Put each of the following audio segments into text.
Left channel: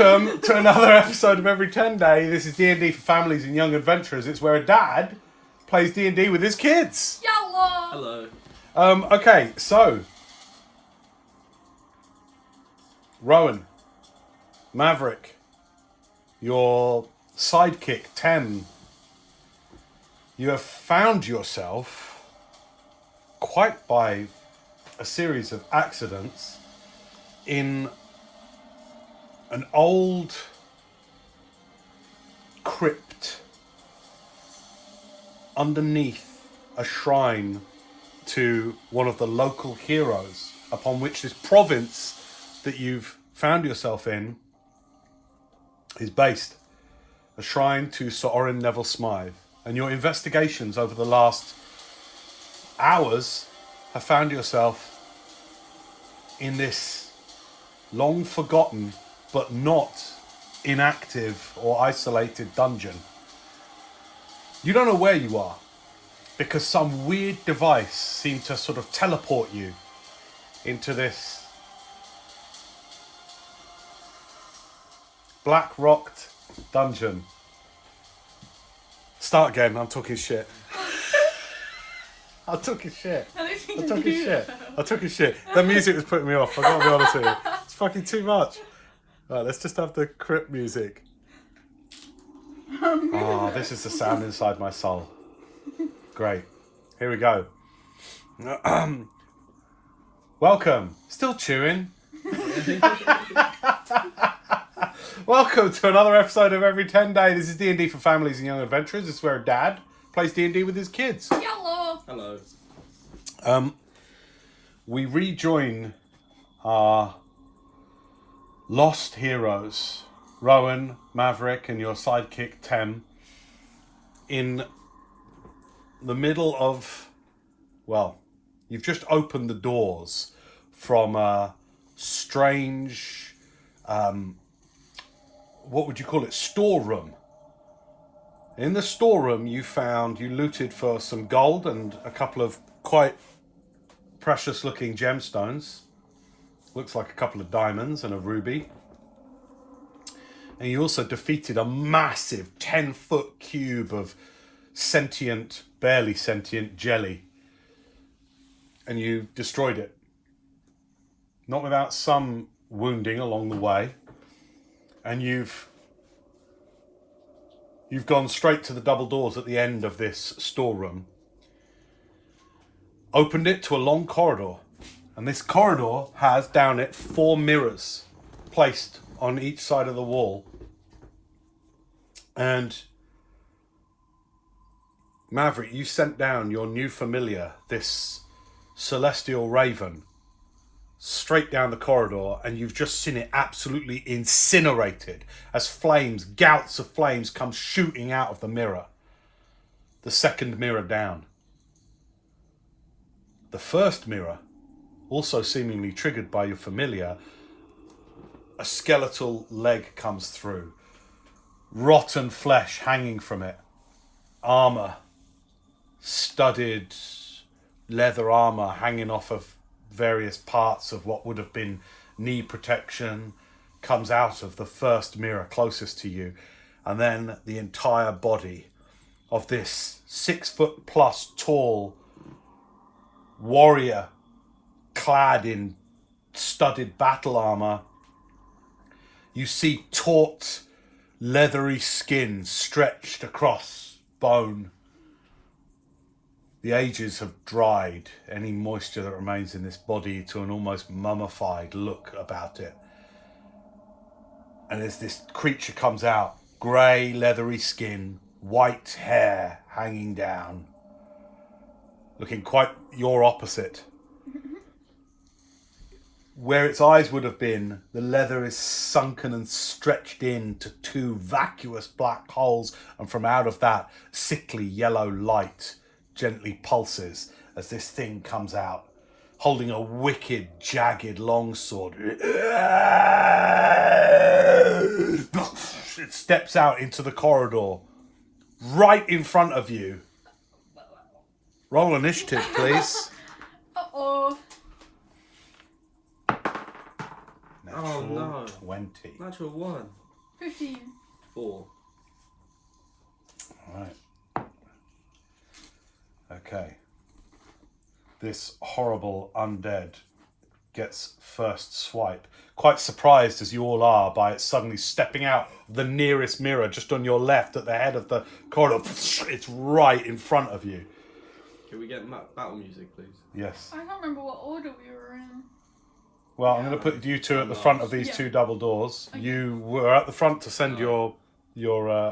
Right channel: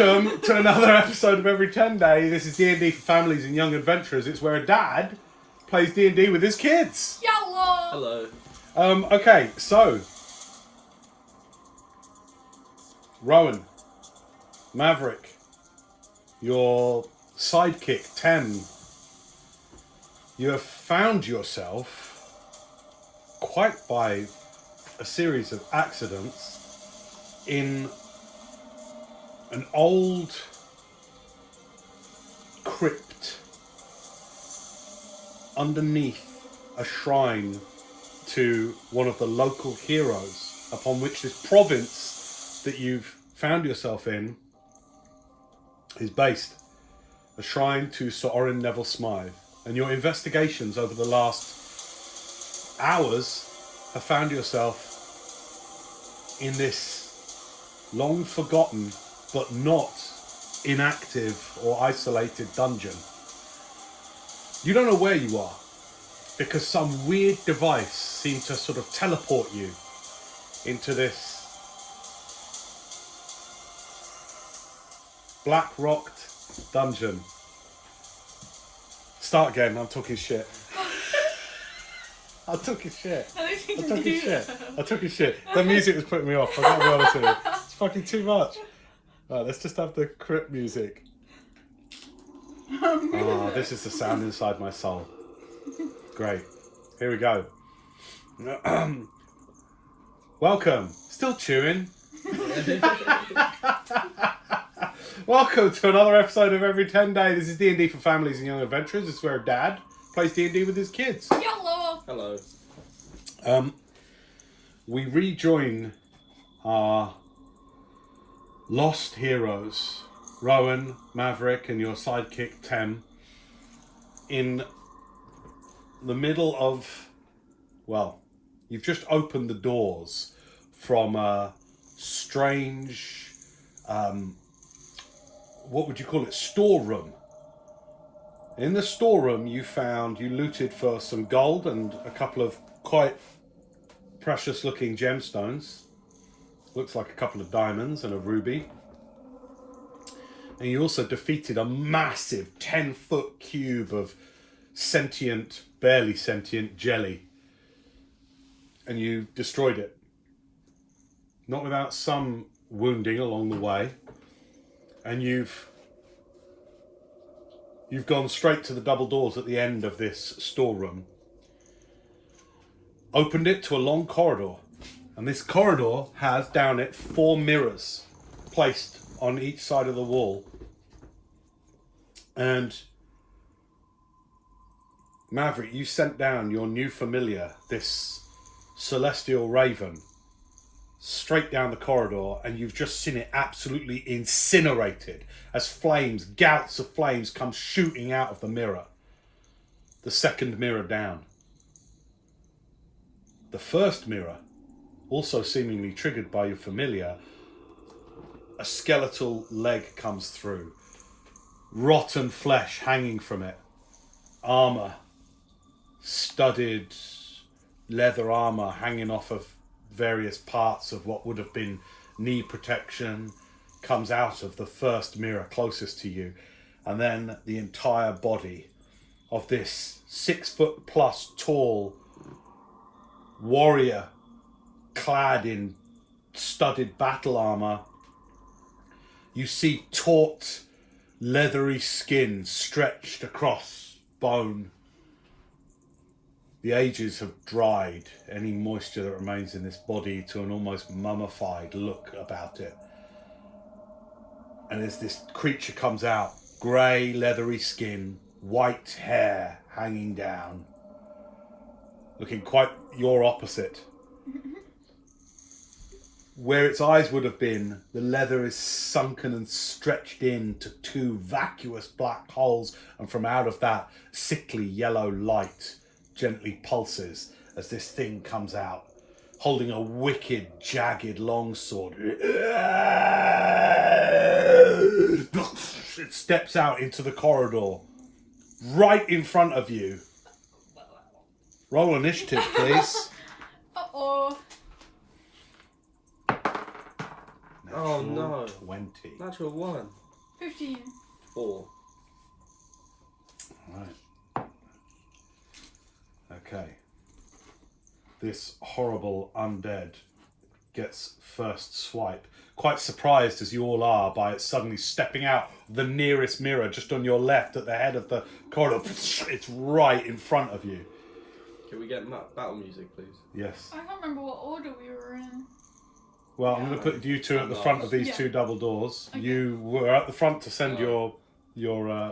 Welcome to another episode of Every Tenday. This is D&D for families and young adventurers. It's where a dad plays D&D with his kids. Hello. Okay, so Rowan, Maverick, your sidekick Tem, you have found yourself, quite by a series of accidents, in an old crypt underneath a shrine to one of the local heroes upon which this province that you've found yourself in is based. A shrine to Sir Orin Neville Smythe. And your investigations over the last hours have found yourself in this long forgotten but not inactive or isolated dungeon. You don't know where you are because some weird device seemed to sort of teleport you into this black rocked dungeon. Start again, I'm talking shit. I'm talking shit. The music was putting me off, I gotta be honest with you. It's fucking too much. Right, let's just have the crypt music. Oh, this is the sound inside my soul. Great. Here we go. Welcome. Still chewing. Welcome to another episode of Every Tenday. This is D&D for families and young adventurers. It's where a dad plays D&D with his kids. Hello. We rejoin our lost heroes, Rowan, Maverick, and your sidekick Tem, in the middle of, well, you've just opened the doors from a strange, what would you call it, storeroom. In the storeroom you looted for some gold and a couple of quite precious looking gemstones. Looks like a couple of diamonds and a ruby. And you also defeated a massive 10-foot cube of sentient, barely sentient jelly. And you destroyed it. Not without some wounding along the way. And you've gone straight to the double doors at the end of this storeroom. Opened it to a long corridor. And this corridor has down it 4 mirrors placed on each side of the wall. And Maverick, you sent down your new familiar, this celestial raven, straight down the corridor, and you've just seen it absolutely incinerated as flames, gouts of flames, come shooting out of the mirror. The second mirror down. The first mirror, also seemingly triggered by your familiar, a skeletal leg comes through. Rotten flesh hanging from it. Armour. Studded leather armour hanging off of various parts of what would have been knee protection comes out of the first mirror closest to you. And then the entire body of this 6-foot plus tall warrior clad in studded battle armour. You see taut, leathery skin stretched across bone. The ages have dried any moisture that remains in this body to an almost mummified look about it. And as this creature comes out, grey, leathery skin, white hair hanging down, looking quite your opposite. Where its eyes would have been, the leather is sunken and stretched into 2 vacuous black holes, and from out of that, sickly yellow light gently pulses as this thing comes out, holding a wicked, jagged longsword. It steps out into the corridor, right in front of you. Roll initiative, please. Uh-oh. Oh no. 20. Natural 1. 15. 4. Alright. Okay. This horrible undead gets first swipe. Quite surprised as you all are by it suddenly stepping out the nearest mirror just on your left at the head of the corridor. It's right in front of you. Can we get battle music, please? Yes. I can't remember what order we were in. Well, I'm going to put you two at the front of these two double doors. Okay. You were at the front to send your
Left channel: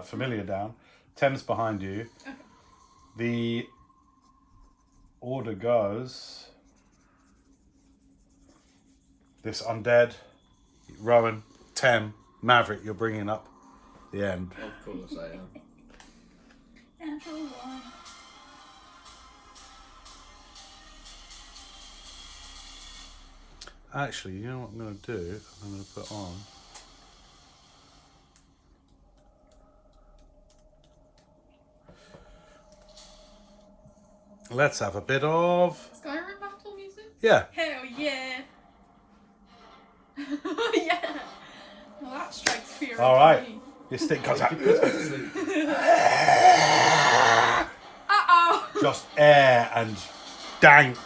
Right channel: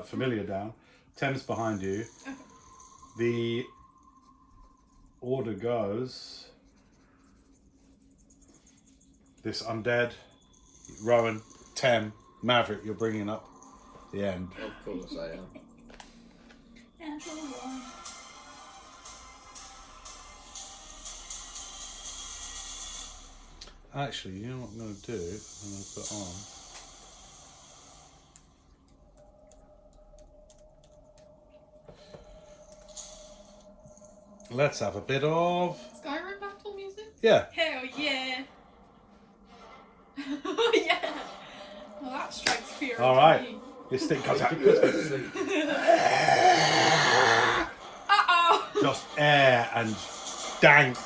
familiar down. Tem's behind you. Okay. The order goes... This undead, Rowan, Tem, Maverick, you're bringing up the end. Of course I am. Natural 1. Actually, you know what I'm going to do? I'm going to put on... Let's have a bit of... Skyrim battle music? Yeah. Hell yeah. Yeah. Well, that strikes fear. All right. Your stick comes out. Uh-oh. Just air and dank,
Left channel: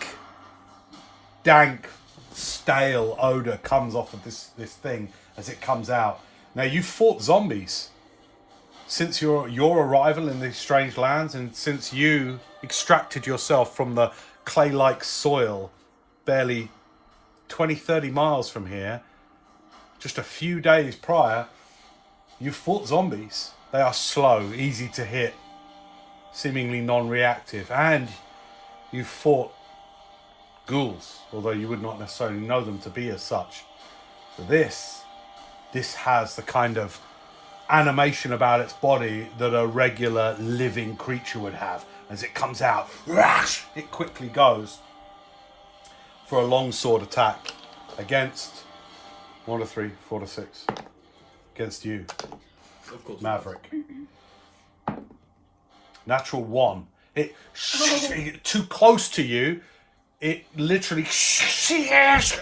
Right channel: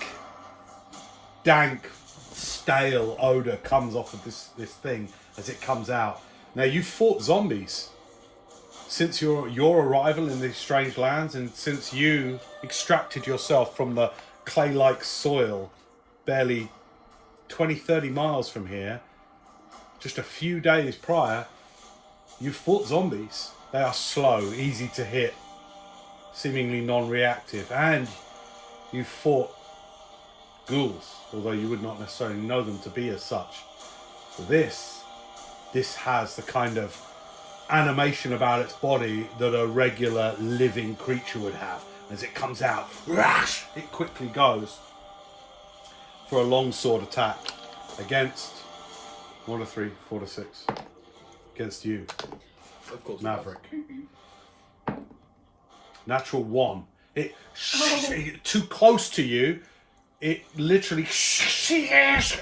stale odour comes off of this thing as it comes out. Now, you fought zombies since your arrival in these strange lands, and since you extracted yourself from the clay-like soil barely 20-30 miles from here, just a few days prior, you fought zombies. They are slow, easy to hit, seemingly non-reactive, and you fought ghouls, although you would not necessarily know them to be as such. But this has the kind of animation about its body that a regular living creature would have. As it comes out, it quickly goes for a longsword attack against 1 to 3, 4 to 6 against you, Of course. Maverick. Natural 1. It too close to you. It literally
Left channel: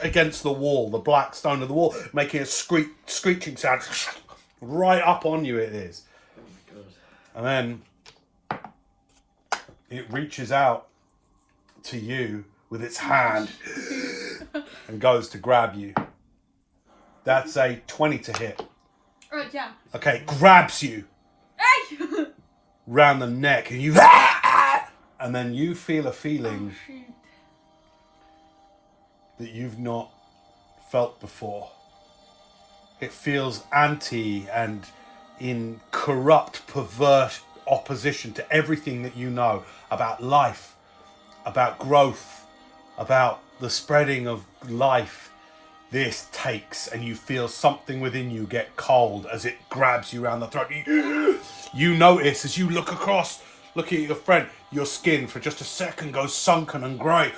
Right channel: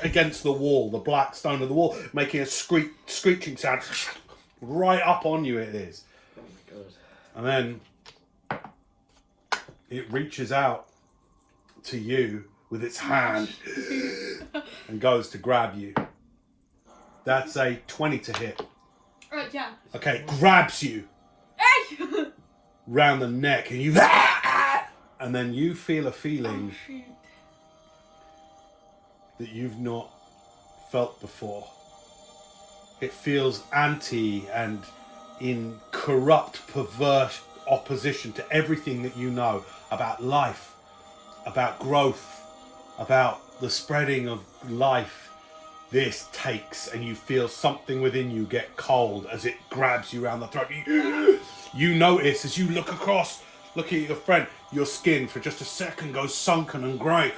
against the wall, the black stone of the wall, making a screeching sound. Right up on you it is. Oh my god. And then it reaches out to you with its hand and goes to grab you. That's a 20 to hit. Right, yeah. Okay, grabs you Hey! round the neck and you... And then you feel a feeling Oh, shoot. that you've not felt before. It feels anti and in corrupt, perverse opposition to everything that you know about life, about growth, about the spreading of life. This takes, and you feel something within you get cold as it grabs you around the throat. You notice as you look across, looking at your friend, your skin for just a second goes sunken and grey.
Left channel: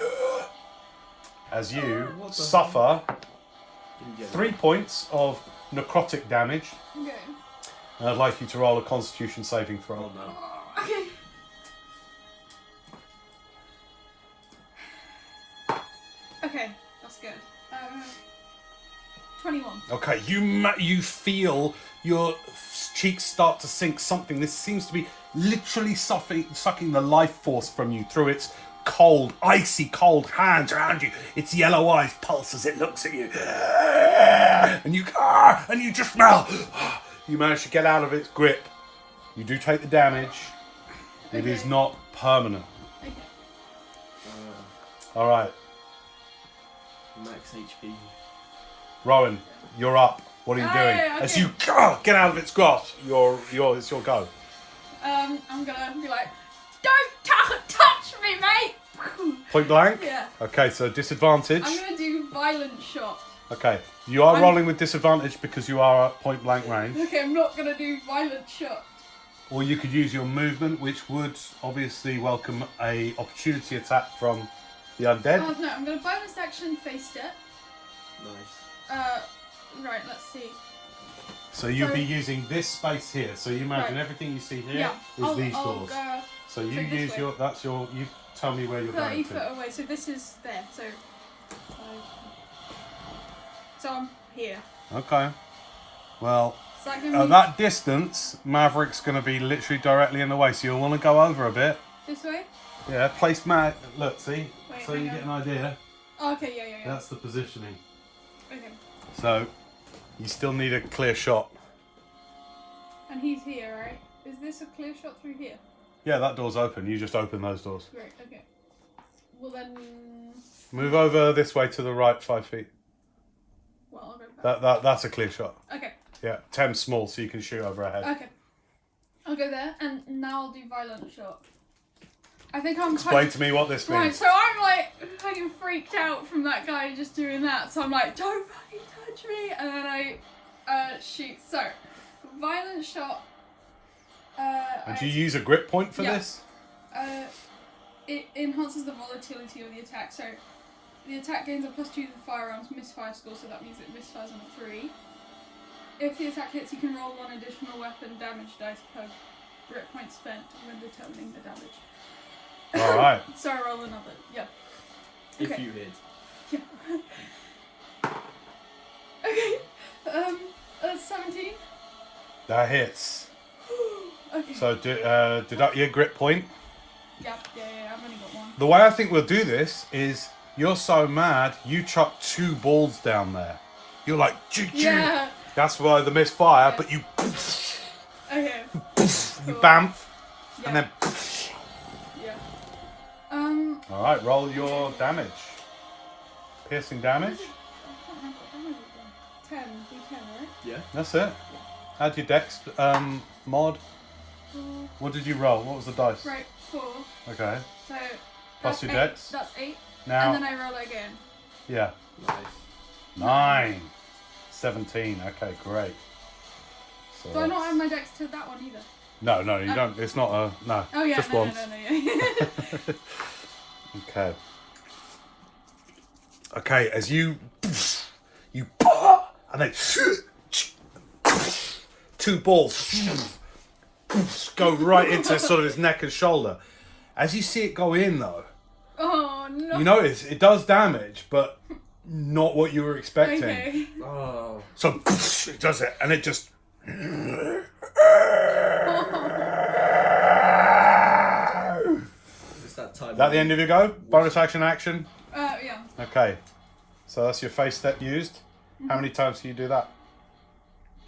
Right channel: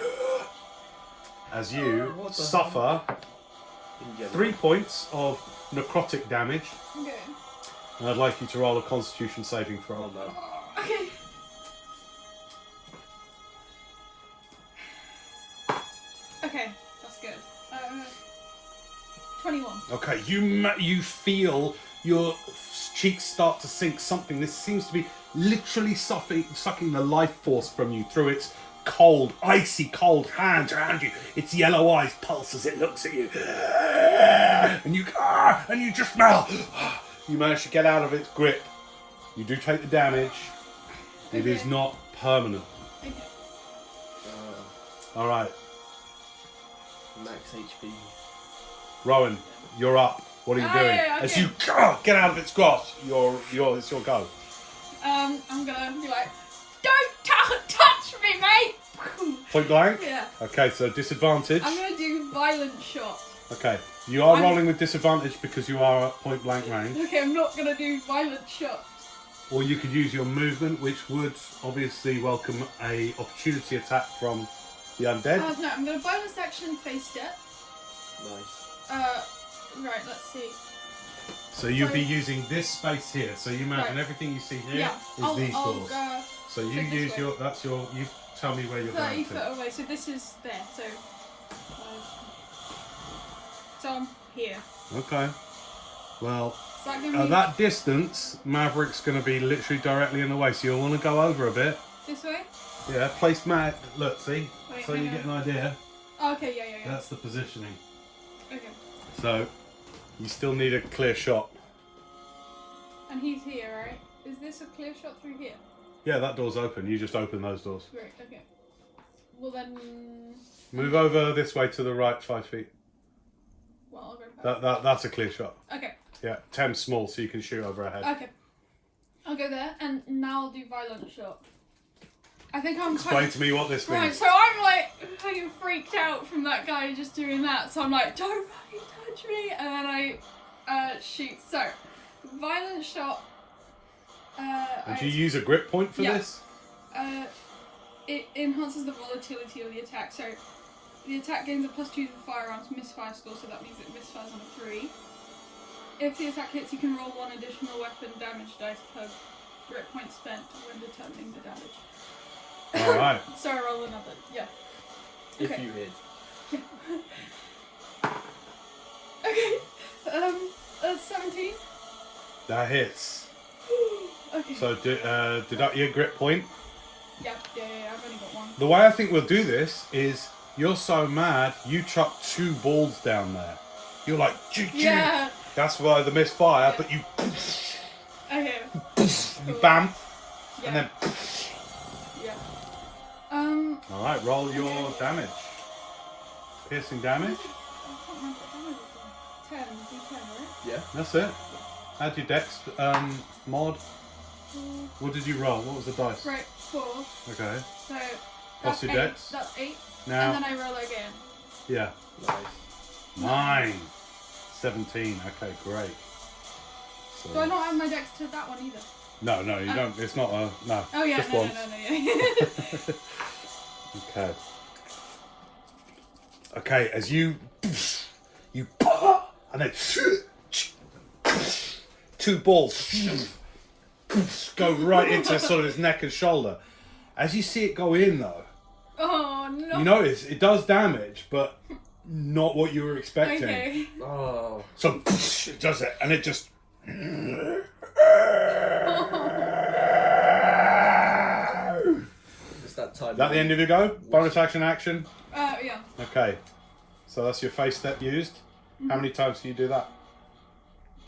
As you suffer 3 points of necrotic damage. Okay. And I'd like you to roll a Constitution saving throw. Oh no. Okay. Okay, that's good. 21. Okay, you feel your cheeks start to sink something. This seems to be literally sucking the life force from you through its cold, icy cold hands around you. Its yellow eyes pulse as it looks at you. And you just smell. You manage to get out of its grip. You do take the damage. It is not permanent. Okay. All right, Max HP. Rowan, you're up. What are you doing? Okay. As you get out of its grasp, it's your go. I'm gonna be like, don't touch me, mate! Point blank? Yeah. Okay, so disadvantage. I'm gonna do violent shot. Okay, you are rolling with disadvantage because you are at point blank range. Okay, I'm not gonna do violent shot. Or you could use your movement, which would obviously welcome a opportunity attack from the undead. No, I'm gonna bonus action face step. Nice. Right, let's see. So you'll be using this space here. So you imagine everything you see here is these doors. So you use way. you tell me where you're 30 going foot to. away, so this is there, so... So I'm here. Okay. Well, Is that gonna at be that distance, Maverick's going to be literally directly in the way, so you'll want to go over a bit. this way? Yeah, place Look, see? Wait, So you hang get on. an idea. Oh, okay, yeah. That's the positioning. Okay. So, you still need a clear shot. And he's here, right? Is this a clear shot through here? Yeah, that door's open. You just open those doors. Great, okay. Well then... Move over this way to the right 5 feet. Well, I'll go back. That's a clear shot. Okay, Yeah, 10's small, so you can shoot over her head. okay. I'll go there, and now I'll do violent shot. I think I'm Explain to me what this Right, means. so I'm like fucking freaked out from that guy just doing that. So I'm like, don't fucking touch me, and then I shoot. So, violent shot. Would you use a grip point for Yeah. this? It enhances the volatility of the attack. So, the attack gains a +2 to the firearms misfire score, so that means it misfires on a 3. If the attack hits, you can roll 1 additional weapon damage dice per grip point spent when determining the damage. Alright. So I roll another, yeah. If Okay. you hit. Yeah. Okay. 17. That hits. Okay. So deduct your grip point. Yeah, I've only got 1. The way I think we'll do this is you're so mad, you chuck 2 balls down there. You're like, choo choo. Yeah. That's why the misfire, Yeah. but you Okay. you bamf, Yeah. and then Yeah. alright, roll your damage. Piercing damage. I can't remember what damage it was. 10, D10, right? Yeah. That's it. Add your dex mod. What did you roll? What was the dice? Right, 4. Okay. So Plus that's your 8. dex. That's 8. Now, And then I roll again. yeah. Nice. 9. 17. Okay, great. So Do I not add my dex to that one either? No, you don't. It's not a no. Oh yeah, just no, once. no, yeah. Okay. Okay, as you and then 2 balls go right into sort of his neck and shoulder. As you see it go in, though, Oh no. you notice it does damage, but not what you were expecting. Okay. Oh. So it does it, and it just. It's that time. Is that the end of your go? Bonus action. Yeah. Okay. So that's your face step used. How many times do you do that?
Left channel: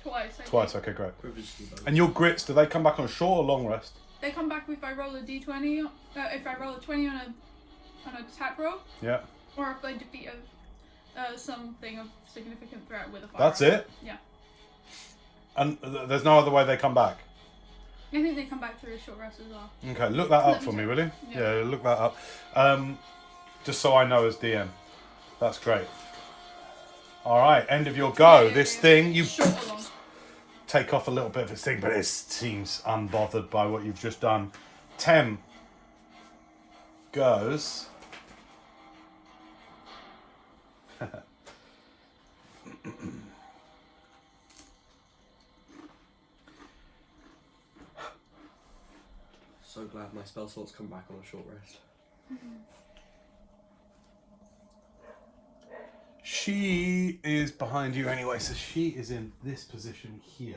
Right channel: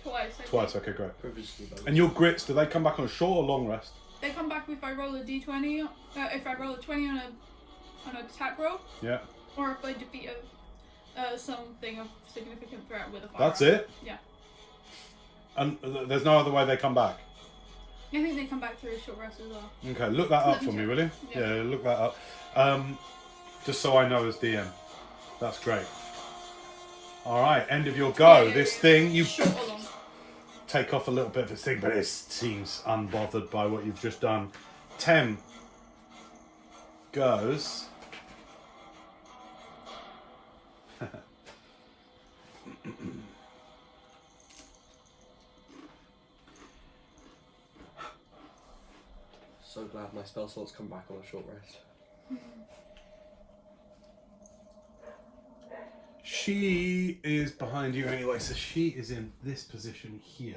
Twice. Okay. Twice. Okay, great. Provisional bonus. And your grits, do they come back on short or long rest? They come back if I roll a d20. If I roll a 20 on an attack roll, Yeah. or if I defeat something of significant threat with a firearm. That's it? Yeah. And there's no other way they come back? I think they come back through a short rest as well. Okay, look that up Let me for me, check. will you? Yeah. Yeah, look that up. Just so I know as DM. That's great. Alright, end of your go. Yeah, This yeah. thing, you Short or long. take off a little bit of its thing, but it seems unbothered by what you've just done. Tem goes. So glad my spell slots come back on a short rest. She is behind you anyway, so she is in this position here.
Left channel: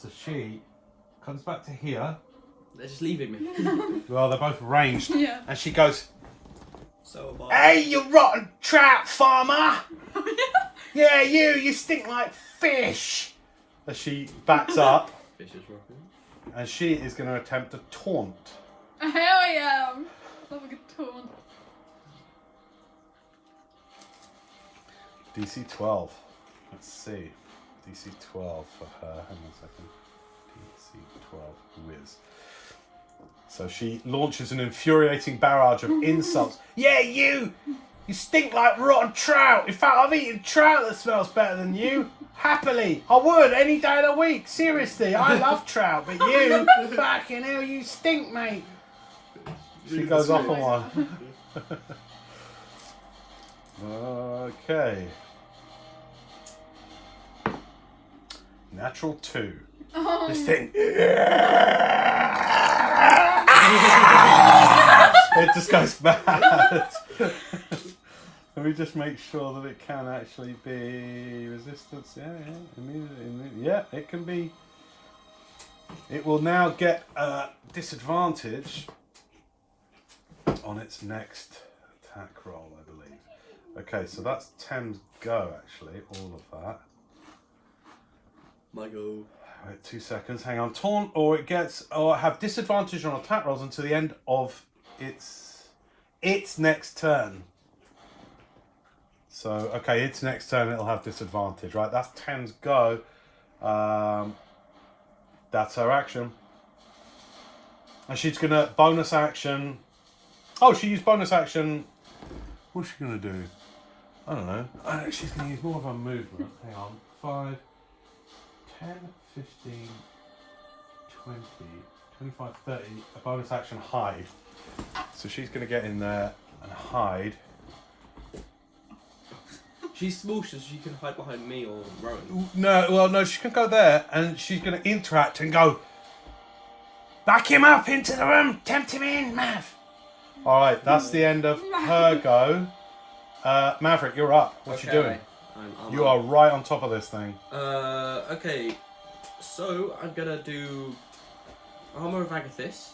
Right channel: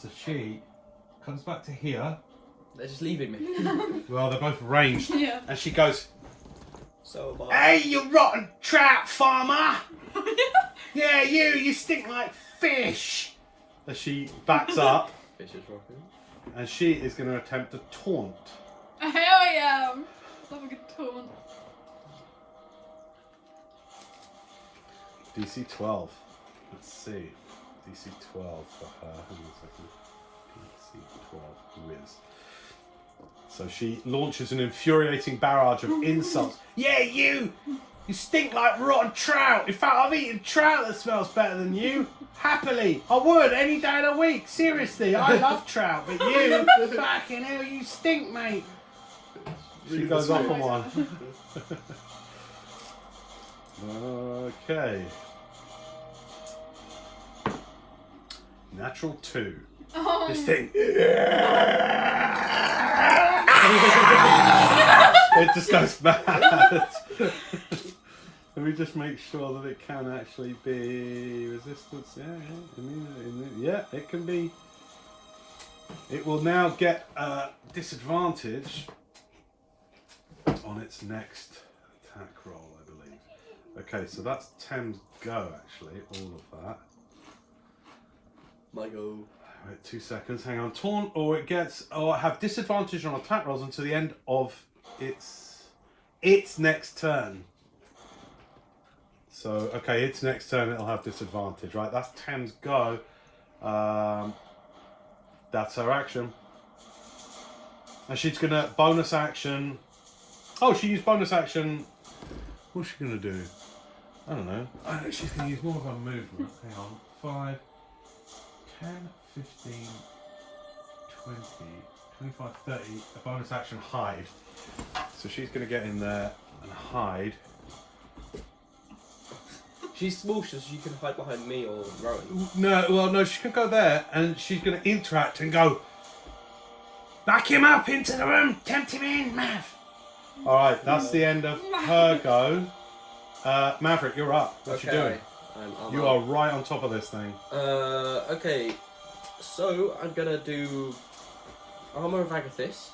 So she comes back to here. They're just leaving me. Well, they're both ranged. Yeah. And she goes, So am I. "Hey, you rotten trout farmer! Yeah, you stink like fish!" As she backs up, Fish is rocking. and she is going to attempt to taunt. Hell yeah! Love a good taunt. DC 12. Let's see. DC 12 for her. Hang on a second. DC 12 whiz. So she launches an infuriating barrage of insults. Yeah, you! You stink like rotten trout. In fact, I've eaten trout that smells better than you. Happily. I would any day of the week. Seriously, I love trout. But you, fucking hell, you stink, mate. She goes off on one. Okay. Natural 2. Oh. This thing. It just goes mad. Let me just make sure that it can actually be resistance. Yeah, immunity. Yeah, it can be. It will now get a disadvantage on its next attack roll, I believe. Okay, so that's Tem's go, actually, all of that. My go. Wait 2 seconds, hang on. Taunt, or it gets, or have disadvantage on attack rolls until the end of its next turn. So, okay, its next turn it'll have disadvantage, right? That's Tem's go. That's her action. And she's gonna bonus action. Oh, she used bonus action. What's she gonna do? I don't know. She's gonna use more of her movement. Hang on. 5, 10, 15, 20, 25, 30. A bonus action hide. So she's gonna get in there and hide. She's small, so she can hide behind me or Rowan. No, she can go there and she's gonna interact and go, back him up into the room, tempt him in, Mav. Alright, that's the end of her go. Maverick, you're up. What you doing? You are right on top of this thing. Okay. So, I'm gonna do Armor of Agathis.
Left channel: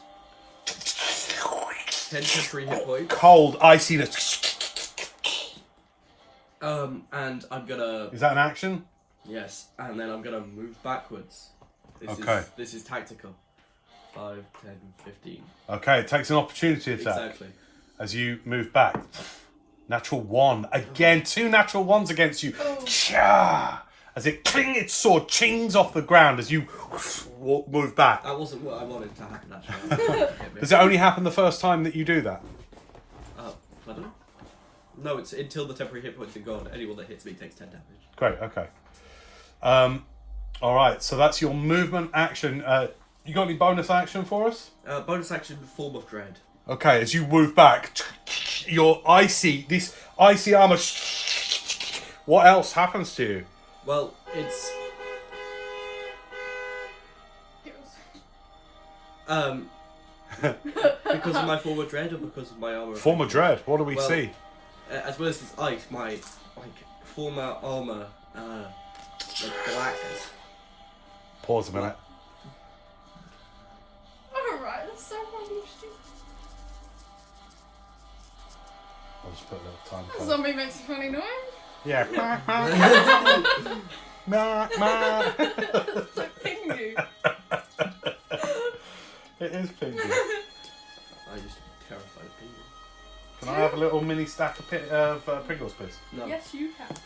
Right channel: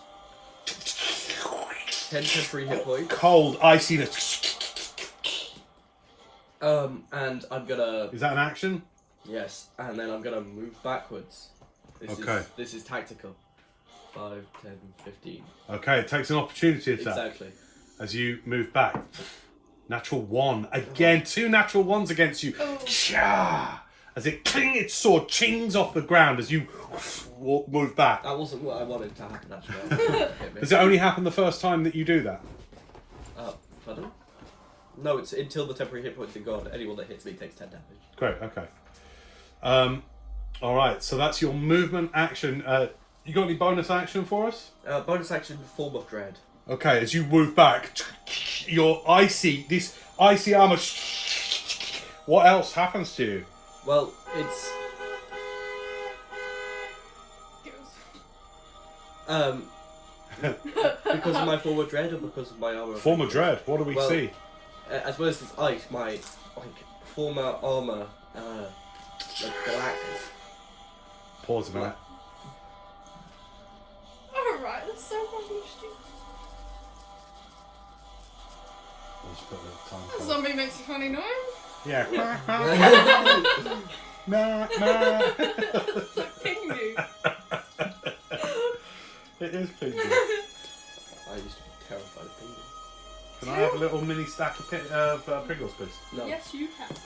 10 temporary hit points. Cold, iciness. And I'm gonna... Is that an action? Yes, and then I'm gonna move backwards. This is tactical. 5, 10, 15. Okay, it takes an opportunity attack. Exactly. As you move back. Natural 1. Again, 2 natural 1s against you. Oh. As its sword chings off the ground as you move back. That wasn't what I wanted to happen, actually. Does it only happen the first time that you do that? Pardon? No, it's until the temporary hit points are gone. Anyone that hits me takes 10 damage. Great, okay. Alright, so that's your movement action. You got any bonus action for us? Bonus action, Form of Dread. Okay, as you move back, this icy armor. What else happens to you? Well, it's... because of my Form of Dread or because of my armor? Form of Dread, what do we see? As well as this ice, my former armor, black. Pause a minute. Alright, that's so rubbish. I'll just put a little time The code. zombie makes a funny noise. Yeah. Nah. Like Pingu. It is Pingu. I used to be terrified of Pingu. Can I have a little mini stack of Pringles, please? No. Yes, you can.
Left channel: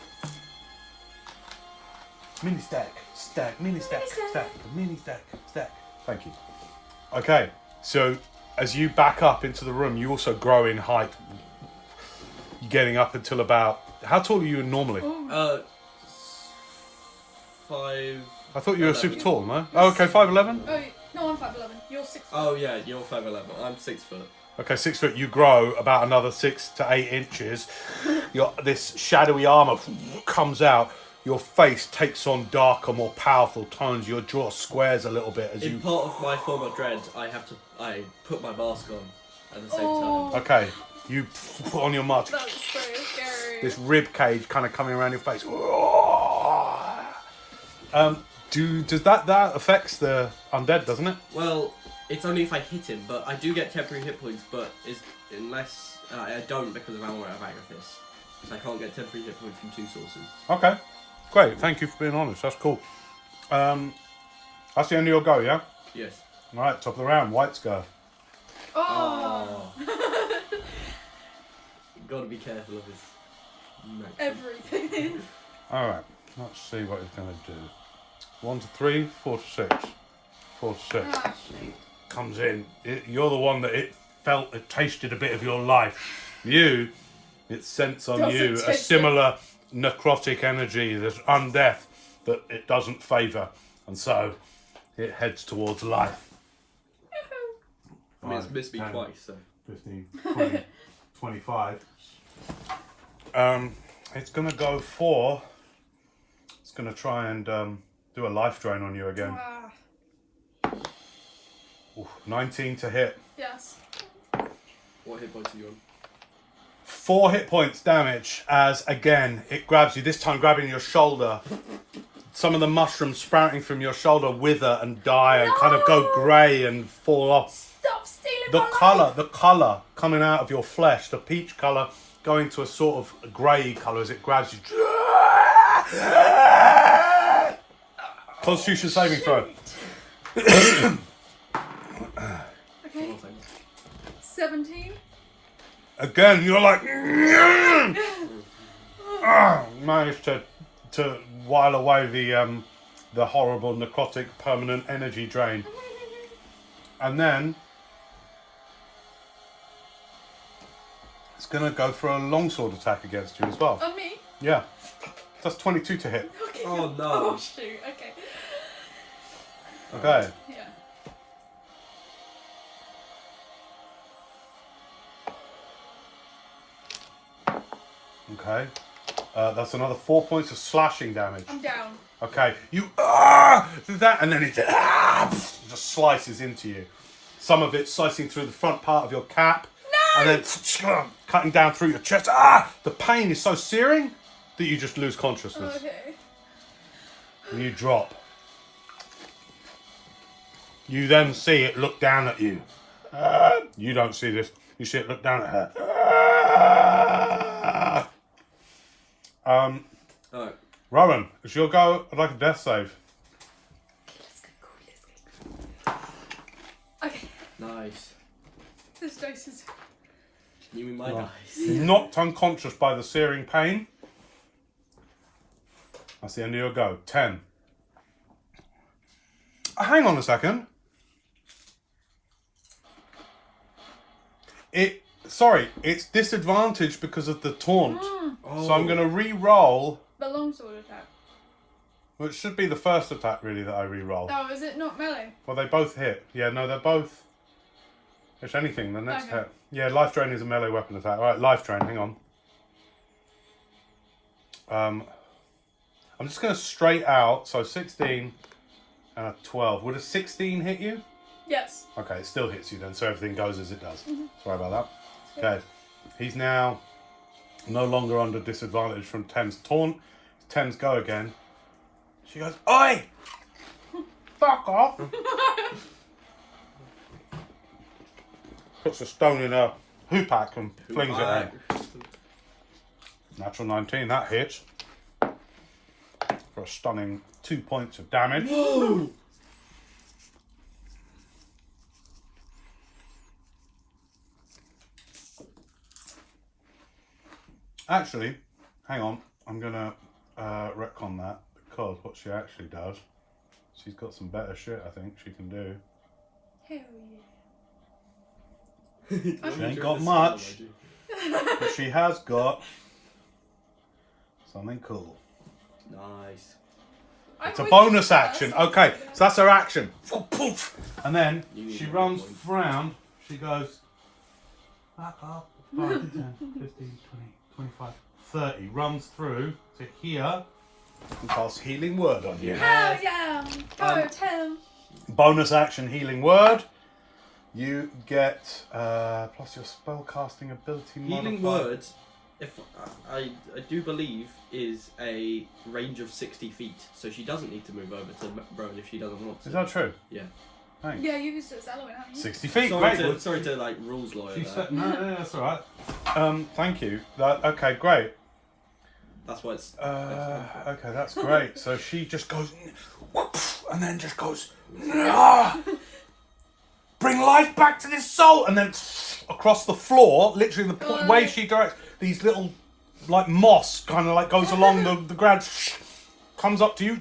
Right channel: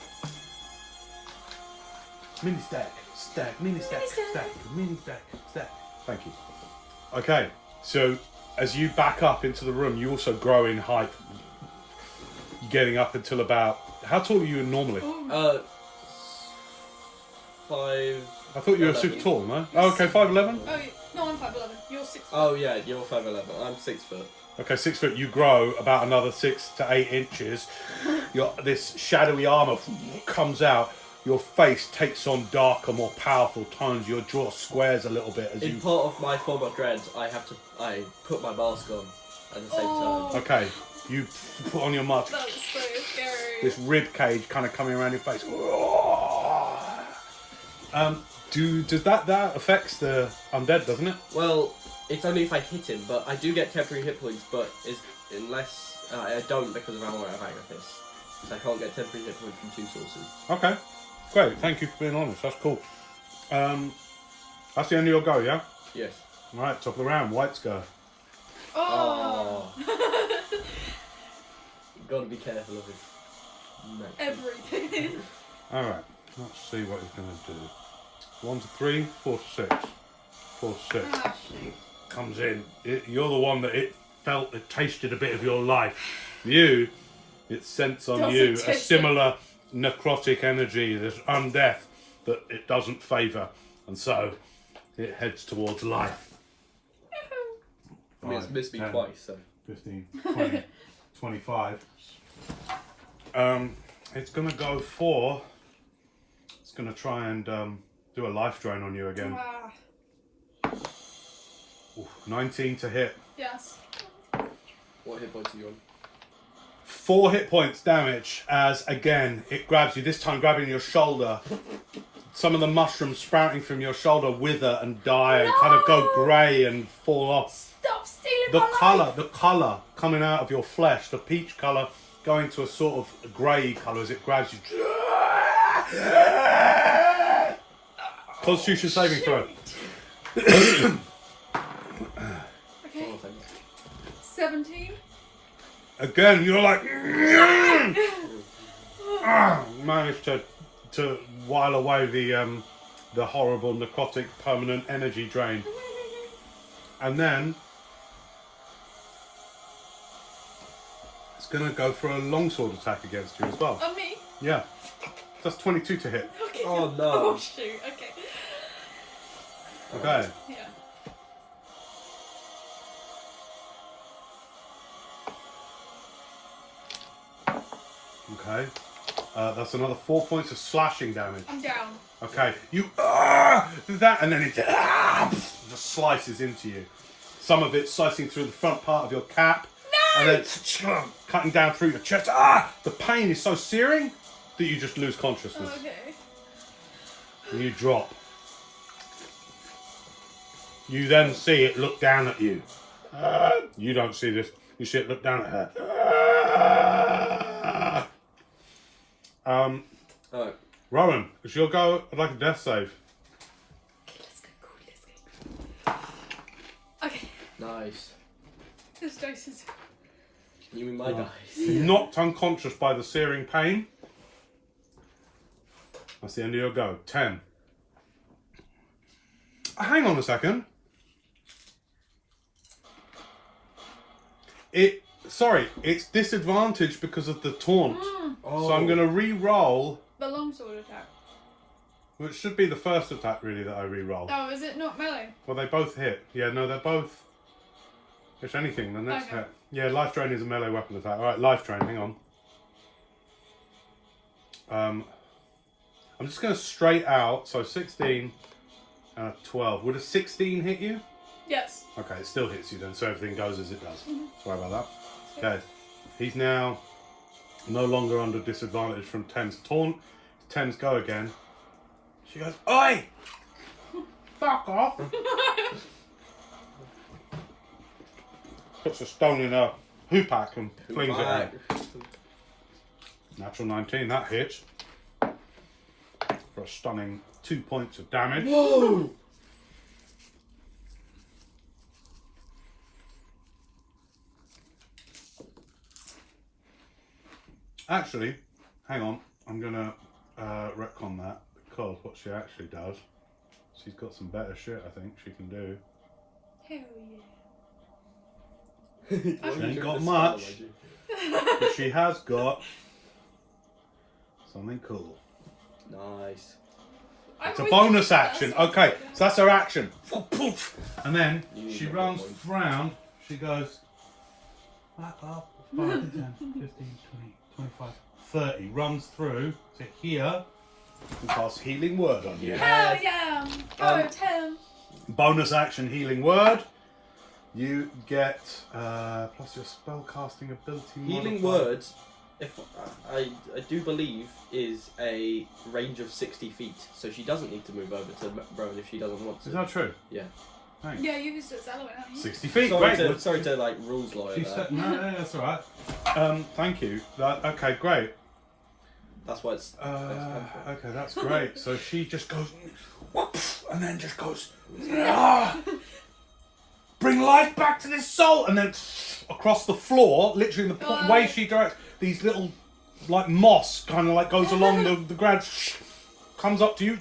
Mini stack. Thank you. Okay, so as you back up into the room, you also grow in height. You're getting up until about... How tall are you normally? 5... I thought you were super tall, no? Oh, okay, 5'11"? Oh, no, I'm 5'11". You're 6 foot. Oh yeah, you're 5'11". I'm 6 foot. Okay, 6 foot. You grow about another 6 to 8 inches. This shadowy armor comes out. Your face takes on darker, more powerful tones. Your jaw squares a little bit as In part of my Form of Dread, I put my mask on at the same time. Okay, you put on your mask. That was so scary. This rib cage kind of coming around your face. Does that affects the undead, doesn't it? Well, it's only if I hit him, but I do get temporary hit points, but unless I don't because of Armor of Agathis. So I can't get temporary hit points from 2 sources. Okay, great. Thank you for being honest. That's cool. That's the end of your go, yeah? Yes. All right, top of the round. White's go. Oh. Gotta be careful of his Everything. All right, let's see what he's going to do. 1 to 3, 4 to 6. 4 to 6. Ah, shit. Comes in. You're the one that it tasted a bit of your life. It sends on Doesn't you a taste similar necrotic energy, this undeath that it doesn't favour, and so it heads towards life. I mean, it's missed me 10, twice, so... 15, 20, 25. It's going to go for... It's going to try and do a life drain on you again. Ah, Ooh, 19 to hit. yes. What hit points are you on? 4 hit points damage as, again, it grabs you, this time grabbing your shoulder. Some of the mushrooms sprouting from your shoulder wither and die and kind of go grey and fall off. Stop stealing The my life. the colour coming out of your flesh, the peach colour, going to a sort of grey colour as it grabs you. Constitution saving throw. Okay. Oh, thank you. 17. Again, you're like, managed to while away the horrible necrotic permanent energy drain, and then it's gonna go for a longsword attack against you as well. On me? Yeah, that's 22 to hit. Okay. Oh, no. Oh shoot, okay. Okay. Yeah. Okay. That's another 4 points of slashing damage. I'm down. Okay, you do that, and then it just slices into you. Some of it slicing through the front part of your cap, No! and then cutting down through your chest. The pain is so searing that you just lose consciousness, Okay. and you drop. You then see it look down at you. You don't see this. You see it look down at her. Alright. Rowan, it's your go. I'd like a death save. Let's go. Okay. Nice. This dice is. You mean my Right. dice? Knocked unconscious by the searing pain. That's the end of your go. 10. Hang on a second. It's disadvantaged because of the taunt. Oh. So I'm going to re-roll, The longsword attack. which should be the first attack really that I re-roll. Oh, is it not melee? Well, they both hit. Yeah, no, they're both. If anything, the next Okay. hit. Yeah, life drain is a melee weapon attack. Alright, life drain, hang on. I'm just going to straight out, so 16 and a 12. Would a 16 hit you? Yes. Okay, it still hits you then, so everything goes as it does. Sorry about that. Okay, he's now no longer under disadvantage from Tem's taunt. Tem's go again. She goes, "Oi! Fuck off!" Puts a stone in her hoopak and flings it at him. Natural 19, that hits. For a stunning 2 points of damage. Whoa! Actually, hang on. I'm gonna retcon that because what she actually does, she's got some better shit. I think she can do. Hell She ain't got much, but she has got something cool. Nice. yeah. It's a bonus action. Okay, so that's her action. And then You need she one runs point. round. She goes. Back up. 5, 10, 15, 20, 25, 30. Runs through to here and casts Healing Word on you. Hell yeah! Go, Tim! Bonus action Healing Word. You get plus your spell casting ability. Healing modifier. Word, if I do believe, is a range of 60 feet, so she doesn't need to move over to Rowan if she doesn't want to. Is that true? Yeah. Thanks. Yeah, you used it as Eloin, haven't you? 60 feet. Sorry Great. to, sorry to like rules lawyer She there. said, no, that's all right. Thank you. Okay, great. That's why it's. Okay, that's great. So she just goes, and then just goes, "Ah! Bring life back to this soul, and then across the floor, literally the way she directs, these little, like moss kind of like goes along the ground, comes up to you,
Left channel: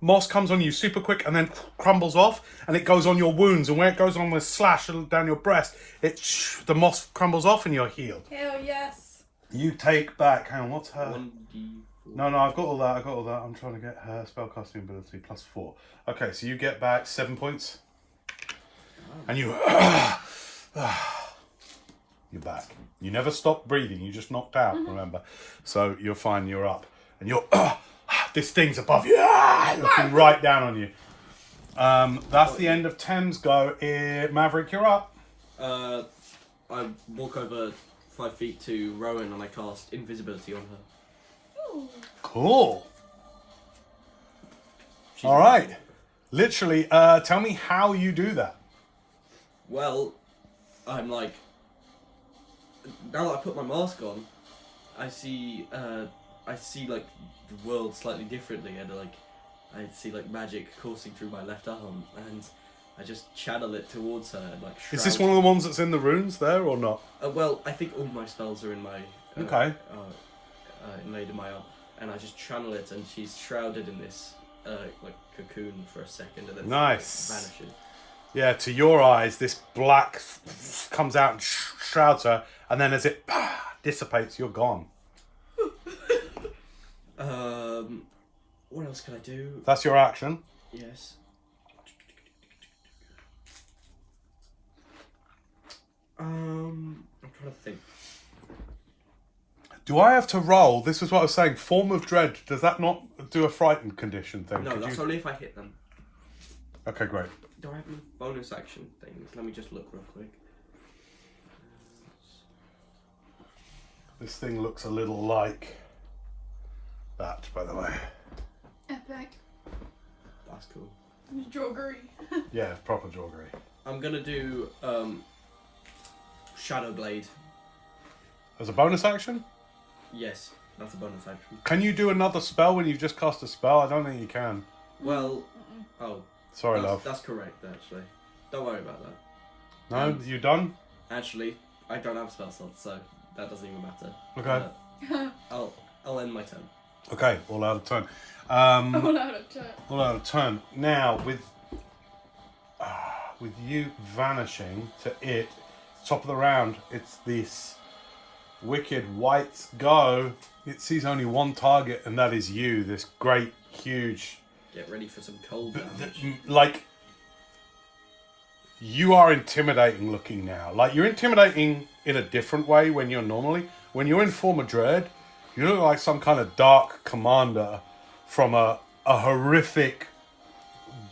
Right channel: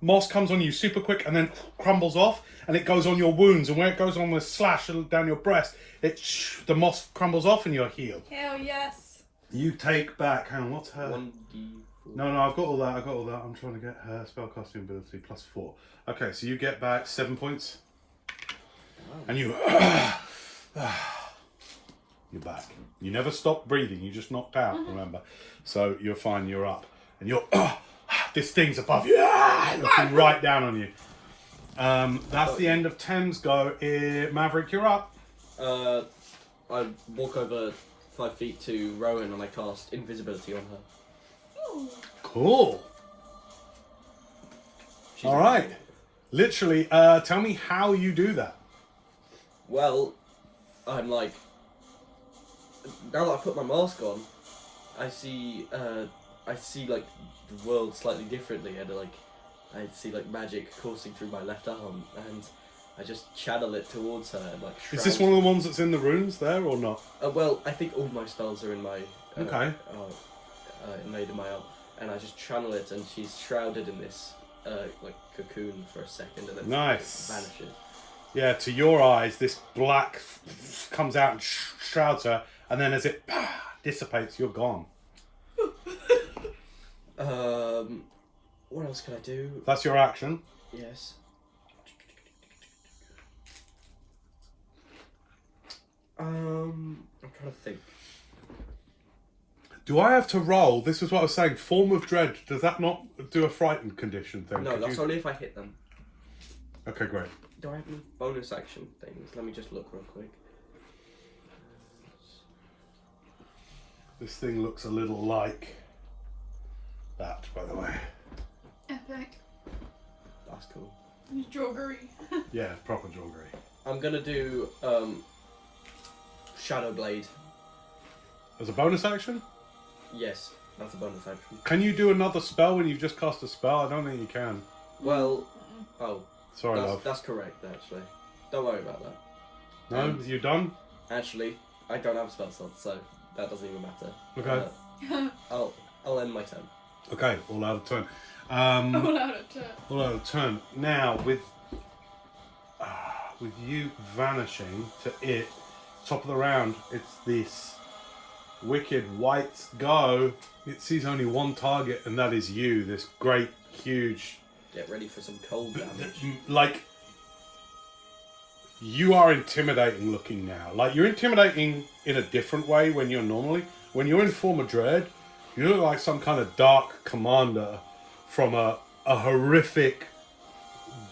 moss comes on you super quick, and then crumbles off, and it goes on your wounds, and where it goes on with slash down your breast, the moss crumbles off, and you're healed. Hell yes. You take back, hang on, what's her? 1d4. No, I've got all that. I'm trying to get her spellcasting ability +4. Okay, so you get back 7 points. And you... you're back. You never stopped breathing. You just knocked out, remember? So you're fine. You're up. And you're... this thing's above you. Looking right down on you. That's the end of Tem's go. Maverick, you're up. I walk over 5 feet to Rowan and I cast invisibility on her. Ooh. Cool. She's All right. invisible. Literally, tell me how you do that. Well, I'm like, now that I put my mask on, I see like the world slightly differently, and like I see like magic coursing through my left arm, and I just channel it towards her and like. Is this one of the ones that's in the runes there or not? Well, I think all my spells are in my. Okay. Made in my arm, and I just channel it, and she's shrouded in this like cocoon for a second, and then Nice. it vanishes. Yeah, to your eyes, this black comes out and shrouds her, and then as it dissipates, you're gone. What else can I do? That's your action. Yes. I'm trying to think. Do I have to roll? This was what I was saying. Form of dread. Does that not do a frightened condition thing? No, Could that's you- only if I hit them. Okay, great. Do I have any bonus action things? Let me just look real quick. This thing looks a little like that, by the way. Epic. That's cool. Joggery. Yeah, proper jewelry. I'm gonna do Shadow Blade. As a bonus action? Yes, that's a bonus action. Can you do another spell when you've just cast a spell? I don't think you can. Well, oh, Sorry, love. that's correct actually. Don't worry about that. No, you done? Actually, I don't have spell slots, so that doesn't even matter. Okay. I'll end my turn. Okay, all out of turn. All out of turn. All out of turn. Now, with you vanishing to it, top of the round, it's this wicked white go. It sees only one target, and that is you, this great, huge... Get ready for some cold damage. Like, you are intimidating looking now. Like, you're intimidating in a different way when you're normally... When you're in form of dread, you look like some kind of dark commander from a horrific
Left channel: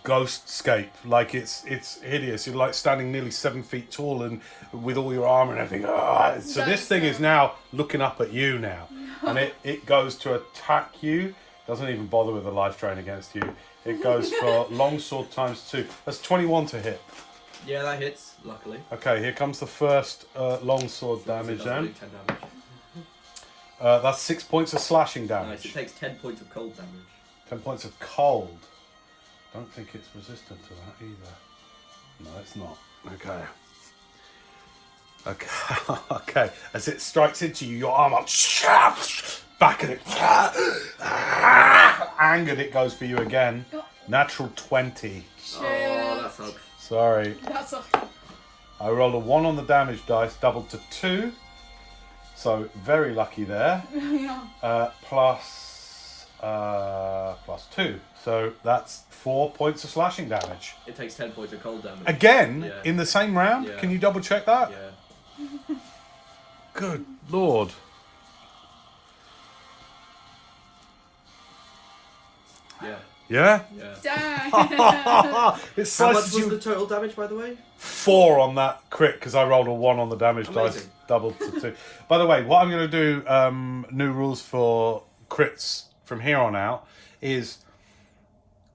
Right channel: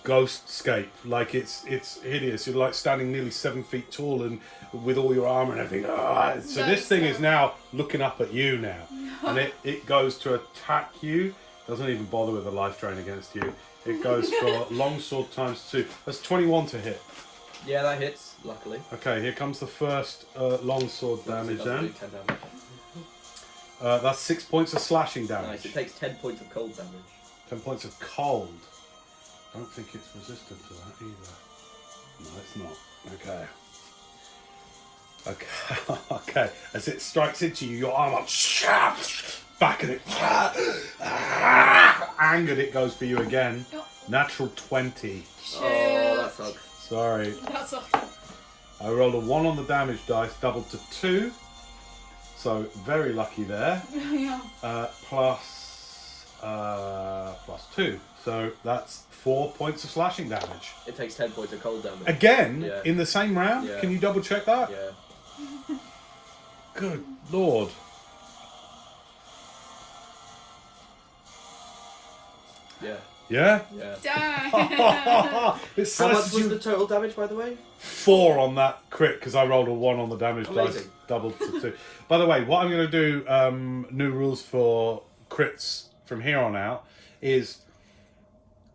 ghostscape. Like, it's hideous. You're like standing nearly 7 feet tall and with all your armor and everything. So this thing is now looking up at you now. And it goes to attack you. Doesn't even bother with a life drain against you. It goes for longsword ×2. That's 21 to hit. Yeah, that hits, luckily. Okay, here comes the first longsword damage It does then. do 10 damage. That's 6 points of slashing damage. Nice, it takes 10 points of cold damage. 10 points of cold. Don't think it's resistant to that either. No, it's not. Okay. Okay. Okay. As it strikes into you, your arm up, back at it. Angered, it goes for you again. Natural 20. Oh, that sucks. Sorry. That's all. I rolled a 1 on the damage dice, doubled to 2. So very lucky there. Yeah. Plus 2. So that's 4 points of slashing damage. It takes 10 points of cold damage. Again, Yeah. in the same round? Yeah. Can you double check that? Yeah. Good lord. Yeah. Yeah? Yeah. Damn. It's How much was you the total damage, by the way? 4 on that crit because I rolled a 1 on the damage dice, Amazing. doubled to 2. By the way, what I'm going to do, new rules for crits from here on out, is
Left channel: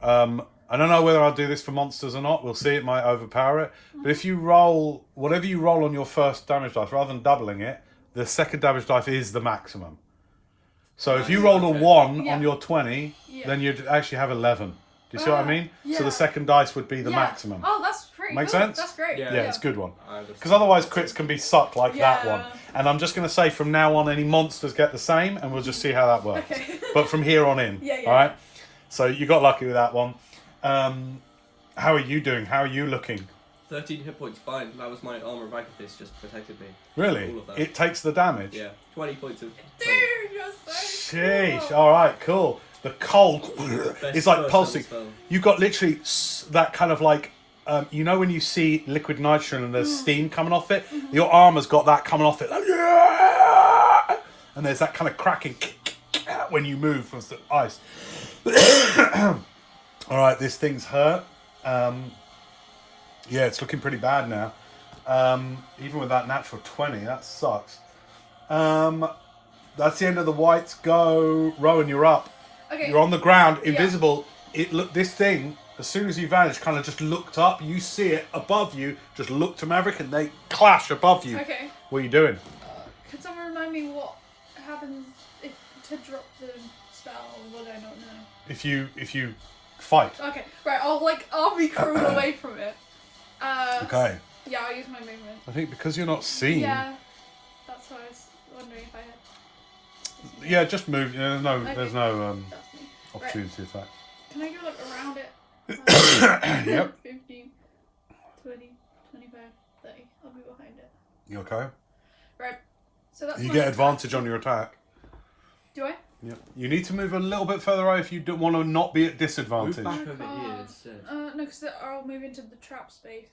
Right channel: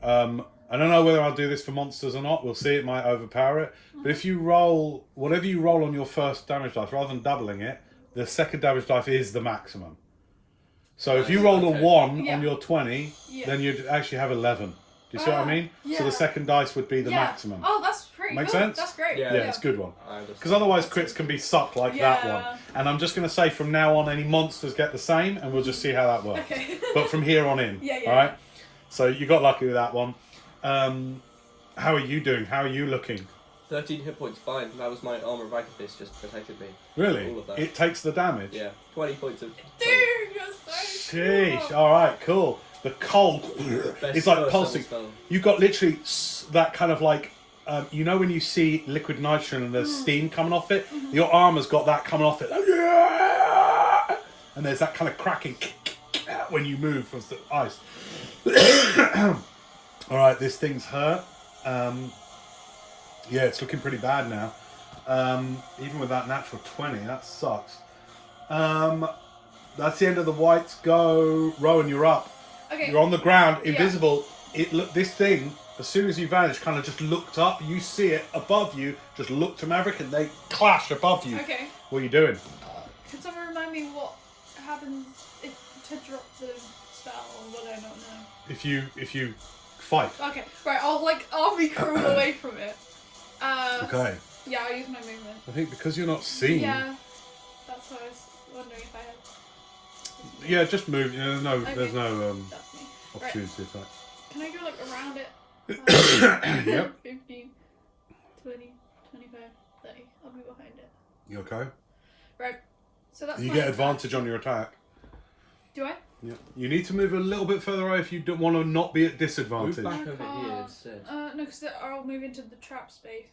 I don't know whether I'll do this for monsters or not. We'll see. It might overpower it. But if you roll, whatever you roll on your first damage dice, rather than doubling it, the second damage dice is the maximum. So if you rolled a Okay. 1 Yeah. on your 20, Yeah. then you'd actually have 11. Do you see what I mean? So yeah. the second dice would be the Yeah. maximum. Oh, that's pretty Make good. sense? That's great. Yeah. Yeah, it's a good one. I understand. Because otherwise crits can be sucked like that Yeah. one. And I'm just going to say from now on any monsters get the same and we'll just see how that works. Okay. But from here on in. Yeah, yeah. Alright? So you got lucky with that one. How are you doing? How are you looking? 13 hit points, fine. That was my armor of Agathis just protected me. Really? All of that. It takes the damage? Yeah. 20 points of... Dude, you're so Sheesh. cool. Alright, cool. The cold Best it's like first pulsing. level spell. You've got literally that kind of like, you know when you see liquid nitrogen and there's steam coming off it? Your armor's got that coming off it. And there's that kind of cracking when you move with the ice. Alright, this thing's hurt. Yeah, it's looking pretty bad now. Even with that natural 20, that sucks. That's the end of the whites go. Rowan, you're up. Okay. You're on the ground, invisible. This thing, as soon as you vanish, kind of just looked up. You see it above you. Just look to Maverick, and they clash above you. Okay. What are you doing? Can someone remind me what happens to drop the spell or what I don't know? If you fight. Okay. Right. I'll be crawled away from it. Okay. Yeah, I'll use my movement. I think because you're not seen. Yeah. That's what I was wondering if I had. Yeah, just move. Yeah, there's no That's me. opportunity for that. Can I go around it? Yep. 15, 20, 25, 30. I'll be behind it. You okay? Right. So that's You my get advantage on your attack. Do I? Yeah. You need to move a little bit further away if you don't want to not be at disadvantage. Move back over here instead. No, because I'll move into the trap space.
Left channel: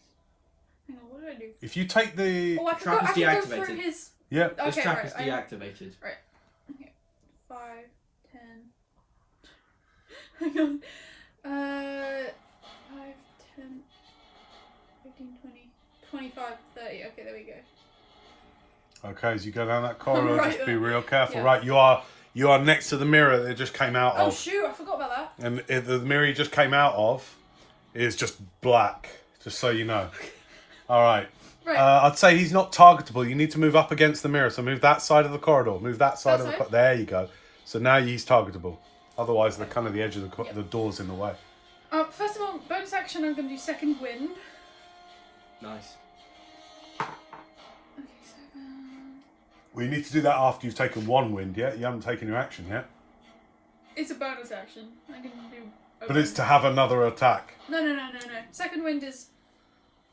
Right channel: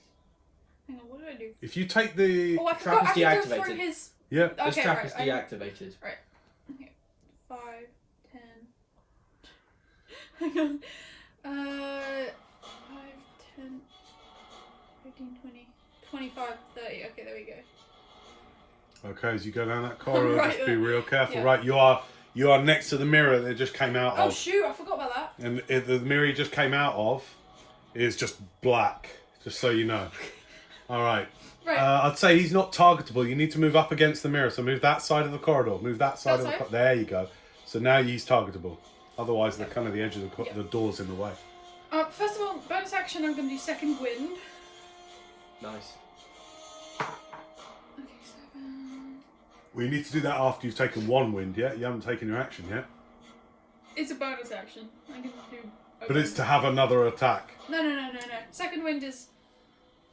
Hang on, what do I do? If you take the Oh, I Trap is can go deactivated. through his... yeah. This Okay, trap right, is I- deactivated. Okay. 5, 10... Hang on. 5, 10... 15, 20... 25, 30. Okay, there we go. Okay, as you go down that corridor, Right, just be real careful. yeah. Right, you are next to the mirror that it just came out Oh of, shoot, I forgot about that. and the mirror you just came out of is just black. Just so you know. All right. Right. I'd say he's not targetable. You need to move up against the mirror. So move that side of the corridor. Move that side That of the. side? There you go. So now he's targetable. Otherwise, they're kind of the edge of Yep. the door's in the way. First of all, bonus action, I'm going to do second wind. Nice. Okay, 7... Well, you need to do that after you've taken one wind. Yeah, you haven't taken your action yet. It's a bonus action. I can do... But it's to have another attack. No. Second wind is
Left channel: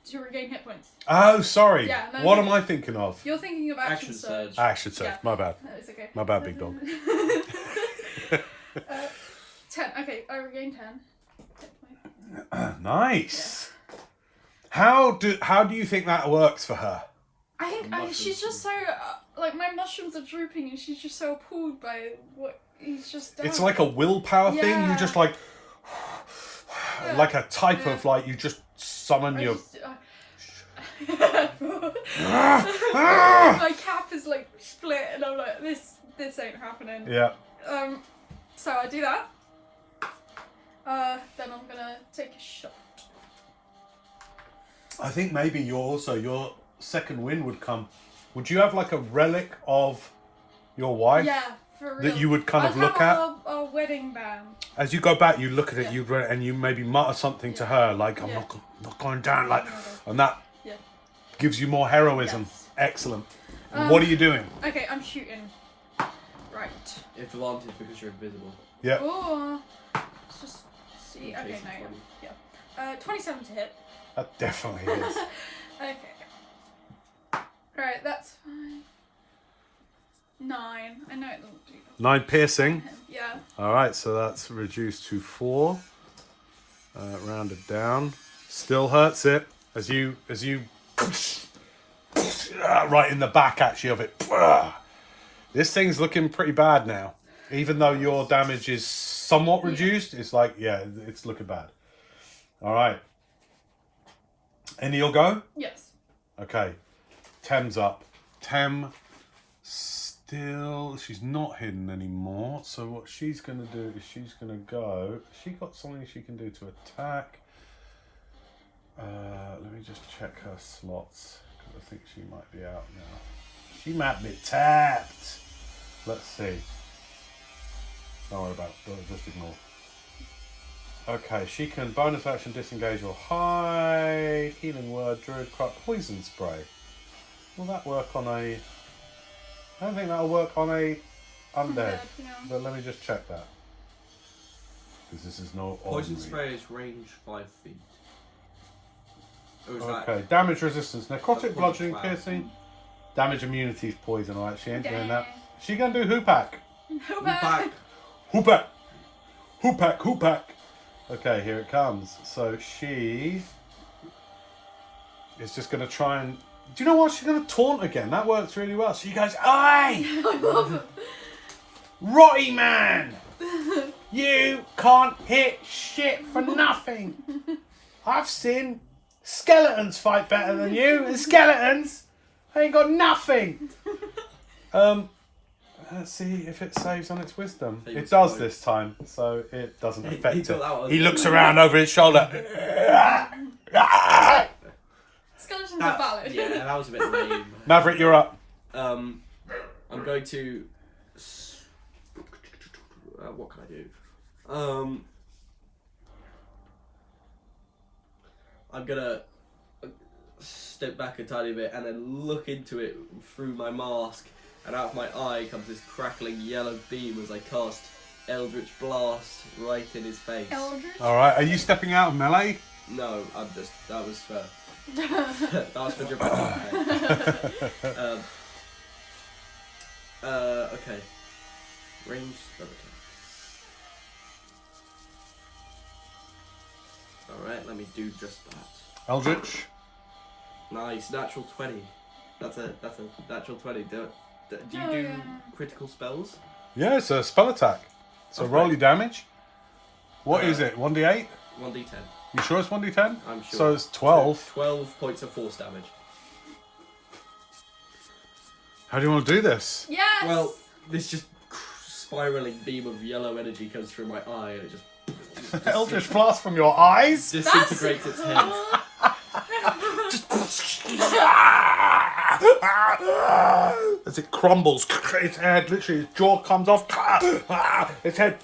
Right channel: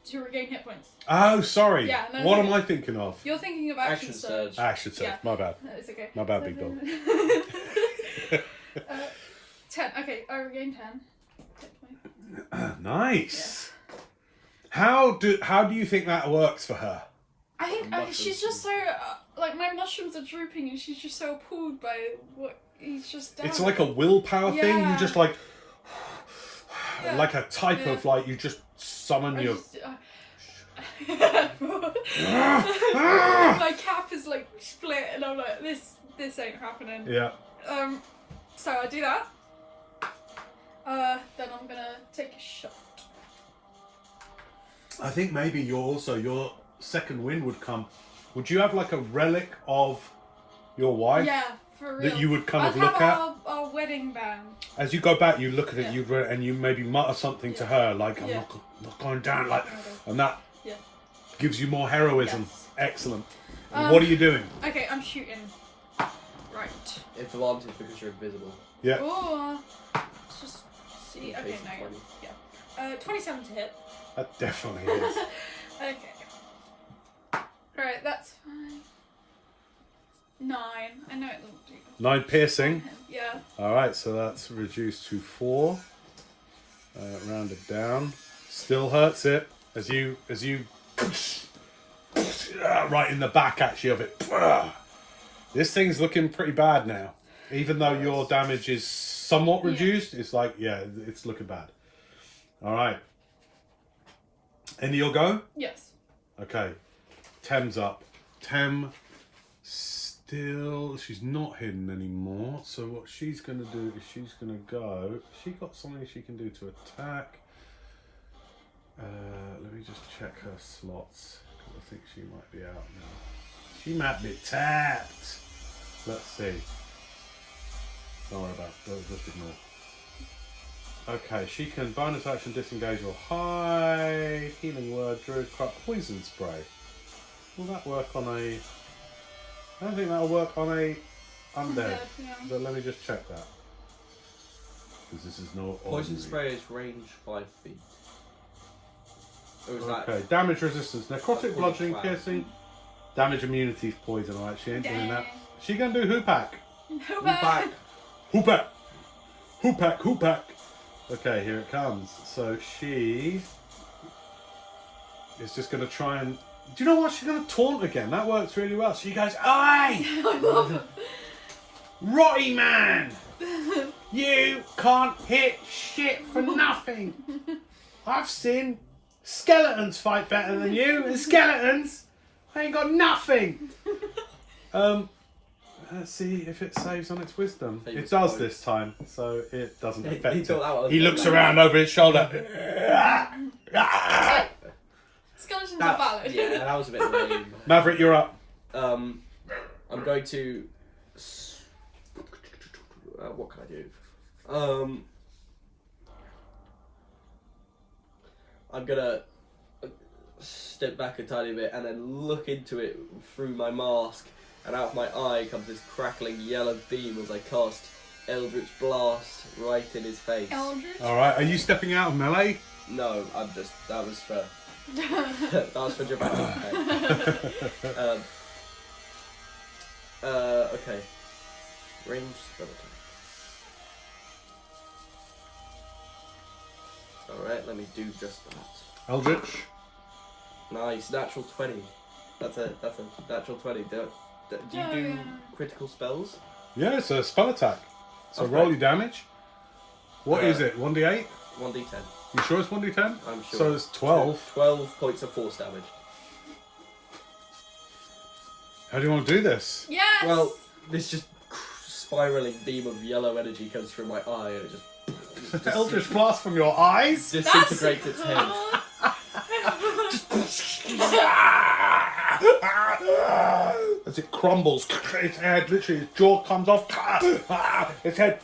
to regain hit points. Oh, sorry. Yeah, no, what no. am I thinking of? You're thinking of action, Action surge. surge. Action surge. Yeah. My bad. No, it's okay. My bad, big dog. 10. Okay, I regain 10. Hit point. Nice. How do you think that works for her? I think Mushrooms. she's just so... like, my mushrooms are drooping and she's just so appalled by what he's just done. It's like a willpower thing. You Yeah. just like Yeah. like a type Yeah. of like you just summon I your. just, my cap is like split and I'm like, this ain't happening. Yeah. So I do that. Then I'm gonna take a shot. I think maybe your second wind would come. Would you have like a relic of your wife Yeah, for real. that you would kind of I'd look have at? our wedding band. As you go back, you look at it, Yeah. and you maybe mutter something to her like, "I'm Yeah. not going down," like, Yeah. and that Yeah. gives you more heroism. Yes. Excellent. What are you doing? Okay, I'm shooting. Right. Advantage because you're invisible. Yeah. Oh, let's just see. In Okay, case no, it's funny. yeah. 27 to hit. That definitely is. Okay. Right, that's fine. 9. I know it doesn't do. 9 piercing. Yeah. All right, so that's reduced to 4. Rounded down. Still hurts it as you right in the back actually of it. This thing's looking pretty bad now. Even though your damage is somewhat reduced, it's like, yeah, it's looking bad. All right. Any you'll go? Yes. Okay. Tem's up. Tem still, she's not hidden anymore. So what she's going to do is she's going to go. She got something she can do to attack. Let me just check her slots. I think she might be out now. She might be tapped. Let's see. Don't worry about it. Just ignore. Okay, she can bonus action disengage or hide. Healing word, druid craft, poison spray. Will that work on a... I don't think that'll work on a undead. No. But let me just check that. Because this is no Poison ordinary. spray is range 5 feet. Or is that... Okay, damage resistance, necrotic, That's bludgeoning, wow. piercing, damage immunity is poison. Alright, she ain't doing Dang. that. She gonna do hoopak. Who back. Hoopak! Hoopak, hoopak! Okay, here it comes. So she is just gonna try and... Do you know what? She's gonna taunt again. That works really well. She goes, "Oi! I love it. Rotty man! You can't hit shit for nothing! I've seen skeletons fight better than you, and skeletons ain't got nothing! Let's see if it saves on its wisdom. Famous It does quote. this time, so it doesn't affect He thought that it. was He good. looks around over his shoulder. Skeletons are valid. Yeah, that was a bit lame. Maverick, you're up. I'm going to. What can I do? I'm gonna step back a tiny bit and then look into it through my mask, and out of my eye comes this crackling yellow beam as I cast Eldritch Blast right in his face. Eldritch. All right, are you stepping out of melee? No, I'm just. That was for. That was for dramatic effect. Okay. Range spell attack. Alright, let me do just that. Eldritch. Nice, natural 20. That's a natural 20. Do you do critical spells? Yeah, it's a spell attack. So Okay. roll your damage. What is it? 1d8? 1d10. You sure it's 1d10? I'm sure. So it's 12. So 12 points of force damage. How do you want to do this? Yes. Well, this just spiraling beam of yellow energy comes through my eye and it just Eldritch blast from your eyes? disintegrates its head. As it crumbles, its head, literally, its jaw comes off, its head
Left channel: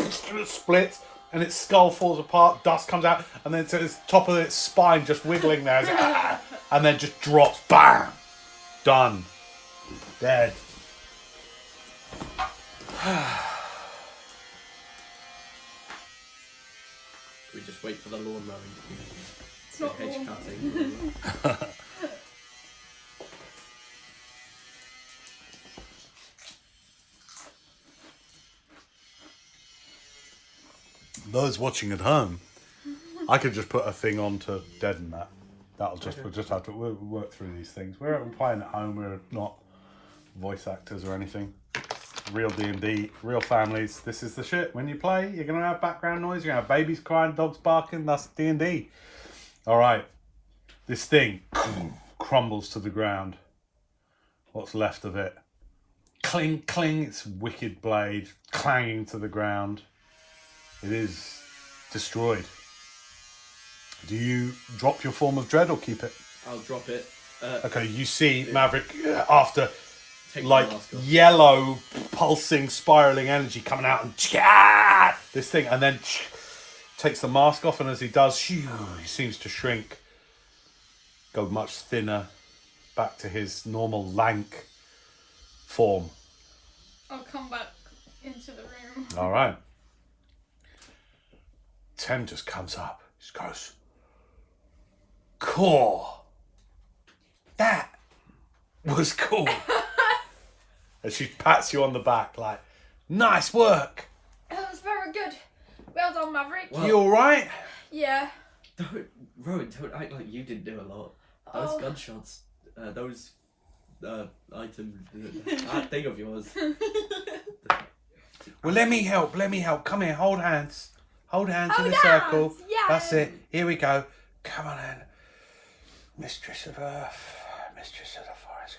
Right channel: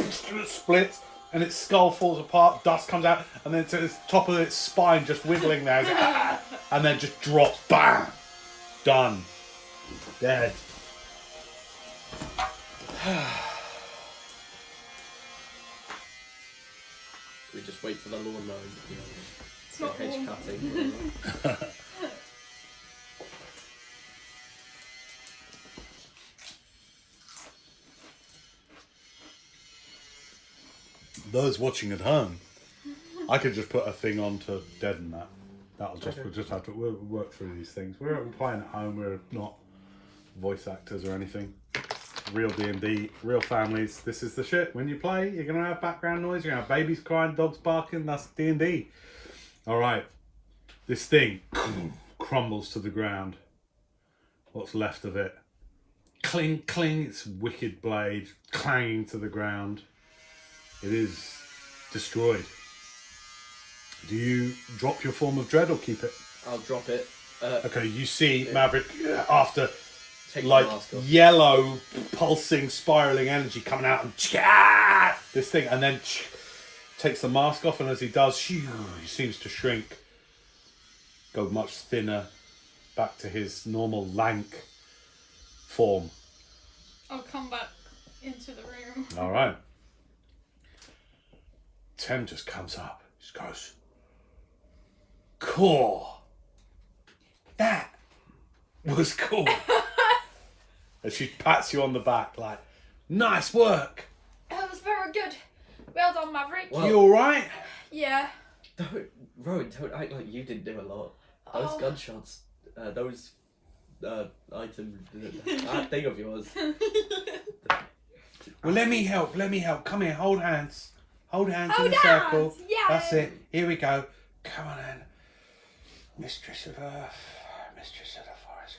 splits, and its skull falls apart, dust comes out, and then its top of its spine just wiggling there, and then just drops, bam! Done. Dead. We just wait for the lawn mowing to be over. It's not The hedge lawn. cutting. Those watching at home, I could just put a thing on to deaden that. That'll just, we'll just have to we'll work through these things. We're playing at home, we're not voice actors or anything. Real D&D, real families. This is the shit. When you play, you're going to have background noise, you're going to have babies crying, dogs barking, that's D&D. Alright, this thing crumbles to the ground. What's left of it? Cling, cling, its wicked blade clanging to the ground. It is destroyed. Do you drop your form of dread or keep it? I'll drop it. Okay, you see Maverick after Take my like mask off. yellow, pulsing, spiraling energy coming out and this thing, and then takes the mask off, and as he does, he seems to shrink, go much thinner, back to his normal lank form. I'll come back into the room. All right. Tem just comes up. She goes, "Cool. That was cool." And she pats you on the back like, "Nice work. That was very good. Well done, Maverick. Well- You all right?" Yeah. Rowan, don't act like you didn't do a lot. Those Oh. gunshots, those items, that thing of yours. Well, let me help. Come here. Hold hands. Hold hands in Hold a circle. hands, yeah. That's it. Here we go. Come on in. Mistress of Earth, Mistress of the Forest.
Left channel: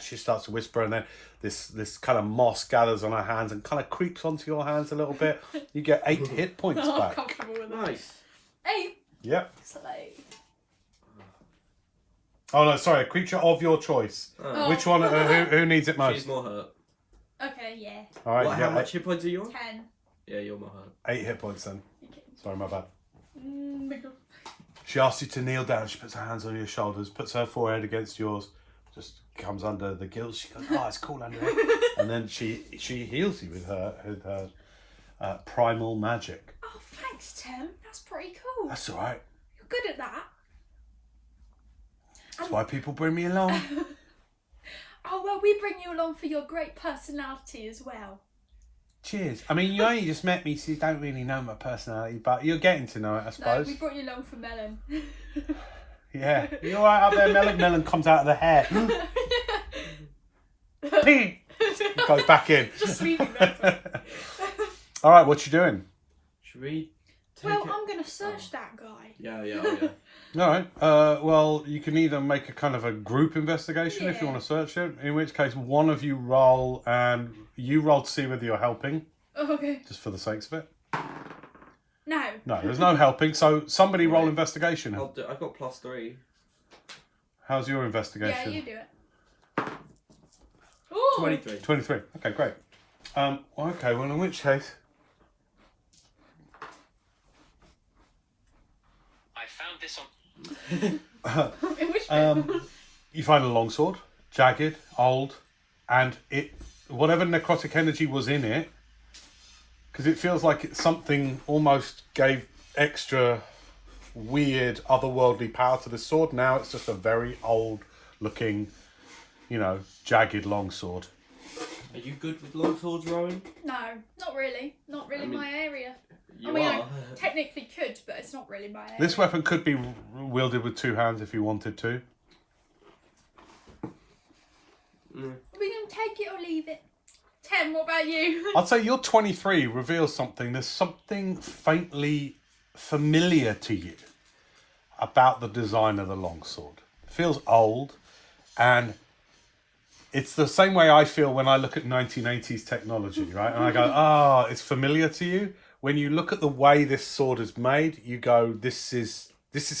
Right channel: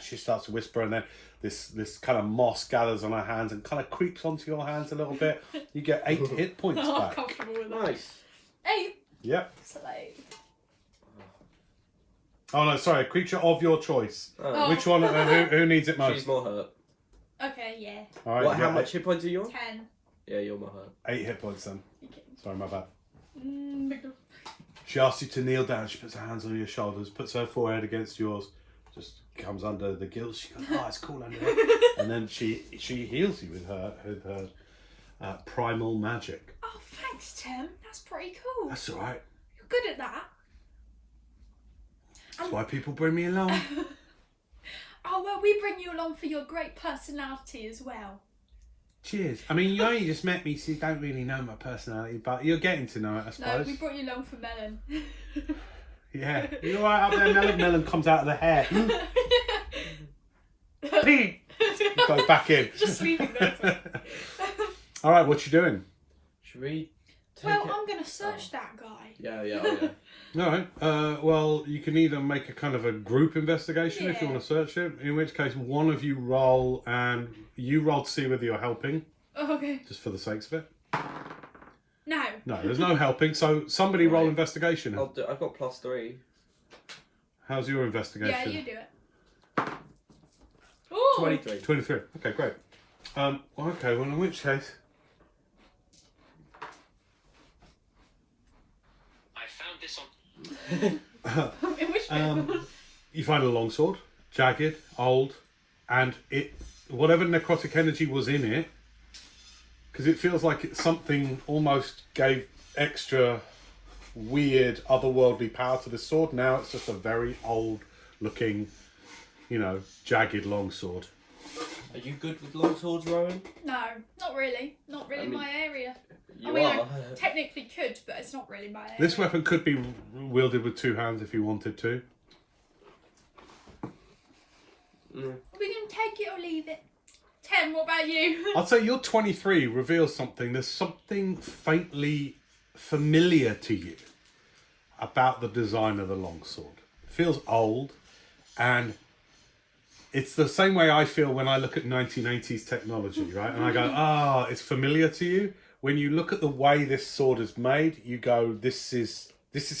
She starts to whisper, and then this kind of moss gathers on her hands and kind of creeps onto your hands a little bit. You get 8 hit points Oh, I'm back. comfortable with that. Nice. Hey, Yep. it's like, Oh no, sorry. Creature of your choice. Oh. Which one? Who needs it most? She's more hurt. okay, yeah. All right. What? you How get much hit points are you on? 10. Yeah, you're more hurt. 8 hit points then. Okay. Sorry, my bad. Big deal. She asks you to kneel down. She puts her hands on your shoulders, puts her forehead against yours, just comes under the gills. She goes, "Oh, it's cool under here." And then she heals you with her primal magic. Oh, thanks, Tim. That's pretty cool. That's all right. You're good at that. That's why people bring me along. Oh, well, we bring you along for your great personality as well. Cheers. I mean, you only just met me, so you don't really know my personality, but you're getting to know it, I No, suppose. we brought you along for Melon. Yeah. You all right up there, Melon? Melon comes out of the hair. Ping! Goes back in. Just leaving that. All right, what you doing? Should we take Well, it? I'm going to search that guy. Yeah, oh yeah. All right. Well, you can either make a kind of a group investigation if you Yeah. want to search it. In which case, one of you roll, and you roll to see whether you're helping, Oh, okay. just for the sakes of it. No. No, there's no helping. So somebody roll Right. investigation. I've got +3. How's your investigation? Yeah, you do it. Ooh. 23. 23. Okay, great. Okay, well, in which case... I found this on. In which bit? You find a longsword, jagged, old, and it, whatever necrotic energy was in it, because it feels like it's something almost gave extra weird, otherworldly power to this sword. Now it's just a very old looking, jagged longsword. Are you good with long swords, Rowan? No, not really. Not really I mean, my area. You I mean, are. I technically could, but it's not really my area. This weapon could be wielded with two hands if you wanted to. Mm. We can take it or leave it. Tem, what about you? I'd say your 23 reveals something. There's something faintly familiar to you about the design of the longsword. It feels old, and it's the same way I feel when I look at 1980s technology, right? And I go, it's familiar to you. When you look at the way this sword is made, you go, this is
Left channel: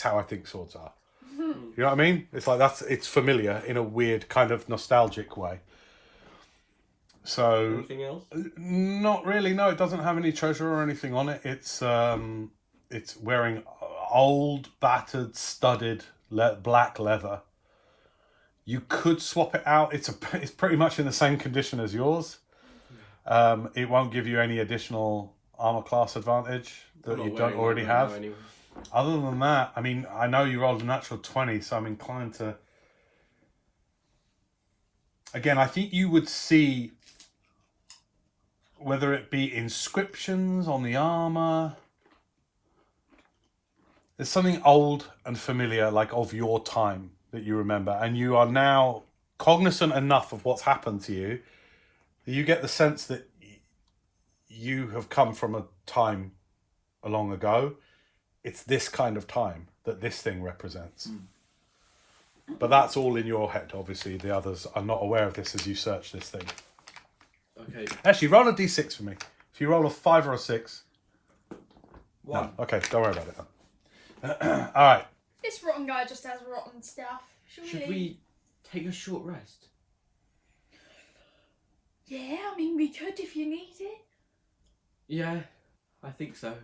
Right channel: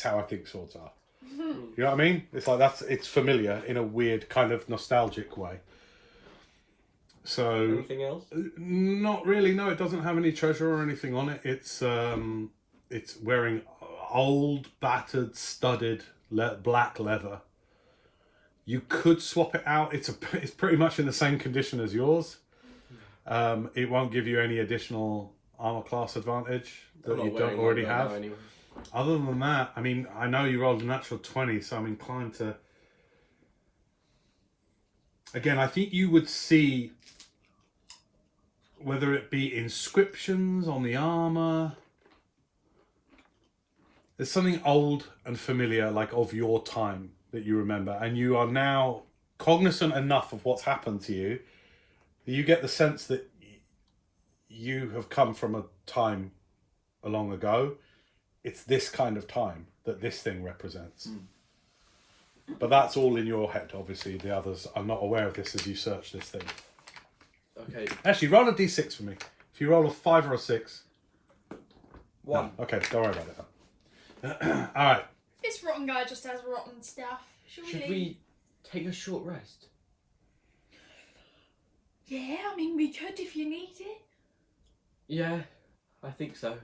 how I think swords are. You know what I mean? It's like it's familiar in a weird kind of nostalgic way. So Anything else? not really. No, it doesn't have any treasure or anything on it. It's wearing old, battered, studded black leather. You could swap it out. It's pretty much in the same condition as yours. It won't give you any additional armor class advantage that I'm not you don't wearing already one right have. now anyway. Other than that, I mean, I know you rolled a natural 20, so I'm inclined to... Again, I think you would see, whether it be inscriptions on the armor, there's something old and familiar, like of your time, that you remember, and you are now cognizant enough of what's happened to you that you get the sense that you have come from a time a long ago. It's this kind of time that this thing represents. But that's all in your head. Obviously, the others are not aware of this as you search this thing. Okay. Actually, roll a d6 for me. If you roll a 5 or a 6... 1. No. Okay, don't worry about it then. All right. This rotten guy just has rotten stuff. Should Should leave? we take a short rest? Yeah, I mean, we could if you need it. Yeah, I think so.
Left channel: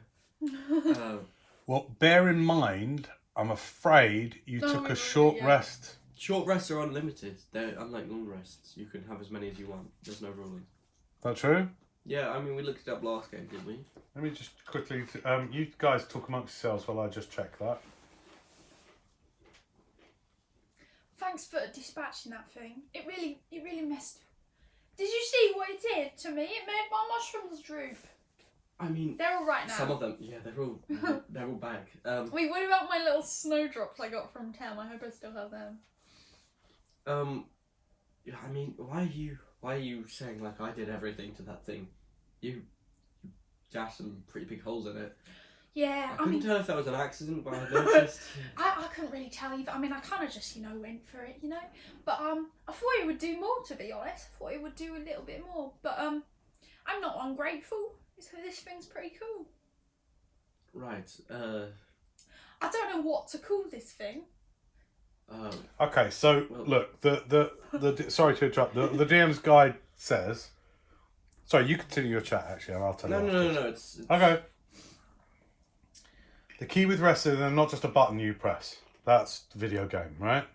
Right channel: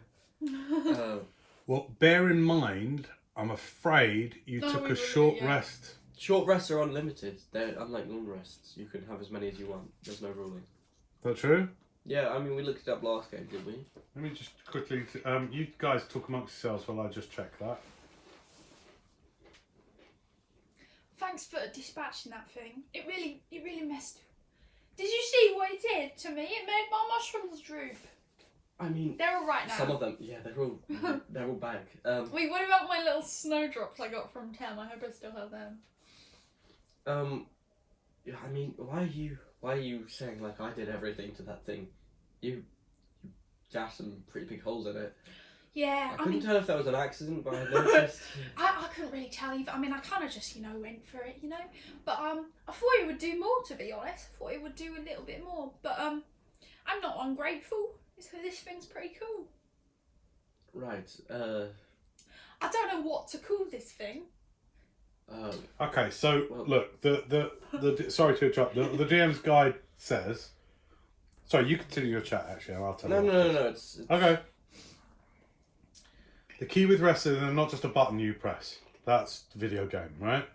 Well, bear in mind, I'm afraid you No, took we a short wouldn't, yeah. rest. Short rests are unlimited. They're unlike long rests. You can have as many as you want. There's no ruling. That true? Yeah, I mean, we looked it up last game, didn't we? Let me just quickly... you guys talk amongst yourselves while I just check that. Thanks for dispatching that thing. It really messed. Did you see what it did to me? It made my mushrooms droop. I mean, They're all right now. some of them, yeah, they're all back. Wait, what about my little snowdrops I got from Tem? I hope I still have them. Yeah, I mean, why are you saying like I did everything to that thing? You gashed some pretty big holes in it. Yeah, I I couldn't mean, tell if that was an accident, but I noticed. I couldn't really tell either. I mean, I kind of just, went for it, But I thought it would do more, to be honest. I thought it would do a little bit more. But I'm not ungrateful. This thing's pretty cool. Right. I don't know what to call this thing. Okay, so Well- look, the sorry to interrupt. The DM's guide says. Sorry, you continue your chat. Actually, I'll tell you. No. It's Okay. The key with rest is they're not just a button you press. That's the video game, right?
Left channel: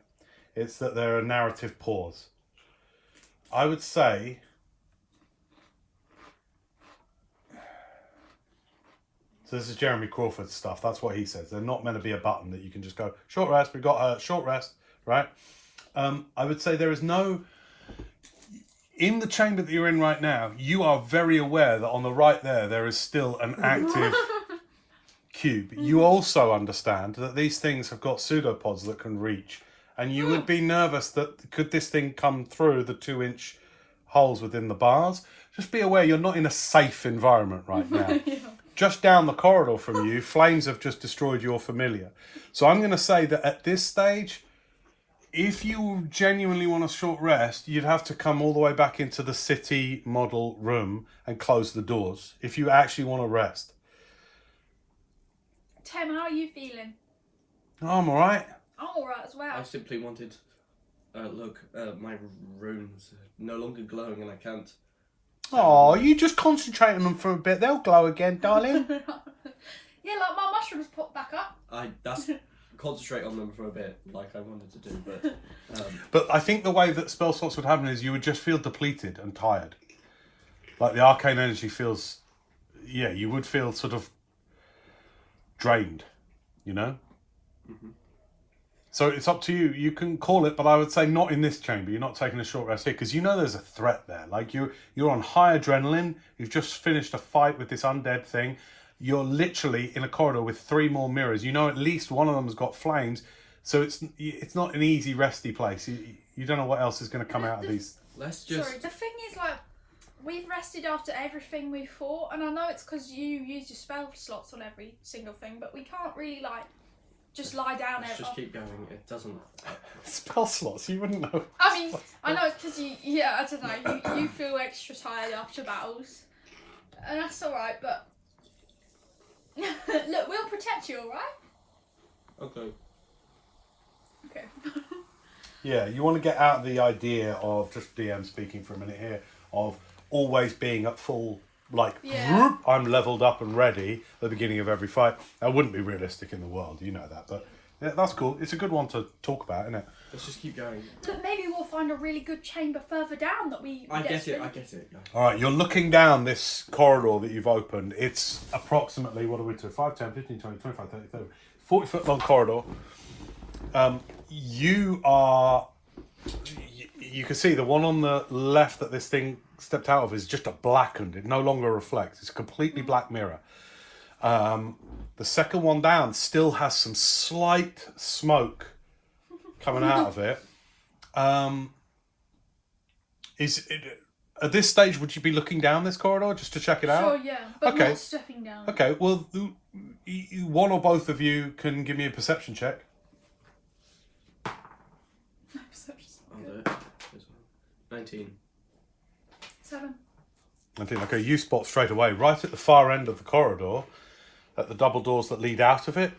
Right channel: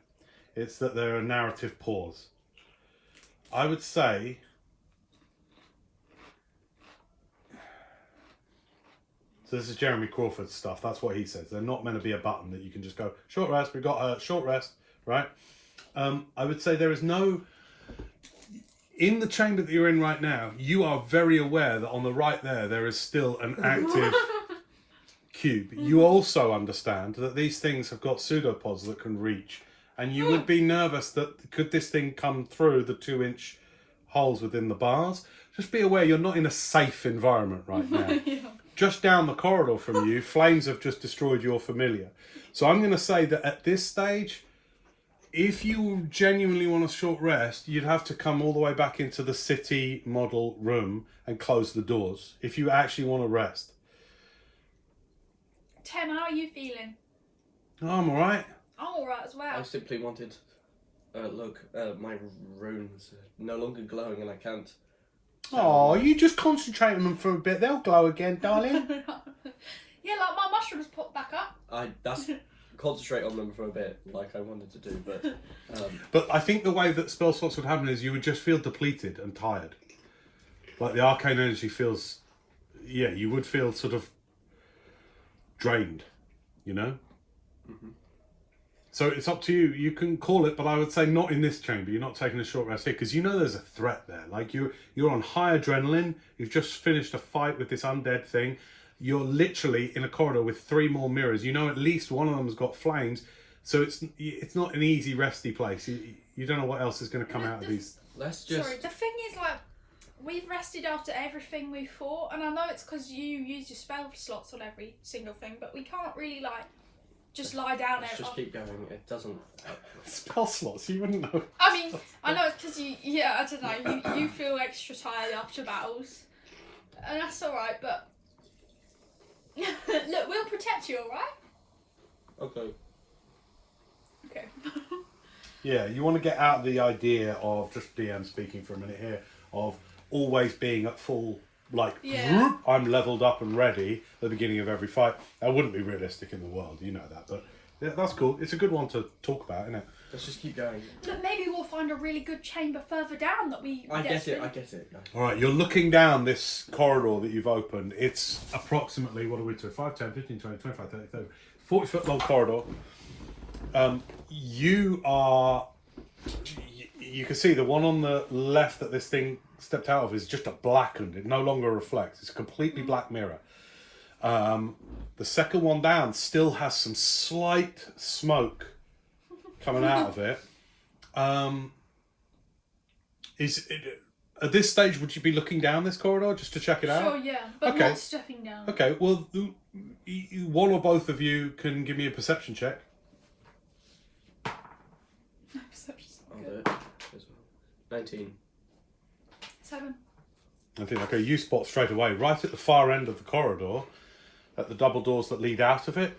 It's that they're a narrative pause. I would say. So this is Jeremy Crawford's stuff. That's what he says. They're not meant to be a button that you can just go, short rest, we've got a short rest, right? I would say there is no... In the chamber that you're in right now, you are very aware that on the right there is still an active cube. You also understand that these things have got pseudopods that can reach. And you would be nervous that could this thing come through the 2-inch holes within the bars? Just be aware you're not in a safe environment right now. Yeah. just down the corridor from you, flames have just destroyed your familiar. So I'm going to say that at this stage, if you genuinely want a short rest, you'd have to come all the way back into the city model room and close the doors if you actually want to rest. Tem, how are you feeling? Oh, I'm all right. I'm alright as well. I simply wanted. Look, my runes are no longer glowing, and I can't. Oh, you just concentrate on them for a bit. They'll glow again, darling. Yeah, like my mushrooms popped back up. That's concentrate on them for a bit, like I wanted to do, but. But I think the way that spell slots would happen is you would just feel depleted and tired. Like the arcane energy feels, yeah, you would feel sort of drained, you know? Mm-hmm. So it's up to you. You can call it, but I would say not in this chamber. You're not taking a short rest here because you know there's a threat there. Like you're on high adrenaline. You've just finished a fight with this undead thing. You're literally in a corridor with 3 more mirrors. You know at least one of them's got flames. So it's not an easy resty place. You don't know what else is going to come out of these. Let's just. Sorry, the thing is, like, we've rested after everything we fought, and I know it's because you use your spell slots on every single thing, but we can't really, like, just lie down Let's there. just keep going. It doesn't. Spell slots, you wouldn't know. I mean, I know it's because I don't know, you feel extra tired after battles, and that's alright, but look, we'll protect you, alright? Okay. Okay. Yeah, you want to get out of the idea of, just DM speaking for a minute here, of always being at full, like, Yeah. I'm leveled up and ready at the beginning of every fight. That wouldn't be realistic in the world, you know that. But yeah, that's cool. It's a good one to talk about, isn't it? Let's just keep going. Look, maybe we'll find a really good chamber further down that we I get through. it. Yeah. All right, you're looking down this corridor that you've opened. It's approximately, what are we to? 5, 10, 15, 20, 25, 30, 30 40-foot long corridor. You can see the one on the left that this thing stepped out of is just a blackened. It no longer reflects. It's a completely black mirror. The second one down still has some slight smoke coming out of it. At this stage, would you be looking down this corridor just to check it out? Sure, yeah, but Okay. not stepping down. Okay, well, one or both of you can give me a perception check. I'll do it. 19. 7. I think, okay, you spot straight away, right at the far end of the corridor, at the double doors that lead out of it,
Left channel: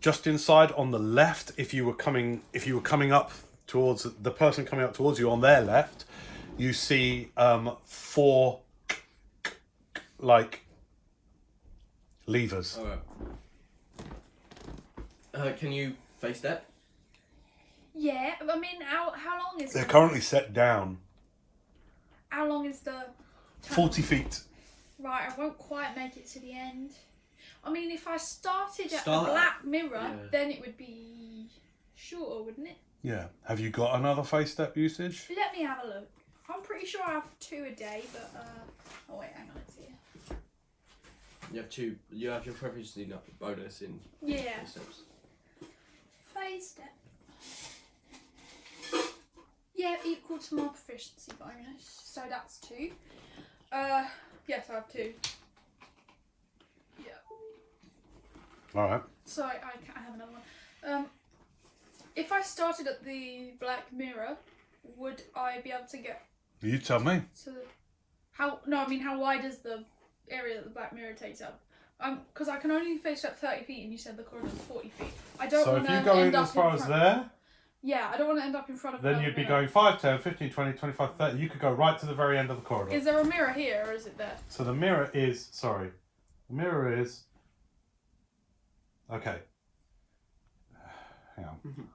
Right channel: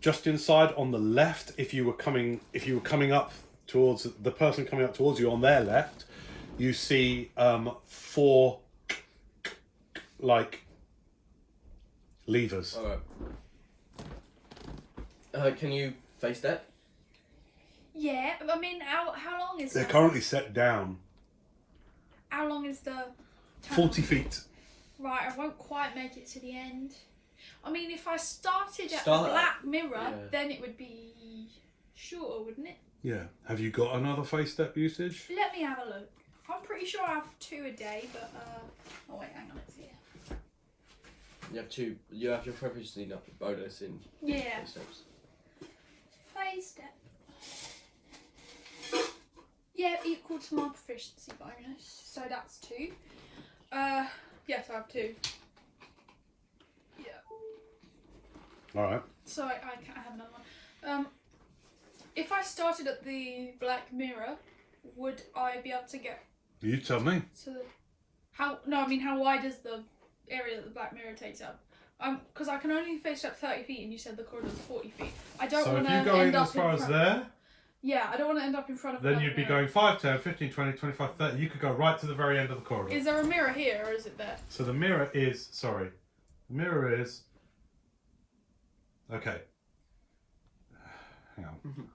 just inside on the left, if you were coming up towards the person coming up towards you on their left, you see 4 like levers. Alright. Can you face that? Yeah, I mean, how long is They're it? currently set down How long is the... 40 feet. Right, I won't quite make it to the end. I mean, if I started at Start- the black mirror, yeah. then it would be shorter, wouldn't it? Yeah. Have you got another face step usage? Let me have a look. I'm pretty sure I have 2 a day, but oh wait, hang on, it's here. You have 2. You have your proficiency bonus in Yeah. face steps. Phase step. Yeah, equal to my proficiency bonus, so that's 2. Yes, I have 2. Yeah. All right. So I can't have another one. If I started at the black mirror, would I be able to get You tell me. to how? No, I mean how wide is the area that the black mirror takes up? Because I can only face up 30 feet, and you said the corridor's 40 feet. I don't So want if to you go end in up as far in as front. there, Yeah, I don't want to end up in front of. then another you'd be mirror. going 5, 10, 15, 20, 25, 30. You could go right to the very end of the corridor. Is there a mirror here, or is it there? So the mirror is, okay. Hang on.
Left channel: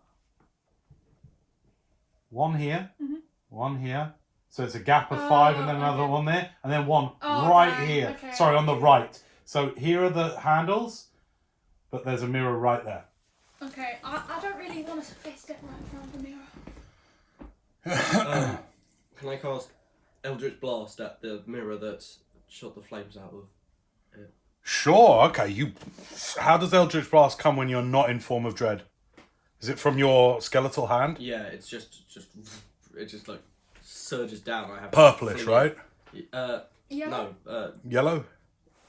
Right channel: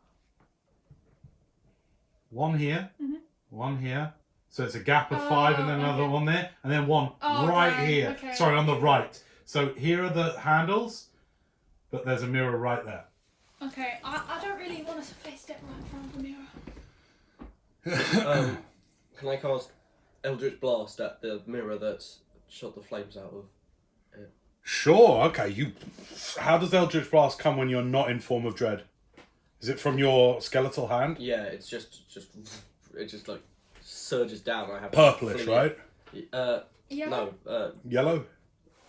One here, Mhm. one here. So it's a gap of 5 and then another okay. one there, and then one Oh, right dang, here. okay. Sorry, on the right. So here are the handles, but there's a mirror right there. Okay, I don't really want us to face step right in front of the mirror. Can I cast Eldritch Blast at the mirror that's shot the flames out of? Sure, okay. How does Eldritch Blast come when you're not in Form of Dread? Is it from your skeletal hand? Yeah, it's just it just like surges down. I have to Purplish, fling right? it. Yeah. No. Yellow?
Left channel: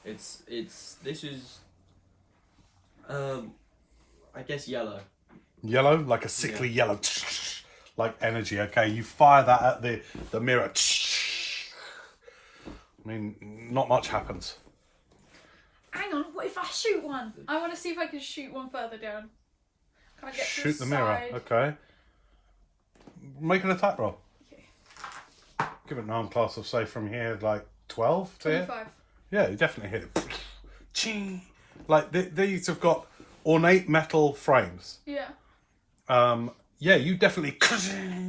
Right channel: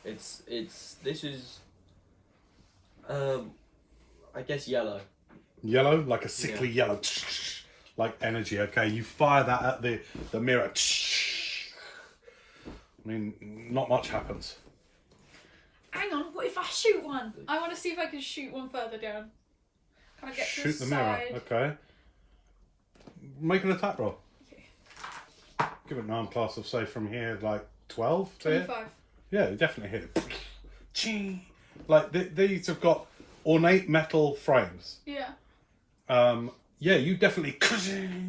This is, I guess yellow. Yellow, like a sickly yellow, like energy. Okay, you fire that at the mirror. I mean, not much happens. Hang on, what if I shoot one? I want to see if I can shoot one further down. Can I get to Shoot the mirror. side? Okay. Make an attack roll. Okay. Give it an arm class of say from here like 12 to here. 25. Yeah, you definitely hit it. Ching. Like these have got ornate metal frames. Yeah. Yeah, you definitely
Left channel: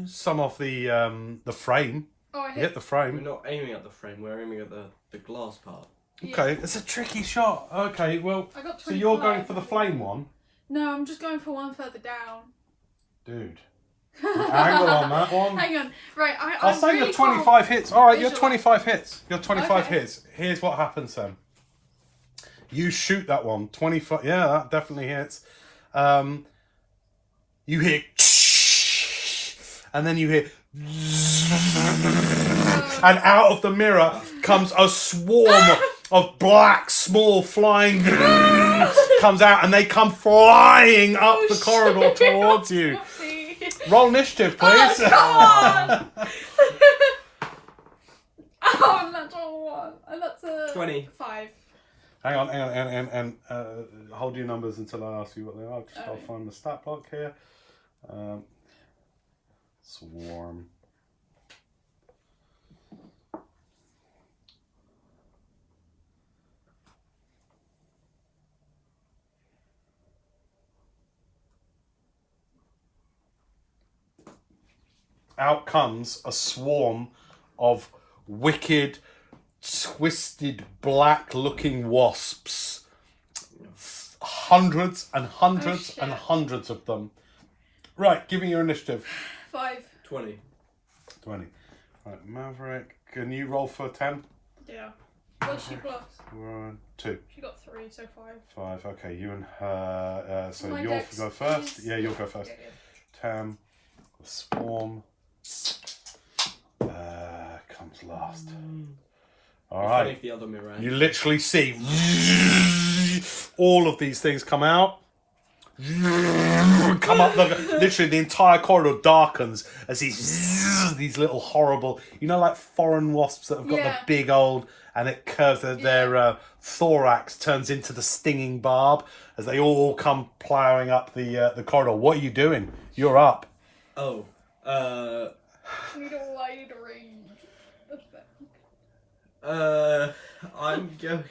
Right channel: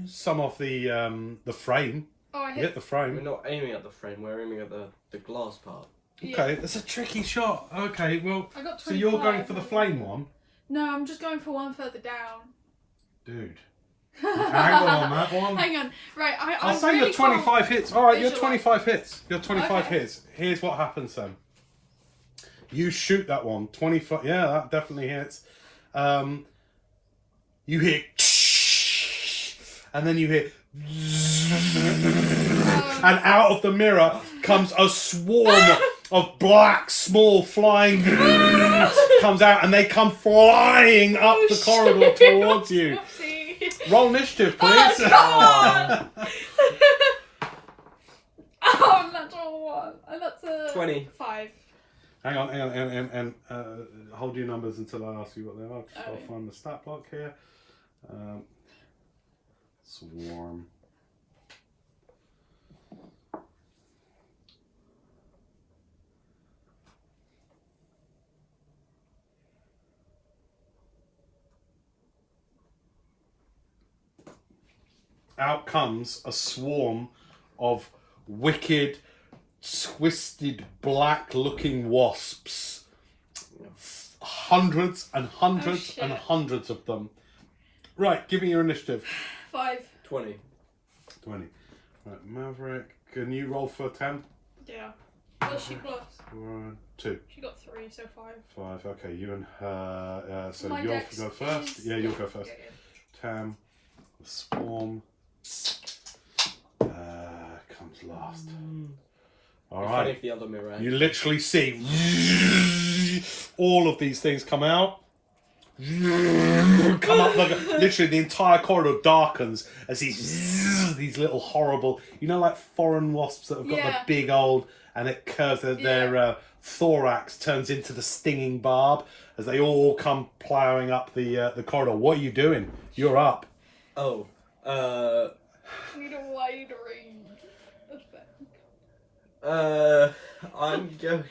some of the frame. Oh, I You hit. hit the frame. We're not aiming at the frame, we're aiming at the glass part. Okay, it's a tricky shot. Okay, well, I got 25. so you're going for the flame one, No, I'm just going for one further down. dude. The angle on that one. Hang on. Right, I'll say really you're 25 hits. All right, you're visualise. 25 hits. You're 25 Okay. hits. Here's what happens then. You shoot that one. 25. Yeah, that definitely hits. You hear, and then you hear, and out of the mirror comes a swarm of black, small, flying comes out, and they come flying up the corridor towards you. Whoopsie. Roll initiative, Oh, please. come on! Oh, natural one. And that's a 20. 5. Hang on, and hold your numbers until I ask you what they are. Just I'll yeah. find the stat block here. Swarm. Out comes a swarm of wicked, twisted, black-looking wasps. Hundreds and hundreds Oh, and shit. hundreds of them. Right, give me your initiative. 5. 20. 20. Right, Maverick, can you roll for 10? Yeah. What's she plus? 1, 2, She got 3, so 5. 5. Okay, you and her. So My you'll dex go first. is- Yeah, you'll go first. Yeah. Tam, swarm. Comes last. All If right. only the other mirror. You literally see all of these things come out. Come up, literally the entire corridor darkens as these little horrible, like foreign wasps that have got Yeah. the big old, and it curves their thorax turns into the stinging barb as they all come ploughing up the corridor. What are you doing? You're up. Oh, Need a wide range effect. I'm going.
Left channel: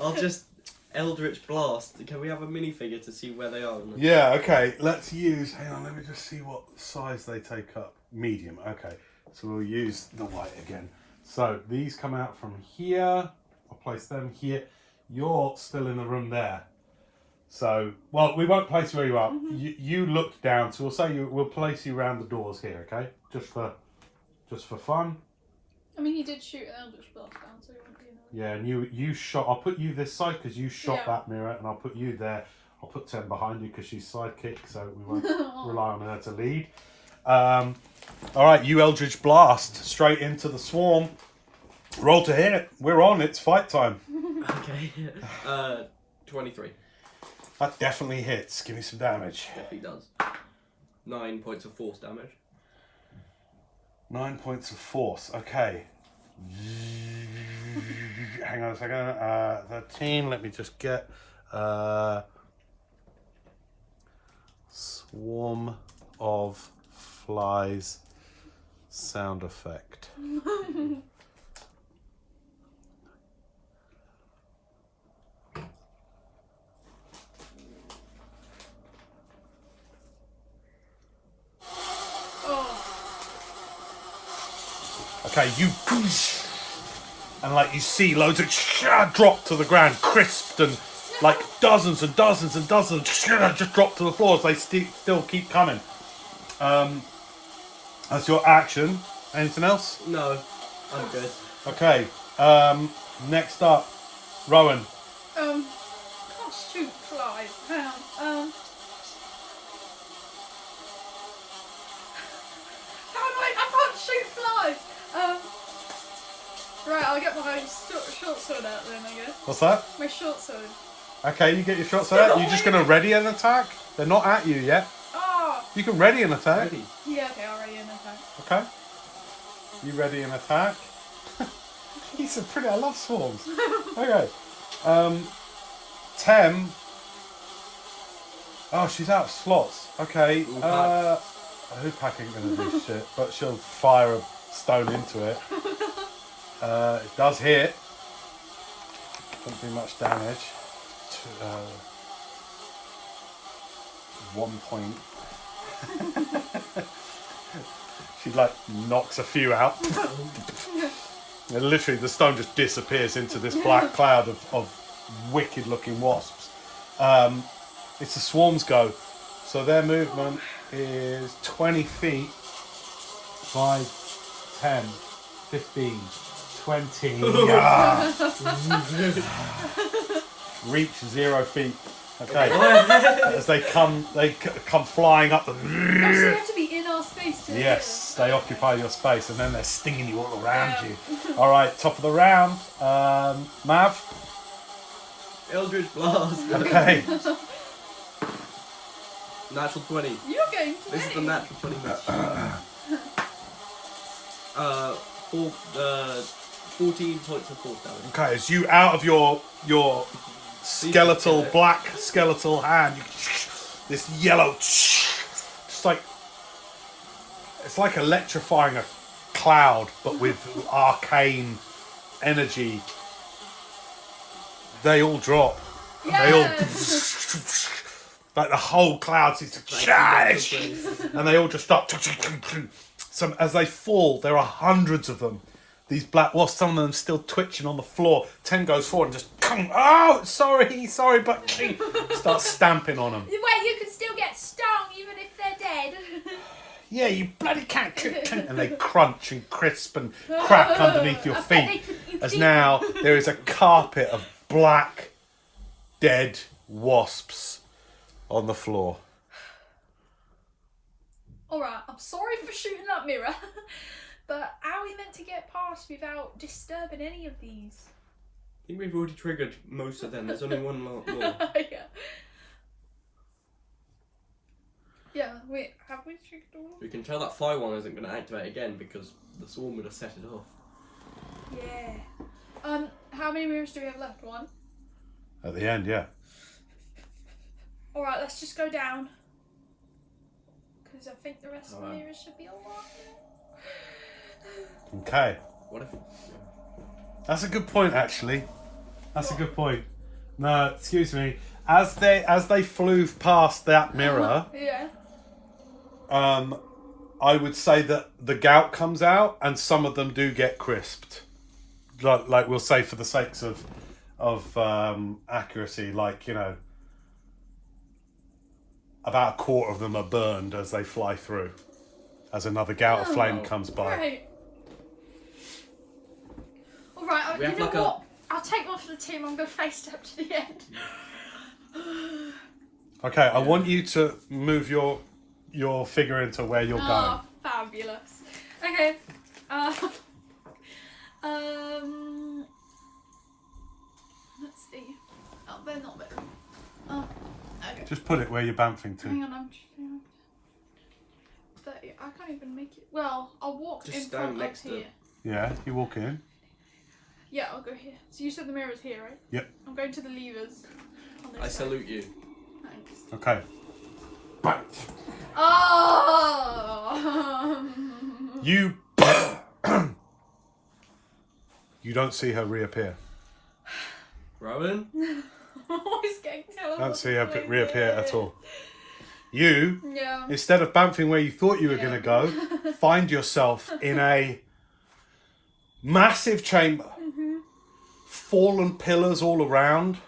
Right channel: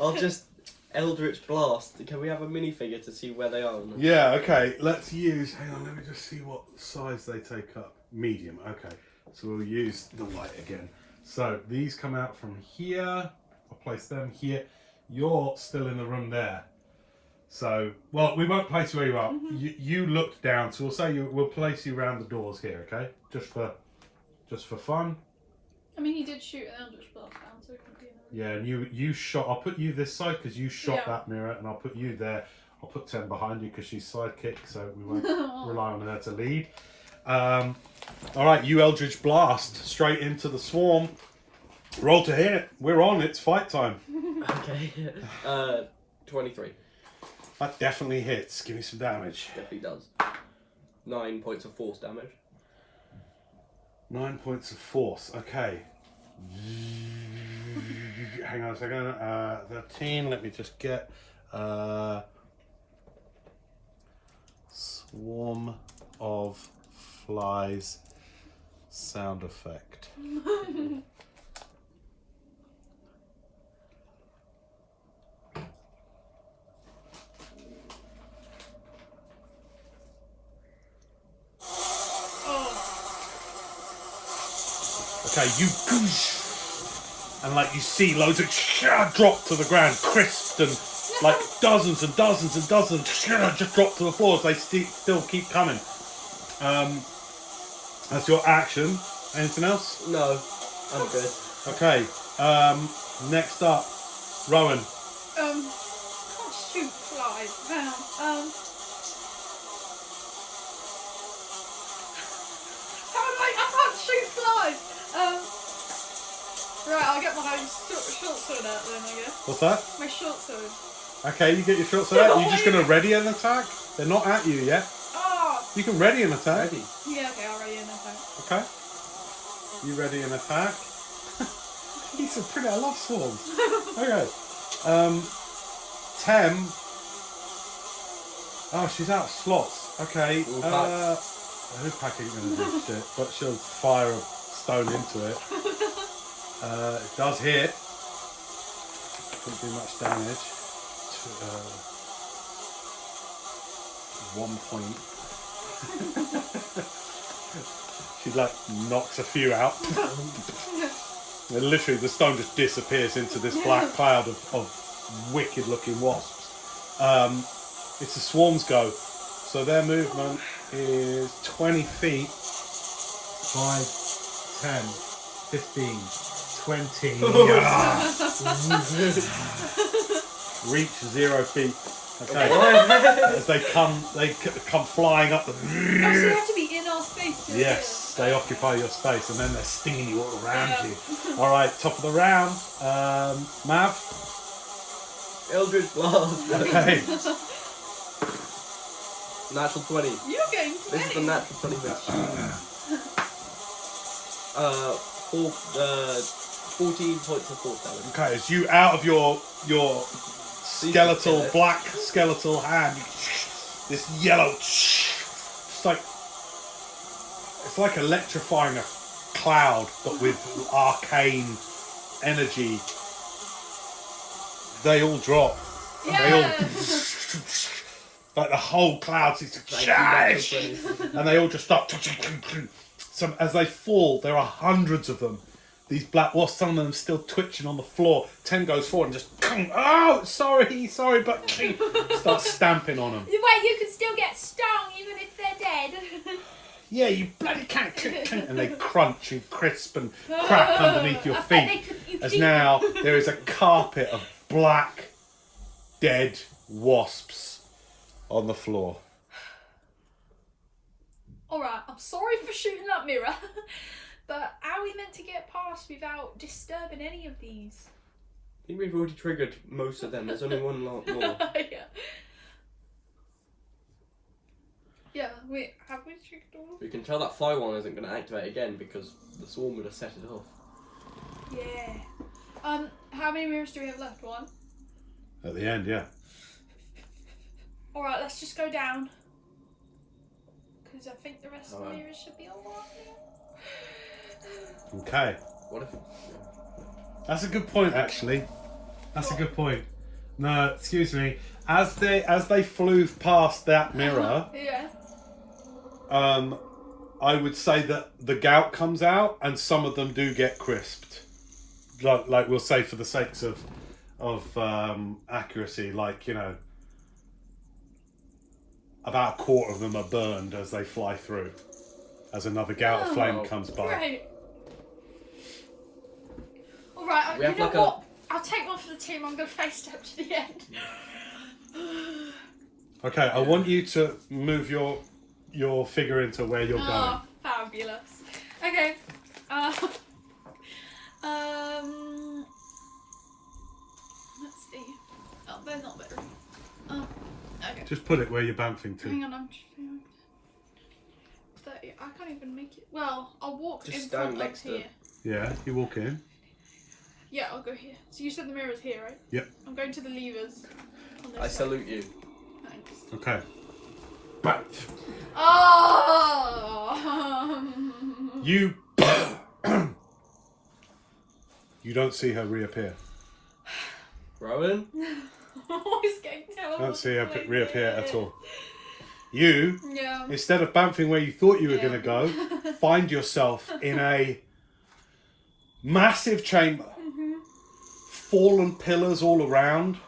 I'll just Eldritch Blast. Can we have a minifigure to see where they are? Yeah, okay, let's use, hang on, let me just see what size they take up. Medium, okay. So we'll use the light again. So these come out from here. I'll place them here. You're still in the room there. So, well, we won't place where you are. You looked down, so we'll say we'll place you around the doors here, okay? Just for fun. I mean, he did shoot an Eldritch Blast down, so he wouldn't be annoyed. Yeah, and you shot. I'll put you this side because you shot Yeah. that mirror, and I'll put you there. I'll put Tem behind you because she's sidekick, so we won't rely on her to lead. All right, you Eldritch Blast straight into the swarm. Roll to hit it. We're on. It's fight time. Okay. 23. That definitely hits. Give me some damage. Definitely does. 9 points of force damage. 9 points of force. Okay. Hang on a second. 13. Let me just get swarm of flies sound effect. Okay, you and like you see loads of drop to the ground, crisped, and like dozens and dozens and dozens just drop to the floor as they still keep coming. That's your action. Anything else? No, I'm good. Okay. Next up, Rowan. Can't shoot flies. How am I can't shoot flies. Right, I'll get get my short sword out then, I guess. What's that? My short sword. Okay, you get your shots out. You're just going to ready an attack? They're not at you yet. Oh! You can ready an attack. Ready. Yeah, okay, I'll ready an attack. Okay. You ready an attack? He's a pretty. I love swarms. Okay. Tem. Oh, she's out of slots. Okay. Who's packing in this shit? But she'll fire a stone into it. It does hit. Don't do much damage. 1 point. She like knocks a few out. And literally the stone just disappears into this black cloud of wicked looking wasps. It's the swarms go. So their movement is 20 feet. 5, 10, 15, 20. Reach 0 feet. Okay. As they come flying up. Oh, so you have to be in our space to Yes, they occupy your space, and then they're stinging you all around you. All right, top of the round, Mav. Eldritch Blast. Okay. Natural 20. You're going to This is the natural 20 match. 14 points of force damage. Okay, as you out of your skeletal, black skeletal hand, this yellow, just like, it's like electrifying a cloud, but with arcane energy. They all drop. Yeah. They all, like the whole cloud seems to, and they all just start. So as they fall, there are hundreds of them. These black wasps, some of them still twitching on the floor. Tem goes forward and just, oh, sorry, but starts stamping on them. Wait, you can still get stung even if they're dead. Yeah, you bloody can't. And they crunch and crisp and crack underneath your feet. As now there is a carpet of black, dead wasps on the floor. Alright, I'm sorry for shooting that mirror. But how are we meant to get past without disturbing any of these? I think we've already triggered most of them. There's only one lot more. Yeah. Yeah, wait, have we triggered all? We can tell that fly one isn't going to activate again because the swarm would have set it off. Yeah. How many mirrors do we have left? 1? At the end, yeah. Alright, let's just go down. Because I think the rest of the mirrors should be alright. Okay. What if? That's a good point, actually. That's a good point. No, excuse me. As they flew past that mirror, Yeah. I would say that the gout comes out, and some of them do get crisped. Like we'll say for the sakes of accuracy, like, you know, about a quarter of them are burned as they fly through, as another gout of flame comes by. Right. Alright, We you have know like what? I'll take one for the team. I'm going to face step to the end. Okay, I want you to move your figure into where you're going. Oh, fabulous. Okay. Let's see. Oh, they're not very. Oh, okay. Just put it where you're bouncing to. Hang on, I'm just. 30. I can't even make it. Well, I'll walk Just in stand front next of to here. Yeah, you walk in. Yeah, I'll go here. So you said the mirror's here, right? Yep. I'm going to the levers. On this I side. salute you. Thanks. Okay. Oh! You you don't see her reappear. Rowan? Always getting terrible. Don't see her reappear at all. You, Yeah. instead of bouncing where you thought you were Yeah. going to go, find yourself in a massive chamber. Fallen pillars all around.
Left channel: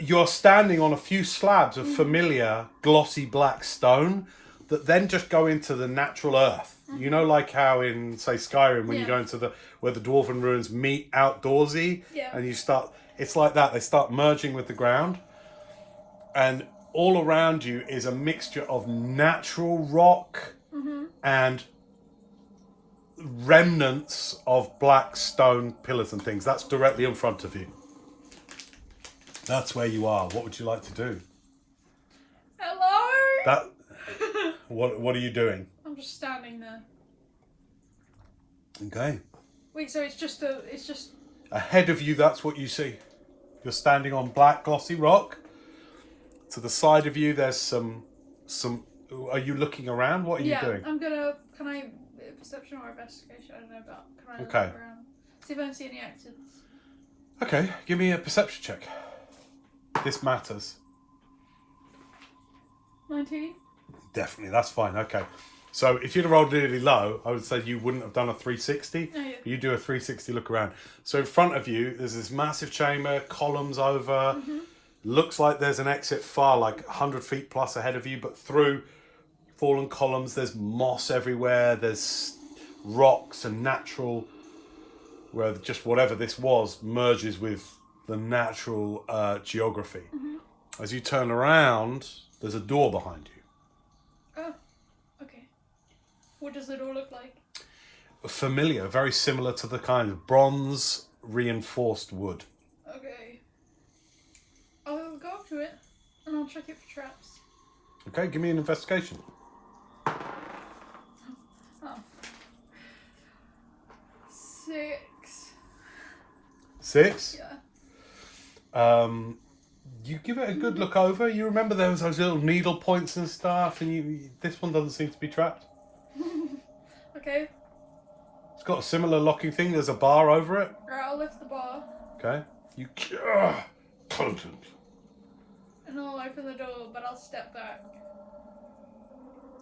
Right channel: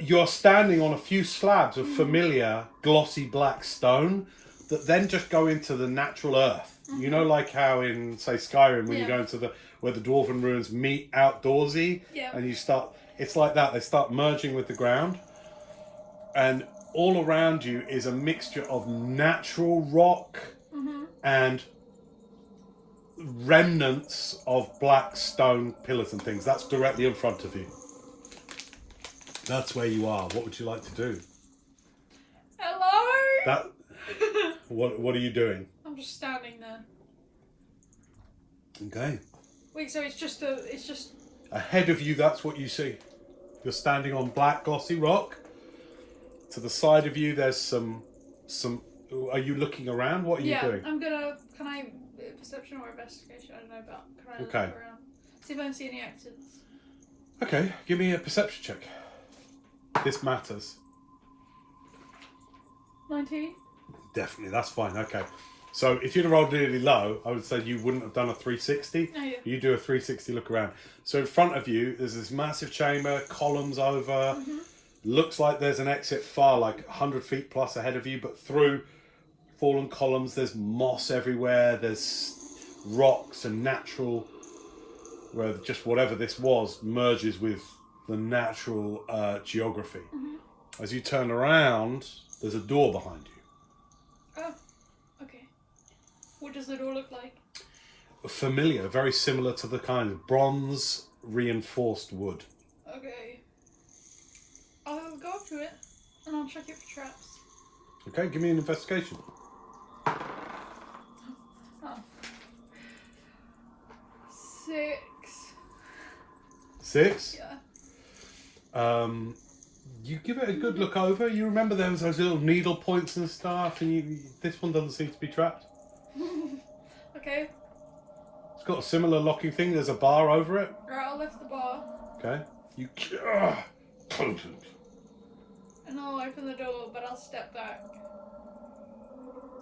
You're standing on a few slabs of familiar glossy black stone that then just go into the natural earth. You know, like how in, say, Skyrim, when you Yeah. go into where the dwarven ruins meet outdoorsy, Yeah. and you start, it's like that. They start merging with the ground, and all around you is a mixture of natural rock and remnants of black stone pillars and things. That's directly in front of you. That's where you are. What would you like to do? Hello? What are you doing? I'm just standing there. Okay. Wait, so it's just Ahead of you, that's what you see. You're standing on black glossy rock. To the side of you, there's some. Are you looking around? What are you doing? Can I perception or investigation? I don't know about. Can I look around? See if I can see any exits. Okay, give me a perception check. This matters. 19. Definitely, that's fine. Okay. So if you'd have rolled really low, I would say you wouldn't have done a 360. Oh, yeah. You do a 360 look around. So in front of you, there's this massive chamber, columns over. Mm-hmm. Looks like there's an exit far, like 100 feet plus ahead of you, but through fallen columns, there's moss everywhere. There's rocks and natural, where just whatever this was merges with the natural geography. Mm-hmm. As you turn around, there's a door behind you. Oh, okay. What does the door look like? Familiar, very similar to the kind of bronze reinforced wood. Okay. I'll go up to it and I'll check it for traps. Okay, give me an investigation. Oh. 6. 6? Yeah. You give it a good look over. You remember there was those little needle points and stuff, and this one doesn't seem to be trapped. Okay. It's got a similar locking thing. There's a bar over it. Right, I'll lift the bar Okay. You potent. and I'll open the door, but I'll step back.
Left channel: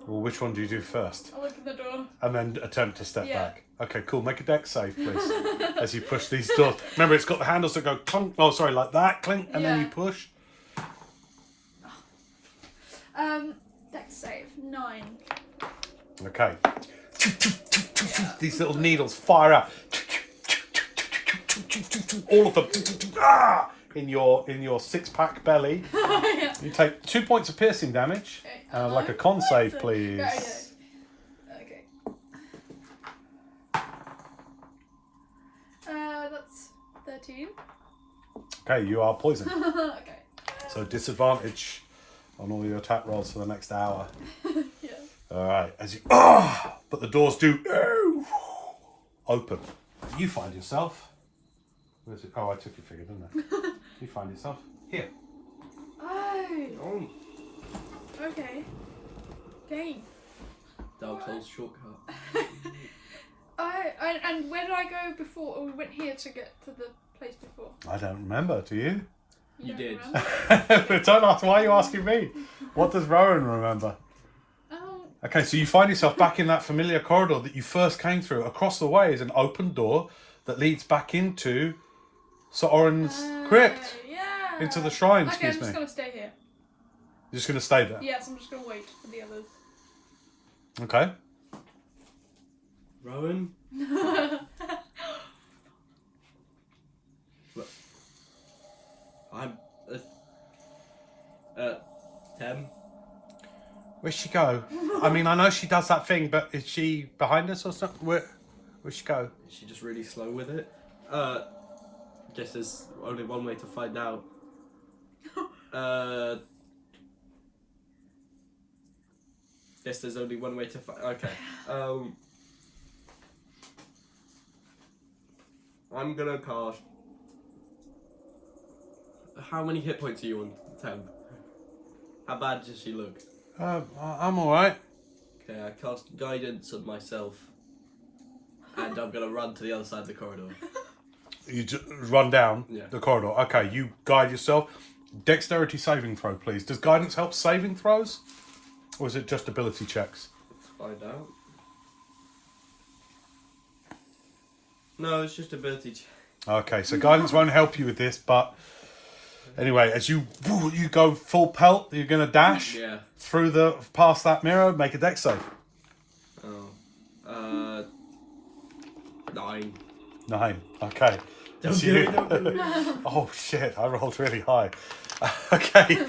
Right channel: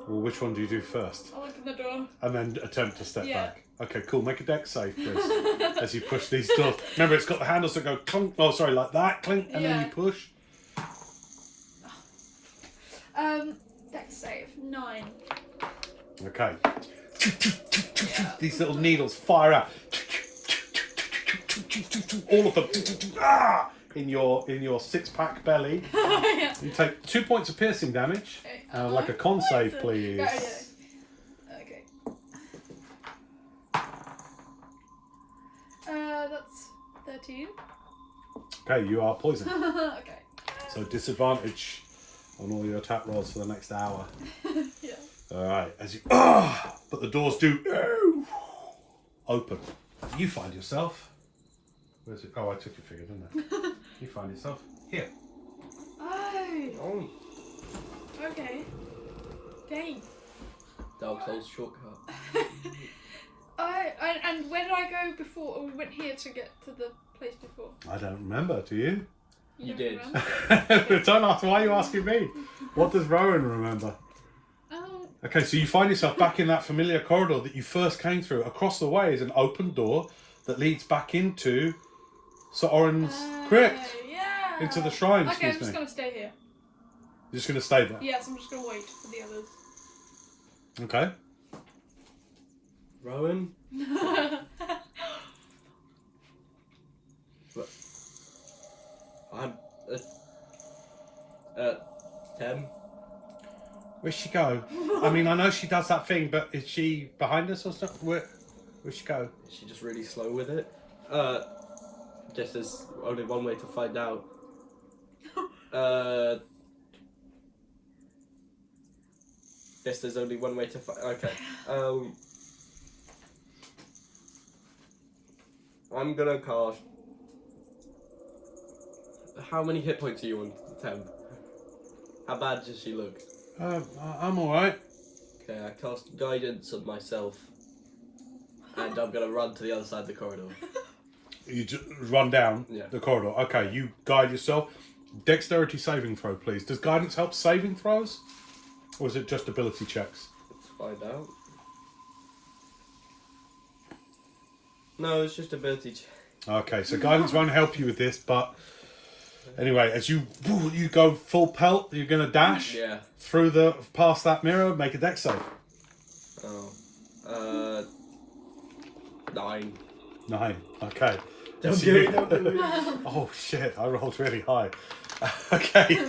Well, which one do you do first? I'll open the door. And then attempt to step Yeah. back. Okay, cool. Make a dex save, please, as you push these doors. Remember, it's got the handles that go clunk. Oh, sorry, like that, clink, and then Yeah. you push. Dex save 9. Okay. These little needles fire out. All of them. In your 6-pack belly. Yeah. You take 2 points of piercing damage. Okay. Like a con save, please. Okay. That's 13. Okay, you are poisoned. Okay. So disadvantage on all your attack rolls for the next hour. Yeah. Alright, as you but the doors do open. You find yourself. Where's it? Oh, I took your figure, didn't I? You find yourself here. Oh. Okay. Game. Dark Souls shortcut. And where did I go before? Oh, we went here to get to the place before. I don't remember, do you? You don't did. remember? Don't ask, why are you asking me? What does Rowan remember? Oh. Okay, so you find yourself back in that familiar corridor that you first came through. Across the way is an open door that leads back into Sir Oren's crypt. Yeah. Into the shrine, Okay, I'm excuse just me. gonna stay here. You're just going to stay there? Yes, I'm just gonna wait for the others. Okay. Rowan? What? I'm... Tem? Where'd she go? I mean, I know she does that thing, but is she behind us or something? Where'd she go? Is she just really slow with it? Guess there's only one way to find out. Guess there's only one way to find... Okay. I'm gonna cast... How many hit points are you on, Tem? How bad does she look? I'm alright. Okay, I cast guidance on myself. And I'm gonna run to the other side of the corridor. You just run down Yeah. the corridor. Okay, you guide yourself. Dexterity saving throw, please. Does guidance help saving throws? Or is it just ability checks? Let's find out. No, it's just ability check. Okay, so guidance won't help you with this, but anyway, as you go full pelt, you're gonna dash Yeah. through past that mirror. Make a dex save. Oh. 9. 9. Okay. Don't As do you- it, don't do it. Oh shit! I rolled really high. Okay.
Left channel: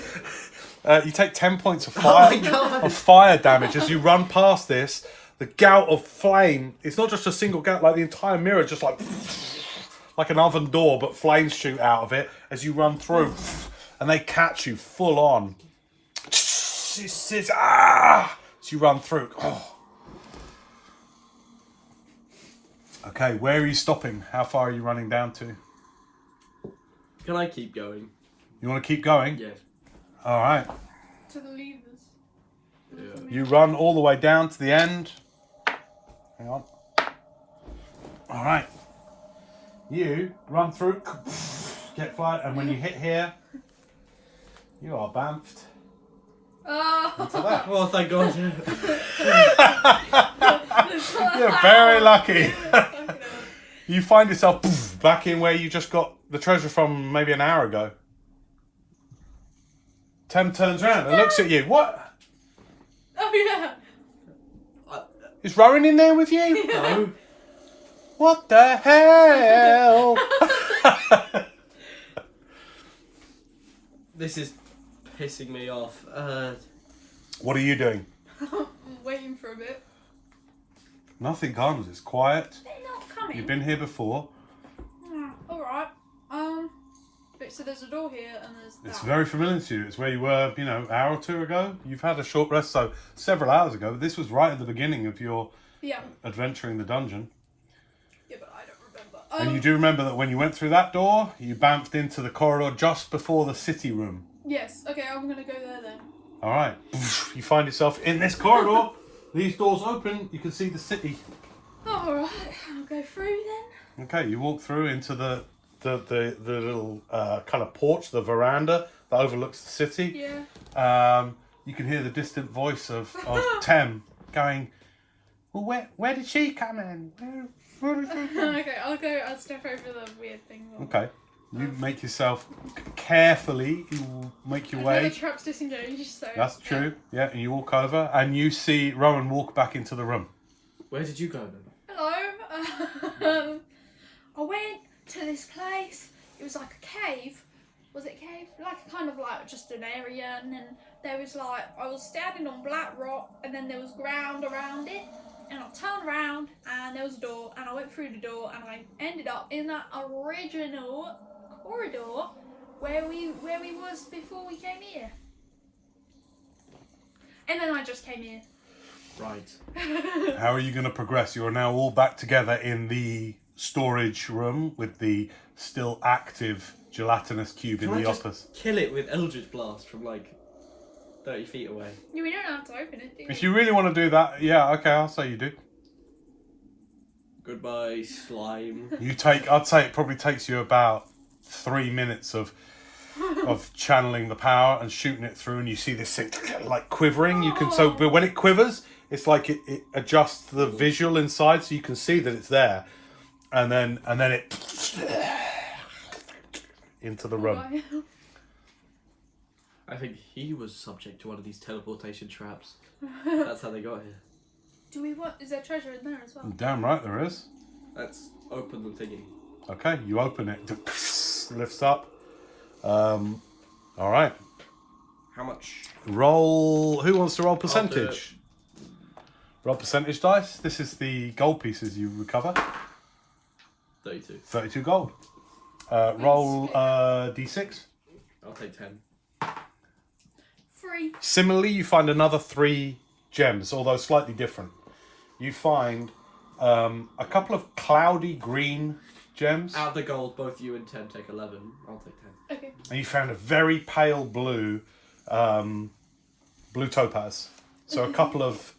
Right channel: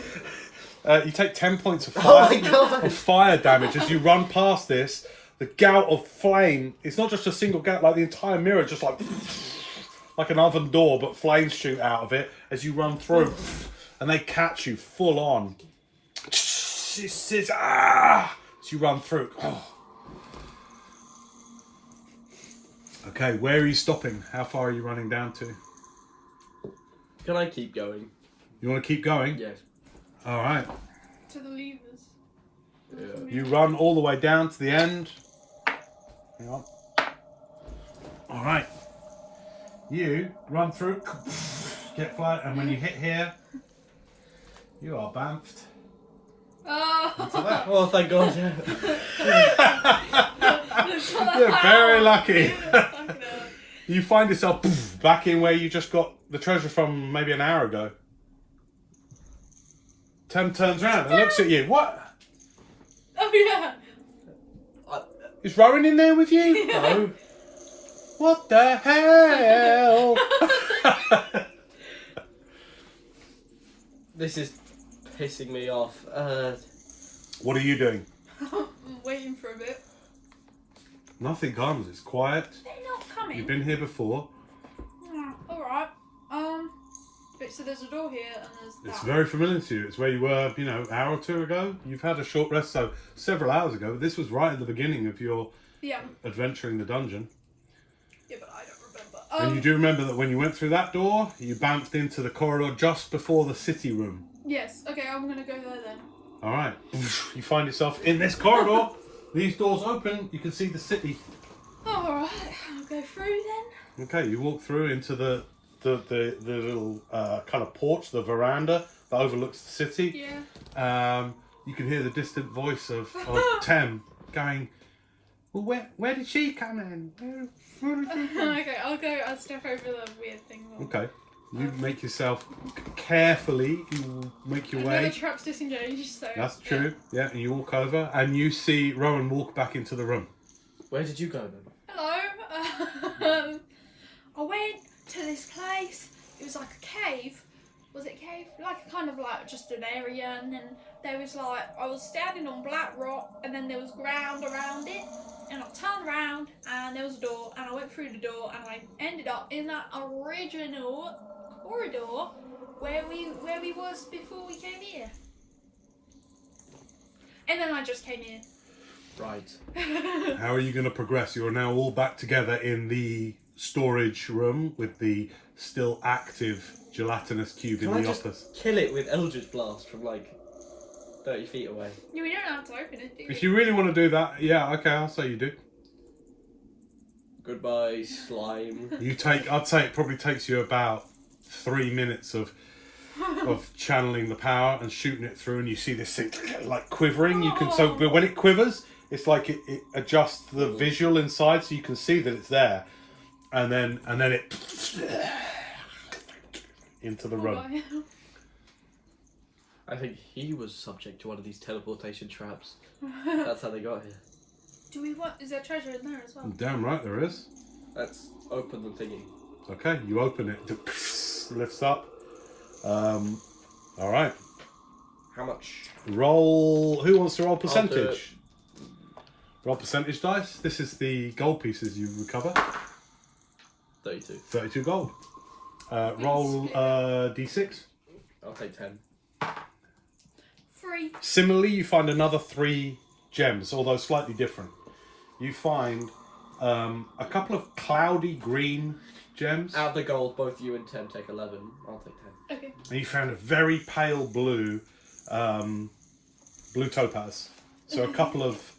You take 10 points of Oh fire, my God. of fire damage as you run past this. the gout of flame. It's not just a single gout, like the entire mirror just like an oven door, but flames shoot out of it as you run through, and they catch you full on. As you run through. Oh. Okay, where are you stopping? How far are you running down to? Can I keep going? You want to keep going? Yes. All right. To the levers. Yeah. You run all the way down to the end. Hang on. All right. You run through, get flight, and when you hit here, you are bamfed into that. Oh, thank God. You're very lucky. You find yourself back in where you just got the treasure from maybe an hour ago. Tem turns around and looks at you. What? Oh yeah. Is Rowan in there with you? No. What the hell? This is pissing me off. What are you doing? I'm waiting for a bit. Nothing comes. It's quiet. They're not coming. You've been here before. Alright. Wait, so there's a door here and there's that. It's very familiar to you. It's where you were, an hour or two ago. You've had a short rest, so several hours ago. But this was right at the beginning of your Yeah. adventuring the dungeon. Yeah, but I don't remember. And you do remember that when you went through that door, you bounced into the corridor just before the city room. Yes. Okay, I'm gonna go there then. All right. You find yourself in this corridor. These doors open. You can see the city. Oh, alright. I'll go through then. Okay, you walk through into the little kind of porch, the veranda that overlooks the city. Yeah. You can hear the distant voice of Tem going, well, where did she come in? Okay, I'll step over the weird thing. Okay. You make yourself carefully, you will make your I know way. the trap's disengaged, so... That's true. Yeah, and you walk over and you see Rowan walk back into the room. Where did you go then? Hello. I went to this place. It was like a cave. Was it a cave? Like a kind of like just an area, and then there was like I was standing on black rock, and then there was ground around it. And I turned around, and there was a door, and I went through the door, and I ended up in that original corridor where we was before we came here. And then I just came here. Right. How are you going to progress? You are now all back together in the storage room with the still active gelatinous cube Can in I the just office. kill it with Eldritch Blast from 30 feet away? Yeah, we don't have to open it, do we? If you really want to do that, yeah, okay, I'll say you do. Goodbye, slime. I'd say it probably takes you about 3 minutes of channeling the power and shooting it through, and you see this thing like quivering. But when it quivers, it's like it adjusts the visual inside, so you can see that it's there, and then it into the room. Bye. I think he was subject to one of these teleportation traps. That's how they got here. Do we want... Is there treasure in there as well? Damn right there is. Let's open the thingy. Okay, you open it. Lifts up. All right. How much? Roll. Who wants to roll I'll do percentage? Roll percentage dice. This is the gold pieces you recover. 32. 32 gold. Roll d6. I'll take 10. 3. Similarly, you find another 3 gems, although slightly different. You find a couple of cloudy green gems, Out of the gold, both you and Tem take 11. I'll take 10. Okay. and you found a very pale blue, blue topaz. So a couple of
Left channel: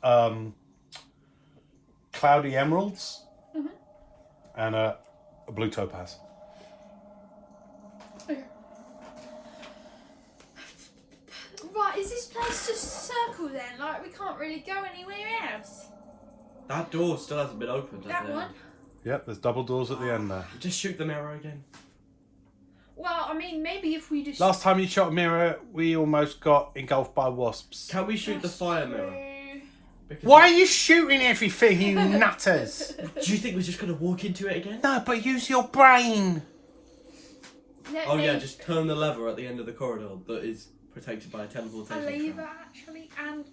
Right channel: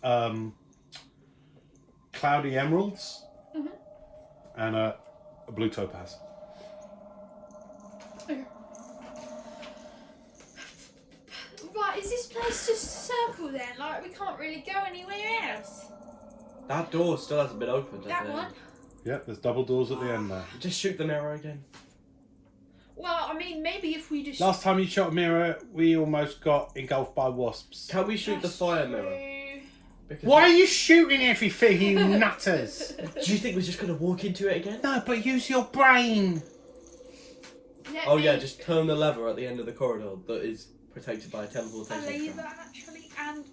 cloudy emeralds, and a blue topaz. Okay. Right, is this place just a circle then? Like we can't really go anywhere else? That door still hasn't been opened. has That it? one? Yep, there's double doors at the end there. Just shoot the arrow again. Well, I mean, maybe if we just... Last time you shot a mirror, we almost got engulfed by wasps. Can we shoot the That's fire true. mirror? Because Why are you shooting everything, you nutters? Do you think we're just going to walk into it again? No, but use your brain. Let Oh me- yeah, just turn the lever at the end of the corridor that is protected by a I teleportation leave trap. that actually, and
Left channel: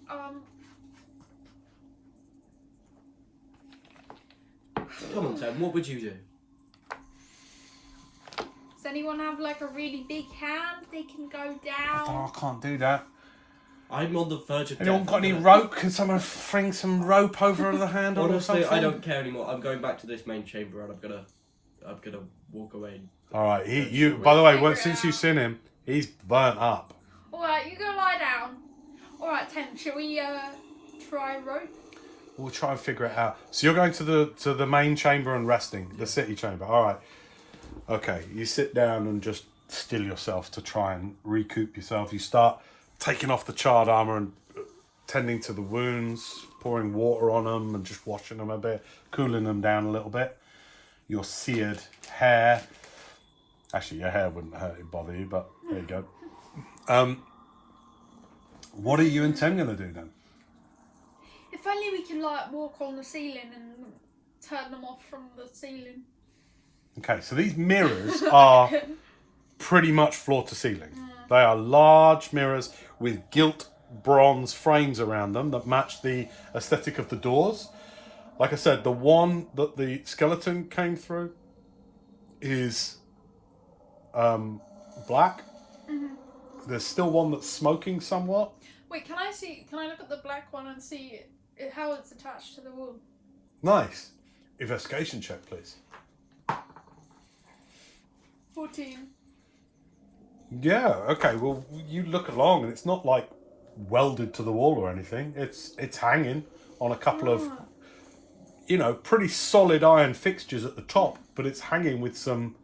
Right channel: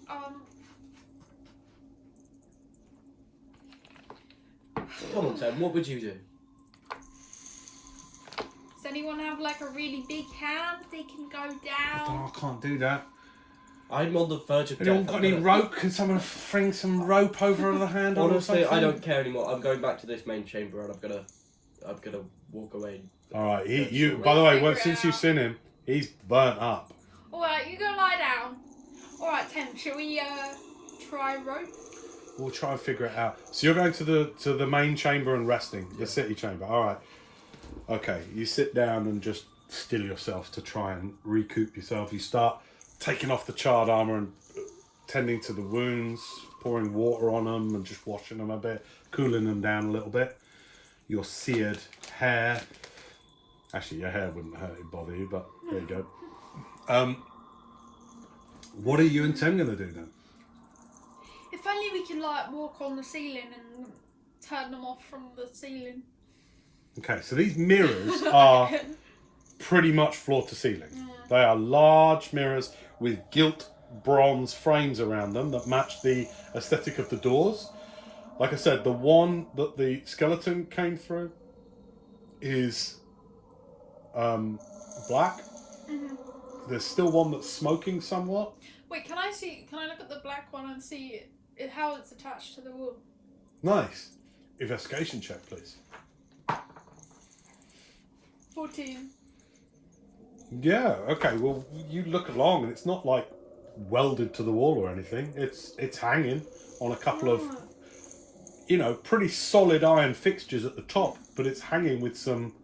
Come on, Tem, what would you do? Does anyone have like a really big hand they can go down? Oh, I can't do that. I'm on the verge of Anyone death. got any rope? Can someone fling some rope over the handle or Honestly, something? I don't care anymore. I'm going back to this main chamber and I'm gonna walk away. All right, by the way, since you've seen him, he's burnt up. Alright, you go lie down. Alright, Tem, shall we try rope? We'll try and figure it out. So you're going to the main chamber and resting, the city chamber. All right. Okay, you sit down and just still yourself to try and recoup yourself. You start taking off the charred armor and tending to the wounds, pouring water on them and just washing them a bit, cooling them down a little bit. Your seared hair. Actually, your hair wouldn't hurt it, bother you, but there you go. What are you and Tem going to do then? If only we can like walk on the ceiling and turn them off from the ceiling. Okay, so these mirrors are pretty much floor to ceiling. They are large mirrors with gilt bronze frames around them that match the aesthetic of the doors. Like I said, the one that the skeleton came through is black. Mm-hmm. There's still one that's smoking somewhat. Wait, can I look at the black one and see how it's attached to the wall? Nice. Investigation check, please. 14. Yeah, okay, well, you look along and it's not like welded to the wall or anything. It's hanging on a couple of, pretty solid iron fixtures at the top, but it's hanging with some,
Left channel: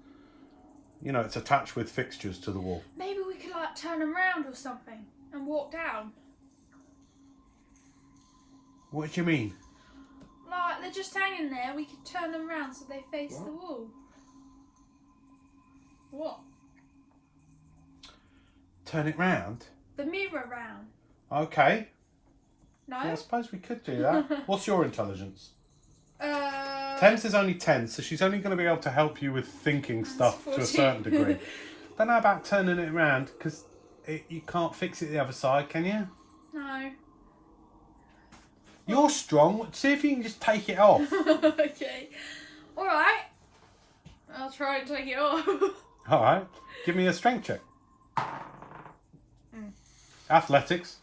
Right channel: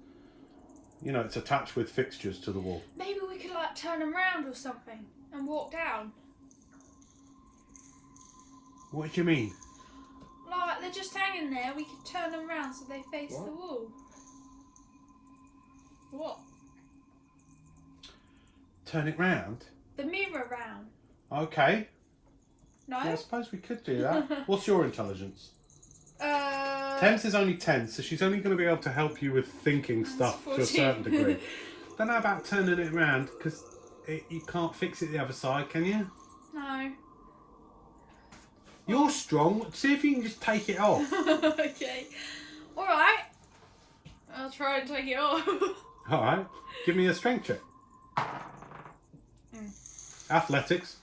it's attached with fixtures to the wall. Maybe we could like turn them round or something and walk down. What do you mean? Like, they're just hanging there, we could turn them round so they face the wall. What? Turn it round? The mirror round. Okay. No? Well, I suppose we could do that. What's your intelligence? Uh... Thames is only 10, so she's only going to be able to help you with thinking stuff to a certain degree. Don't know about turning it around, because you can't fix it the other side, can you? No. You're strong. See if you can just take it off. Okay. Alright. I'll try and take it off. All right. Give me a strength check. Athletics.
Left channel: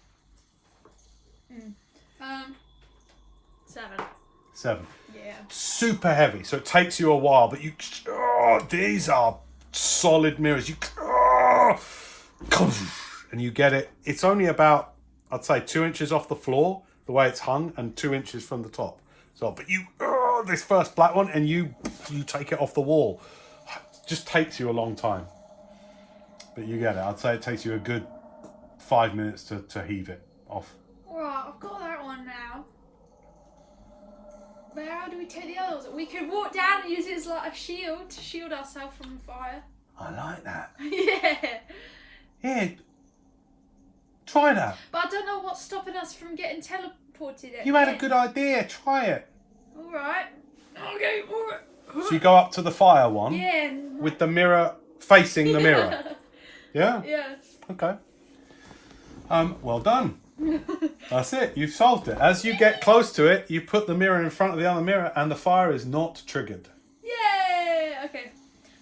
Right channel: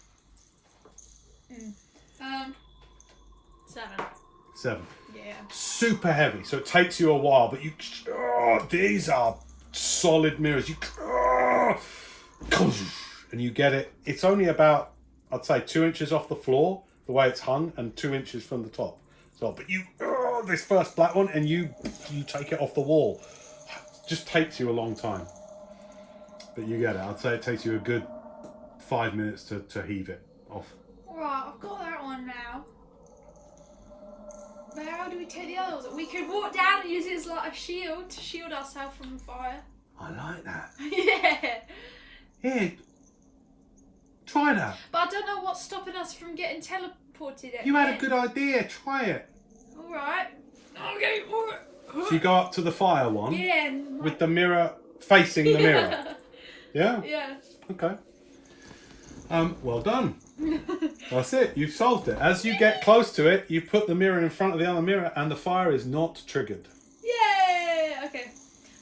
7. 7. Yeah. Super heavy, so it takes you a while, but these are solid mirrors. And you get it. It's only about, I'd say, 2 inches off the floor, the way it's hung, and 2 inches from the top. So, but this first black one, and you take it off the wall. It just takes you a long time. But you get it. I'd say it takes you a good 5 minutes to heave it off. Alright, I've got that one now. But how do we take the others? We could walk down and use it as like a shield to shield ourselves from fire. I like that. Yeah. Here, try that. But I don't know what's stopping us from getting teleported. You had a good idea. Try it. Alright. Okay, alright. So you go up to the fire one Yeah. with the mirror facing the mirror. Yeah? Yeah. Okay. Well done. That's it. You've solved it. As you get close to it, you put the mirror in front of the other mirror and the fire is not triggered. Yay! Okay.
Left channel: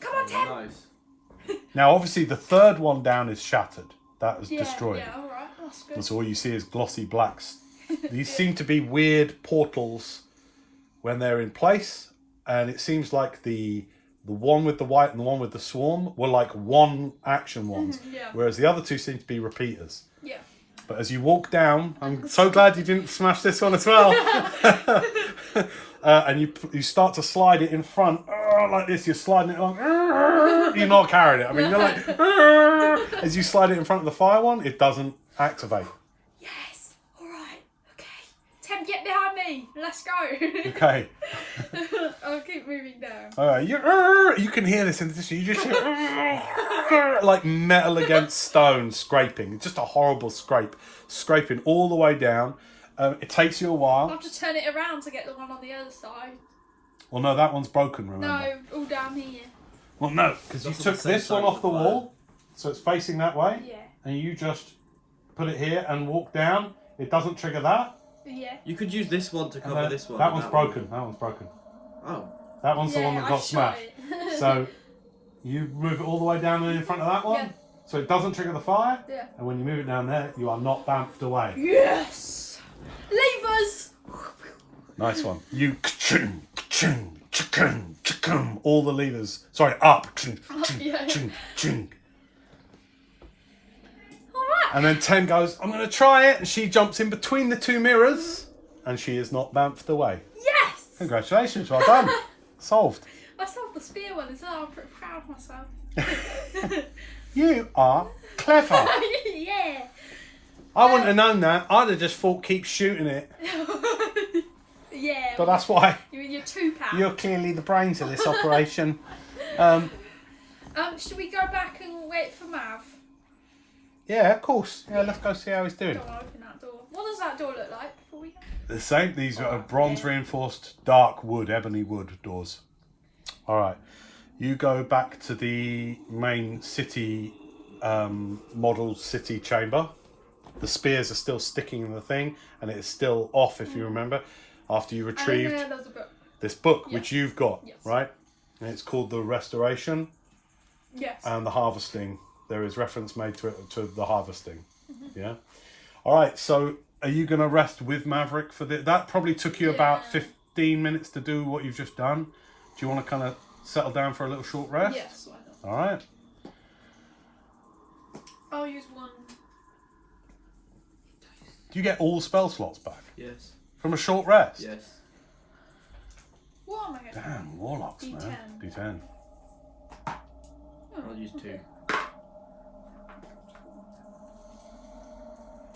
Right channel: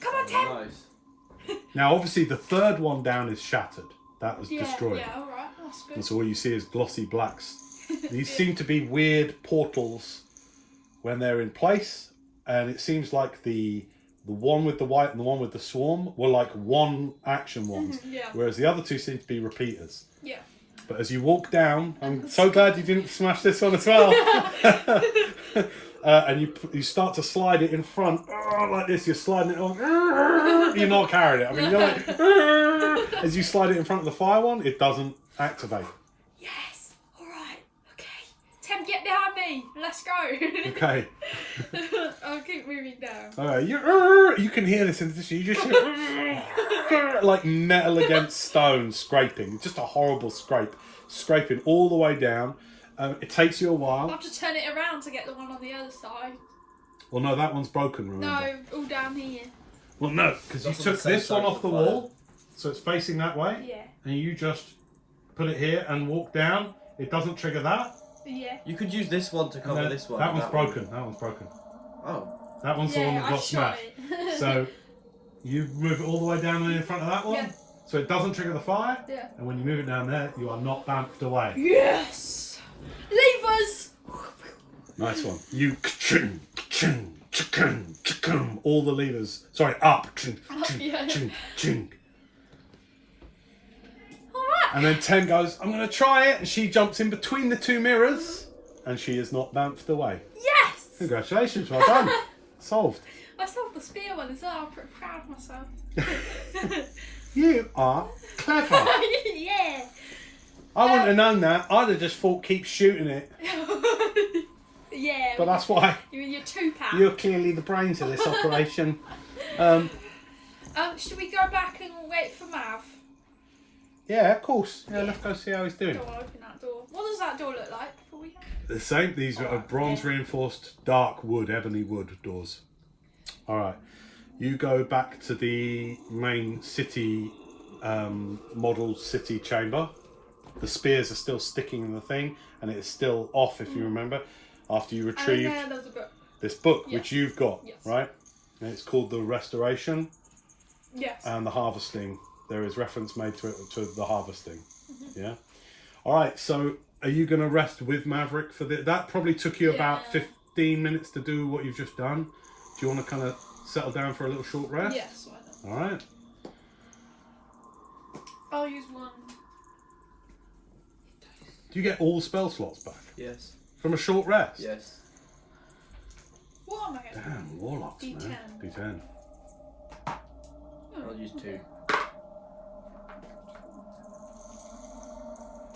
Come on, Tem. Nice. Now, obviously, the third one down is shattered. That was destroyed. Yeah, alright. That's good. And so all you see is glossy blacks. These seem to be weird portals when they're in place. And it seems like the one with the white and the one with the swarm were like one action ones. Yeah. Whereas the other two seem to be repeaters. Yeah. But as you walk down, I'm so glad you didn't smash this one as well. And you start to slide it in front, like this. You're sliding it on. You're not carrying it. I mean, you're like, as you slide it in front of the fire one, it doesn't activate. Yes. Alright. Okay. Tem, get behind me. Let's go. Okay. I'll keep moving down. All right. You can hear this in the distance. You just hear like metal against stone scraping. It's just a horrible scraping all the way down. It takes you a I'll while. have to turn it around to get the one on the other side. Well, no, that one's broken, remember? No, all down here. Well, no, because you That's on took the same this one side off of the the fire. wall, so it's facing that way, Yeah. and you just put it here and walk down. It doesn't trigger that. Yeah. You could use this one to And cover then this one. That and one's broken. That one's broken. Oh. That one's the one that I got shot smashed. it. So you move it all the way down in front of that one, Yeah. so it doesn't trigger the fire. Yeah. And when you move it down there, you are not bounced away. Yes! Levers! Nice one. You all the levers. Sorry, up. Yeah. Alright. And then Tem goes, I'm going to try it. And she jumps in between the two mirrors. And she is not bounced away. Yes! Congratulations, well done. Solved. I solved the spear one as well. I'm pretty proud of myself. You are clever. Yeah. I wouldn't have known that. I'd have just thought keep shooting it. Yeah. But that's why You're too powerful. you're clearly the brains of this operation. Should we go back and wait for Mav? Yeah, of course. Yeah, let's go see how he's doing. Don't want to open that door. What does that door look like before we go? The same. These are Alright, bronze okay. reinforced dark wood, ebony wood doors. All right. You go back to the main city model city chamber. The spears are still sticking in the thing, and it is still off. If you remember, after you And retrieved then there's a book. this book, Yes. which you've got, Yes. right? And it's called the Restoration Yes. and the Harvesting. There is reference made to the harvesting. Mm-hmm. Yeah. All right. So, are you going to rest with Maverick for the? That probably took you about Yeah. 15 minutes to do what you've just done. Do you want to kind of settle down for a little short rest? Yes, why not? All right. I'll use one. Do you get all spell slots back Yes. from a short rest? Yes. What am I going to Damn, warlocks, man. D10. D10. I'll use 2.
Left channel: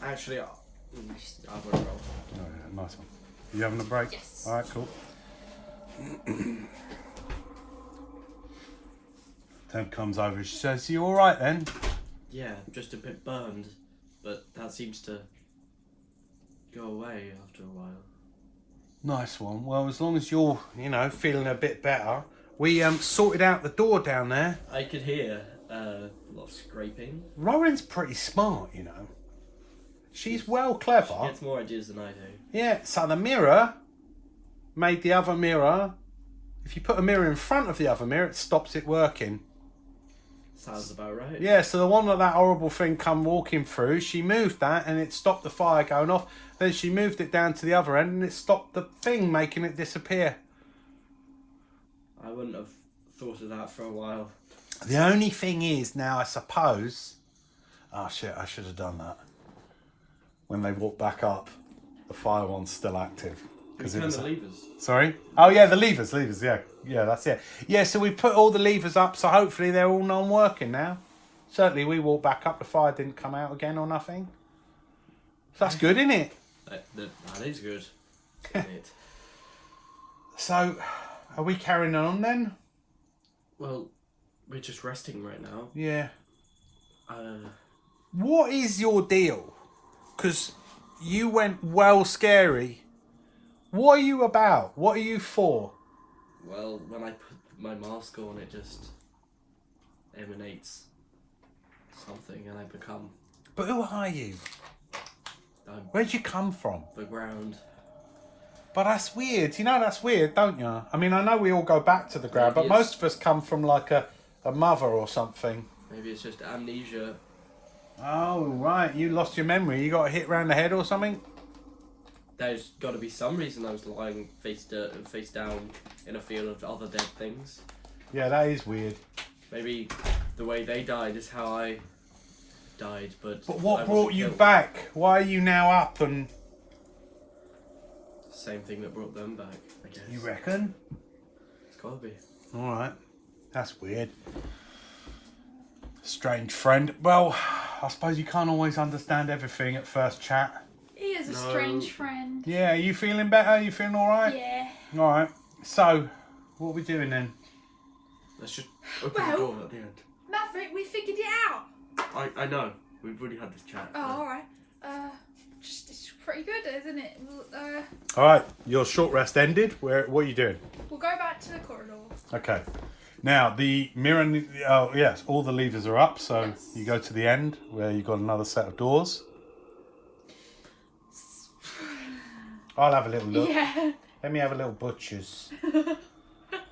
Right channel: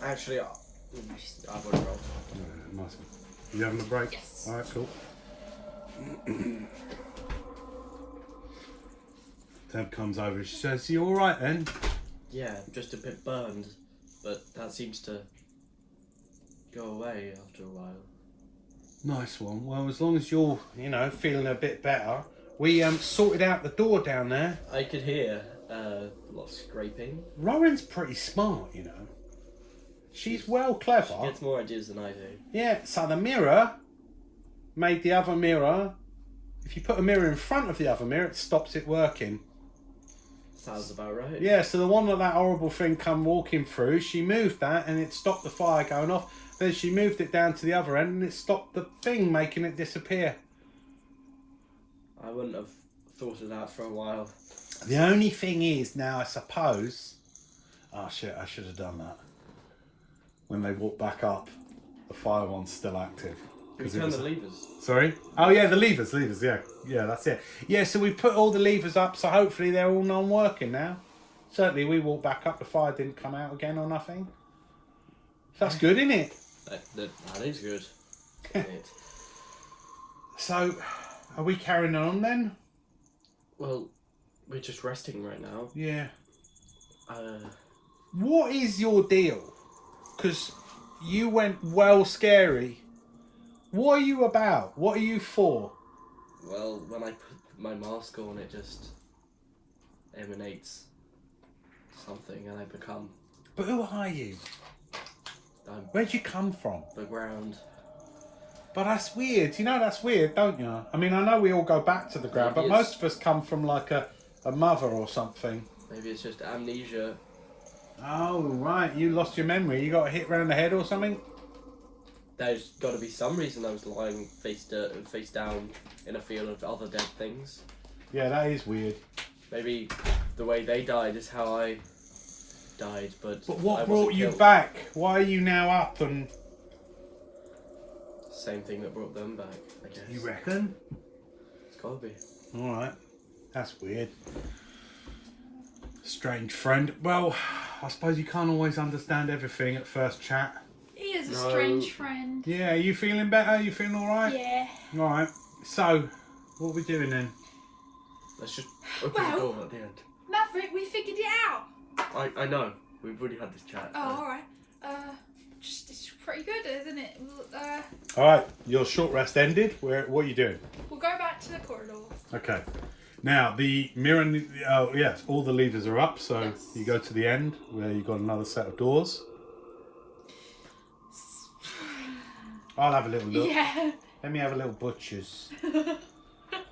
Actually, I wouldn't roll. Oh, yeah, nice one. You having a break? Yes. All right, cool. Ted comes over. She says, "You all right then?" Yeah, just a bit burned, but that seems to go away after a while. Nice one. Well, as long as you're, feeling a bit better, we sorted out the door down there. I could hear a lot of scraping. Rowan's pretty smart, you know. She's well clever. She gets more ideas than I do. Yeah. So the mirror made the other mirror. If you put a mirror in front of the other mirror, it stops it working. Sounds about right. Yeah, so the one that horrible thing come walking through, she moved that and it stopped the fire going off. Then she moved it down to the other end and it stopped the thing, making it disappear. I wouldn't have thought of that for a while. The only thing is now, I suppose... Oh shit, I should have done that. When they walk back up, the fire one's still active. We 'Cause it turn was- the levers. Sorry? Oh yeah, the levers, yeah. Yeah, that's it. Yeah, so we put all the levers up, so hopefully they're all non-working now. Certainly we walked back up, the fire didn't come out again or nothing. So that's good, isn't it? That is good. Isn't it? So, are we carrying on then? Well, we're just resting right now. Yeah. Uh, What is your deal? Because you went well scary. What are you about? What are you for? well, when I put my mask on, it just emanates something, and I become But who are you? I'm Where'd you come from? the ground. But that's weird. You know that's weird, don't you? I mean, I know we all go back to the ground, but Maybe most of us come from like a mother or something. Maybe it's just amnesia. Oh, right. You lost your memory. You got hit round the head or something? There's got to be some reason I was lying face down in a field of other dead things. Yeah, that is weird. Maybe the way they died is how I died, but But I what wasn't brought you killed. back? Why are you now up and... Same thing that brought them back, I guess. You reckon? It's gotta be. Alright. That's weird. Strange friend. Well, I suppose you can't always understand everything at first chat. He is a No. strange friend. Yeah, are you feeling better? You feeling alright? Yeah. Alright. So, what are we doing then? Let's just open the Well- door at the end. Maverick, we figured it out. I know. We've already had this chat. Oh, alright. Just, it's pretty good, isn't it? Alright, your short rest ended. What are you doing? We'll go back to the corridor. Okay. Now, the mirror... Oh, yes, all the levers are up, so Yes. you go to the end where you've got another set of doors. I'll have a little look. Yeah. Let me have a little butcher's.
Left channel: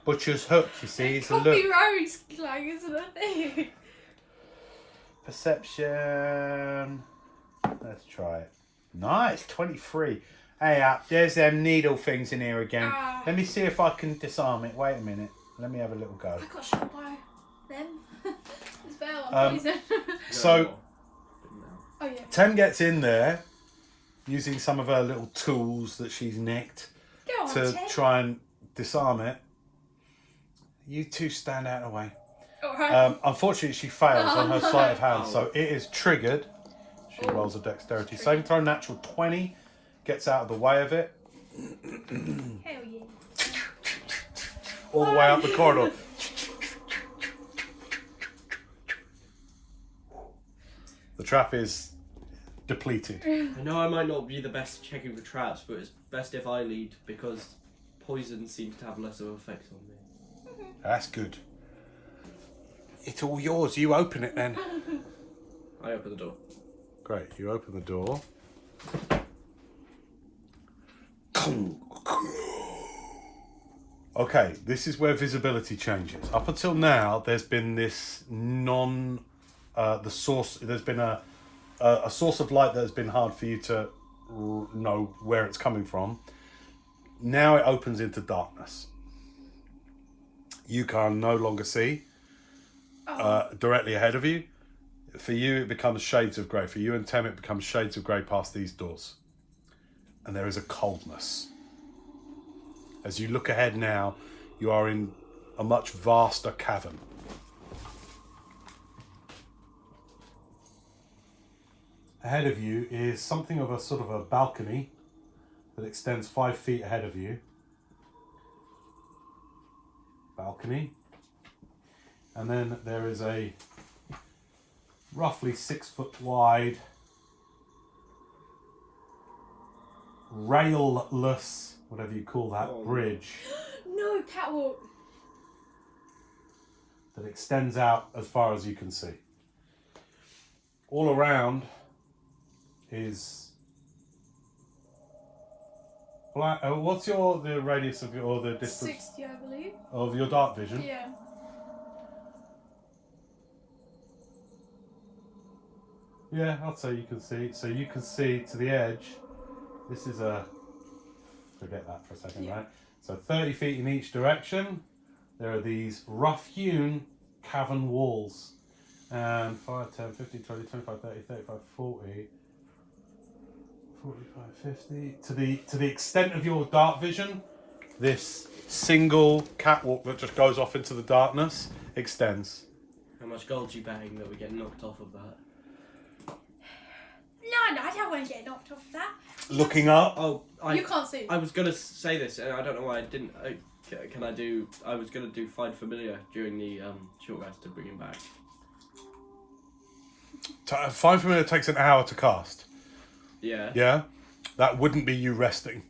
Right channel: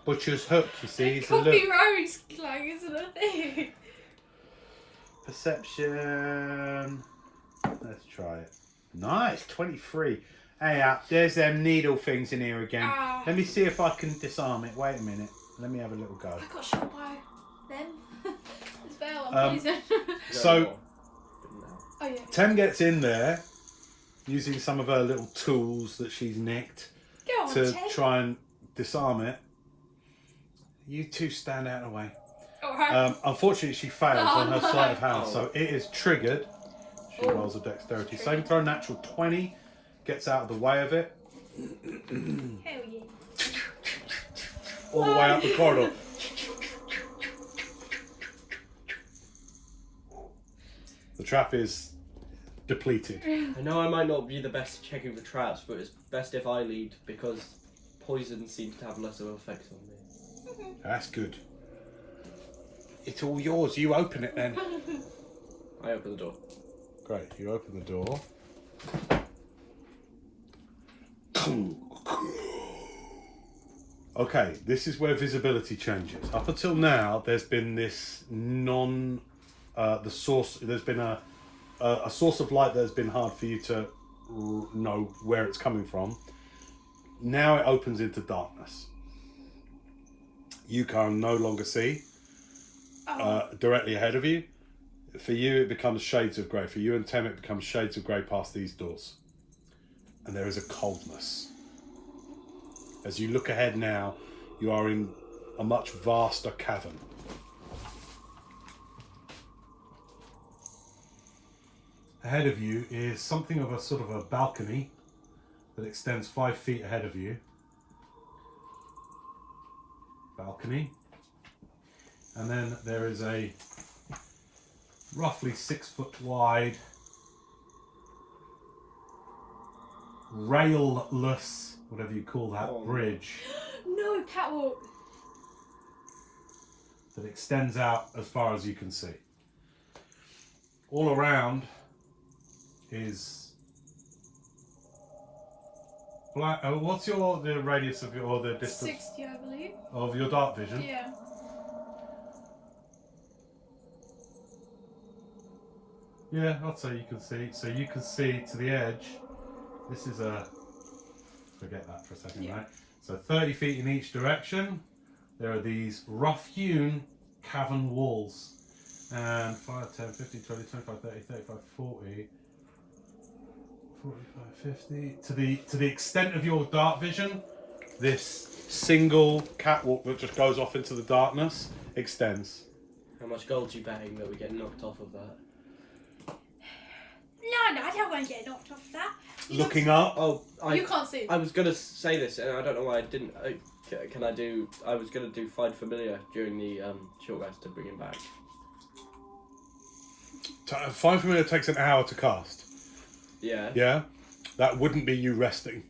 butcher's hook, you see. It's a look. Copyright slang isn't a thing. Perception. Let's try it. Nice, 23. Hey, there's them needle things in here again. Let me see if I can disarm it. Wait a minute. Let me have a little go. I got shot by them. It's fair, I'm poisoned. So, Oh yeah. Tem gets in there using some of her little tools that she's nicked Go on, to Tem. try and disarm it. You two stand out of the way. Alright. Unfortunately, she fails on her no. sleight of hand, so it is triggered. She rolls a dexterity saving throw, natural 20, gets out of the way of it. Hell yeah. All the way up the corridor. The trap is depleted. I know I might not be the best at checking for traps, but it's best if I lead because poison seems to have less of an effect on me. That's good. It's all yours. You open it then. I open the door. Great. You open the door. Okay, this is where visibility changes. Up until now, there's been this the source. There's been a source of light that has been hard for you to know where it's coming from. Now it opens into darkness. You can no longer see directly ahead of you. For you, it becomes shades of grey. For you and Tem, it becomes shades of grey past these doors. And there is a coldness. As you look ahead now, you are in a much vaster cavern. Ahead of you is something of a sort of a balcony that extends 5 feet ahead of you. Balcony. And then there is a roughly 6 foot wide railless, whatever you call that, bridge No, catwalk. that extends out as far as you can see. All around is black. What's the radius of or the distance 60, I believe. of your dark vision? Yeah. Yeah, I'd say you can see. So you can see to the edge. This is forget that for a second, right? So 30 feet in each direction. There are these rough-hewn cavern walls. And 5, 10, 15, 20, 25, 30, 35, 40, 45, 50. To the extent of your dark vision, this single catwalk that just goes off into the darkness extends. How much gold do you bang that we get knocked off of that? No, I don't want to get knocked off that. Looking up. Oh, You can't see. I was gonna say this, and I don't know why I didn't. I was gonna do Find Familiar during the short rest to bring him back. Find Familiar takes an hour to cast. Yeah. Yeah, that wouldn't be you resting.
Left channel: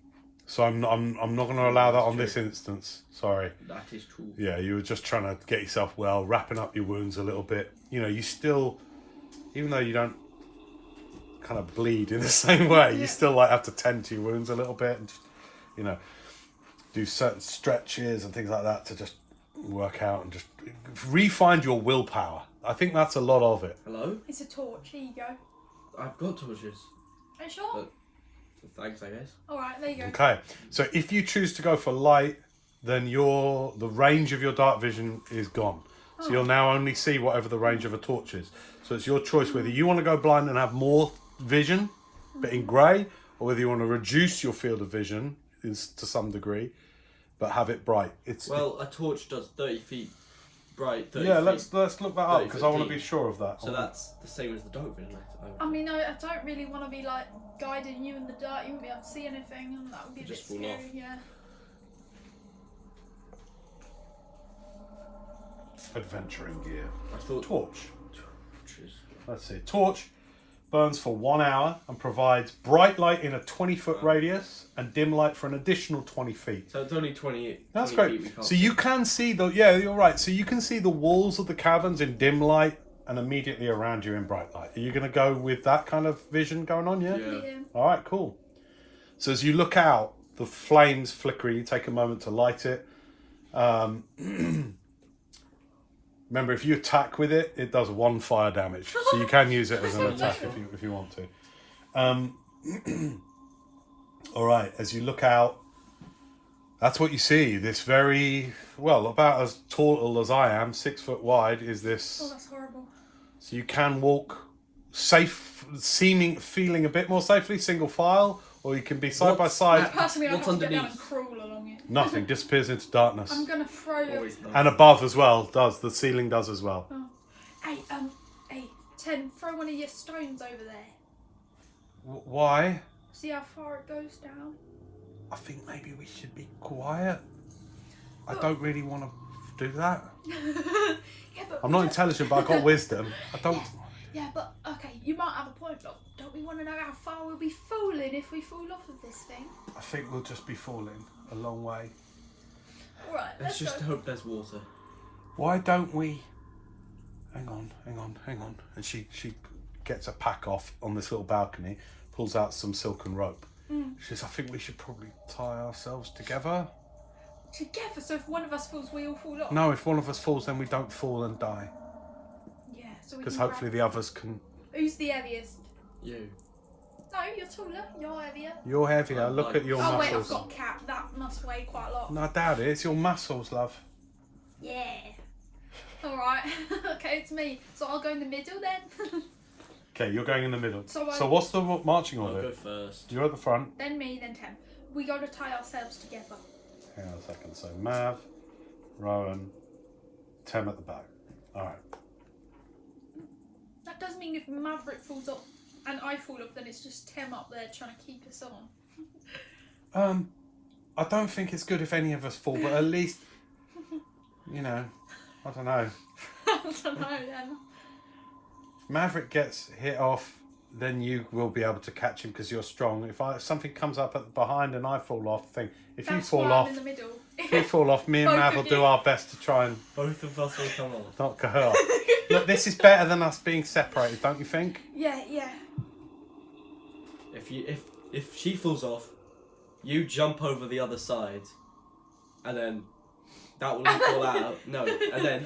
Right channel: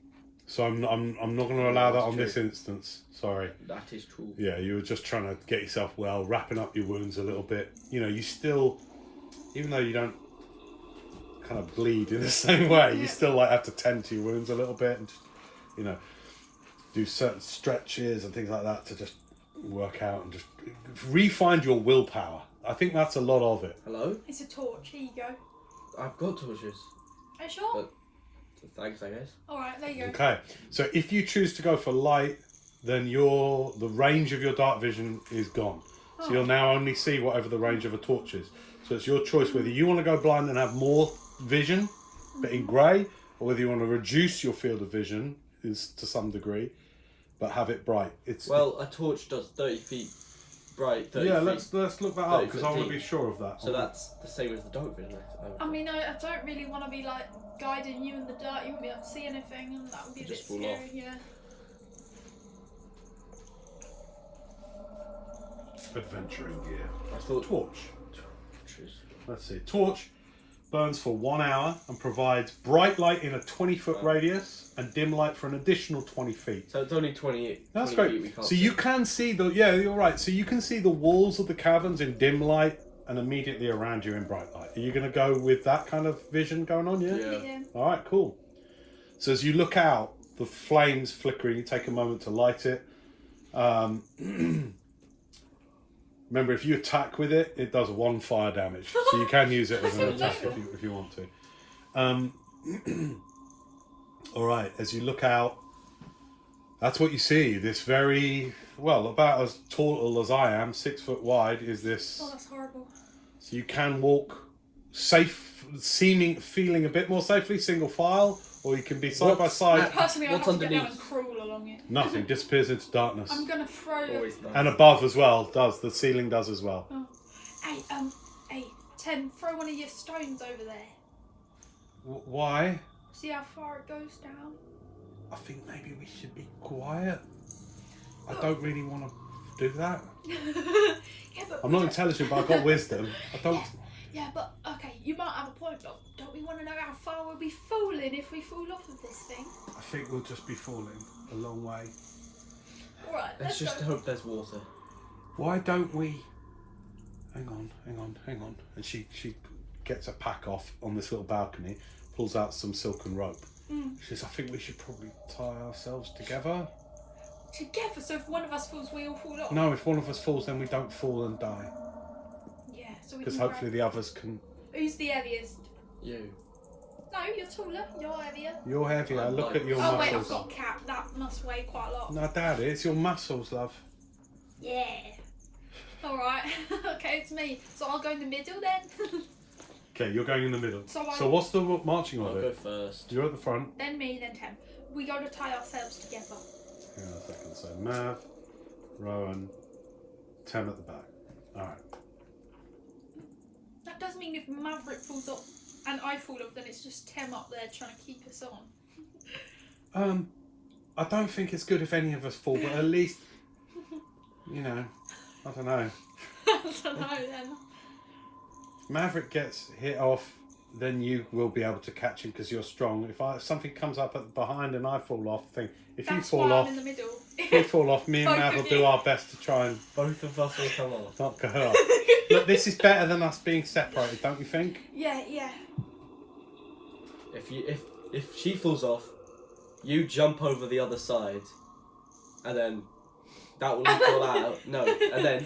So I'm not going to allow that That's on true. this instance. Sorry. That is true. Yeah, you were just trying to get yourself well, wrapping up your wounds a little bit. You know, you still, even though you don't kind of bleed in the same way, you still like have to tend to your wounds a little bit and just, you know, do certain stretches and things like that to just work out and just re-find your willpower. I think that's a lot of it. Hello? It's a torch. Here you go. I've got torches. Are you sure? So thanks, I guess. Alright, there you go. Okay, so if you choose to go for light, then the range of your dark vision is gone. So you'll now only see whatever the range of a torch is. So it's your choice whether you want to go blind and have more vision, but in grey, or whether you want to reduce your field of vision to some degree, but have it bright. Well, a torch does 30 feet bright. 30 feet. Let's look that up 30 because foot I want to deep. be sure of that. So that's the same as the dark vision. I mean, I don't really want to be like guiding you in the dark. You wouldn't be able to see anything, and that would be a bit Just fall scary. off. Yeah. Adventuring gear. I thought Torch. torches. Let's see. Torch burns for 1 hour and provides bright light in a 20-foot radius and dim light for an additional 20 feet. So it's only 20. That's 20 great. Feet we can't So you can see you're right. So you can see the walls of the caverns in dim light and immediately around you in bright light. Are you going to go with that kind of vision going on? Yeah. All right, cool. So as you look out, the flames flickering, you take a moment to light it. Remember, if you attack with it, it does 1 fire damage, so you can use it as an attack if you want to. All right, as you look out, that's what you see. This very, well, about as tall as I am, 6 foot wide, is this. Oh, that's horrible. So you can walk feeling a bit more safely, single file, or you can be side by side. Personally, I have What's to get down underneath? and crawl along it. Nothing disappears into darkness. I'm gonna throw. Always nice. And above as well, the ceiling does as well. Oh. Hey, Tim, throw one of your stones over there. Why? See how far it goes down? I think maybe we should be quiet. I don't really want to do that. Yeah, but I'm not intelligent, but I've got wisdom. I don't. Yeah, but okay, you might have a point. Don't we want to know how far we'll be falling if we fall off of this thing? I think we'll just be falling a long way. All right, Let's just go. hope there's water. Why don't we? Hang on. And she gets a pack off on this little balcony, pulls out some silken rope. She says, I think we should probably tie ourselves together. Together, so if one of us falls, we all fall off. No, if one of us falls, then we don't fall and die. Yeah, so we Because can hopefully the others can. Who's the heaviest? You. No, you're taller. You're heavier. You're heavier. I'm Look light. at your Oh wait, I've muscles. got cap. That must weigh quite a lot. No, I doubt it. It's your muscles, love. Yeah. All right. Okay, it's me. So I'll go in the middle then. Okay, you're going in the middle. So So what's the marching I'll order? go first. You're at the front. Then me, then Tem. We got to tie ourselves together. Hang on a second. So Mav, Rowan, Tem at the back. All right. That does mean if Maverick falls off and I fall off, then it's just Tem up there trying to keep us on. I don't think it's good if any of us fall, but at least, you know, I don't know. I don't know then. Maverick gets hit off, then you will be able to catch him because you're strong. If something comes up at behind and I fall off, if you That's fall why off, I'm in the middle. if you fall off, me and Both Mav of will do you. our best to try and Both of us will come off. knock her off. Look, this is better than us being separated, don't you think? Yeah. If she falls off, you jump over the other side, and then that will fall out. No, and then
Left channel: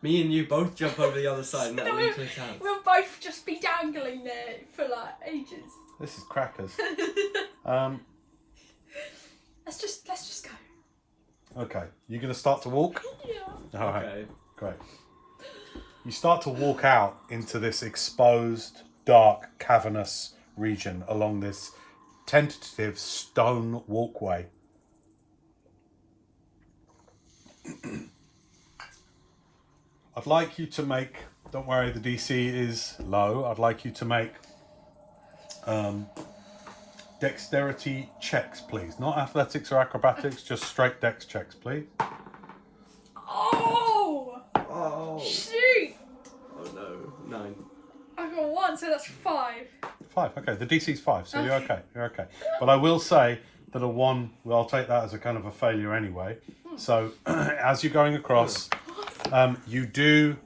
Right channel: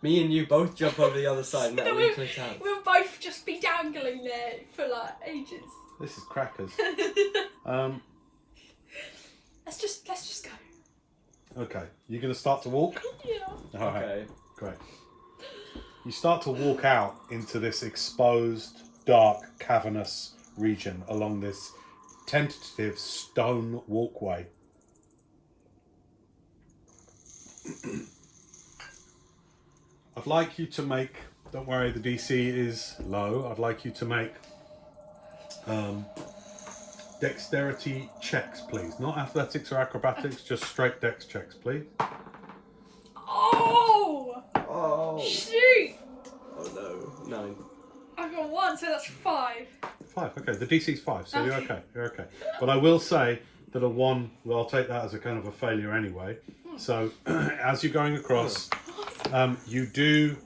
me and you both jump over the other side, and that will equal it out. We'll both just be dangling there for like ages. This is crackers. Let's just go. Okay, you're going to start to walk? Yeah. All right, Okay. great. You start to walk out into this exposed, dark, cavernous region along this tentative stone walkway. I'd like you to make, don't worry, the DC is low. I'd like you to make dexterity checks, please. Not athletics or acrobatics, just straight dex checks, please. Oh! Oh. Shoot! Oh no. 9. I got 1, so that's 5. 5, okay. The DC's 5, so you're Okay. okay. You're okay. But I will say that a 1, well, I'll take that as a kind of a failure anyway. So as you're going across, you do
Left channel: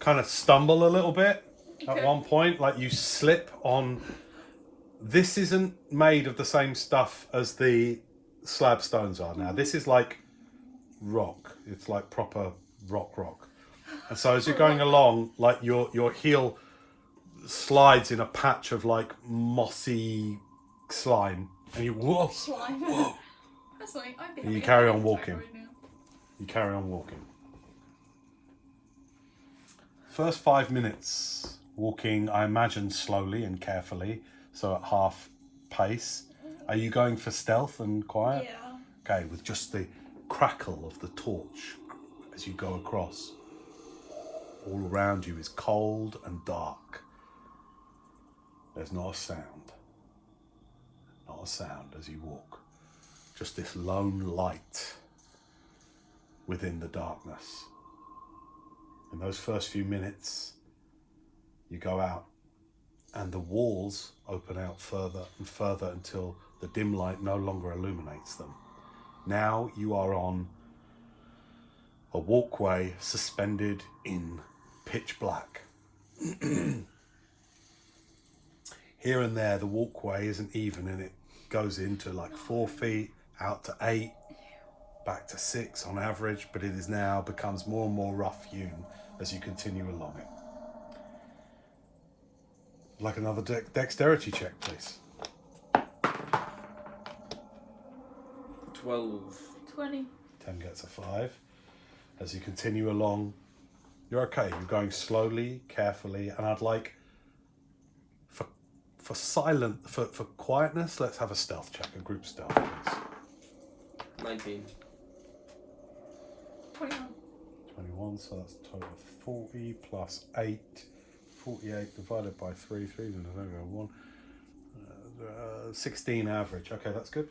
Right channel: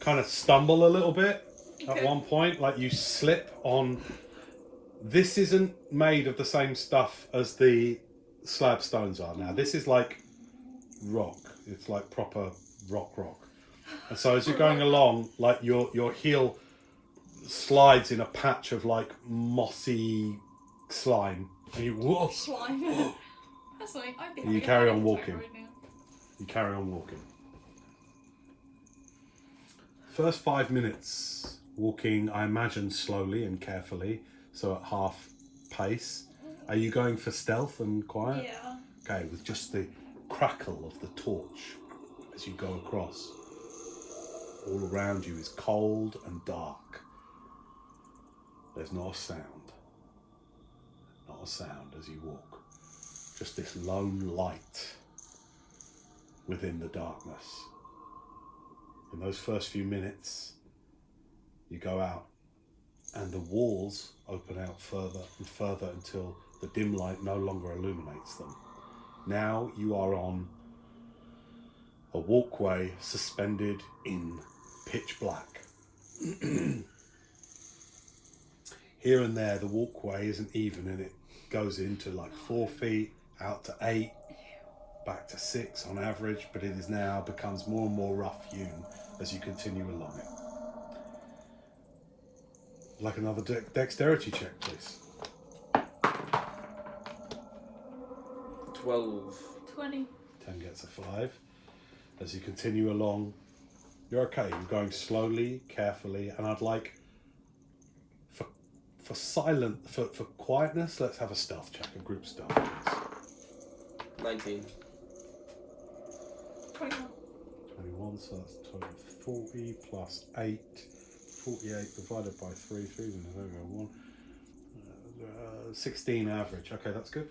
kind of stumble a little bit at Okay. one point, like you slip on. This isn't made of the same stuff as the slab stones are now. This is like rock. It's like proper rock. And so as you're going along, like your heel slides in a patch of like mossy slime, and you whoa, Slime. That's something I'd be And you having a carry heart on attack walking. right now. you carry on walking. First 5 minutes walking, I imagine slowly and carefully, so at half pace. Are you going for stealth and quiet? Yeah. Okay, with just the crackle of the torch as you go across. All around you is cold and dark. There's not a sound. Not a sound as you walk. Just this lone light within the darkness. In those first few minutes, you go out and the walls open out further and further until the dim light no longer illuminates them. Now you are on a walkway suspended in pitch black. Here and there the walkway isn't even and it goes into like 4 feet, out to 8, back to 6 on average, but it is now becomes more and more rough-hewn as you continue along it. Like another dexterity check, please. 12. 20. 10 gets a 5. As you continue along, you're okay. You're going slowly, carefully, and I'd like for quietness, let's have a stealth check, a group stealth, please. 19. 21. 21, so that's a total of 40 plus 8. 48 divided by 3, 3, then 1. 16 average. Okay, that's good.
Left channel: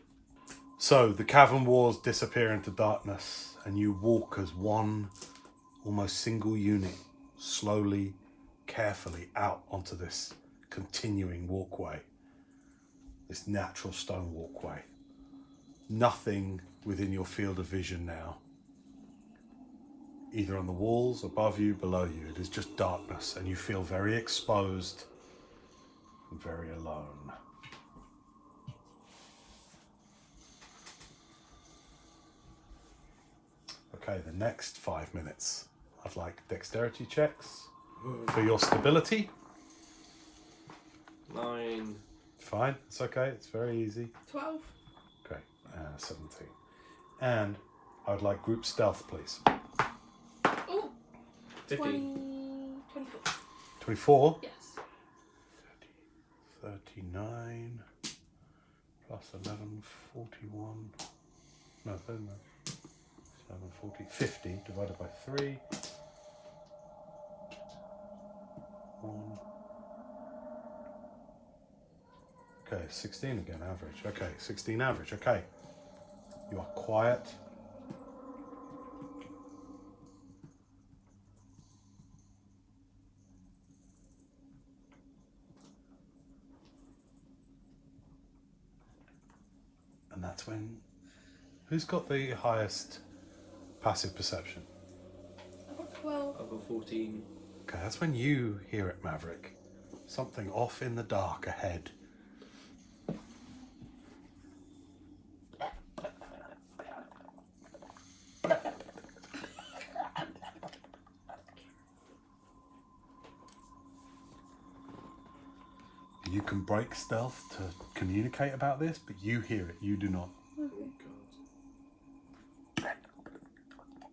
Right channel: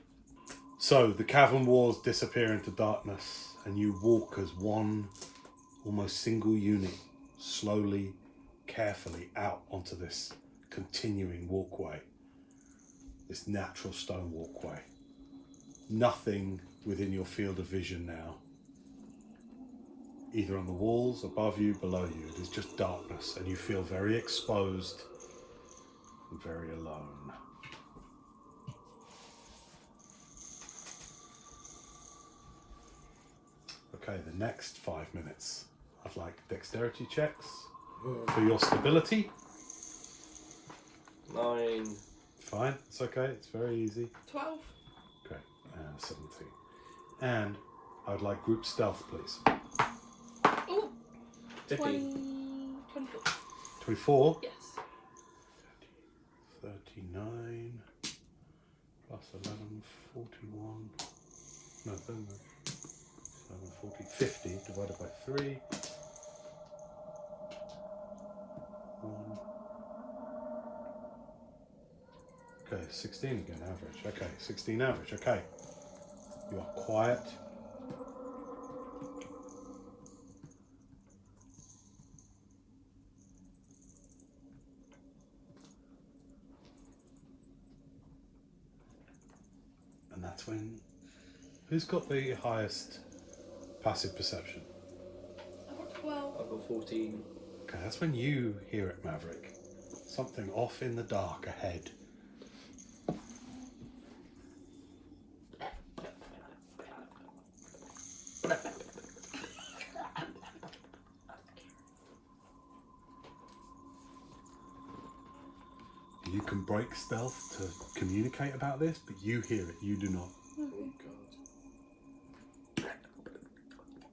So the cavern walls disappear into darkness, and you walk as one almost single unit, slowly, carefully out onto this continuing walkway, this natural stone walkway. Nothing within your field of vision now, either on the walls, above you, below you. It is just darkness, and you feel very exposed and very alone. Okay, the next 5 minutes, I'd like dexterity checks for your stability. 9. Fine, it's okay, it's very easy. 12. Okay, 17. And I would like group stealth, please. Oh, 15. 24. 24, Yes. 39, plus 11, 41. No, 7, 40, 50 divided by 3. 1. Okay, 16 again, average. Okay, 16 average, okay. You are quiet. And that's when... Who's got the highest passive perception? I've got 12. I've got 14. Okay, that's when you hear it, Maverick. Something off in the dark ahead. You can break stealth to communicate about this, but you hear it, you do not. Oh god.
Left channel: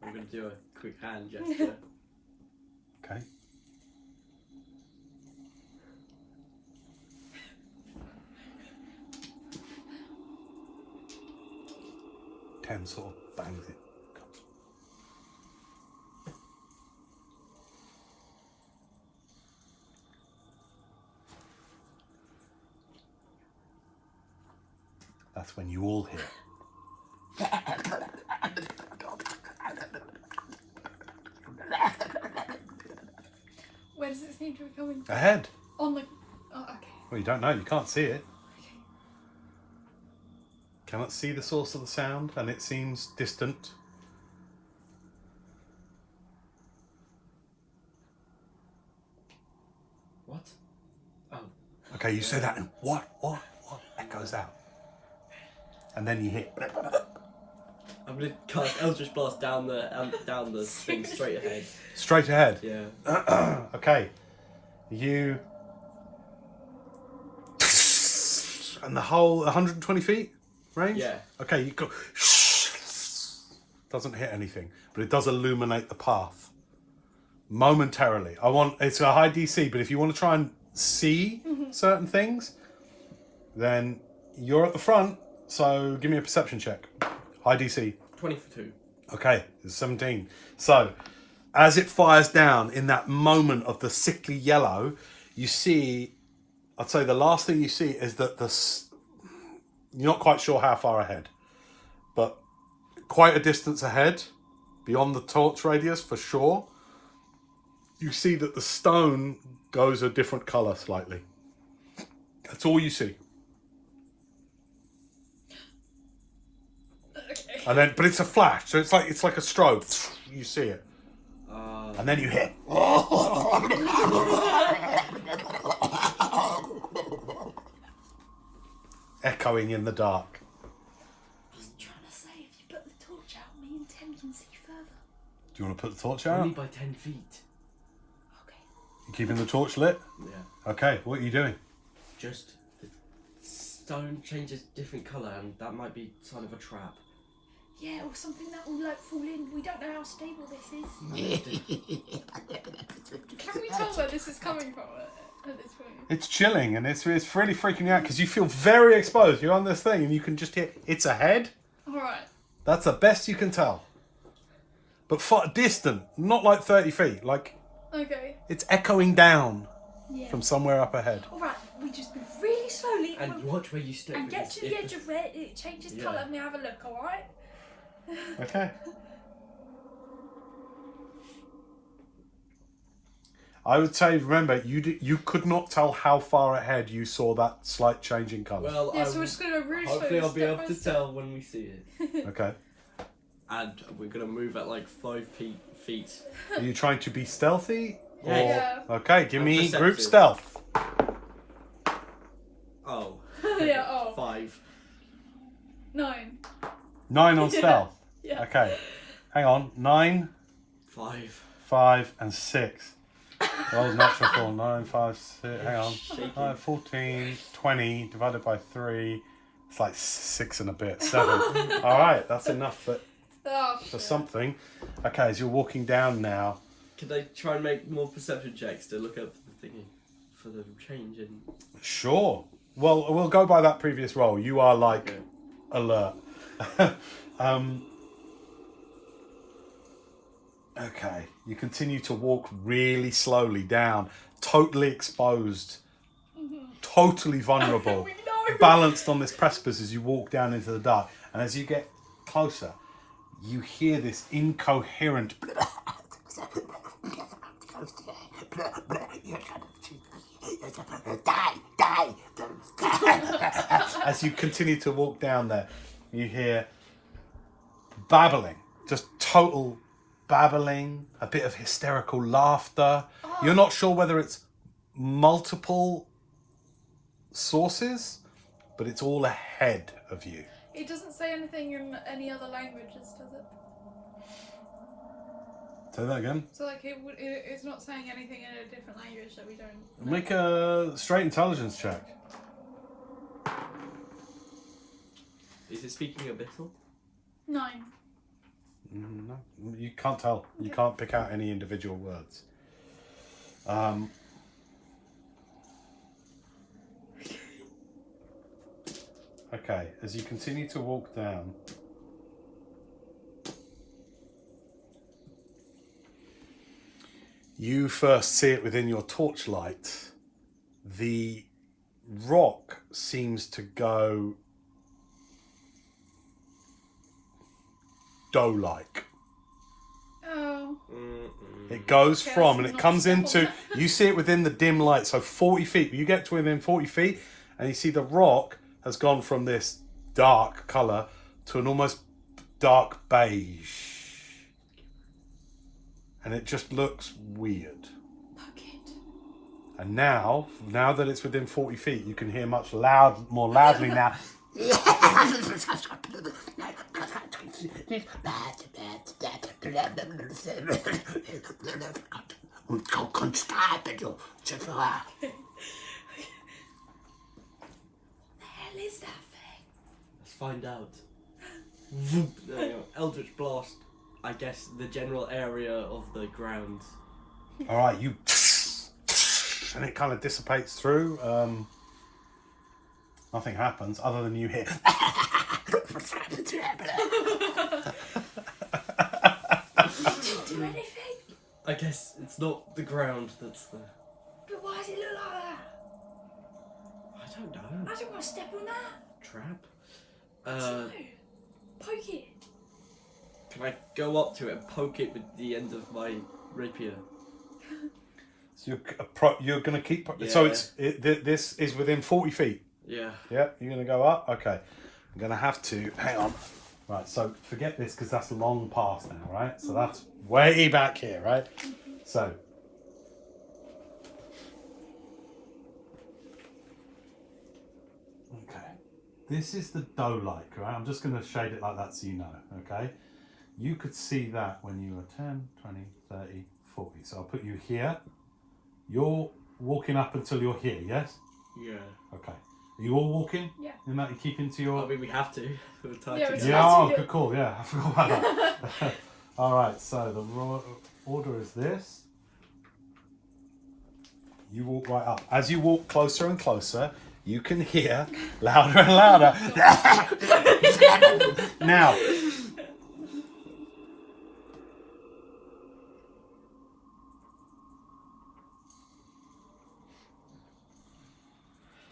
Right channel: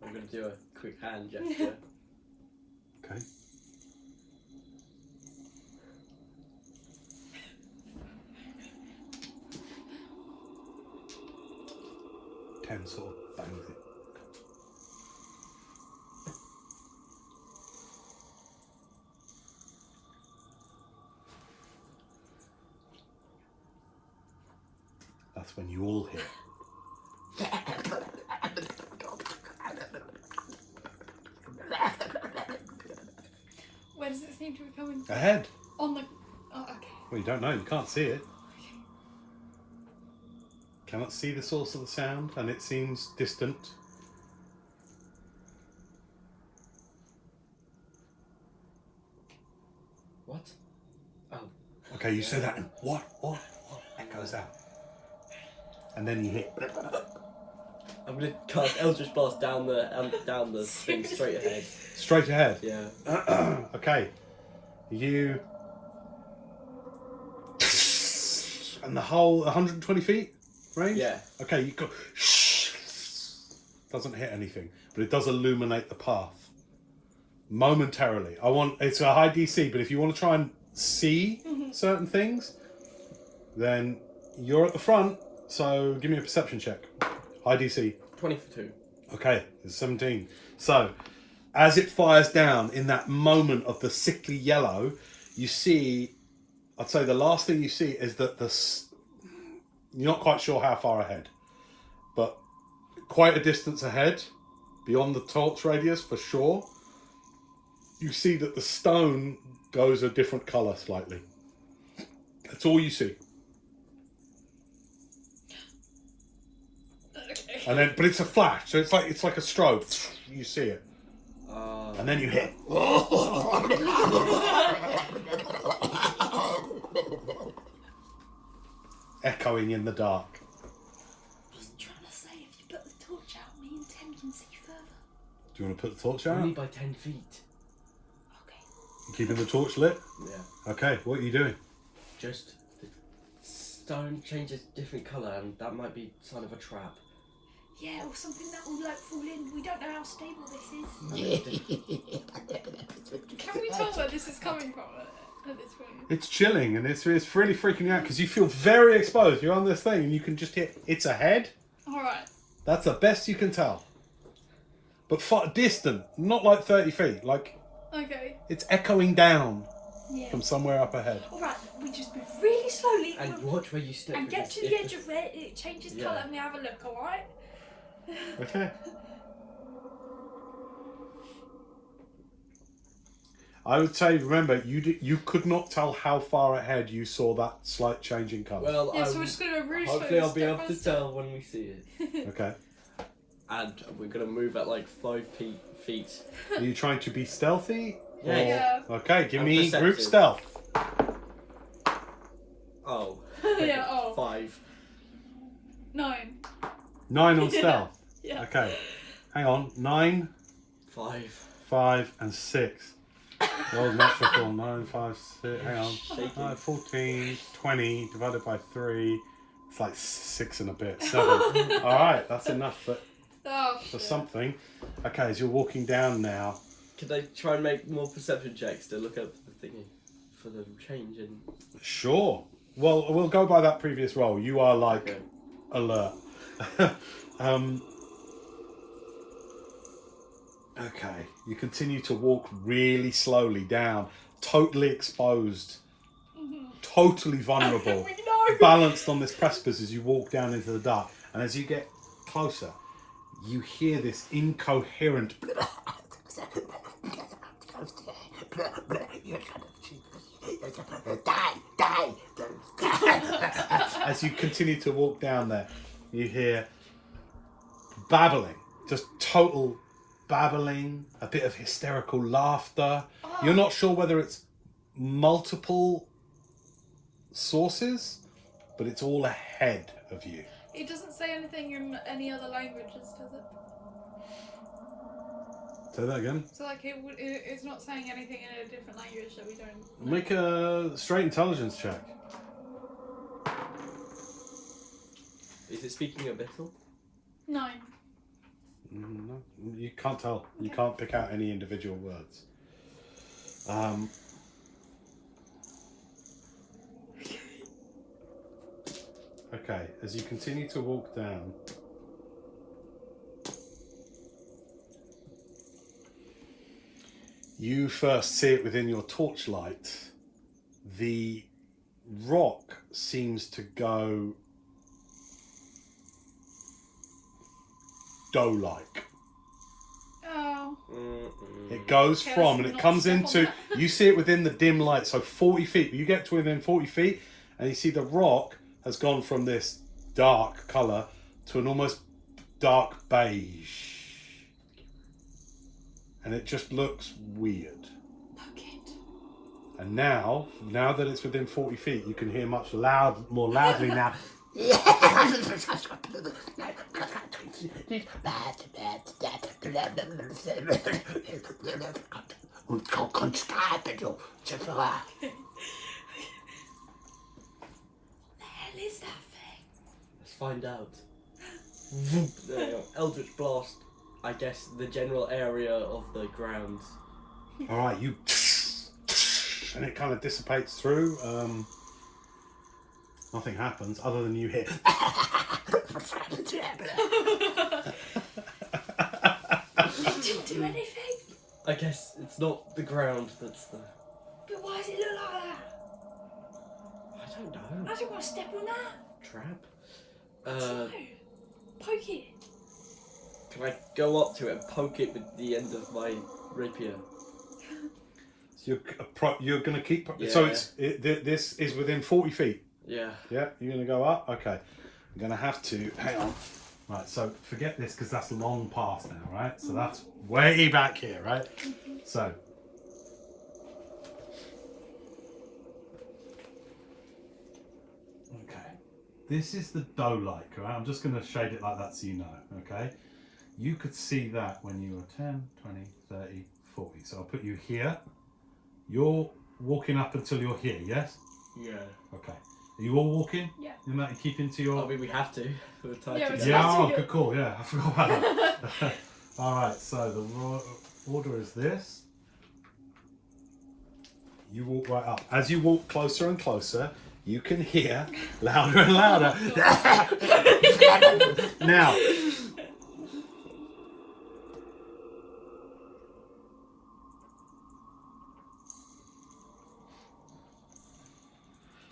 I'm gonna do a quick hand gesture. Okay. Ten sort of bangs it. That's when you all hear it. Where does it seem to be coming from? Ahead. On the... Oh, okay. Well, you don't know, you can't see it. Cannot see the source of the sound, and it seems distant. What? Oh. Okay, you say that, and what, echoes out. And then you hit. I'm gonna cast Eldritch Blast down the thing straight ahead. Straight ahead. Yeah. Okay. You... And the whole 120 feet range? Yeah. Okay, you go... Doesn't hit anything, but it does illuminate the path. Momentarily. It's a high DC, but if you want to try and see certain things, then you're at the front, so give me a perception check. High DC. 22. Okay, it's 17. So, as it fires down in that moment of the sickly yellow, you see, I'd say the last thing you see is that you're not quite sure how far ahead, but quite a distance ahead, beyond the torch radius for sure, you see that the stone goes a different colour slightly. That's all you see. Okay. And then, but it's a flash, so it's like a strobe. You see it, and then you hit. Echoing in the dark. I was trying to say, if you put the torch out, can see further. Do you want to put the torch Only out? by 10 feet. Okay. You keeping the torch lit? Yeah. Okay, what are you doing? Just the stone changes different colour, and that might be sign of a trap. Yeah, or something that will like fall in. We don't know how stable this is. Can we tell where this is coming from at this point? It's chilling and it's really freaking out because you feel very exposed. You're on this thing and you can just hear it's ahead. Alright. That's the best you can tell. But far distant, not like 30 feet. Like Okay. it's echoing down Yeah. from somewhere up ahead. Alright, we just move really slowly And watch where you step. and get because to the if edge of where it changes Yeah. colour and we have a look, alright? Okay. I would say, remember, you could not tell how far ahead you saw that slight change in colour. Well, Yeah, so we're just gonna go really slowly. hopefully I'll be step able by to step. tell when we see it. Okay. And we're gonna move at like 5 feet. Are you trying to be stealthy? Yeah. Yeah. Okay, give I'm me perceptive. group stealth. Oh. Yeah, oh. 5. 9. 9 on Yeah. stealth. Yeah. Okay. Hang on. 9, 5. 5, and 6. Well, natural 4. 9, 5, 6. Hang on. Shaking. 14, 20 divided by 3. It's like 6 and a bit. 7. Alright, that's enough for Oh, for shit. something. Okay, as you're walking down now, Can I try and make more perception checks to look up the thingy for the change in? sure. Well, we'll go by that previous roll. You are like Okay. alert. Okay, you continue to walk really slowly down, totally exposed, totally vulnerable, We know. balanced on this precipice as you walk down into the dark. And as you get closer, you hear this incoherent as you continue to walk down there. You hear babbling, just total babbling, a bit of hysterical laughter. You're not sure whether it's multiple sources, but it's all ahead of you. It doesn't say anything in any other languages, does it? Say that again. So like it's not saying anything in a different language that we don't know. Make a straight intelligence check. Is it speaking abyssal? 9. No, you can't tell. You can't pick out any individual words. Okay, as you continue to walk down, you first see it within your torchlight. The rock seems to go dough-like. Oh. It goes Okay, from, and let's it not comes step on into, that. you see it within the dim light, so 40 feet. You get to within 40 feet, and you see the rock has gone from this dark colour to an almost dark beige. And it just looks weird. Poke it. And now that it's within 40 feet, you can hear more loudly now. The hell is that thing? Let's find out. There you go. Eldritch Blast, I guess, the general area of the grounds. All right, you, and it kind of dissipates through. Nothing happens other than you hear. Did you do anything? I guess it's not the ground that's the... But why does it look like that? I don't know. I don't want to step on that. Trap? No. Poke it. Can I go up to it and poke it with the end of my rapier? So you're going to keep. Yeah. So this is within 40 feet. Yeah. Yeah, you're going to go up. Okay, I'm going to have to hang on. Right, so forget this because that's long past now, right? So that's way back here, right? So. Okay, this is the dough-like, right? I'm just going to shade it like that so you know, okay? You could see that when you were 10, 20, 30, 40. So I'll put you here. You're walking up until you're here, yes? Yeah. Okay. Are you all walking? Yeah. You might keep into your... I mean, we have to. We're tied Yeah, together. Yeah, oh, That's good call. Yeah, I forgot about that. All right, so the order is this. You walk right up. As you walk closer and closer, you can hear louder and louder. Now,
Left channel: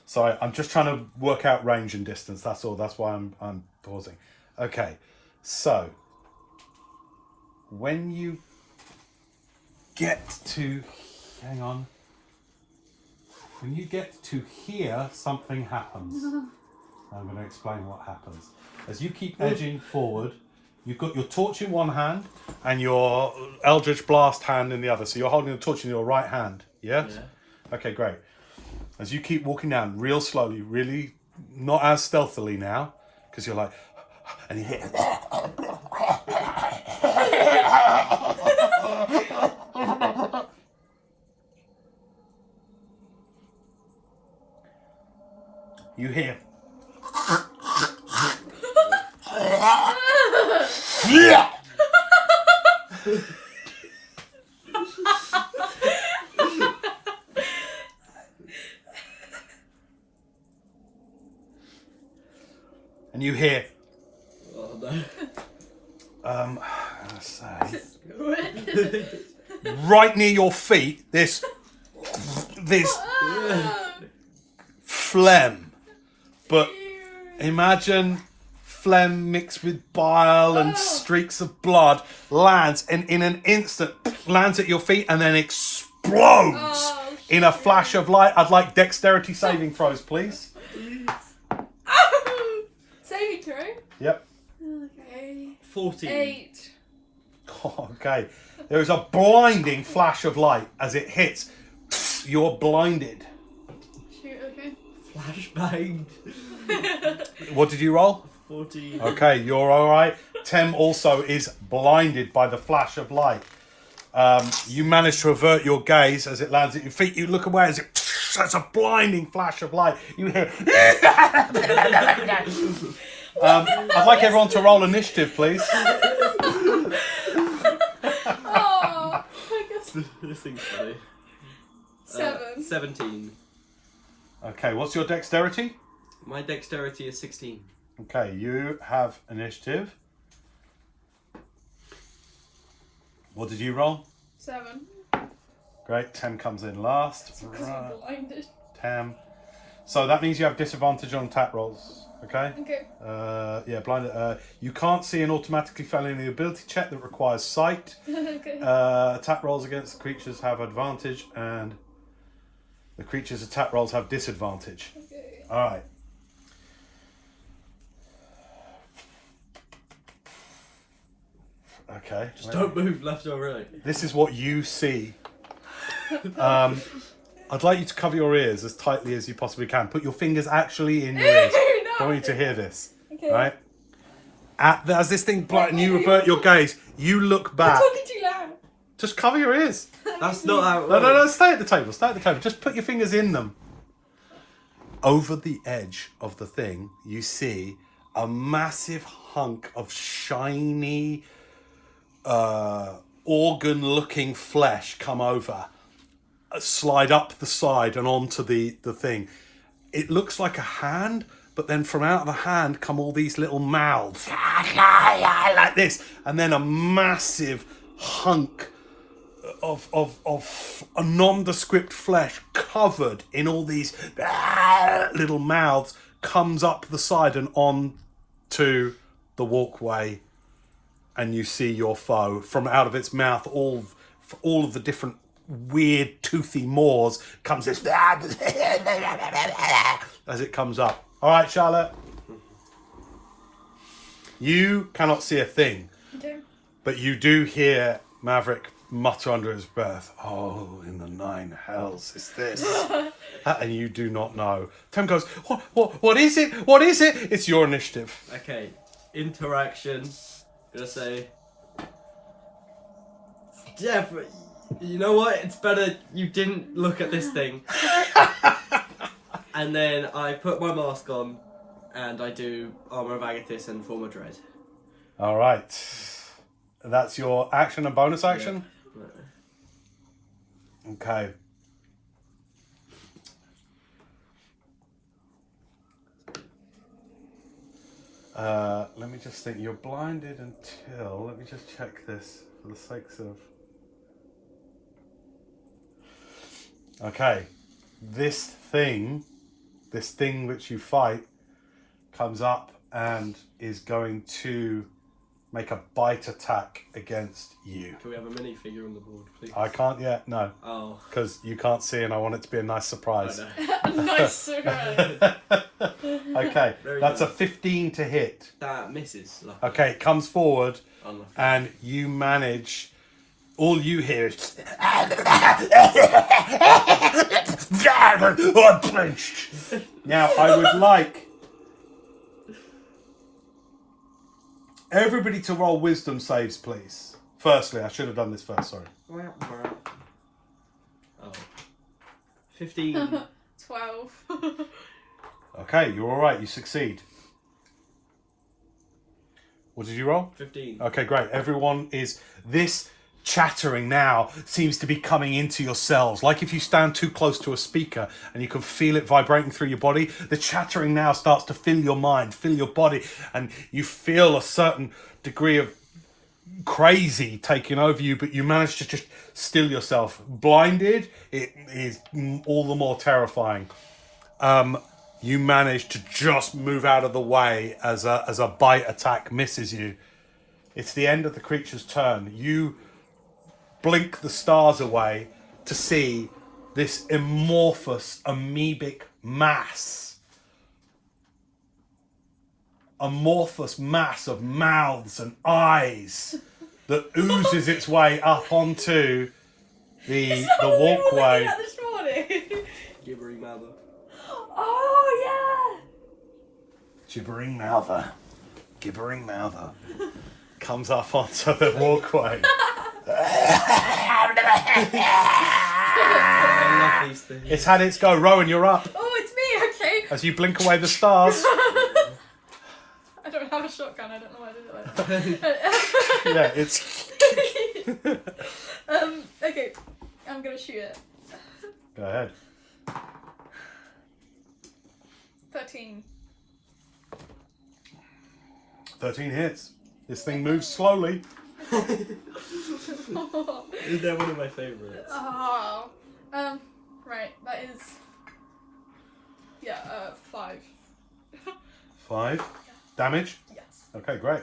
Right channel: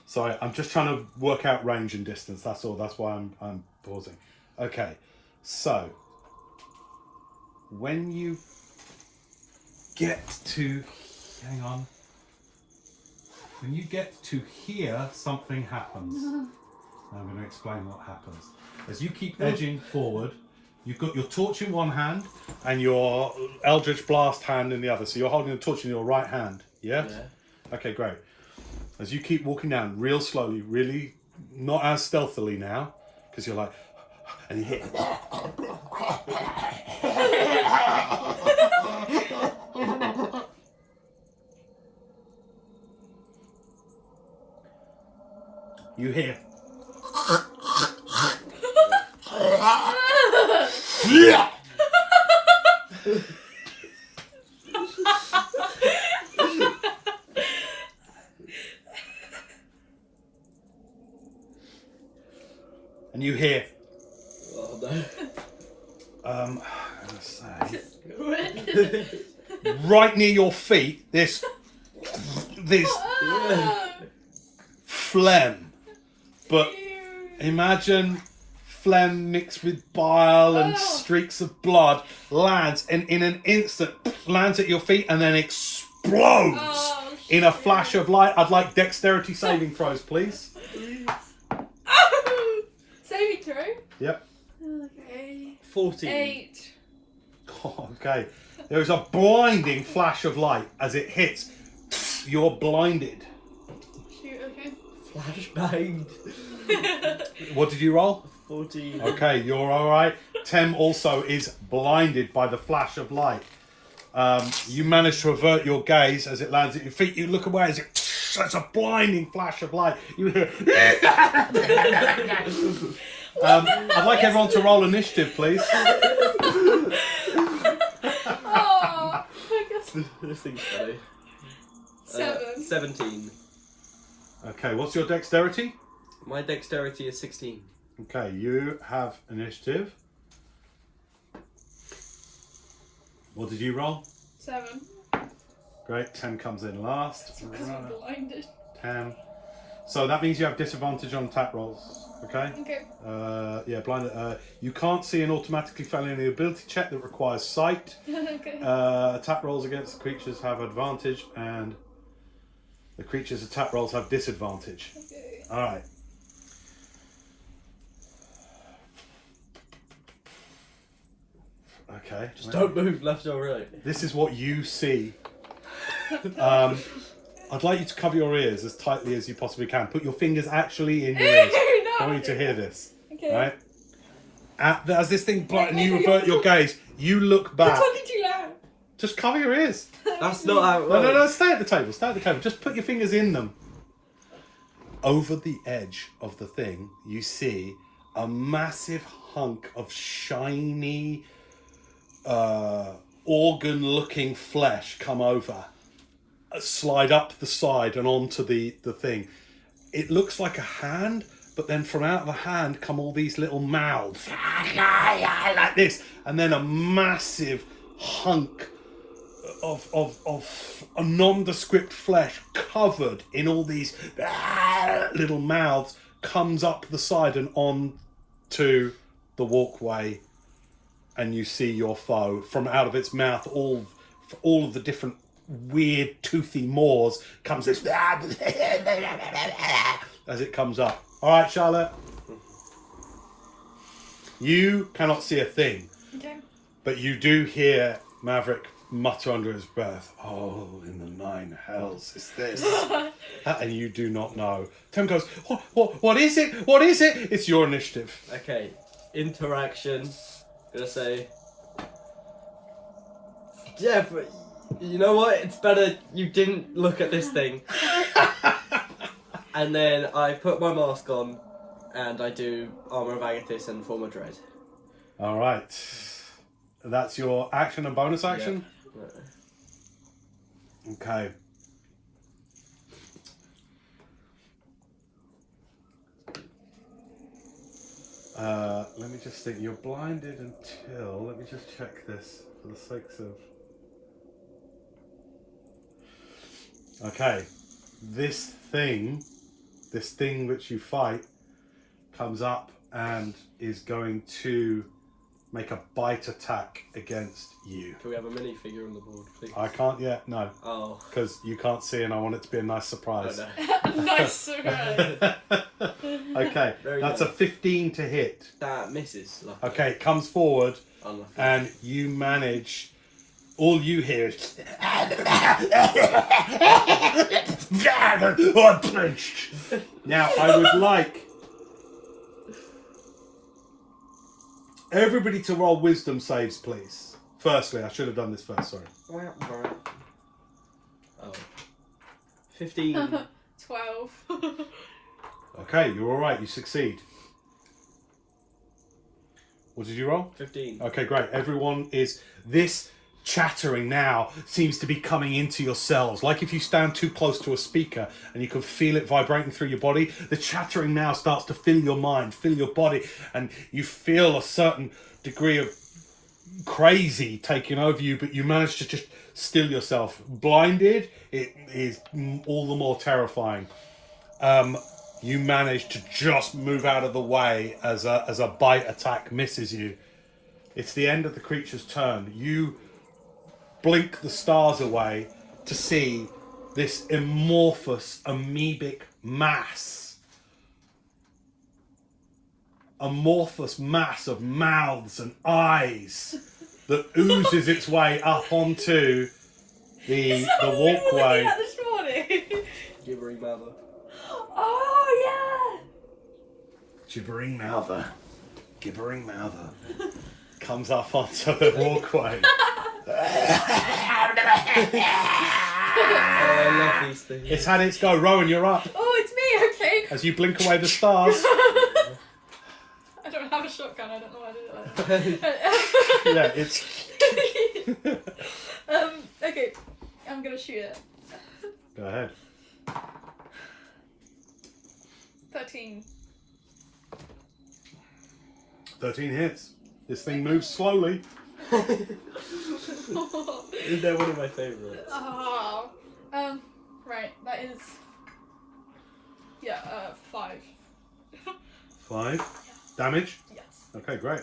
sorry, I'm just trying to work out range and distance. That's all. That's why I'm pausing. Okay, so when you get to, hang on. When you get to here, something happens. I'm going to explain what happens. As you keep edging forward, you've got your torch in one hand and your Eldritch Blast hand in the other. So you're holding the torch in your right hand, yeah? Yeah. Okay, great. As you keep walking down real slowly, really not as stealthily now, because you're like, and you hear... You hear. And you hear. Oh no. I'm gonna say. Right near your feet, this phlegm. But imagine phlegm mixed with bile and streaks of blood lands and in an instant lands at your feet and then explodes in a flash of light. I'd like dexterity saving throws, please. Saving throw. Yep. Okay. 14. 8. Oh, okay. There is a blinding flash of light as it hits. You're blinded. Shoot. Okay. Flashbang. What did you roll? 14. Okay, you're all right. Tem also is blinded by the flash of light. You manage to avert your gaze as it lands at your feet. You look away as it's a blinding flash of light. You hear... I'd like everyone to roll initiative, please. Oh, I guess This thing's funny. 7. 17. Okay, what's your dexterity? My dexterity is 16. Okay, you have initiative. What did you roll? 7. Great, Tem comes in last. Because I'm blinded. Tem. So that means you have disadvantage on attack rolls. Okay? Okay. Yeah, blinded. You can't see and automatically fail any ability check that requires sight. Okay. Attack rolls against the creatures have advantage, and the creature's attack rolls have disadvantage. Okay. Alright. Okay. Just don't move left or right. This is what you see. I'd like you to cover your ears as tightly as you possibly can. Put your fingers actually in your ears. I No. want you to hear this. Okay. Right? As this thing bright and you revert your gaze, you look You're back. talking too loud. Just cover your ears. That's not how it No, works. no, stay at the table. Stay at the table. Just put your fingers in them. Over the edge of the thing, you see a massive hunk of shiny, organ-looking flesh come over, slide up the side and onto the thing. It looks like a hand, but then from out of the hand come all these little mouths, like this, and then a massive hunk of a nondescript flesh covered in all these little mouths comes up the side and on to the walkway, and you see your foe from out of its mouth. All of the different weird toothy maws comes this as it comes up. All right, Charlotte. You cannot see a thing, Okay. but you do hear Maverick mutter under his breath, "Oh, in the 9 hells is this?" And you do not know. Tem goes, what is it? What is it? It's your initiative. Okay. Interaction. Gonna say, Definitely. You know what? It's better you didn't look at this thing. And then I put my mask on, and I do Armour of Agathis and Form of Dread. All right. That's your action and bonus action? Yeah. Okay. Let me just think. You're blinded until... Let me just check this for the sakes of... Okay. This thing which you fight comes up and is going to make a bite attack against you. Can we have a minifigure on the board, please? I can't yet, no. Oh. Because you can't see and I want it to be a nice surprise. I know. Nice surprise. Okay, Very that's good. a 15 to hit. That misses. Luckily. Okay, it comes forward Unlucky. and you manage... All you hear is... Now, I would like everybody to roll wisdom saves, please. Firstly, I should have done this first, sorry. Oh. 15. 12. Okay, you're alright, you succeed. What did you roll? 15. Okay, great. Everyone is... This chattering now seems to be coming into your cells. Like if you stand too close to a speaker and you can feel it vibrating through your body, the chattering now starts to fill your mind, fill your body, and you feel a certain degree of crazy taking over you, but you manage to just still yourself. Blinded, it is all the more terrifying. You manage to just move out of the way as a bite attack misses you. It's the end of the creature's turn. You blink the stars away to see this amorphous, amoebic mass. Amorphous mass of mouths and eyes that oozes its way up onto the walkway. This morning. Gibbering mother. Oh Gibbering mouther. Gibbering mouther. Comes up onto the walkway. I love these things. It's had its go. Rowan, you're up. yeah. Oh, it's me. Okay. As you blink away the stars. I don't have a shotgun. I don't know why I did it like that. Yeah, it's... Okay. I'm gonna shoot it. Go ahead. 13. 13 hits. This thing moves slowly. They're one of my favourites. Oh. Right. That is. Yeah. 5. 5. Damage? Yes. Okay, great.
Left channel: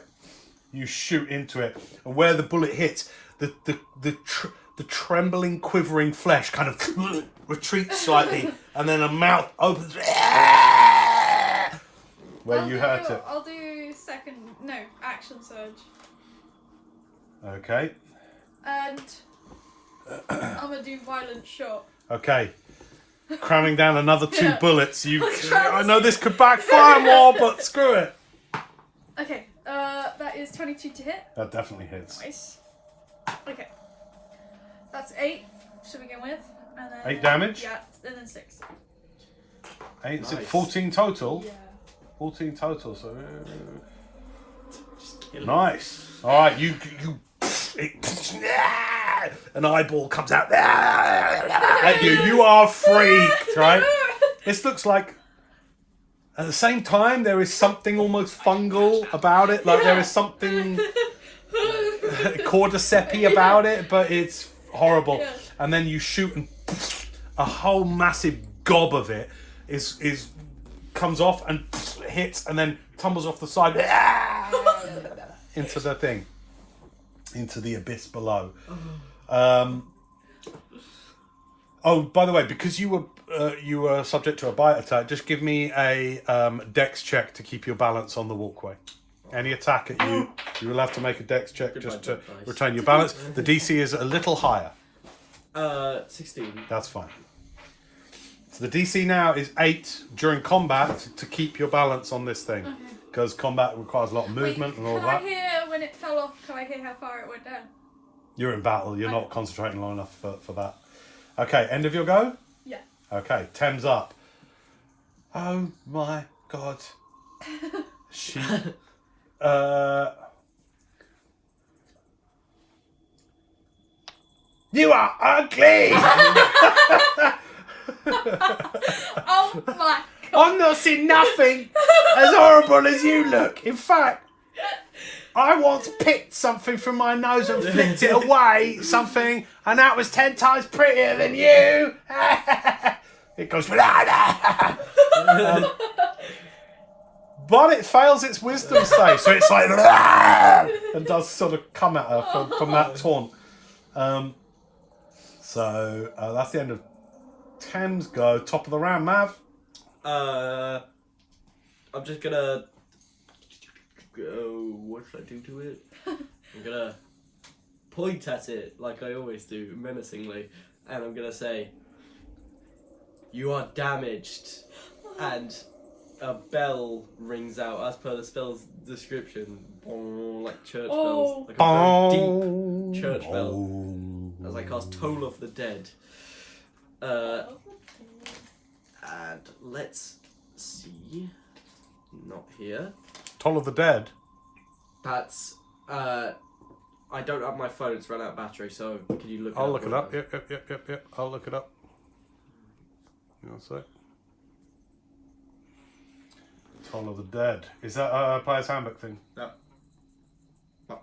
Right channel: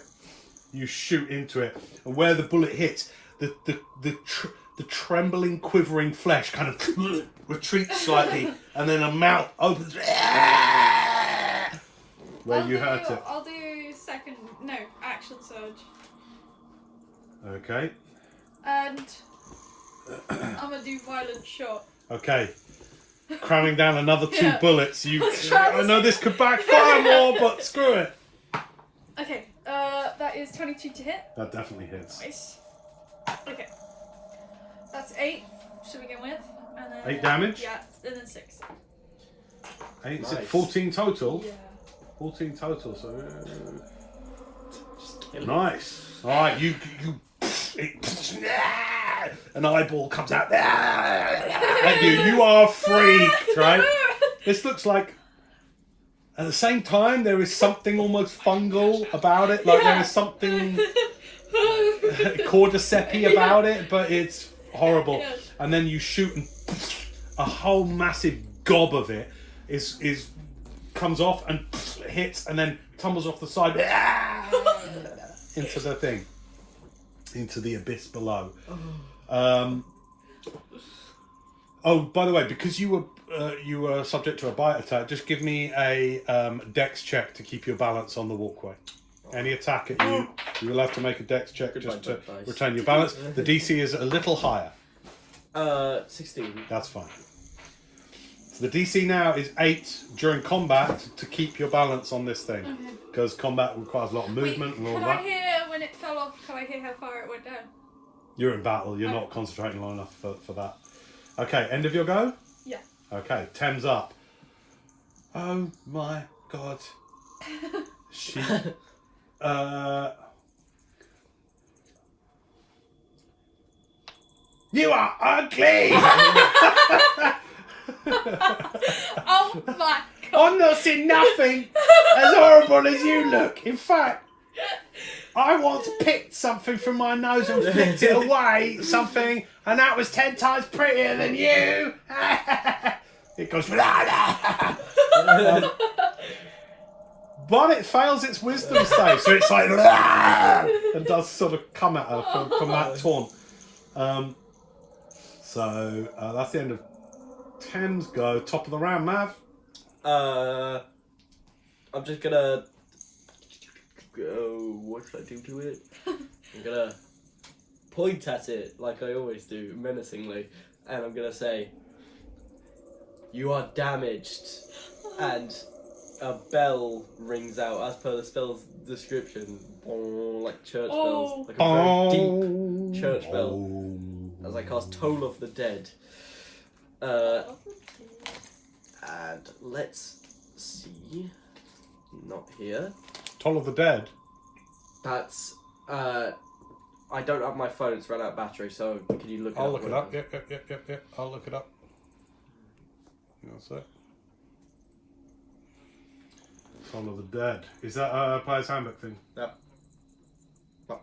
You shoot into it, and where the bullet hits, the trembling, quivering flesh kind of retreats slightly, and then a mouth opens where you hurt it. I'll do second. No, action surge. Okay. And I'm gonna do violent shock. Okay. Cramming down another 2 Yeah. bullets. Travis- I know this could backfire more, but screw it. Okay. That is 22 to hit. That definitely hits. Nice. Okay. That's 8 to begin with, and then 8 damage? Yeah, and then 6. 8, is it Nice. 14 total? Yeah. 14 total, so... Just kill it. Nice. Alright, you an eyeball comes out at you. You are freaked, right? This looks like... At the same time, there is something almost fungal about it. Like there is something cordyceps about it, but it's horrible. Yeah. And then you shoot and a whole massive gob of it is comes off and hits and then tumbles off the side into the thing, into the abyss below. Oh, by the way, because you were subject to a bite attack, just give me a dex check to keep your balance on the walkway. Any attack at you, you will have to make a dex check Goodbye, just to dice. retain your balance. The DC is a little higher. 16. That's fine. So the DC now is 8 during combat to keep your balance on this thing. Okay. Because combat requires a lot of movement and all Can that. I hear when it fell off? Can I hear how far it went down? You're in battle. You're not concentrating long enough for that. Okay, end of your go? Yeah. Okay, Tem's up. Oh my god. She... You are ugly! Oh my god. I've not seen nothing as horrible as you look. In fact, I once picked something from my nose and flicked it away, something, and that was 10 times prettier than you. It goes, but it fails its wisdom save, so it's like, and does sort of come at her from that taunt. So that's the end of Tem's go. Top of the round, Mav. I'm just gonna go. What should I do to it? I'm gonna point at it like I always do, menacingly, and I'm gonna say, "You are damaged," and a bell rings out as per the spell's description, like church bells, like a very deep church bell. As I cast Toll of the Dead. And let's see. Not here. Toll of the Dead. That's I don't have my phone, it's run out of battery, so can you look it up? I'll look it up. Yep. I'll look it up. You know what I'm saying? Toll of the Dead. Is that a player's handbook thing? Yep. Well,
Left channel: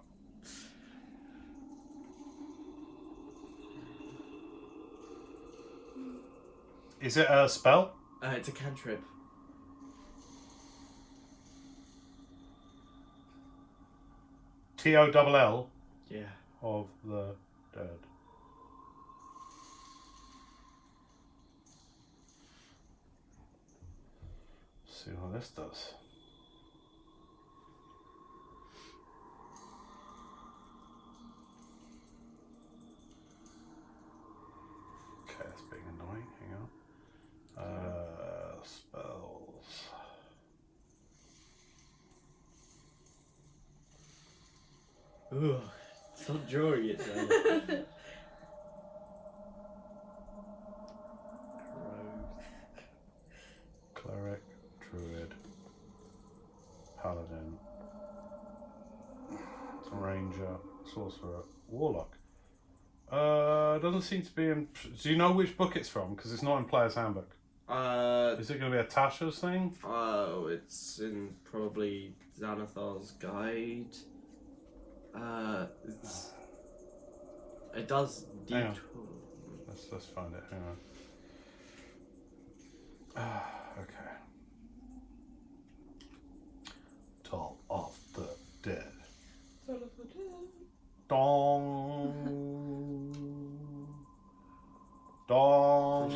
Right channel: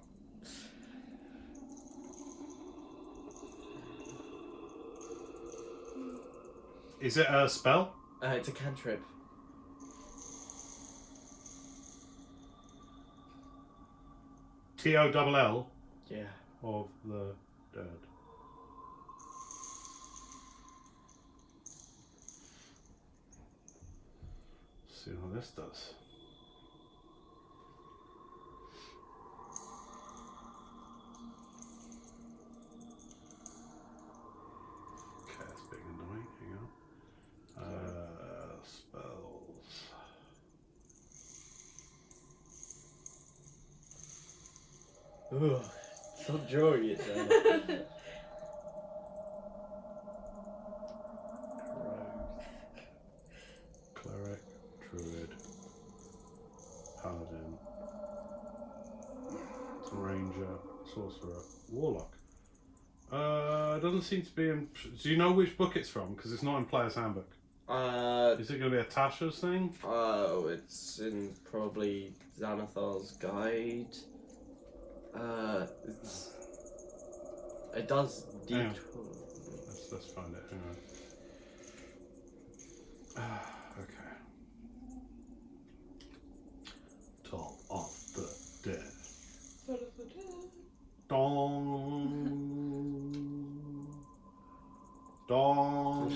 Is it a spell? it's a cantrip. Toll Yeah. of the Dead. See what this does. Okay, that's being annoying. Hang on. Spells. Ugh. Stop drawing it, Joanna. Cleric, Druid, Paladin, Ranger, Sorcerer, Warlock. Doesn't seem to be in. Do you know which book it's from? Because it's not in Player's Handbook. Is it going to be a Tasha's thing? Oh, it's in probably Xanathar's Guide. It does Hang on. deep. Let's find it. Hang on. Okay. Toll of the Dead. Dong. Dong.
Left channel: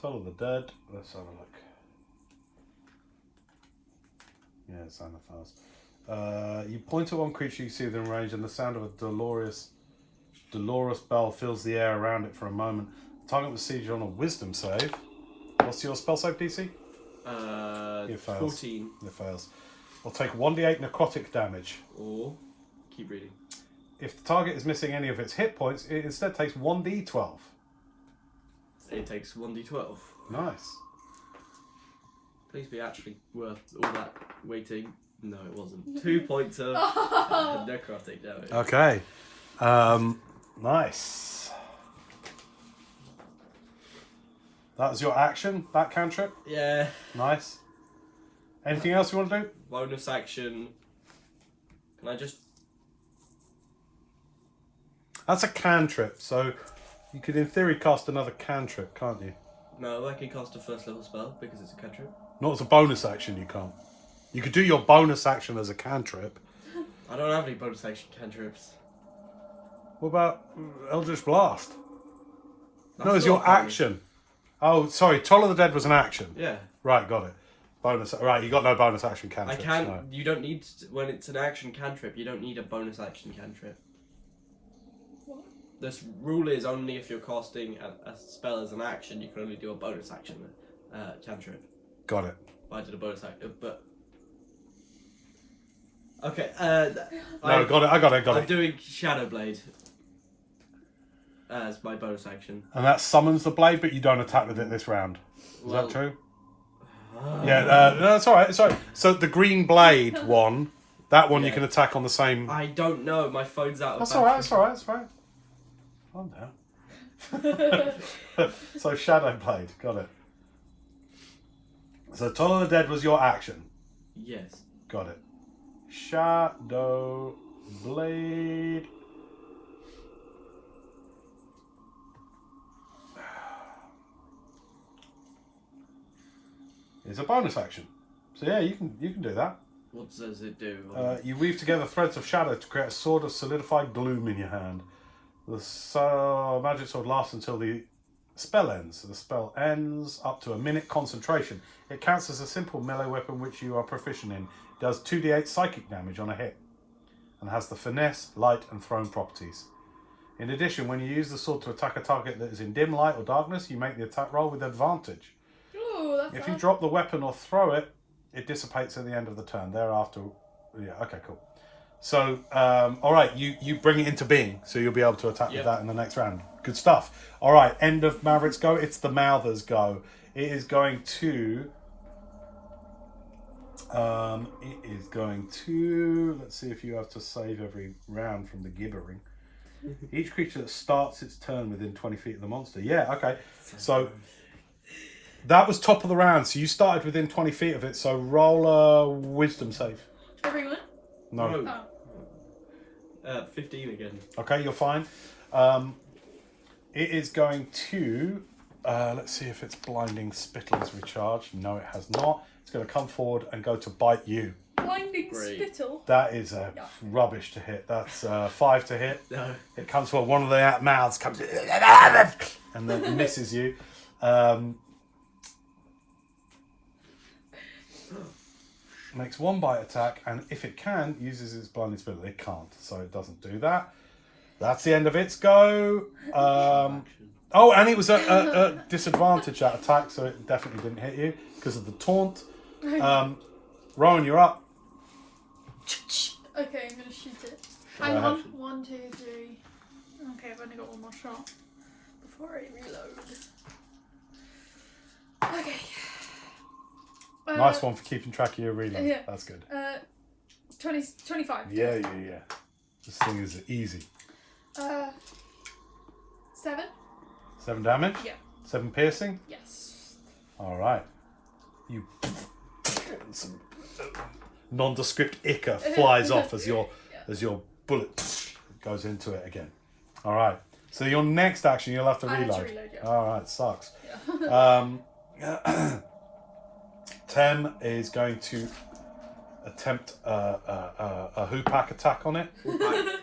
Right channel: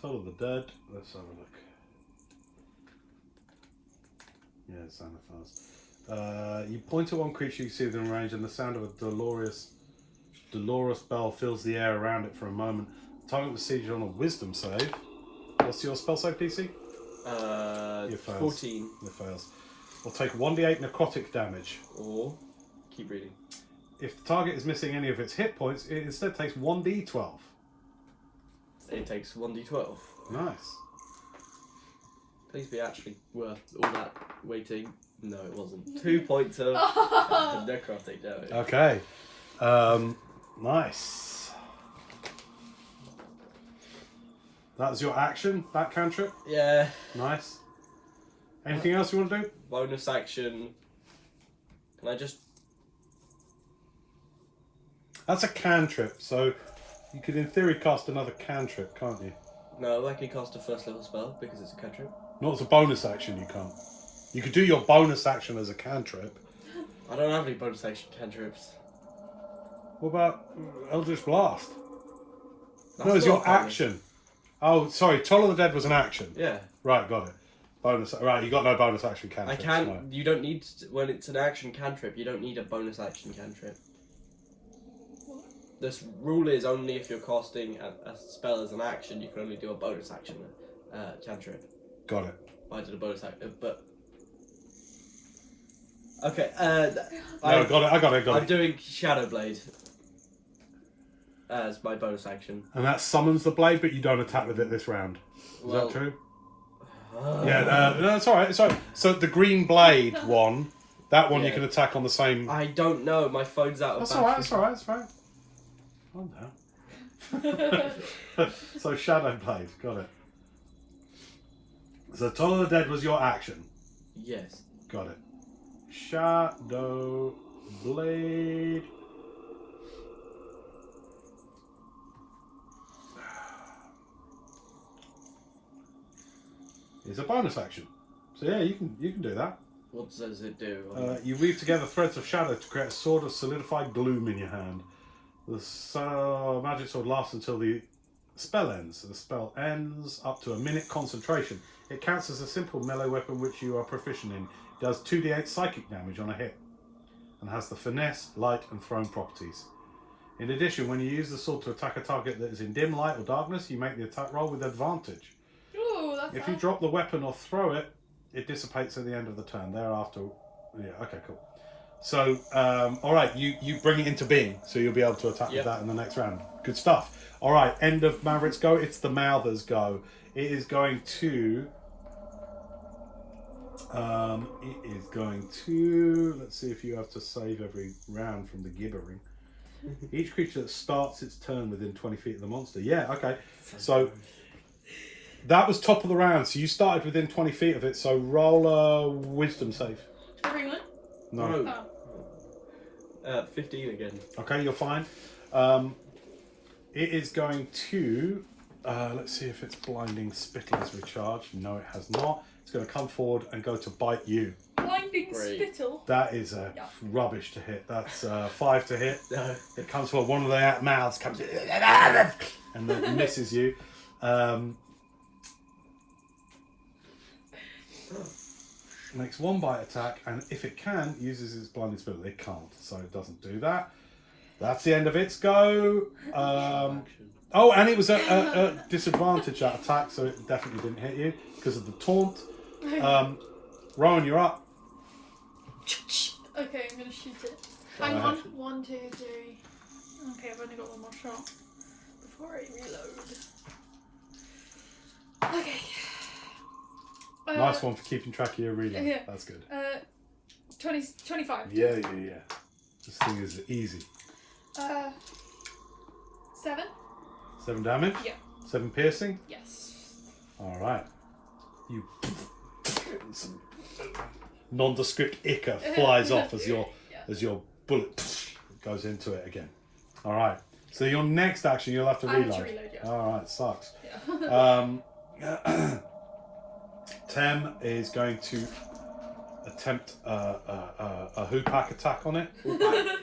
Toll of the Dead. Let's have a look. Yeah, it's Xanathar's. You point at one creature you see within range, and the sound of a dolorous bell fills the air around it for a moment. The target was sieged on a wisdom save. What's your spell save DC? It fails. 14. It fails. I'll take 1d8 necrotic damage. Or keep reading. If the target is missing any of its hit points, it instead takes 1d12. It takes 1d12. Nice. Please be actually worth all that waiting. No, it wasn't. 2 points of necrotic damage. Okay. Nice. That was your action, that cantrip. Yeah. Nice. Anything else you want to do? Bonus action. Can I just... That's a cantrip, so you could in theory cast another cantrip, can't you? No, I can cast a first level spell because it's a cantrip. Not as a bonus action, you can't. You could do your bonus action as a cantrip. I don't have any bonus action cantrips. What about Eldritch Blast? That's No, it's not your a bonus. action. Oh, sorry, Toll of the Dead was an action. Yeah. Right, got it. Bonus. Right, you got no bonus action I cantrips. can't... No. You don't need... When it's an action cantrip, you don't need a bonus action cantrip. This rule is only if you're casting a spell as an action, you can only do a bonus action cantrip. Got it. I did a bonus action, but Okay. No, got it. I got I'm it. doing Shadow Blade as my bonus action. And that summons the blade, but you don't attack with it this round. Is that true? Yeah. No, it's all right. It's all right. So the green blade one, that one you can attack on the same. I don't know. My phone's out of That's battery. all right. That's all right. Calm down. So Shadow Blade, got it. So Toll of the Dead was your action. Yes. Got it. Shadow Blade. Is a bonus action. So yeah, you can do that. What does it do? You weave together threads of shadow to create a sword of solidified gloom in your hand. The magic sword lasts until the spell ends. The spell ends up to a minute concentration. It counts as a simple melee weapon which you are proficient in. It does 2d8 psychic damage on a hit and has the finesse, light and thrown properties. In addition, when you use the sword to attack a target that is in dim light or darkness, you make the attack roll with advantage. Ooh, that's If you nice. drop the weapon or throw it, it dissipates at the end of the turn. Thereafter, yeah, okay, cool. So, all right, you bring it into being, so you'll be able to attack with that in the next round. Good stuff. All right, end of Maverick's go. It's the Mouther's go. It is going to. Let's see if you have to save every round from the gibbering. Each creature that starts its turn within 20 feet of the monster. Yeah, okay. So. That was top of the round, so you started within 20 feet of it, so roll a wisdom save. Everyone? No. Oh. 15 again. Okay, you're fine. It is going to... let's see if its blinding spittle is recharged. No, it has not. It's going to come forward and go to bite you. Blinding Great. spittle. That is rubbish to hit. That's 5 to hit. No. It comes forward, one of the mouths comes... and then misses you. Makes one bite attack, and if it can, uses its blinding spittle. It can't, so it doesn't do that. That's the end of its go. Oh, and it was a disadvantage that attack, so it definitely didn't hit you because of the taunt. Rowan, you're up. Okay, I'm gonna shoot it. Hang on. 1, 2, 3. Okay, I've only got one more shot before I reload. Okay. Nice one for keeping track of your reading. Yeah. That's good. 25. Yeah. This thing is easy. 7? 7 damage? Yeah. 7 piercing? Yes. Alright. You... Some nondescript ichor flies off as your bullet goes into it again. Alright. So your next action, you'll have to reload. I have to reload, yeah. Alright, sucks. Yeah. Tem is going to attempt a hoopak attack on it,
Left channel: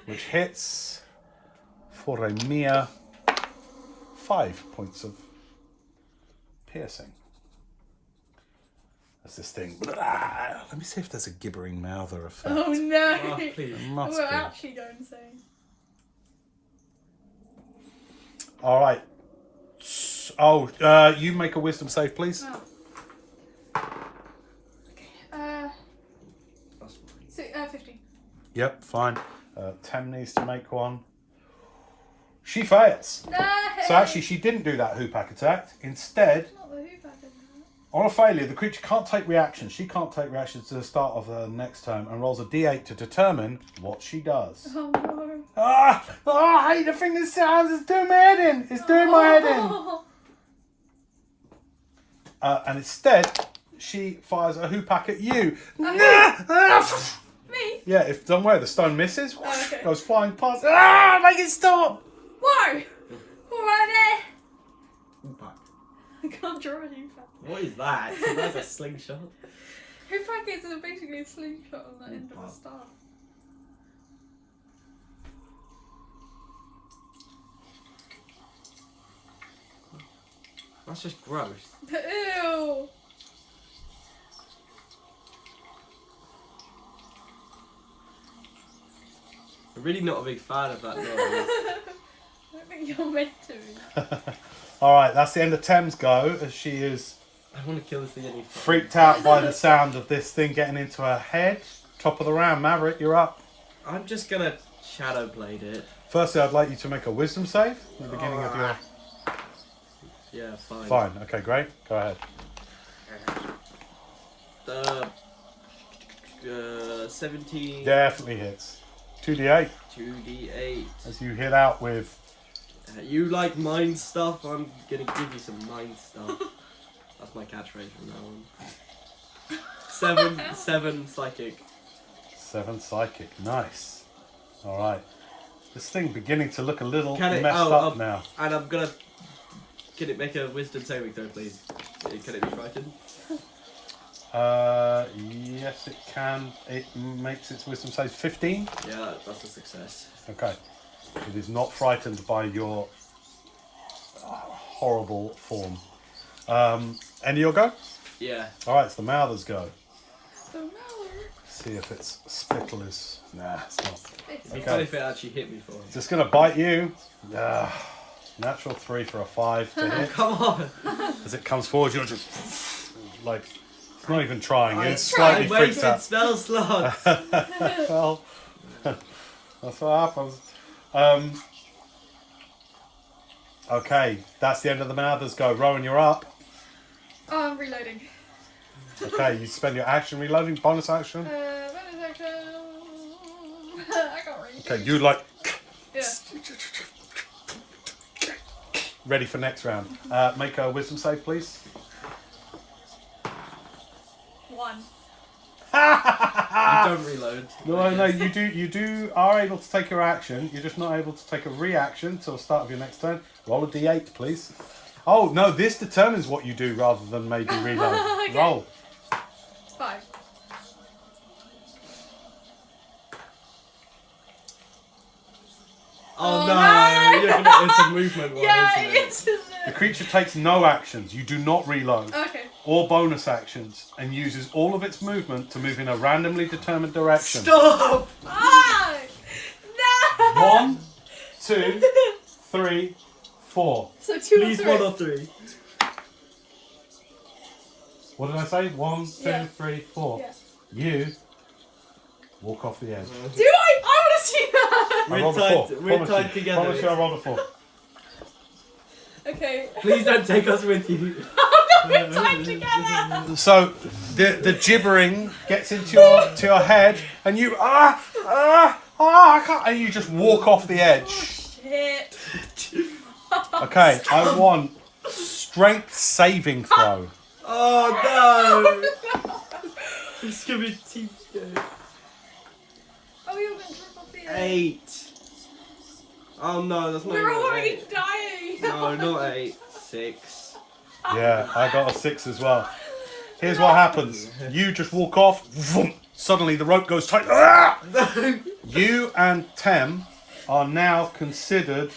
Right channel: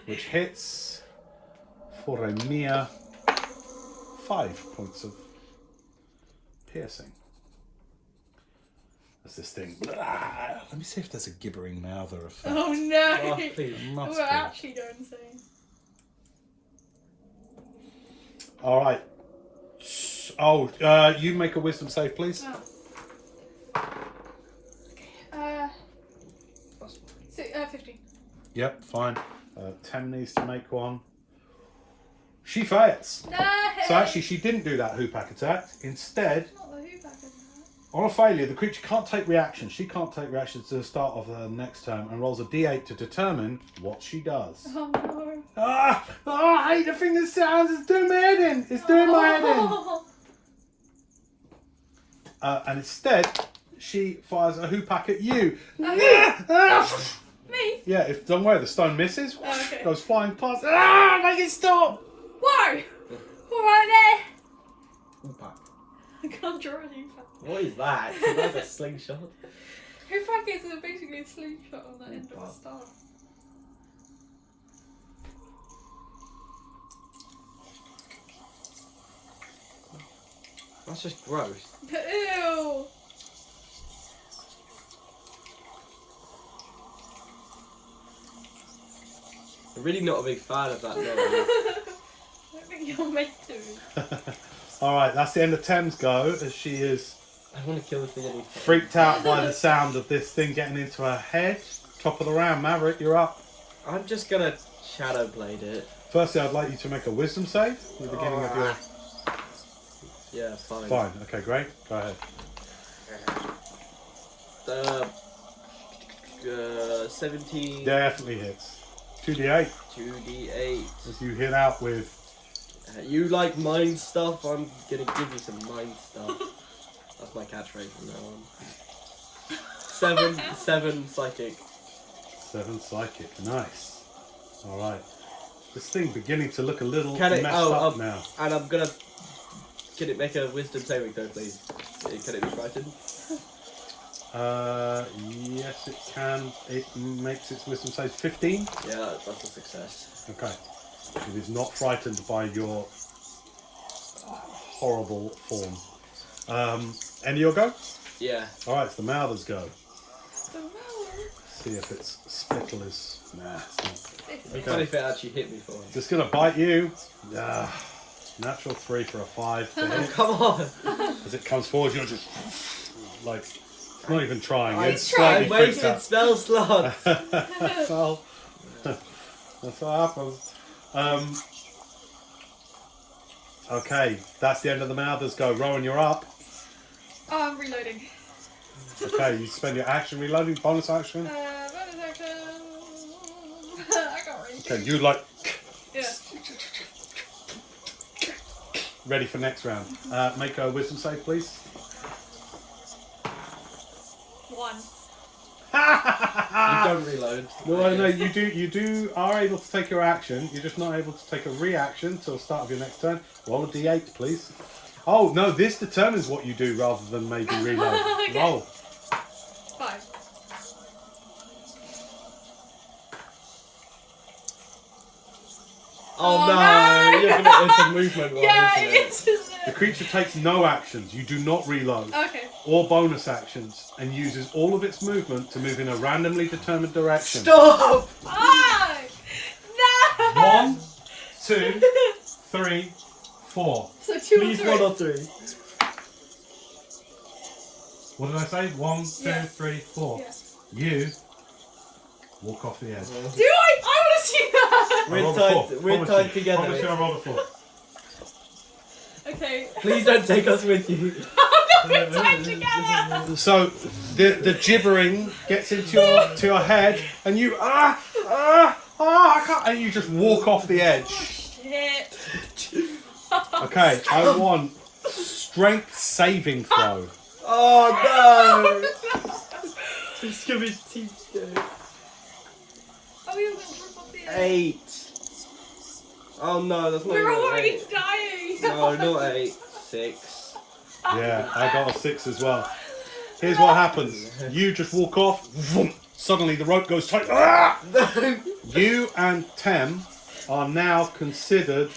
which hits for a mere 5 points of piercing. That's this thing. Let me see if there's a gibbering mouther effect. Oh no! Oh, please. Must We're be. actually going insane. All right. You make a wisdom save, please. Oh. 15. Yep, fine. Tem needs to make one. She fails. No! So actually, she didn't do that hoopak attack. Instead, Not the hoopak attack. on a failure, the creature can't take reactions. She can't take reactions to the start of the next turn and rolls a d8 to determine what she does. Oh no. I hate the thing that sounds. It's doing my head in. It's doing my head in. And instead, she fires a hoopak at you. Me? Yeah, don't worry, the stone misses. Oh, okay. Goes flying past. Make it stop. Whoa! Alright Hoopak. I can't draw a hoopak. What is that? That's a slingshot. Hoopak is basically a slingshot on the end of a star. That's just gross. Ew! I'm really not a big fan of that noise. I don't think you're meant to. All right, that's the end of Tem's go, as she is I want to kill this thing any freaked out by the sound of this thing getting into her head, Top of the round, Maverick, you're up. I'm just gonna shadow blade it. Firstly, I'd like you to make a wisdom save at the beginning of your... Yeah, fine. Fine, okay, great. Go ahead. 17. Definitely hits. 2d8. 2d8. As you hit out with... You like mind stuff? I'm gonna give you some mind stuff. That's my catchphrase from now on. 7 psychic. 7 psychic. Nice. Alright. This thing beginning to look a little Can it- messed oh, up um, now. And I'm gonna. Can it make a wisdom saving throw, please? Can it be frightened? Yes, it can. It makes its wisdom save 15. Yeah, that's a success. Okay. It is not frightened by your horrible form. Any your go? Yeah. Alright, it's the Mouthers' go. See if its spittle is... Nah, it's not. It'd be funny if it actually hit me for it. Just gonna bite you. Natural 3 for a 5 to hit. Come on! As it comes forward, you're just... Like, it's not even trying. I It's slightly freaked wasted out. spell slots! Well, that's what happens. Okay, that's the end of the Mouthers' go. Rowan, you're up. Oh, I'm reloading. Okay, you spend your action reloading, bonus action. Bonus action. I can't read. Okay, you like Yeah. ready for next round. Make a wisdom save, please. 1. You don't reload. No, you are able to take your action. You're just not able to take a reaction till the start of your next turn. Roll a d8, please. Oh no, this determines what you do rather than maybe reload. Okay. Roll. 5. Oh, Oh, no! no. You're gonna, it's a movement one, Yeah, isn't it is, isn't The it? creature takes no actions. You do not reload. Okay. Or bonus actions, and uses all of its movement to move in a randomly determined direction. Stop! Ah! No! 1, 2, 3, 4. So 2 Please, or 1 3. or 3. What did I say? 1, 2, Yeah. 3, 4. Yeah. You walk off the edge. Do I? I want to see that! I rolled a We're four. tied, we're Promise tied you. together. Promise you I rolled a 4. Okay. Please don't take us with you. We're tied together! So the gibbering gets into your head, and you I can't, and you just walk off the edge. Shit. Okay, I want strength saving throw. Oh no! Just give it to you. Are we all going to drop off the edge? 8. Oh no, that's not We're even already 8. dying! No, not 8. 6. Yeah, I got a 6 as well. Here's what happens. You just walk off. Vroom, suddenly the rope goes tight. Ah! You and Tem are now considered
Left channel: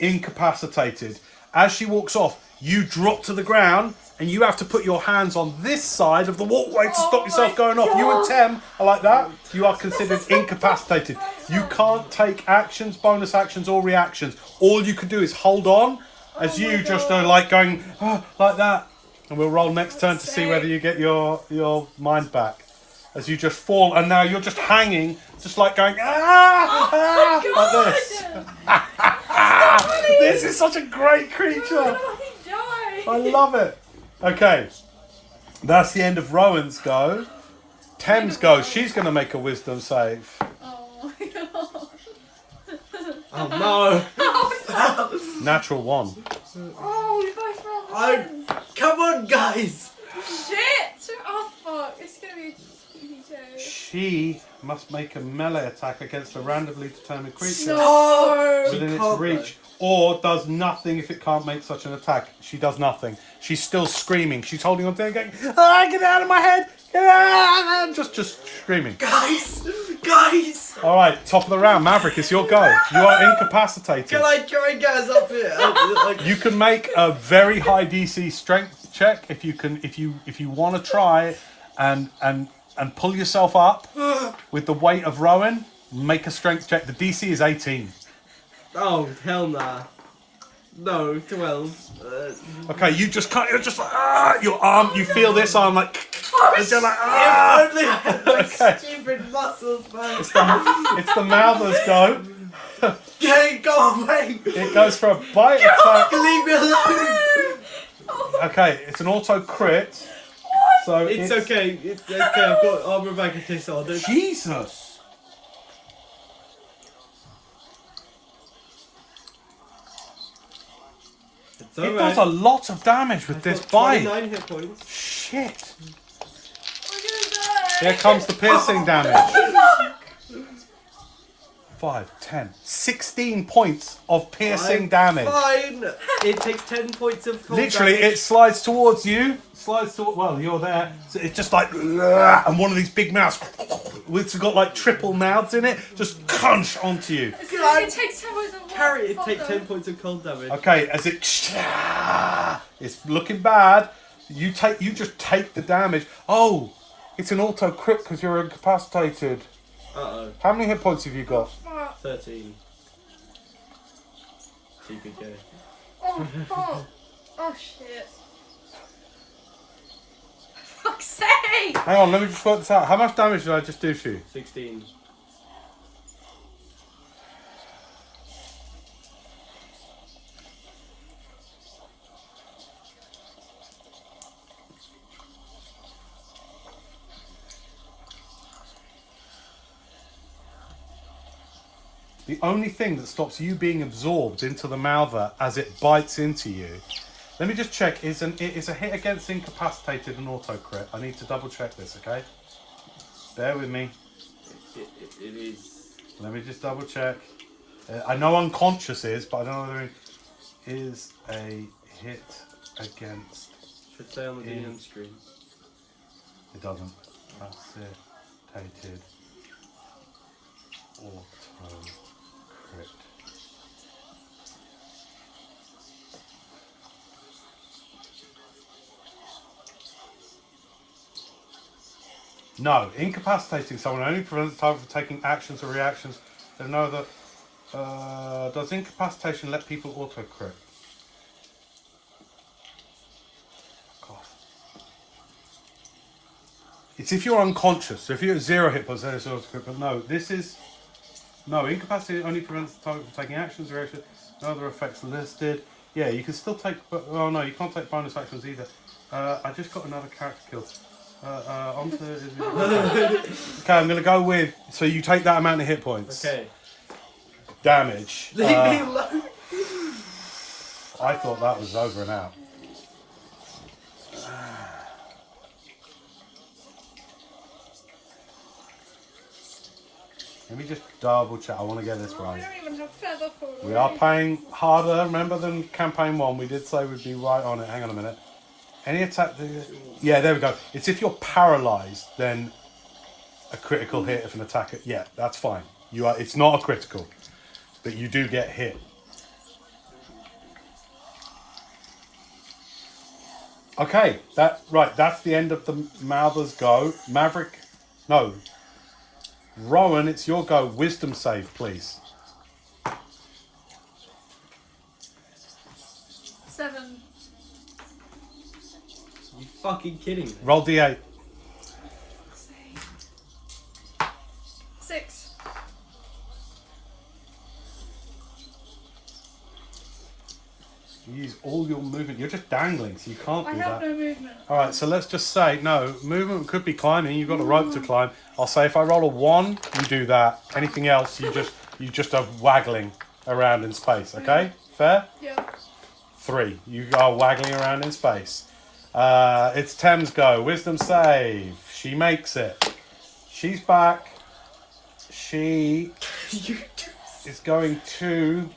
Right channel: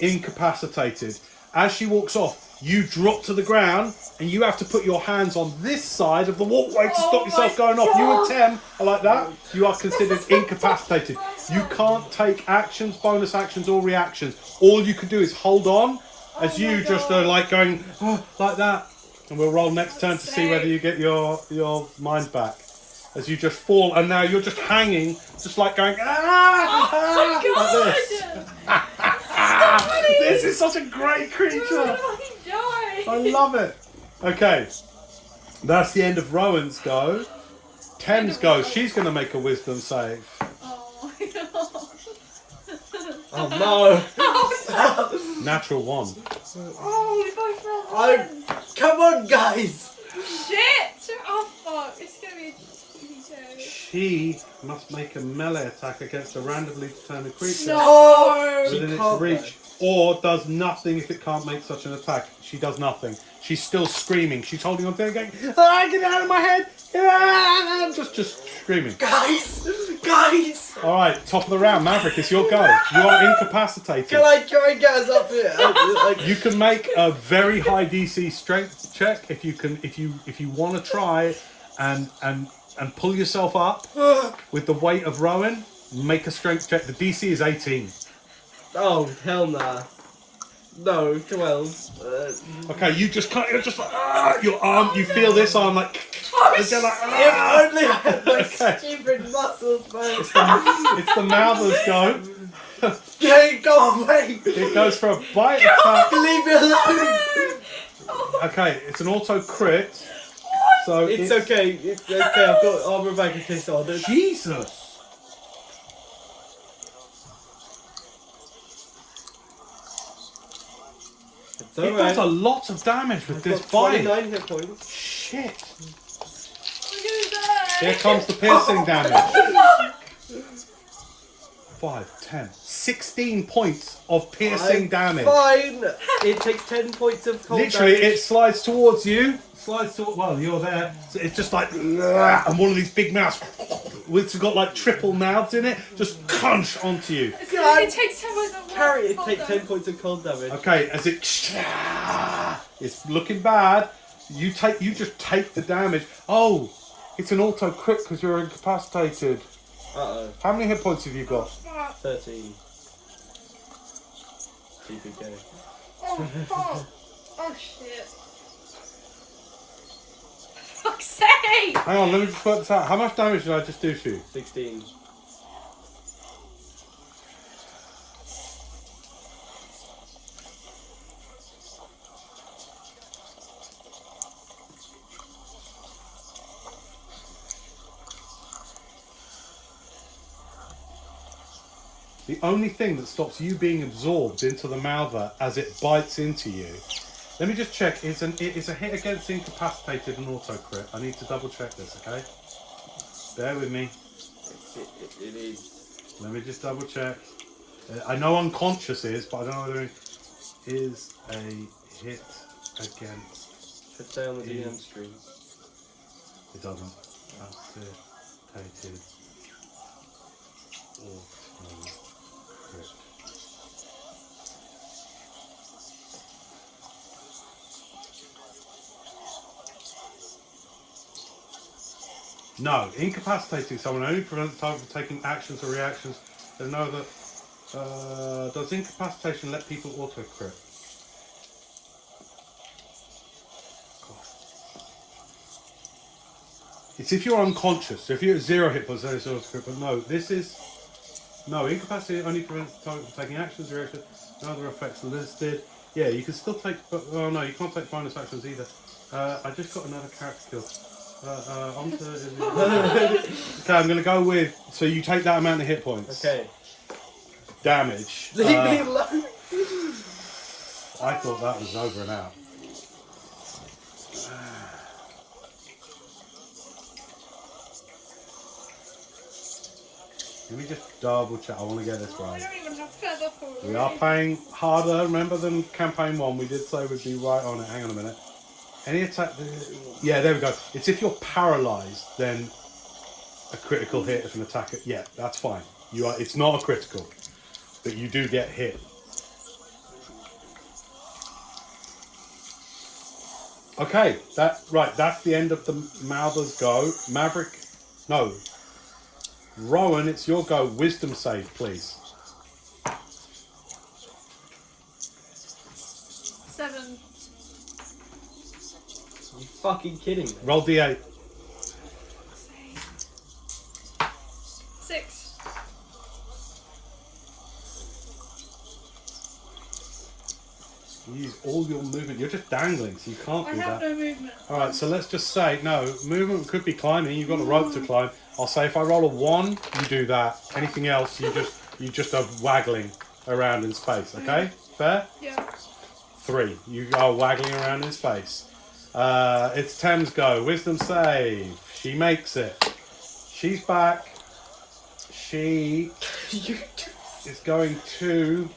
incapacitated. As she walks off, you drop to the ground and you have to put your hands on this side of the walkway to Oh stop yourself my going off. You and God. Tem are like that. You are considered incapacitated. You can't take actions, bonus actions, or reactions. All you can do is hold on as Oh you my just God. are like going like that. And we'll roll next turn to God's see whether sake. you get your mind back. As you just fall, and now you're just hanging, just like going Oh my like this. God! This is such a great creature. I I love it. Okay, that's the end of Rowan's go. Tem's go. She's going to make a wisdom save. Oh my God. Oh no! Oh Natural 1. no! Oh, we both rolled ones. Come on, guys! Shit! Oh fuck! It's gonna be a TV show. She must make a melee attack against a randomly determined creature No! within its can't, reach, or does nothing if it can't make such an attack. She does nothing. She's still screaming. She's holding on to it, going, get out of my head! Just screaming. Guys! Guys! All right, top of the round, Maverick. It's your go. You are incapacitated. Can I try and get us up here? You can make a very high DC strength check if you want to try and pull yourself up with the weight of Rowan. Make a strength check. The DC is 18. Oh, hell nah. No, 12. Okay, you just can't. You're just like your arm. You feel this arm like. And you're like, If only I had my Okay. stupid muscles, man. It's the Mouthers go. Yeah, go away. It goes for a bite attack. Leave me alone. Okay, it's an auto crit. So It's okay. It's okay. I've got armor of Agathis on. Jesus. It's It does a alright. lot of damage with I've this got bite. 29 hit points. Shit. I'm gonna die. Here comes the piercing damage. 5, 10, 16 points of piercing I'm damage. Fine. It takes 10 points of cold Literally, damage. it slides towards you. Well, you're there. So it's just like, and one of these big mouths, which has got like triple mouths in it, just crunch onto you. It takes 10 points of Carry it. hold Take on. 10 points of cold damage. Okay, as it's looking bad. You just take the damage. Oh, it's an auto crit because you're incapacitated. Uh-oh. How many hit points have you Oh, got? fuck. 13. TPK. Oh, fuck. Oh, shit. Fuck's sake! Hang on, let me just work this out. How much damage did I just do to you? 16. The only thing that stops you being absorbed into the Mouther as it bites into you. Let me just check. Is a hit against incapacitated an auto crit? I need to double check this, okay? Bear with me. It is. Let me just double check. I know unconscious is, but I don't know whether it is a hit against. Should say on the Yeah. DM screen. It doesn't. Incapacitated auto crit. No, incapacitating someone only prevents the target from taking actions or reactions. There's no other. Does incapacitation let people auto crit? God. It's if you're unconscious. So if you're at 0 hit points, then it's auto crit. But no, this is. No, incapacity only prevents the target from taking actions or reactions. No other effects listed. Yeah, you can still take. Oh no, you can't take bonus actions either. I just got another character kill. Okay, I'm going to go with, so you take that amount of hit points. Okay. Damage. Leave me alone. I thought that was over and out. Let me just double check. I want to get this Oh, I right. don't even have feather for it. We are paying harder, remember, than campaign 1. We did say we'd be right on it. Hang on a minute. Any attack... Yeah, there we go. It's if you're paralysed, then a critical hit if an attacker... Yeah, that's fine. You are. It's not a critical, but you do get hit. Okay, that's the end of the Mouthers go. Maverick... No. Rowan, it's your go. Wisdom save, please. 7. You fucking kidding me? Roll d8. 6. Use all your movement. You're just dangling, so you can't I do have that. no movement. All right, so let's just say no. Movement could be climbing. You've got a rope to climb. I'll say if I roll a 1, you do that. Anything else, you just are waggling around in space. Okay, fair. Yeah. 3. You are waggling around in space. It's Tem's go. Wisdom save. She makes it. She's back. She You is going to.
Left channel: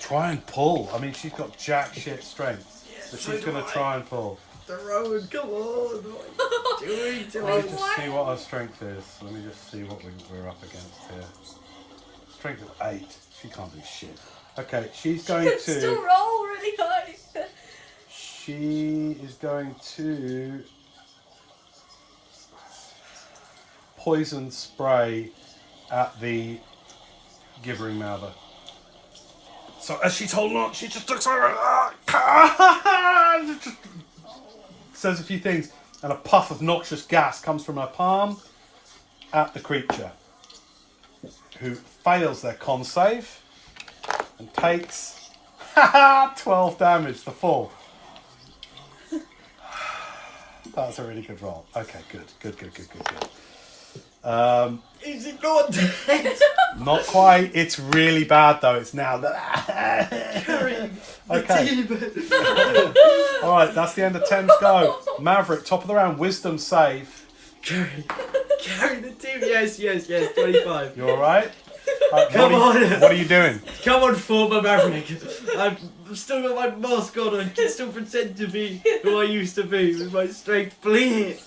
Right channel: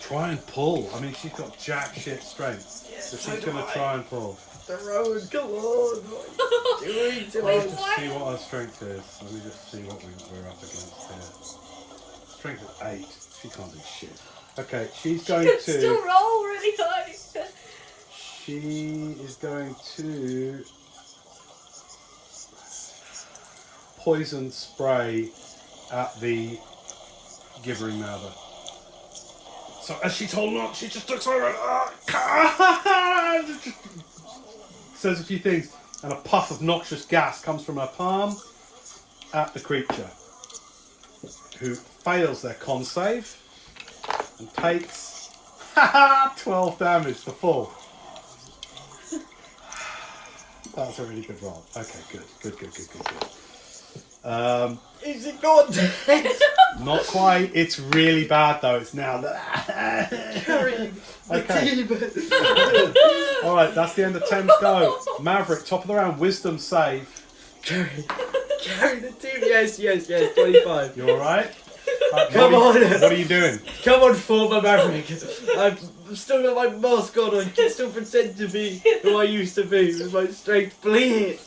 Try and pull. I mean, she's got jack shit strength. So so she's do going to I. try and pull. Rowan, come on. What are you doing to Let me us? just see what her strength is. Let me just see what we're up against here. Strength of 8. She can't do shit. Okay, she's going Could still to. roll really high. She is going to poison spray at the gibbering mouther. So as she's holding on, she just looks over, says a few things, and a puff of noxious gas comes from her palm at the creature, who fails their con save and takes 12 damage to fall. That's a really good roll. Okay, good. Is it not dead? Not quite. It's really bad though. It's now. Carrying the Okay. demon. Alright, that's the end of Tem's go. Maverick, top of the round, wisdom save. Carry the team. Yes. 25. You alright? Come on. What are you doing? Come on, former Maverick. I've still got my mask on. I can still pretend to be who I used to be with my strength. Please.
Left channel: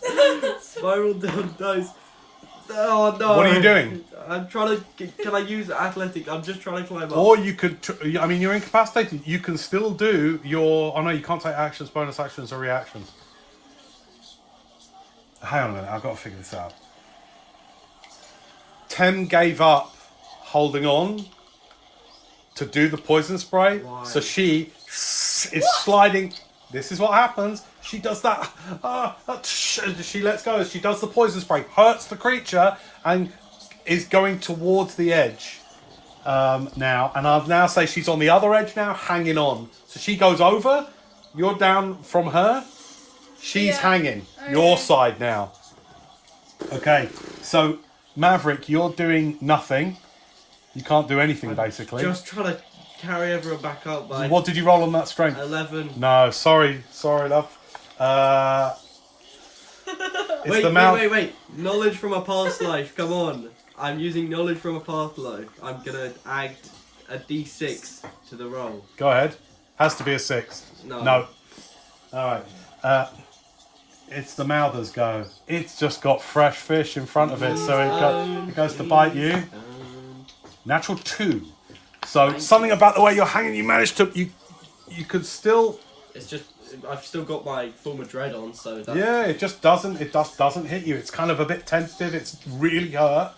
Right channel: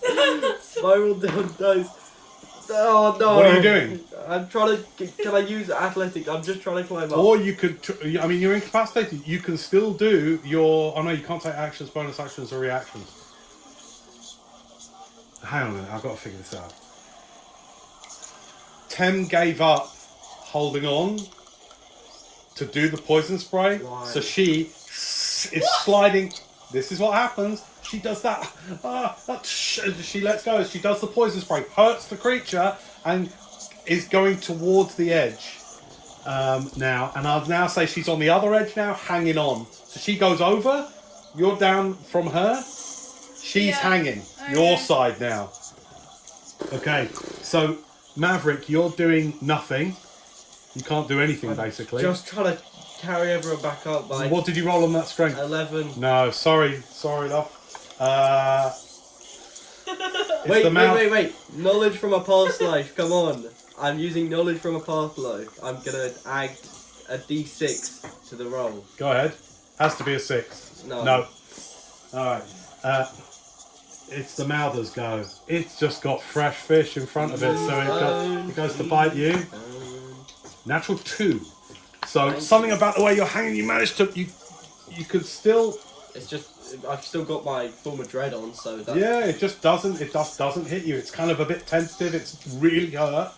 Spiral down dice. Oh no. What are you doing? I'm trying to. Can I use athletic? I'm just trying to climb up. Or you could, I mean, you're incapacitated. You can still do your. Oh no, you can't take actions, bonus actions, or reactions. Hang on a minute, I've got to figure this out. Tem gave up holding on to do the poison spray, Why? so she is sliding. This is what happens. She does that. She lets go. She does the poison spray, hurts the creature, and is going towards the edge now. And I'll now say she's on the other edge now, hanging on. So she goes over. You're down from her. She's hanging. Your side now. Okay. So Maverick, you're doing nothing. You can't do anything basically. Just trying to carry everyone back up by What did you roll on that strength? 11. No, sorry, love. Wait. Knowledge from a past life. Come on. I'm using knowledge from a past life. I'm gonna add a d6 to the roll. Go ahead. Has to be a 6. No. Alright. It's the Mouther's go. It's just got fresh fish in front of it, so it goes to bite you. Natural 2. So something about the way you're hanging, you managed to you could still. It's just I've still got my former dread on, so that's... Yeah, it just doesn't hit you. It's kind of a bit tentative. It's really hurt.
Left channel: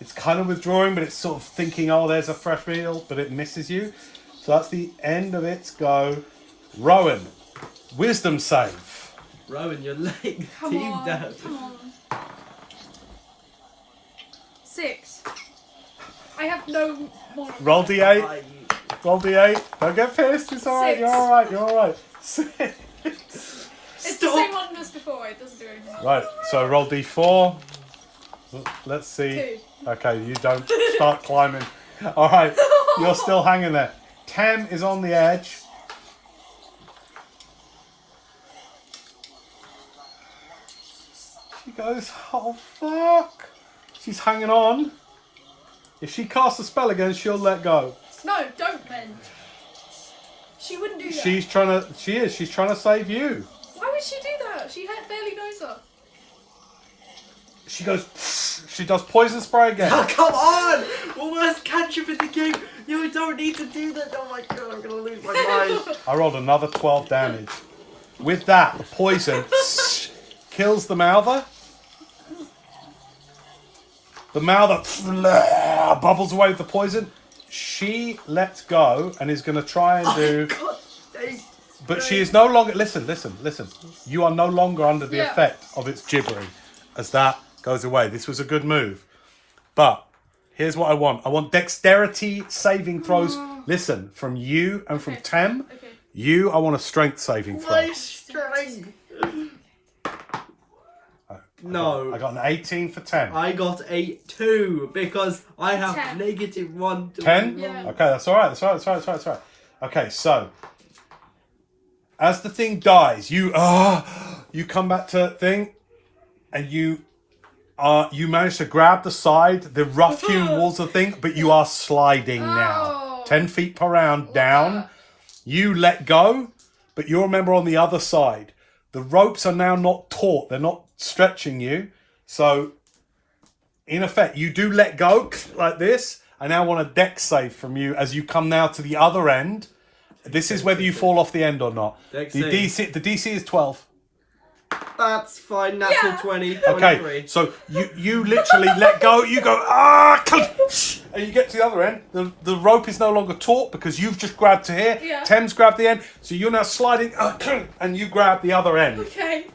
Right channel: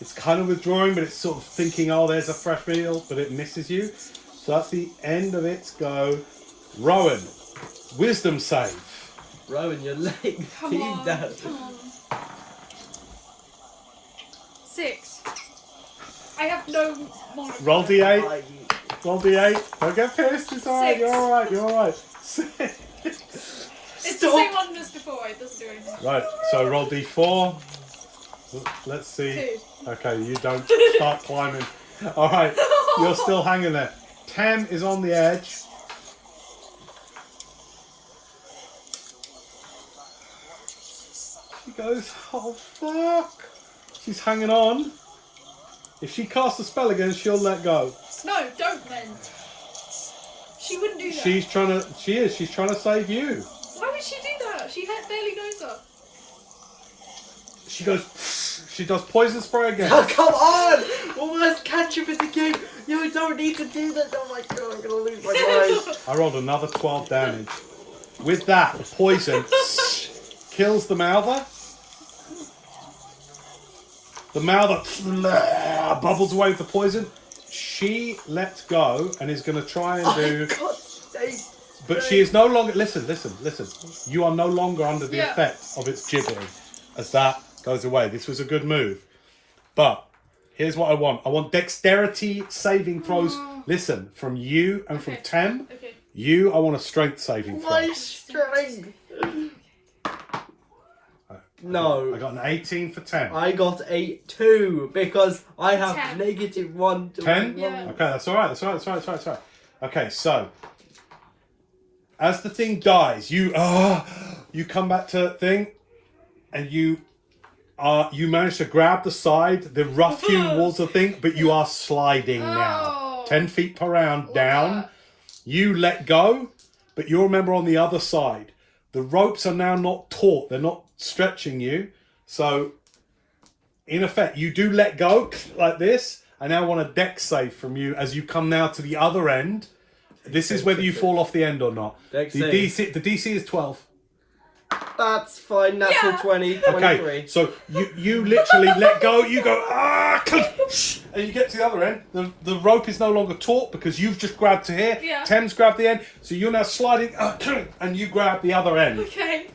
It's kind of withdrawing, but it's sort of thinking, oh, there's a fresh meal, but it misses you. So that's the end of its go. Rowan, wisdom save. Rowan, you're letting the Come team on, down. come on. 6. I have no more. Roll d8. Roll d8. Don't get pissed. It's alright. 6. You're alright. 6. It's the same one as before. It doesn't do anything. Right. So roll d4. Let's see. 2. Okay, you don't start climbing. Alright, you're still hanging there. Tem is on the edge. She goes, oh fuck. She's hanging on. If she casts a spell again, she'll let go. No, don't then. She wouldn't do that. She's trying to save you. Why would she do that? She barely knows her. She goes, she does poison spray again. Oh, come on! Almost catch him in the game. You don't need to do that. Oh my god, I'm gonna lose my mind. I rolled another 12 damage. With that, the poison kills the Mouther. The Mouther bubbles away with the poison. She lets go and is going to try and do... God, but she is no longer... Listen. You are no longer under the Yeah. effect of its gibbering as that goes away. This was a good move. But here's what I want. I want dexterity saving throws. Listen, from you and from Okay. Tem. Okay. You, I want a strength saving throw. my strength. No. I got an 18 for 10. I got a 2 because I have 10. -1 to 10? Yeah. Okay, that's alright. Okay, so as the thing dies, you come back to thing, and you manage to grab the side, the rough hewn walls of the thing, but you are sliding now. Oh. 10 feet per round down. You let go, but you remember on the other side. The ropes are now not taut, they're not stretching you. So, in effect, you do let go like this. I now want a dex save from you as you come now to the other end. This is whether you fall off the end or not. Dex The save. DC is 12. That's fine. Natural 20, 23. Okay, so you literally let go. You go and you get to the other end. The rope is no longer taut because you've just grabbed to here. Yeah. Tim's grabbed the end, so you're now sliding and you grab the other end. Okay.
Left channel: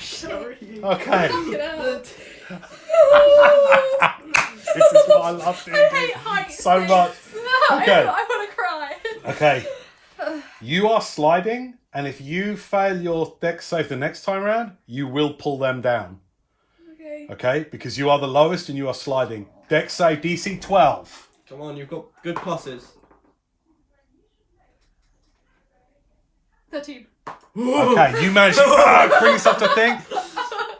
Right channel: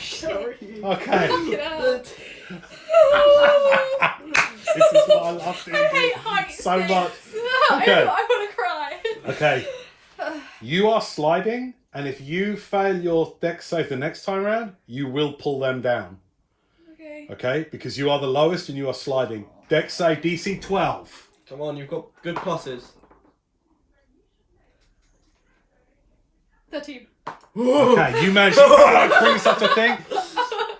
Sorry. Okay. Fucking hell. This is what I love doing. I hate heights. so much. Okay. I want to cry. Okay. You are sliding, and if you fail your dex save the next time around, you will pull them down. Okay. Okay? Because you are the lowest and you are sliding. Dex save DC 12. Come on, you've got good pluses. 13. Okay, you managed to bring yourself to a thing.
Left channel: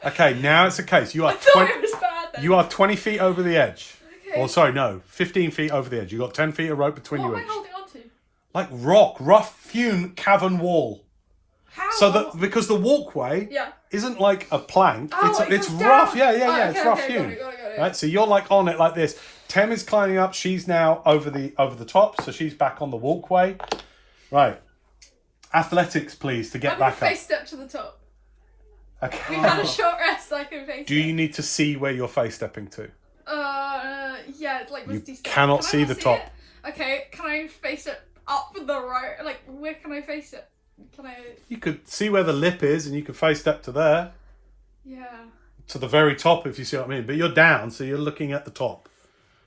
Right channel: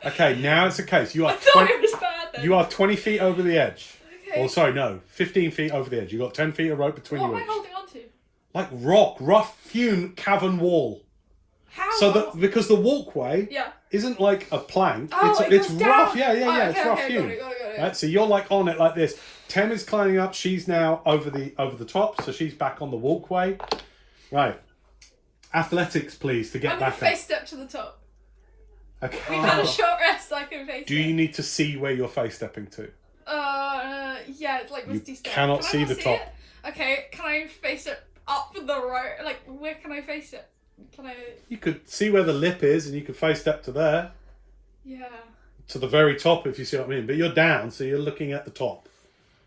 Okay, now it's a case. You are I thought it was bad then. you are 20 feet over the edge. Okay. Or sorry, no, 15 feet over the edge. You got 10 feet of rope between What you am I each. holding on to? Like rough hewn cavern wall. How? So that because the walkway Yeah. isn't like a plank, Oh, it's goes rough. down. Yeah, it's Okay, rough okay, hewn. got it. Right, so you're like on it like this. Tem is climbing up. She's now over the top, so she's back on the walkway. Right. Athletics, please, to get I'm gonna back up. face step to the top. Okay. We had a short rest. I can face. Do you need to see where you're face stepping to? Yeah, it's like You Misty step. cannot Can I see not the top. it? Okay, can I face it up the road? Like, where can I face it? Can I? You could see where the lip is, and you could face step to there, Yeah. to the very top, if you see what I mean. But you're down, so you're looking at the top.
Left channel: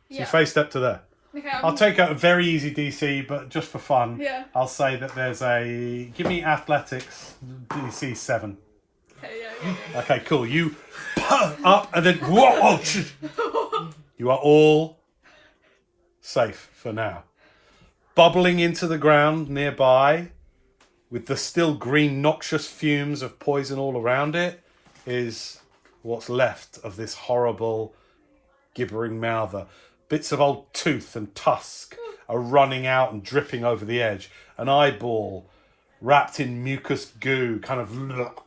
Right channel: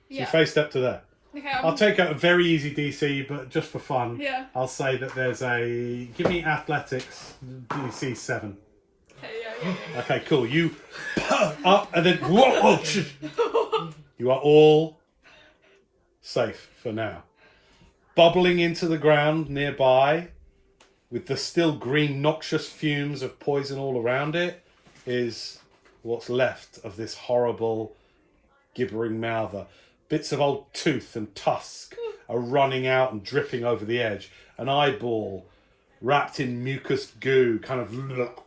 So you Yeah. face step to there. Okay. I'll take out a very easy DC, but just for fun, Yeah. I'll say that there's a... Give me athletics, DC 7. Okay, yeah. Okay, cool. You up and then... Whoa! You are all safe for now. Bubbling into the ground nearby, with the still green noxious fumes of poison all around it, is what's left of this horrible gibbering mouther. Bits of old tooth and tusk are running out and dripping over the edge. An eyeball wrapped in mucus goo kind of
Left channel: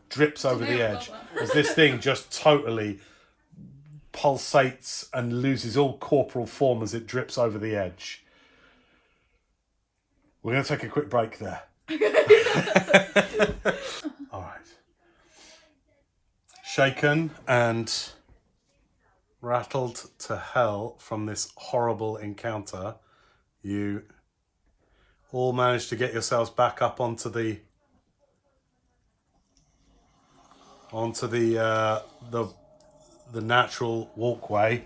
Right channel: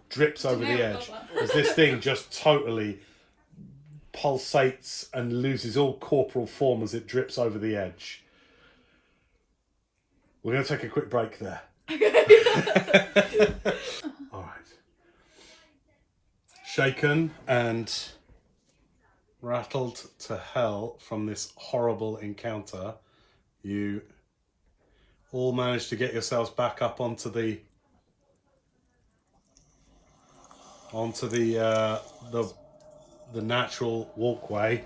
drips over the Yeah, I love edge that. as this thing just totally pulsates and loses all corporal form as it drips over the edge. We're going to take a quick break there. All right. Shaken and rattled to hell from this horrible encounter, you all managed to get yourselves back up onto the natural walkway.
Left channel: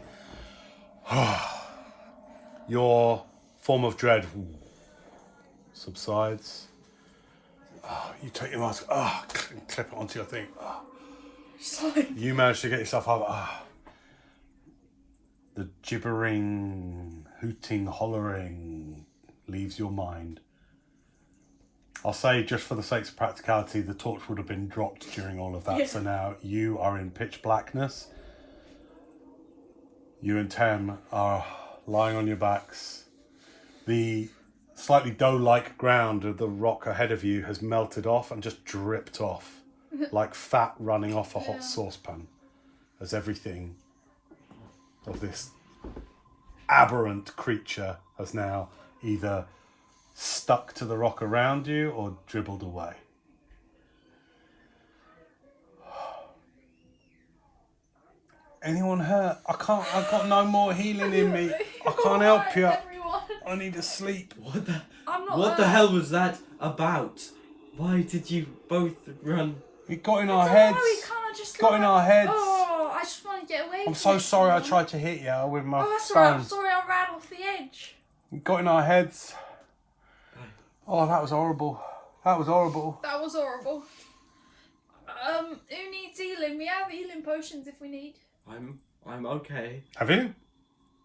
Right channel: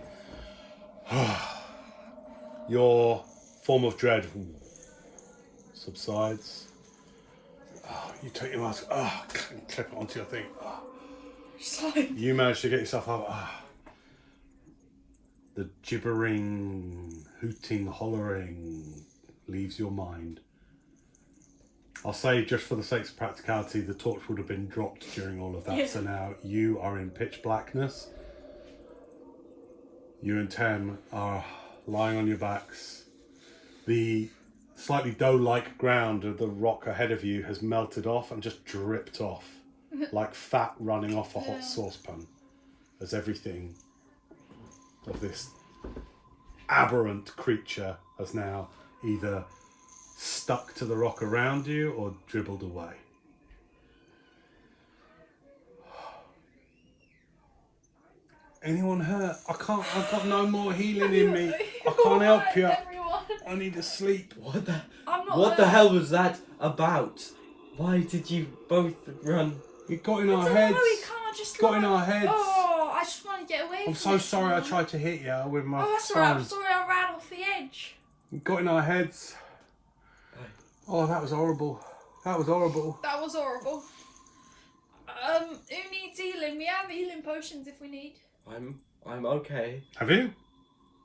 Your form of dread subsides. You take your mask, and clip it onto your thing. Slide. You manage to get yourself up. The gibbering, hooting, hollering leaves your mind. I'll say, just for the sake of practicality, the torch would have been dropped during all of that. Yeah. So now you are in pitch blackness. You and Tem are lying on your backs. The slightly dough-like ground of the rock ahead of you has melted off and just dripped off like fat running off a hot saucepan, as everything of this aberrant creature has now either stuck to the rock around you or dribbled away. Anyone hurt? I've got no more healing in me. I can't help you. Everyone. I need to sleep. What the? I'm not. What the hell was that about? Why did you both run? It got in I our don't heads. know, we kind of just Got in like, our heads. Oh, I just want to get away from I'm so it, sorry I you know? tried to hit you with my Oh, that's alright. I'm stone. sorry I ran off the edge. It got in our heads. Oh, that was horrible. That was horrible. That was horrible. Who needs healing? We have healing potions if we need. I'm okay. Have you?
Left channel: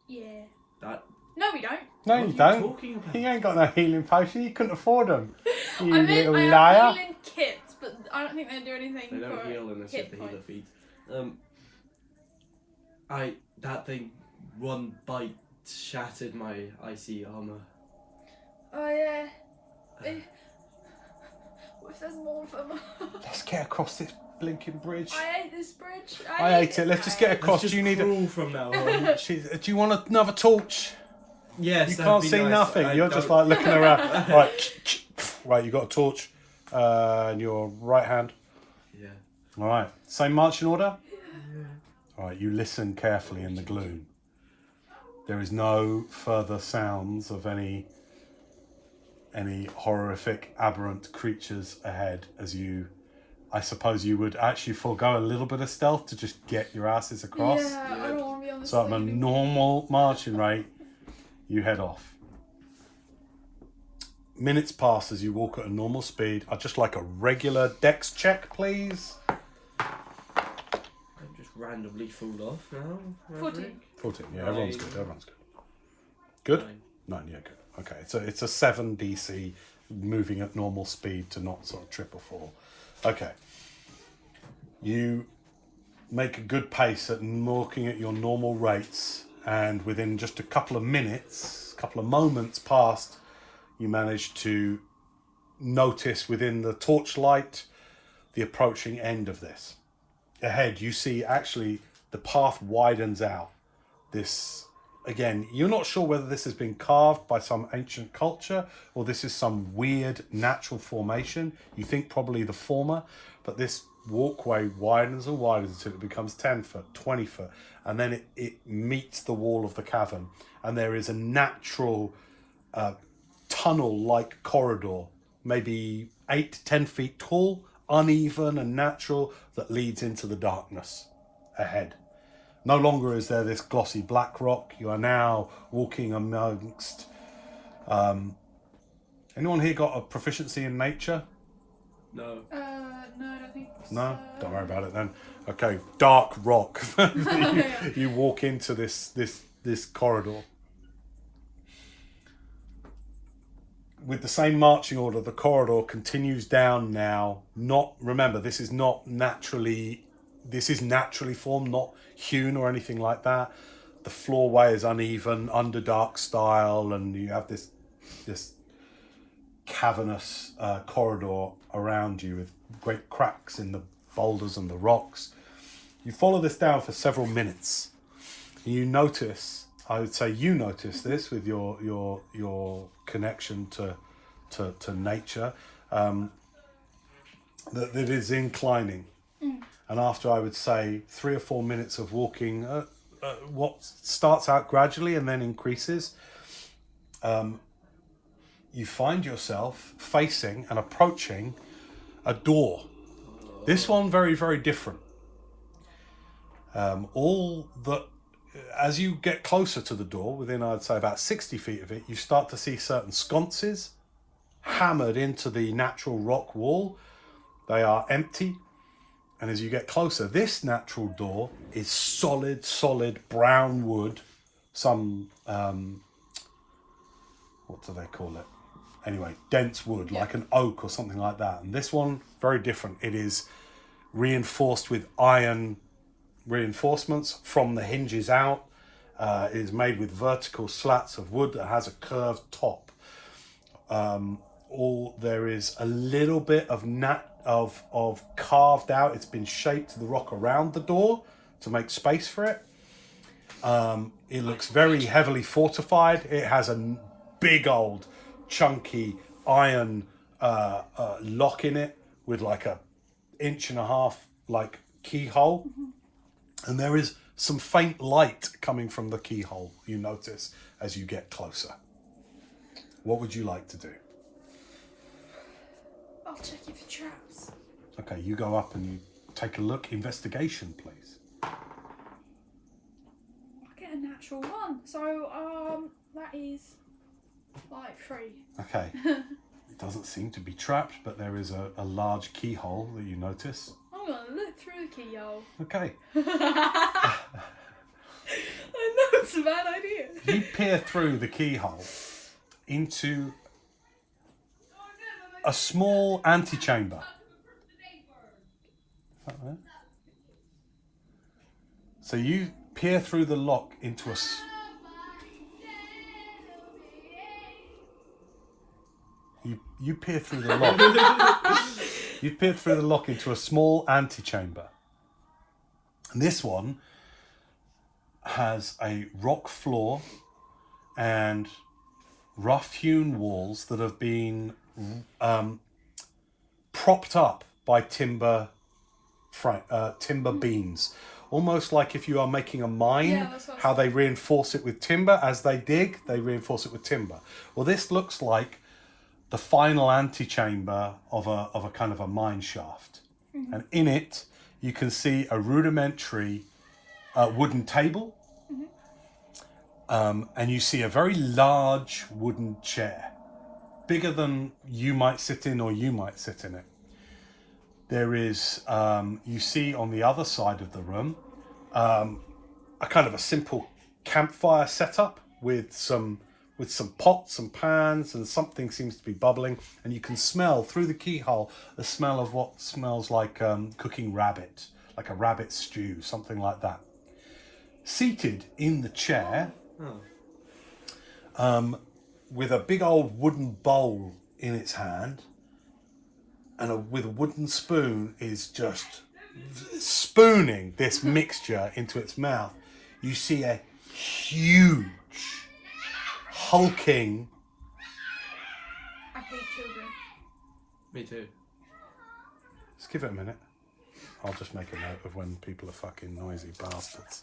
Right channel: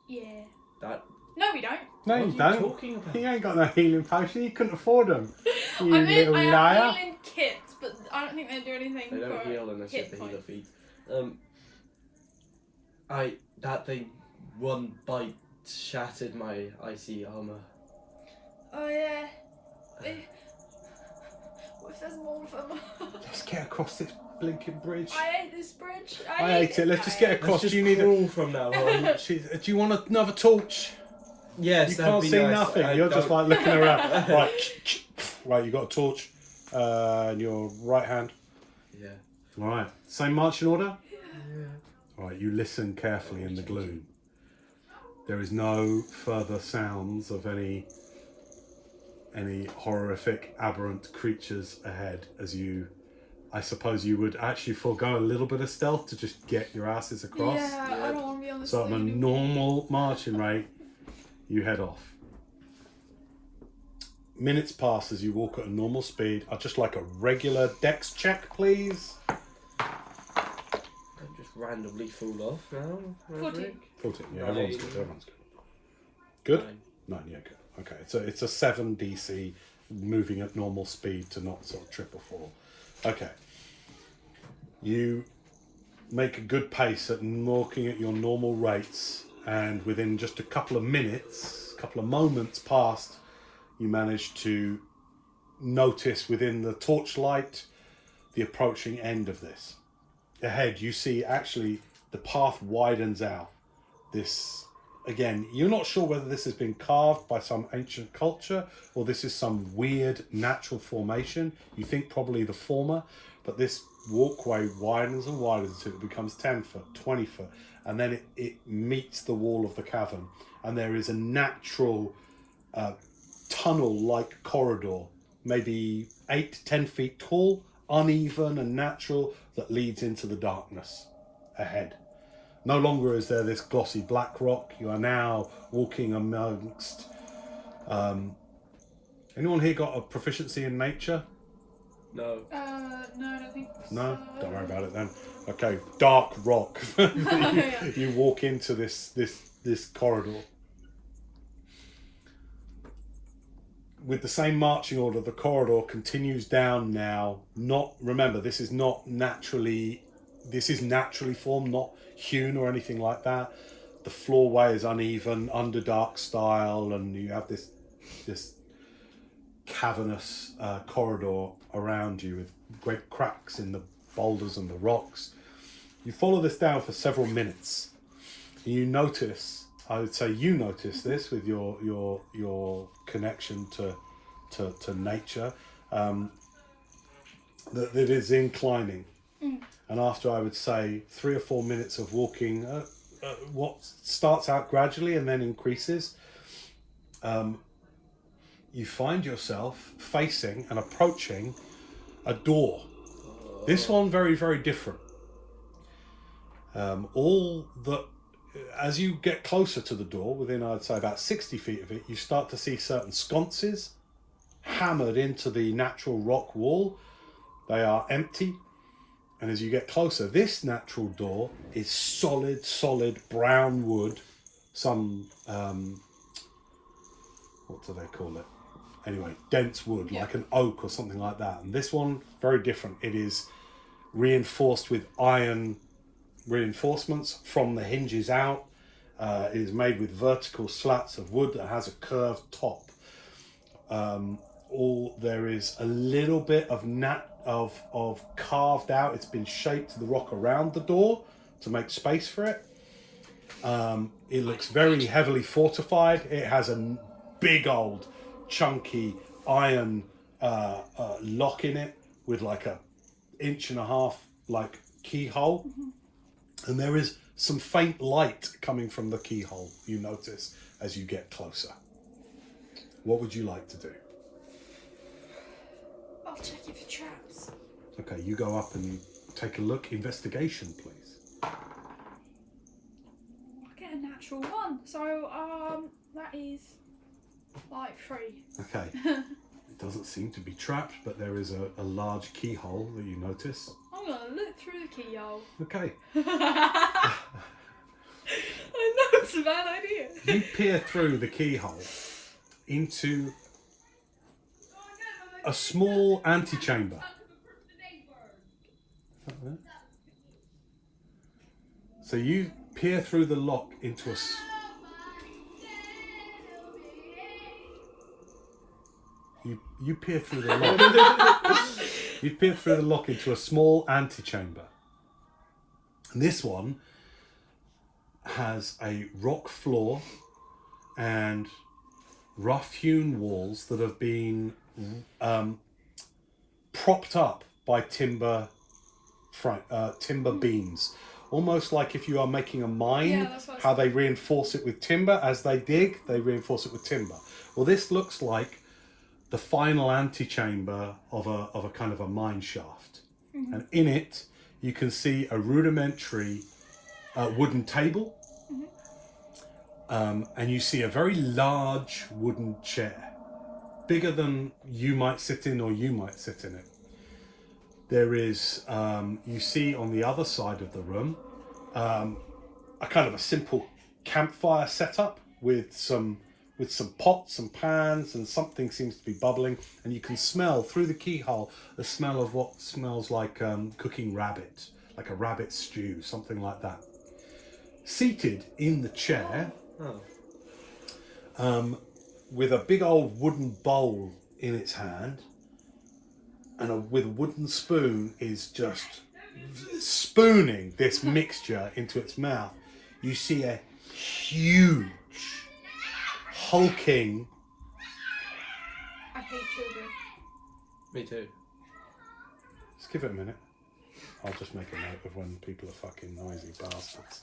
Yeah. That. No, we don't. No, What you are you don't. talking about? You ain't got no healing potion. You couldn't afford them. You I mean, little I liar. have healing kits, but I don't think they do anything They don't for heal unless you hit have the healer points. feet. That thing, one bite shattered my icy armor. Oh yeah. What if there's more of them? Let's get across this blinking bridge. I hate this bridge. I hate it. Let's just get across. Let's just Do you need crawl from now on. Do you want another torch? Yes, You that'd can't be see nice. nothing. I You're just don't- like looking around. Right, right. You got a torch in your right hand. Yeah. All right. Same marching order? All right, you listen carefully in the gloom. There is no further sounds of any horrific, aberrant creatures ahead as you... I suppose you would actually forego a little bit of stealth to just get your asses across. Yeah, I don't want to be on the So at a sleigh. normal marching rate, you head off. Minutes pass as you walk at a normal speed. I'd just like a regular dex check, please. I'm just randomly fall off now. 14. 14. Yeah, Nine. everyone's good. Good? 9. 9, yeah, good. Okay, it's a 7 DC, moving at normal speed to not sort of trip or fall. Okay. You make a good pace at walking at your normal rates, and within just a couple of moments past, you manage to notice within the torchlight the approaching end of this. Ahead, you see actually the path widens out. This, again, you're not sure whether this has been carved by some ancient culture or this is some weird natural formation. You think probably the former, but this walkway widens and widens until it becomes 10 foot, 20 foot, and then it meets the wall of the cavern, and there is a natural tunnel-like corridor, maybe 8 to 10 feet tall, uneven and natural, that leads into the darkness ahead. No longer is there this glossy black rock. You are now walking amongst... anyone here got a proficiency in nature? No. No, I don't think so. No? Don't worry about it then. Okay, dark rock. You walk into this corridor. With the same marching order, the corridor continues down now. Remember, this is naturally formed, not hewn or anything like that. The floorway is uneven, underdark style, and you have this cavernous corridor around you with great cracks in the boulders and the rocks. You follow this down for several minutes, and you notice, I would say you notice this with your connection to nature, that it is inclining. And after, I would say, 3 or 4 minutes of walking, what starts out gradually and then increases, you find yourself facing and approaching a door. This one very, very different. As you get closer to the door, within, I'd say, about 60 feet of it, you start to see certain sconces hammered into the natural rock wall. They are empty. And as you get closer, this natural door is solid brown wood. Some, what do they call it? Anyway, dense wood, like an oak or something like that. And this one, very different. It is reinforced with iron reinforcements from the hinges out. It is made with vertical slats of wood that has a curved top. There is a little bit of carved out. It's been shaped to the rock around the door to make space for it. It looks very heavily fortified. It has a big old chunky iron lock in it with like a 1.5 inch like keyhole. And there is some faint light coming from the keyhole, you notice, as you get closer. What would you like to do? I'll check it for traps. Okay, you go up and you take a look. Investigation, please. I get a natural 1, so that is like 3. Okay. It doesn't seem to be trapped, but there is a large keyhole that you notice. I'm gonna look through the keyhole. Okay. I know it's a bad idea. You peer through the keyhole into a small antechamber. So you peer through the lock into you peer through the lock. You peer through the lock into a small antechamber. And this one has a rock floor and rough-hewn walls that have been propped up by timber timber beams. Almost like if you are making a mine, Yeah, that's what I was how they reinforce it with timber. As they dig, they reinforce it with timber. Well, this looks like the final antechamber of a kind of a mine shaft. And in it, you can see a rudimentary wooden table. And you see a very large wooden chair, bigger than you might sit in or you might sit in it. There is, you see on the other side of the room, a kind of a simple campfire setup with some pots and pans, and something seems to be bubbling, and you can smell through the keyhole the smell of what smells like cooking rabbit, like a rabbit stew, something like that. Seated in the chair, with a big old wooden bowl in its hand, and with a wooden spoon, is just spooning this mixture into its mouth. You see a huge, hulking... I hate children. Me too. Just give it a minute. I'll just make a note of when people are fucking noisy bastards.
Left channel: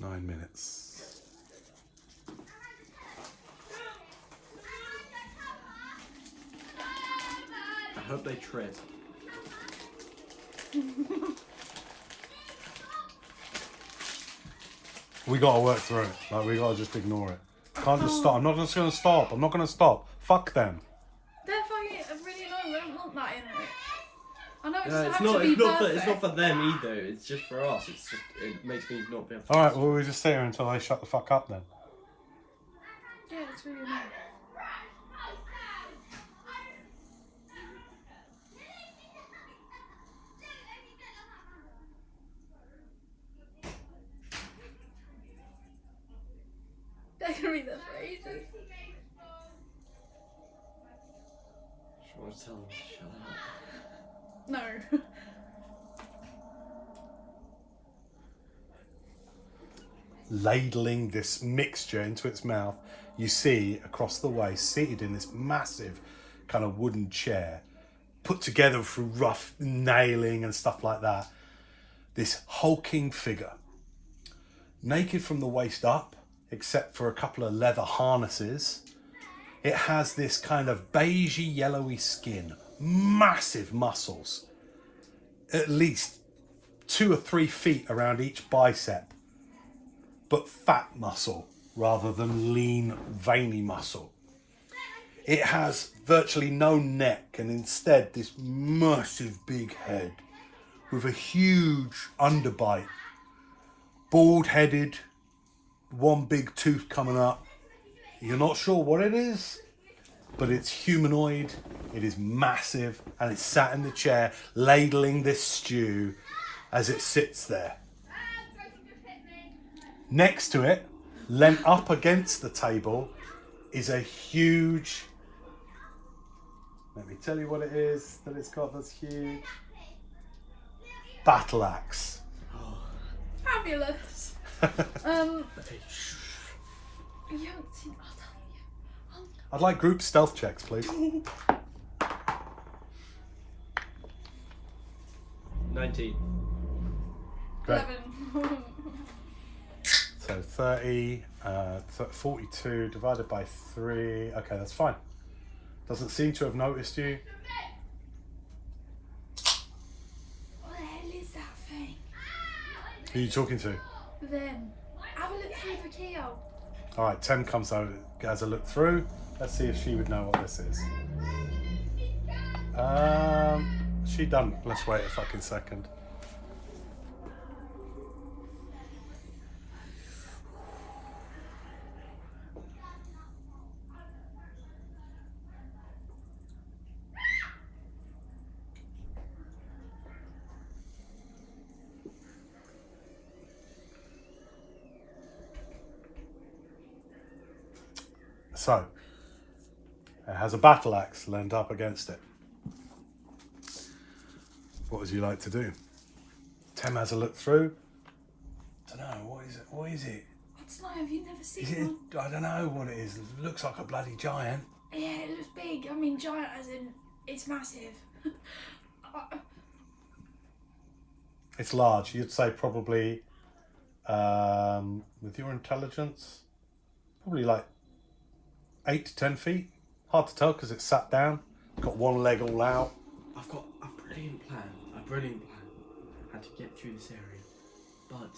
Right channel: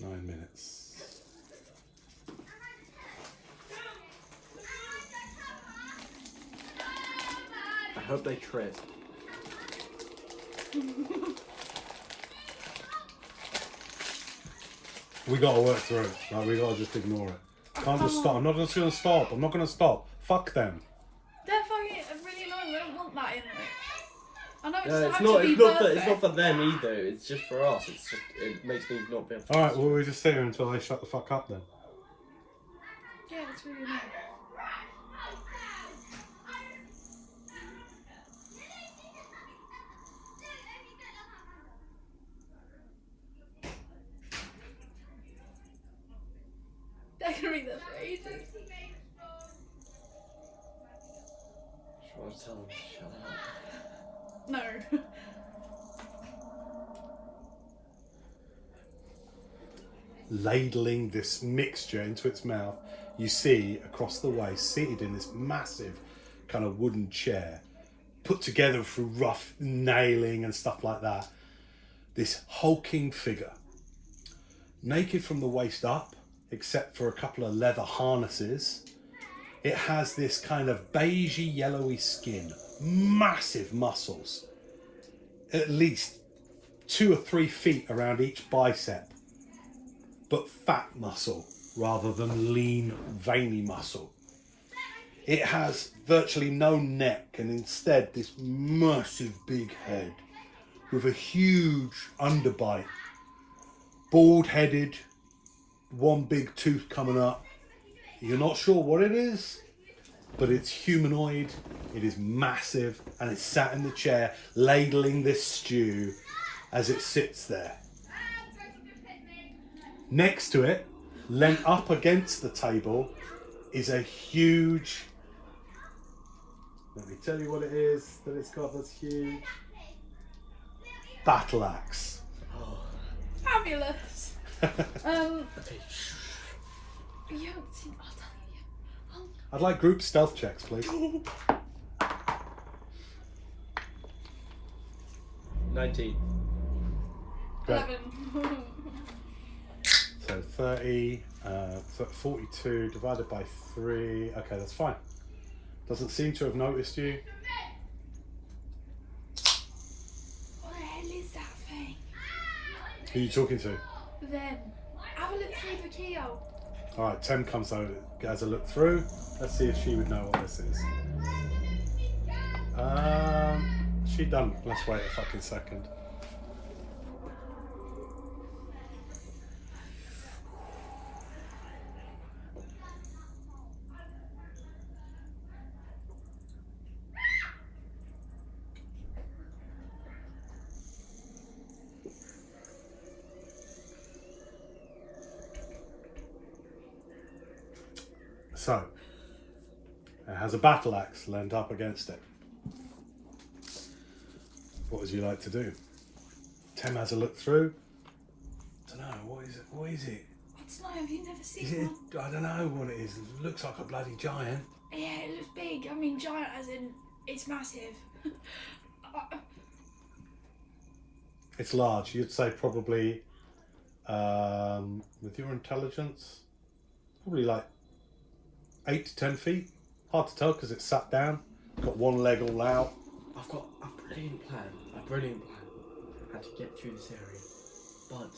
9 minutes. I hope they trip. We gotta work through it. Like, we gotta just ignore it. Can't just stop. I'm not just gonna stop. I'm not gonna stop. Fuck them. They're fucking really annoying. We don't want that in it. I know Yeah, doesn't it's have not. to be It's not. For, perfect. it's not for them either. It's just for us. It's just. It makes me not be able to. All right. Well, we just sit here until they shut the fuck up then. Yeah, it's really annoying. They're gonna be there for ages. I want to tell them to shut up. No. Ladling this mixture into its mouth, you see across the way, seated in this massive kind of wooden chair, put together through rough nailing and stuff like that, this hulking figure, naked from the waist up, except for a couple of leather harnesses. It has this kind of beigey yellowy skin, massive muscles, at least 2 or 3 feet around each bicep, but fat muscle rather than lean, veiny muscle. It has virtually no neck, and instead this massive big head with a huge underbite, bald-headed, one big tooth coming up. You're not sure what it is, but it's humanoid, it is massive, and it's sat in the chair ladling this stew as it sits there. Next to it, leant up against the table, is a huge... Let me tell you what it is that it's got that's huge. Battle axe. Fabulous. Okay. Shh. You haven't seen. I'll tell you. I'd like group stealth checks, please. 19. Great. 11. So 30, 42 divided by 3. Okay, that's fine. Doesn't seem to have noticed you. What the hell is that thing? Who are you talking to? Then have a look through the keyhole. Alright, Tem comes out, has a look through. Let's see if she would know what this is. She done. Let's wait a fucking second. So, it has a battle axe leaned up against it. What would you like to do? Tem has a look through. I don't know, what is it? What is it? I don't know, have you never seen Is it? one? I don't know what it is. It looks like a bloody giant. Yeah, it looks big. I mean, giant as in it's massive. It's large. You'd say probably, with your intelligence, probably like 8 to 10 feet. Hard to tell because it's sat down. Got one leg all out. I've got a brilliant plan. How to get through this area. But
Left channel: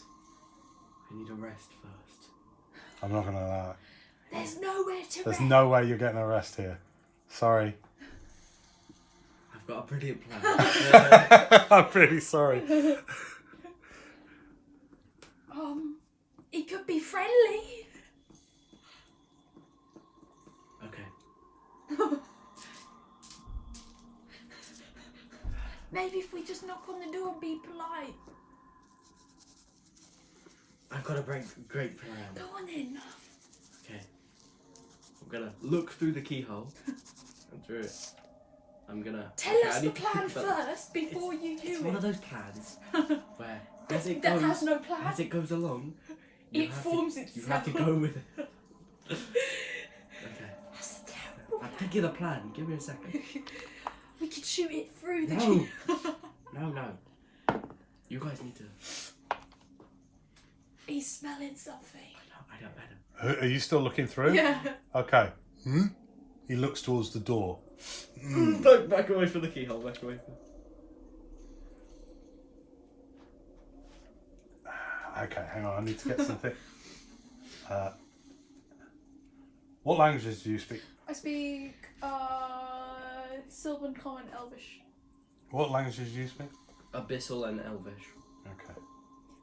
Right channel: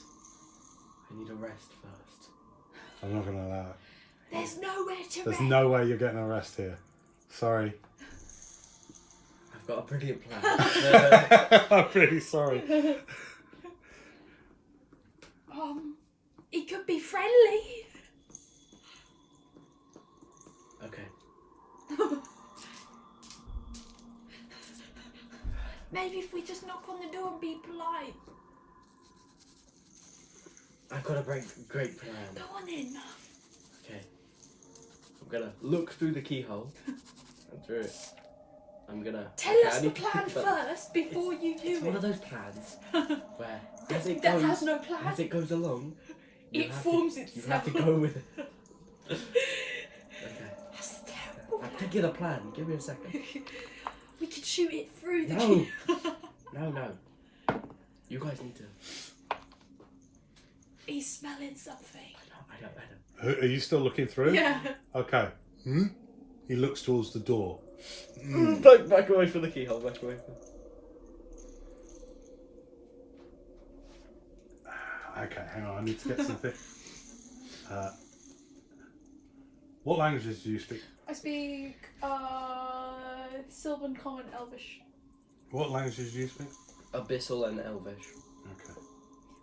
I need a rest first. I'm not going to allow it. There's nowhere to There's rest. no way you're getting a rest here. Sorry. I've got a brilliant plan. I'm really sorry. He could be friendly. Okay. Maybe if we just knock on the door and be polite. I've got a great plan. Go on in. Okay. I'm gonna look through the keyhole and through it. I'm gonna Tell okay, us I the need to plan pick up- first before you It's do one of it. those plans where as it That goes, has no plan. as it goes along, you It have forms to, itself. You have to go with it. Okay. That's a terrible I'm plan. thinking a plan. Give me a second. We could shoot it through the No. key. No. You guys need to. He's smelling something. I don't. Are you still looking through? Yeah. Okay. He looks towards the door. Back away from the keyhole. Back away from. Okay, hang on. I need to get something. What languages do you speak? I speak Sylvan, Common, Elvish. What languages do you speak? Abyssal and Elvish. Okay.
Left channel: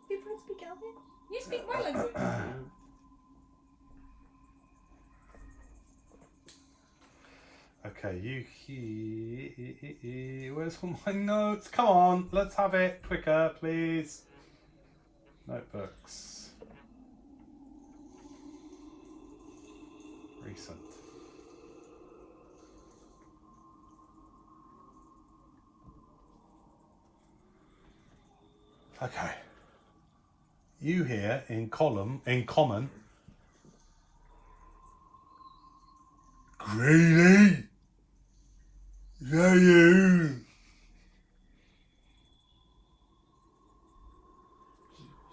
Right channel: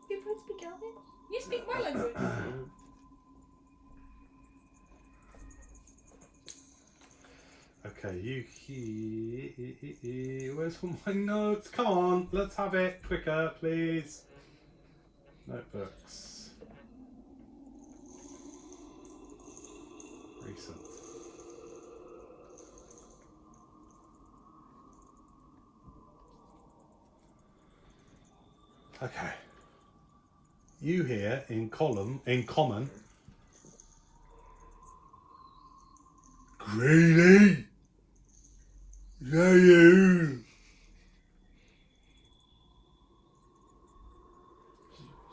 You both speak Elvish? You speak my language. Okay, where's all my notes? Come on, let's have it quicker, please. Notebooks. Recent. Okay. You here in common. Greedy. Is that you?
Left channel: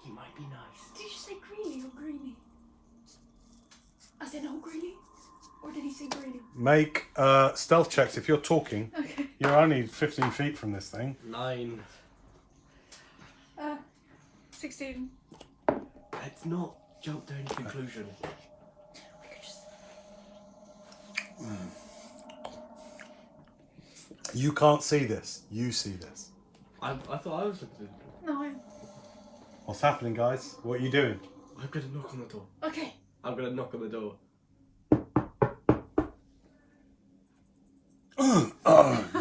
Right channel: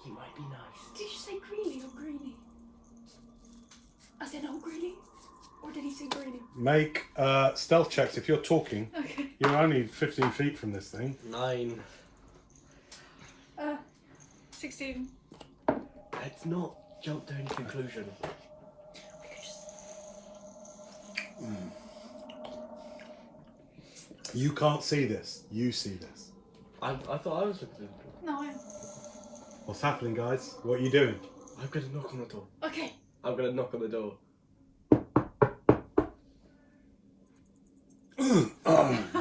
He might be nice. Did you say Greeley or Greeny? I said no Greeley. Or did he say Greeny? Make stealth checks if you're talking. Okay. You're only 15 feet from this thing. 9. 16. Let's not jump to any conclusion. We could just... You can't see this. You see this. I thought I was looking. No, I am. What's happening, guys? What are you doing? I'm gonna knock on the door. Okay. I'm gonna knock on the door.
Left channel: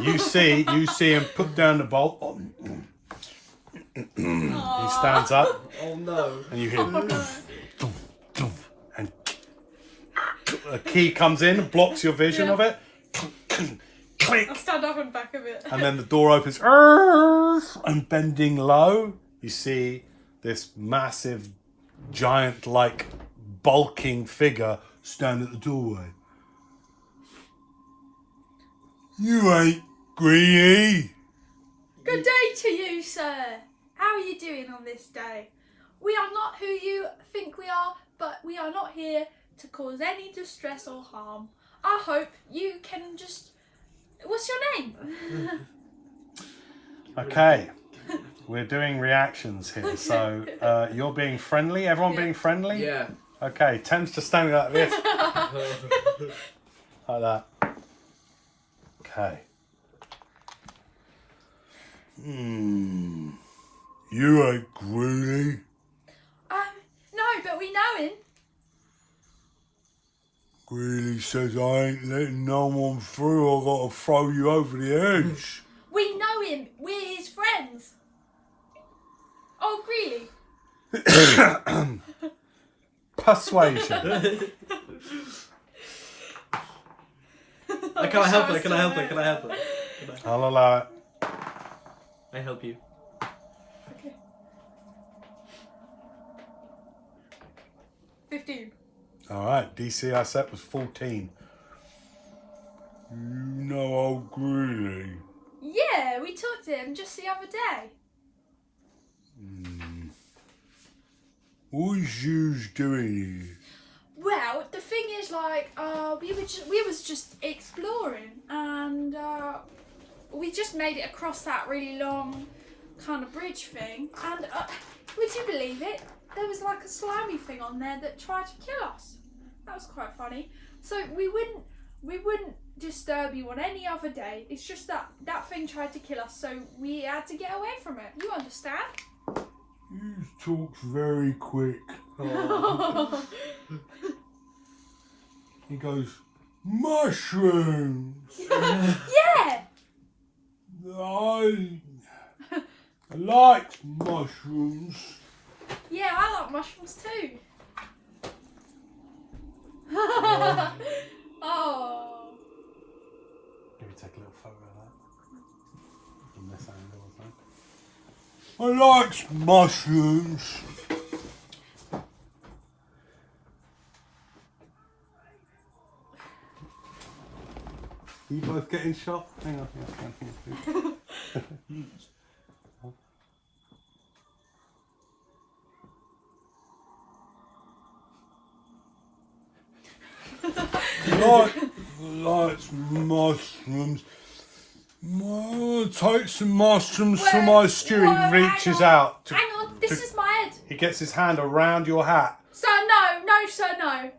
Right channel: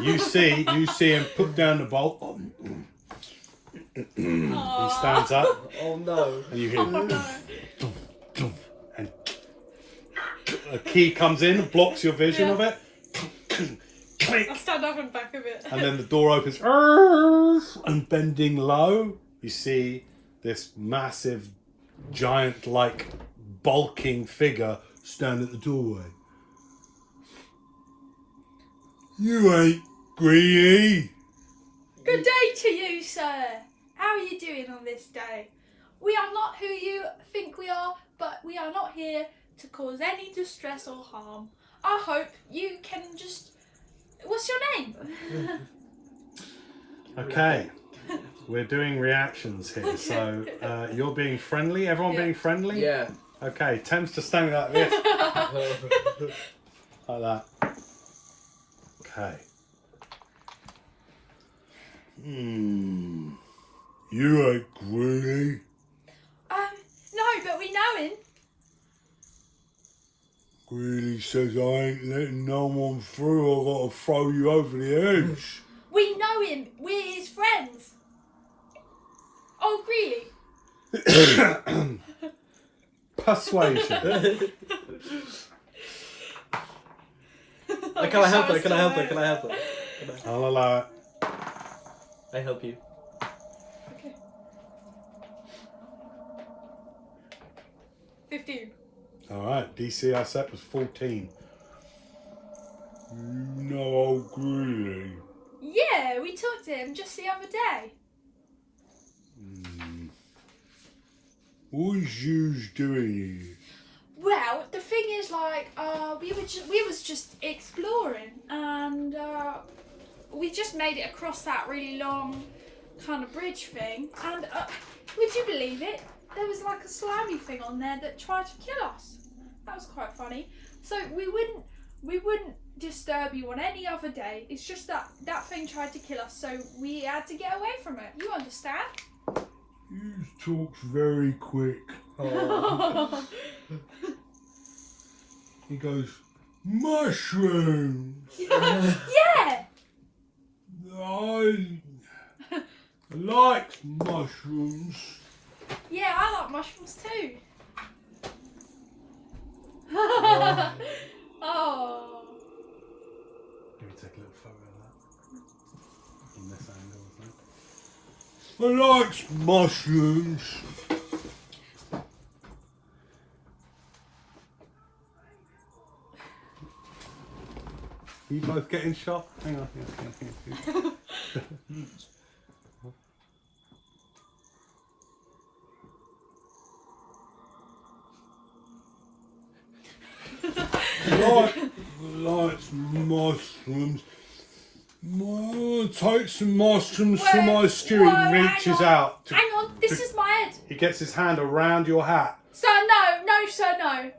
You see him put down the bolt. He stands up, Oh no. and you hear, Oh, no. and a key comes in, blocks your vision Yeah. of it. Click. I'll stand up on the back of it. And then the door opens, and bending low, you see this massive, giant-like, bulking figure stand at the doorway. You ain't greedy. Good day to you, sir. How are you doing on this day? We are not who you think we are, but we are not here to cause any distress or harm. I hope you can just... What's your name? Okay, we're doing reactions here. So you're being friendly. Everyone being friendly. Yeah. Okay, Tem's just standing like this, like that. Okay. You ain't greedy. No, but we know him. Greedy says I ain't letting no one through. I gotta throw you over the edge. We know him. We're his friends. Oh, really? Persuasion. Can I help her? Can I help her? I'll allow it. I help you. Okay. 15. Alright, DC I set was 14. You know I'm greedy. Yeah, Yeah, we talked to him just the other day. What was you doing here? Well, the thing is, like, we was just exploring, and we just made it across that really long kind of bridge thing, and would you believe it? There was like a slimy thing on there that tried to kill us. That was quite funny. So we wouldn't disturb you on any other day. It's just that thing tried to kill us, so we had to get away from it. You understand? You talk very quick. Oh. He goes, mushrooms. Yeah. I like mushrooms. Yeah, I like mushrooms too. Oh. Let me take a little photo of that. From this angle, I think. I like mushrooms. You both getting shot? Hang on. Likes mushrooms. Take some mushrooms from my stew. He reaches out. Hang on, this is my head. He gets his hand around your hat. Sir, no, sir, no.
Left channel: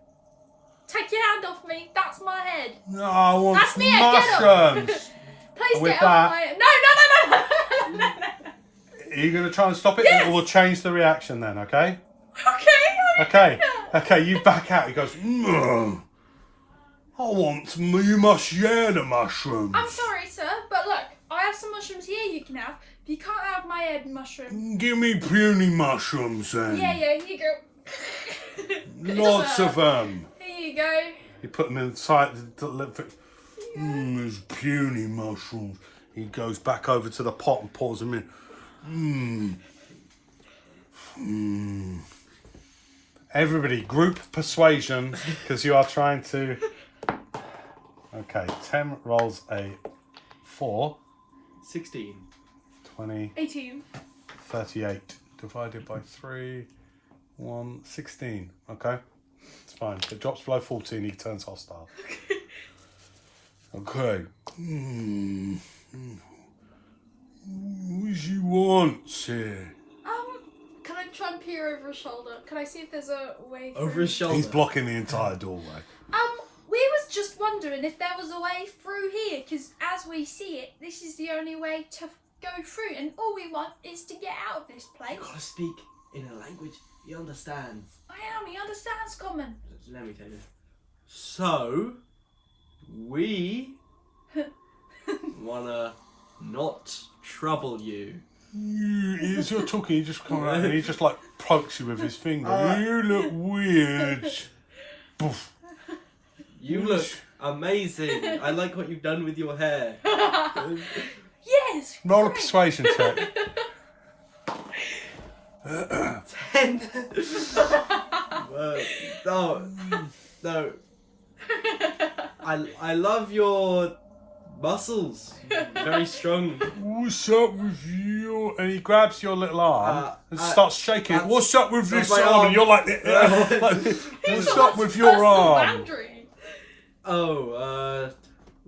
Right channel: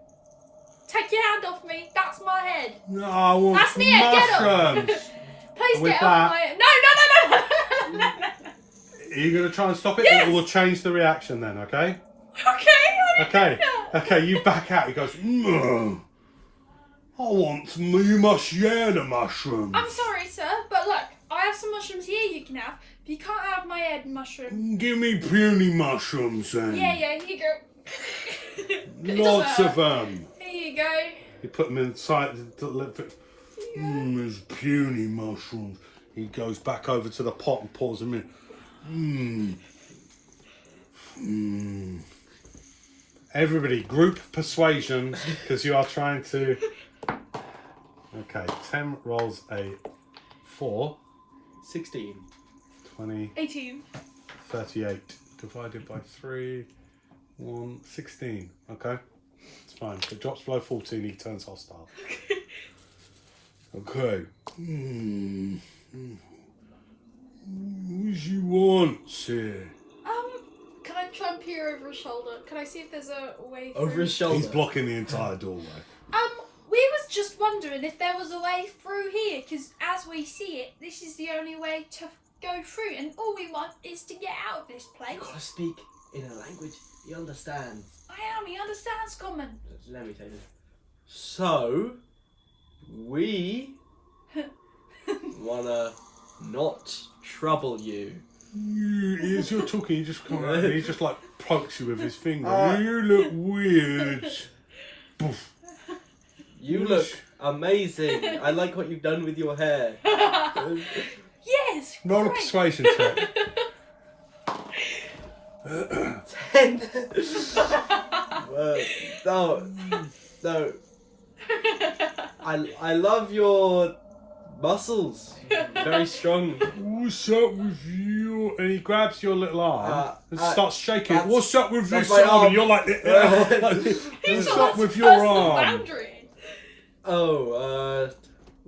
Take your hand off me. That's my head. No, I want That's me. Get up. mushrooms. Please With get off my head. No. Are you going to try and stop it? Yes. Or we'll change the reaction then, okay? Okay. Okay, you back out. He goes, I want some, you must share the mushrooms. I'm sorry, sir, but look, I have some mushrooms here you can have. If you can't have my head mushroom. Give me puny mushrooms then. Yeah, here you go. Lots of them. Here you go. You put them inside there's puny mushrooms. He goes back over to the pot and pours them in. Everybody, group persuasion, because you are trying to... Okay, Tem rolls a 4. 16. 20. 18. 38. Divided by 3. 1. 16. Okay, it's fine. If it drops below 14, he turns hostile. Okay. What do you want, sir? Can I try and peer over his shoulder? Can I see if there's a way through? Over his shoulder. He's blocking the entire doorway. We was just wondering if there was a way through here, because as we see it, this is the only way to go through, and all we want is to get out of this place. You gotta speak in a language he understands. He understands common. Let me tell you. So, we wanna not trouble you. As you're talking, he just come around and he just like pokes you with his finger. You look weird. Boof. You look amazing. I like what you've done with your hair. Yes. Not a great. persuasion check. 10. No. I love your muscles. Very strong. What's up with you? And he grabs your little arm and starts shaking. that's- What's up with that's this my arm? arm. And you're like, what's up with your Personal arm? boundary.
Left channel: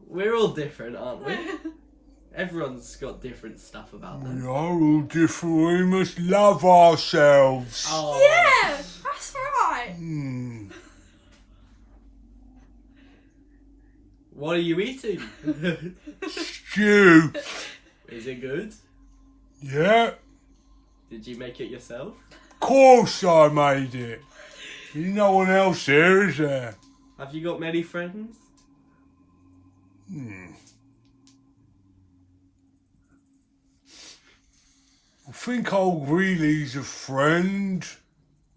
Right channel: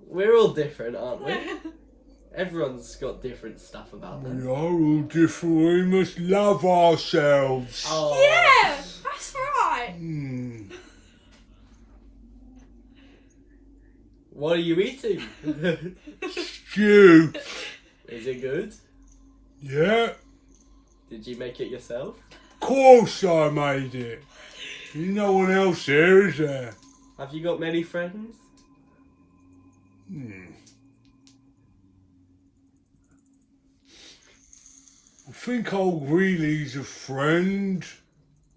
We're all different, aren't we? Everyone's got different stuff about them. We are all different. We must love ourselves. Oh. Yeah, that's right. What are you eating? Stew. Is it good? Yeah. Did you make it yourself? Of course I made it. There's no one else here, is there? Have you got many friends? I think old Greeley's a friend.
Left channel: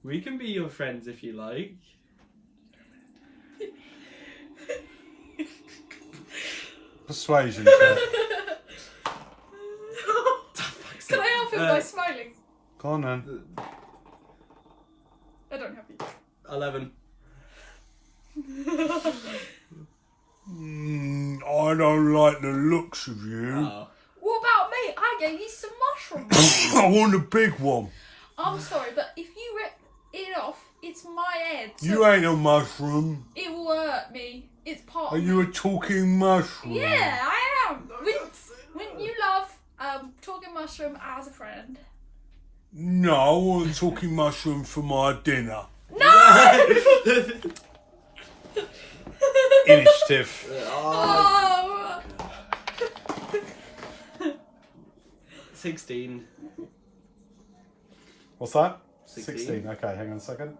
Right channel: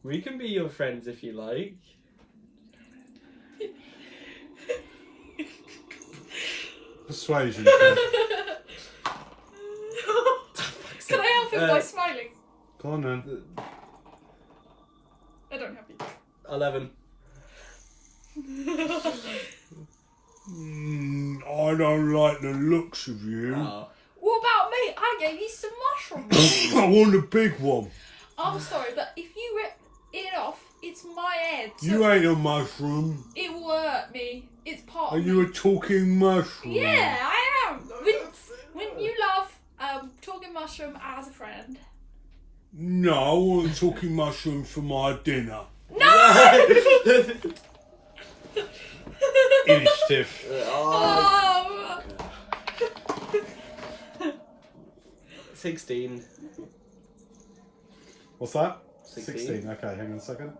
We can be your friends if you like. Persuasion. Can I help him by smiling? Go on then. I don't have you. 11. I don't like the looks of you. Oh. What about I gave you some mushrooms. I want a big one. I'm sorry, but if you rip it off, it's my head. So You ain't a mushroom. it will hurt me. It's part Are of you me. a talking mushroom? Yeah, I am. Wouldn't you love talking mushroom as a friend? No, I want a talking mushroom for my dinner. No! Initiative. Oh, Oh. 16. What's that? 16. Okay, hang on a second.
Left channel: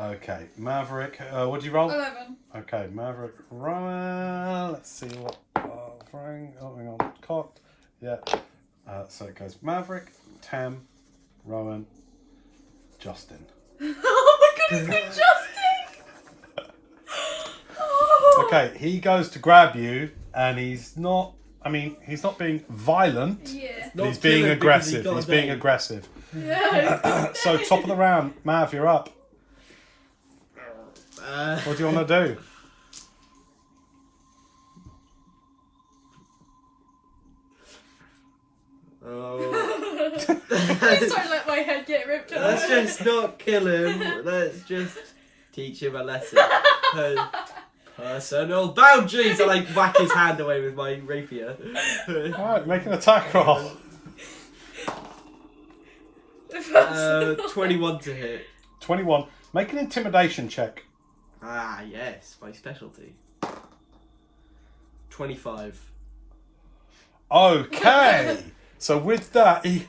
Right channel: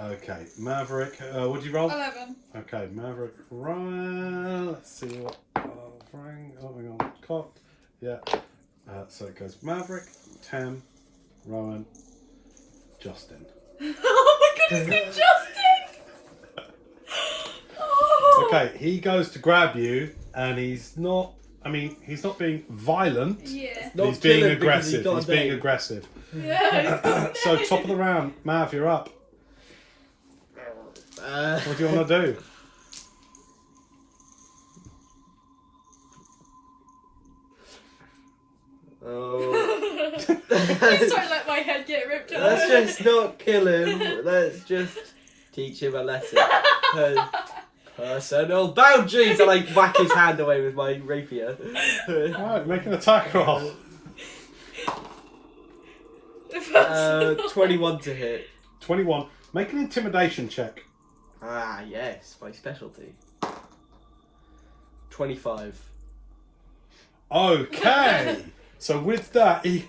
Okay, Maverick. What do you roll? 11. Okay, Maverick. Rowan. Let's see what. Hang on. Cocked. Yeah. So it goes Maverick, Tem, Rowan, Justin. Oh my god, it's Justin! Oh. Okay, he goes to grab you, and he's not. I mean, he's not being violent. Yeah. But he's Not being killing because he aggressive. got He's a being name. aggressive. Yeah. So top of the round, Mav, you're up. What do you want to do? Oh. Please don't let my head get ripped off. Let's just not kill him. Let's just teach him a lesson. Personal boundaries. I like whack his hand away with my rapier. Alright, make an attack roll. 21 to hit. 21. Make an intimidation check. Ah, yes, my specialty. 25. Okay. So with that, you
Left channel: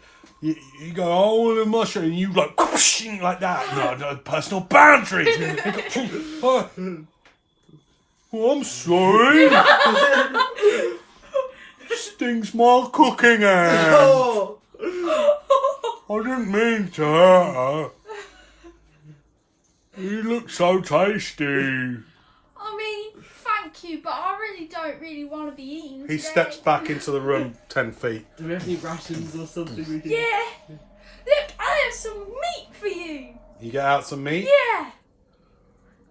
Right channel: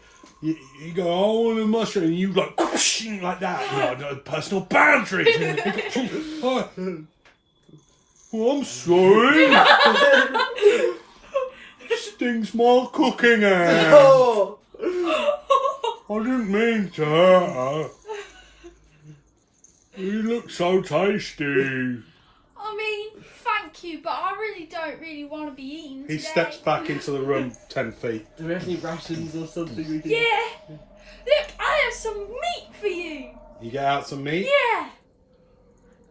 go, oh, I want a mushroom, and you like, whooshing like that. No, personal boundaries. Oh, I'm sorry. Stings my cooking hand. Oh! I didn't mean to hurt her. You look so tasty. I mean, thank you, but I really don't want to be eaten He today. steps back into the room 10 feet. Do we have any rations or something we can... Yeah. Look, I have some meat for you. You get out some meat? Yeah.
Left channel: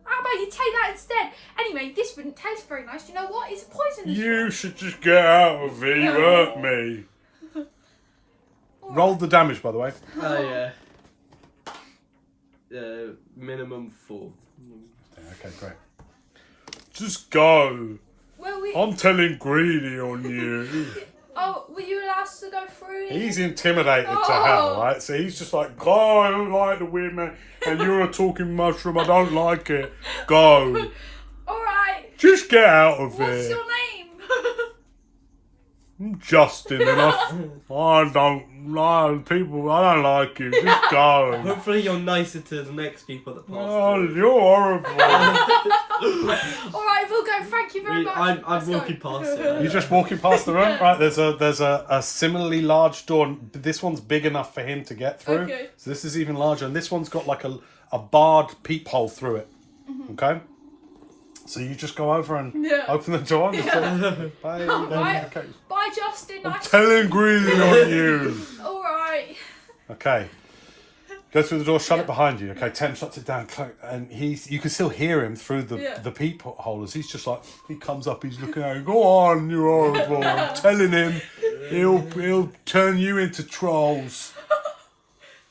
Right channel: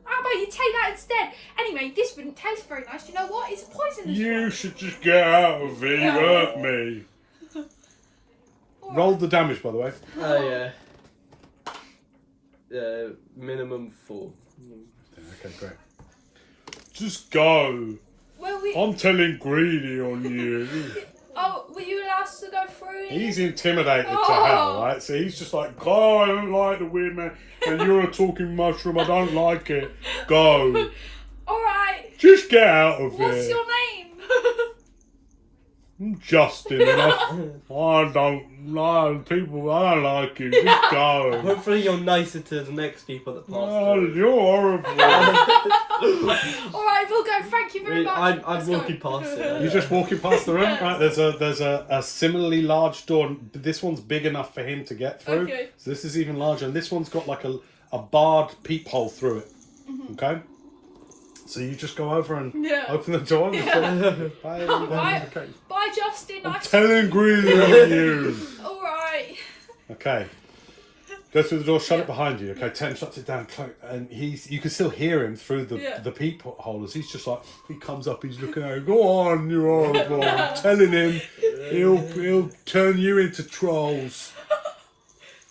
How about you take that instead? Anyway, this wouldn't taste very nice. You know what? It's a poisonous You one. should just get out of it. You hurt me. All Roll right. the damage, by the way. Oh, yeah. Minimum 4. Okay, great. Just go. Well, I'm telling Greedy on you. Oh, were you allowed to go through? He's intimidated to Oh. hell, right? So he's just like, go, I don't like the women, and you're a talking mushroom, I don't like it. Go. Alright. Just get out of What's it. your name? I'm Justin, and I don't like you. Just go. Hopefully you're nicer to the next people that pass Oh, through. you're horrible. Alright, we'll go. Thank you very much. I'm Let's go. walking past it. You're just walking past the room, right? There's a similarly large door. This one's big enough for him to get through. Okay. So this is even larger, and this one's got like a barred peephole through it. Okay. So you just go over and Yeah. open the door. Bye. Bye. Okay. Bye, Justin. I'm Nice. telling Greedy on you. Alright. Okay. Go through the door, shut it behind you. Okay, Tem shuts it down, and you can still hear him through the peephole. He's just like, he comes up, he's looking at you, go on, you horrible. I'm telling him, he'll turn you into trolls.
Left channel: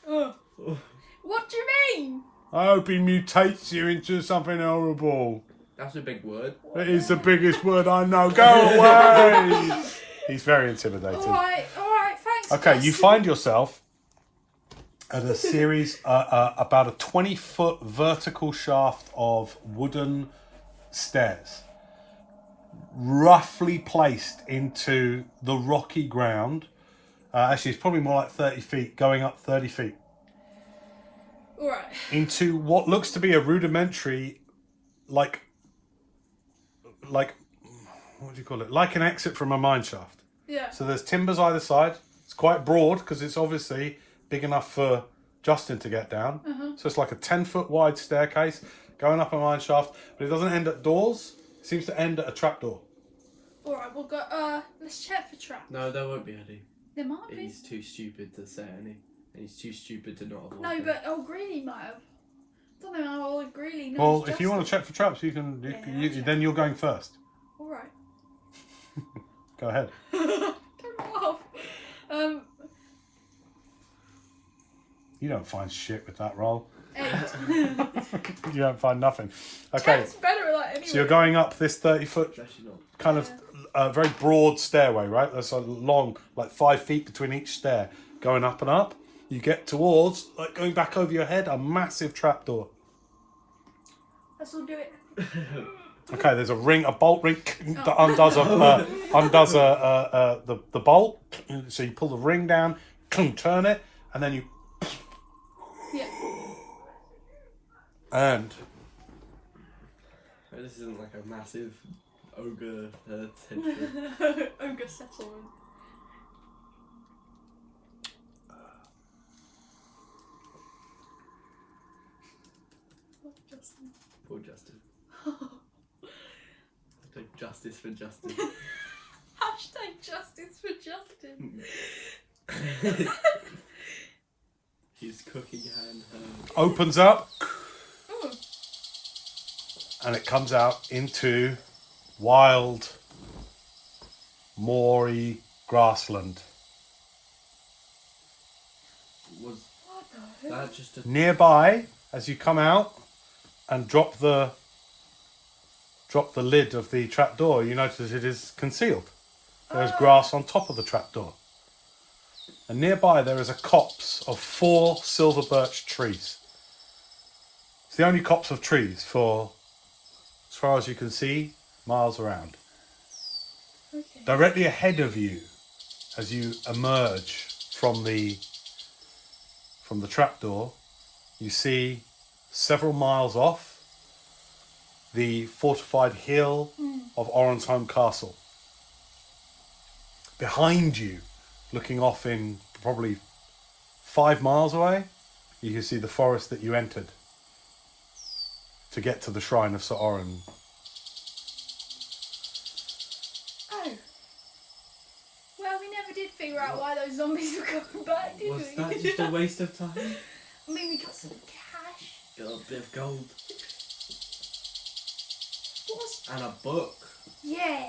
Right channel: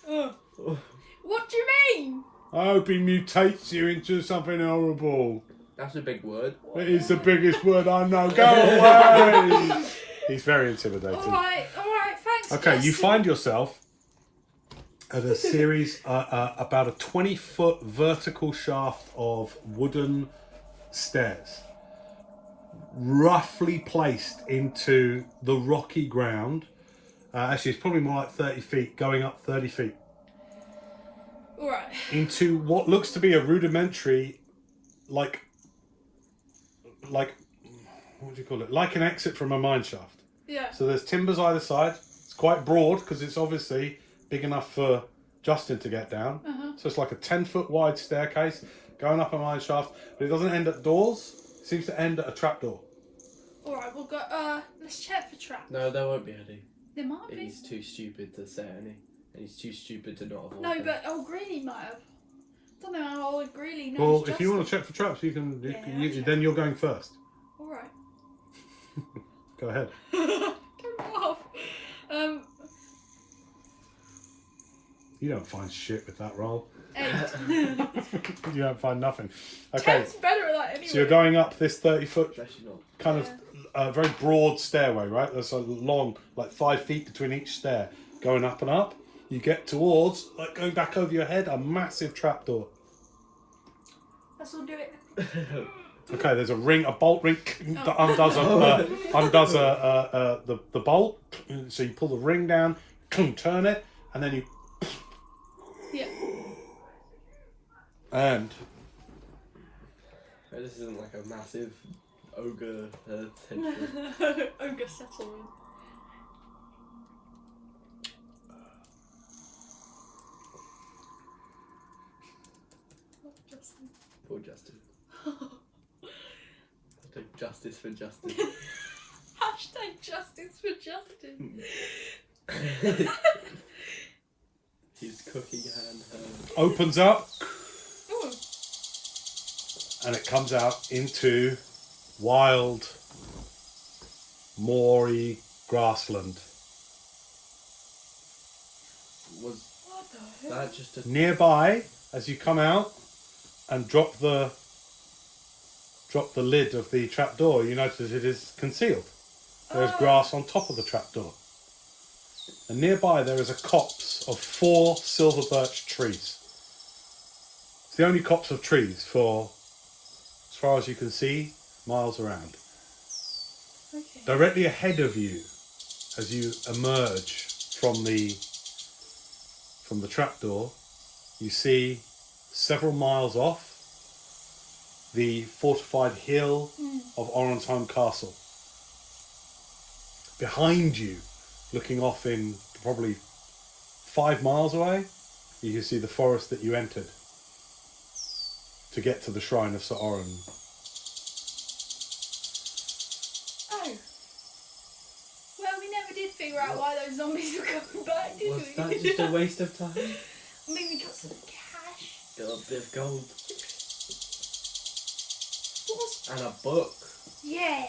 What do you mean? I hope he mutates you into something horrible. That's a big word. That is the biggest word I know. Go away! He's very intimidating. Alright, thanks. Okay, you Justin. find yourself at a series, about a 20-foot vertical shaft of wooden stairs, roughly placed into the rocky ground. Actually, it's probably more like 30 feet, going up 30 feet. Alright. Into what looks to be a rudimentary, like, what do you call it? Like an exit from a mine shaft. Yeah. So there's timbers either side. It's quite broad because it's obviously big enough for Justin to get down. So it's like a 10-foot wide staircase going up a mine shaft, but it doesn't end at doors. It seems to end at a trapdoor. Alright, we'll go. Let's check for traps. No, there won't be any. There might be. He's too stupid to say any. And he's too stupid to not avoid No, them. but old Greeley might have. I don't know how old Greeley knows. Well, if you want to Justin. check for traps, you can. Yeah, I'll check. Then you're going first. Alright. Go ahead. Don't laugh. You don't find shit with that roll. 8. You don't find nothing. Okay, 10's better at that anyway. so you're going up this 30-foot Actually not. kind of very broad stairway, right? There's a long, like 5 feet between each stair, going up and up. You get towards, like going back over your head, a massive trapdoor. Let's all do it. Okay, there's a ring, a bolt ring that undoes the bolt. So you pull the ring down, turn it, and then you. Yeah. And This isn't like a massive ogre tension. Ogre settlement. Justin. Poor Justin. Justice for Justin. Hashtag justice for Justin. His cooking hand. opens up, Ooh. and it comes out into wild, moory grassland. Was What the hell? that just a Nearby, as you come out and drop the lid of the trapdoor, you notice it is concealed. There is grass on top of the trapdoor. And nearby there is a copse of 4 silver birch trees. It's the only copse of trees for, as far as you can see, miles around. Okay. Directly ahead of you, as you emerge from the trapdoor, you see several miles off the fortified hill of Oronsheim Castle. Behind you, looking off in probably 5 miles away, you can see the forest that you entered to get to the shrine of Sir Oren. Oh. Well, we never did figure out why those zombies were coming back, did was we? that just a waste of time? I mean, we got some cash. Got a bit of gold What was... and a book Yeah.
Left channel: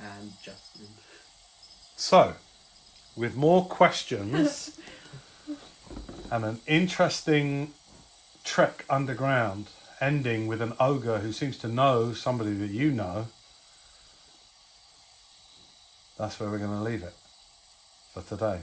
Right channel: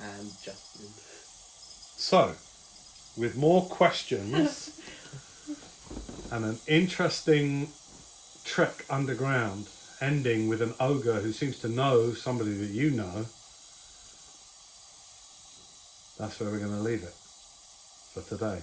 and Justin. So, with more questions and an interesting trek underground, ending with an ogre who seems to know somebody that you know, that's where we're going to leave it for today.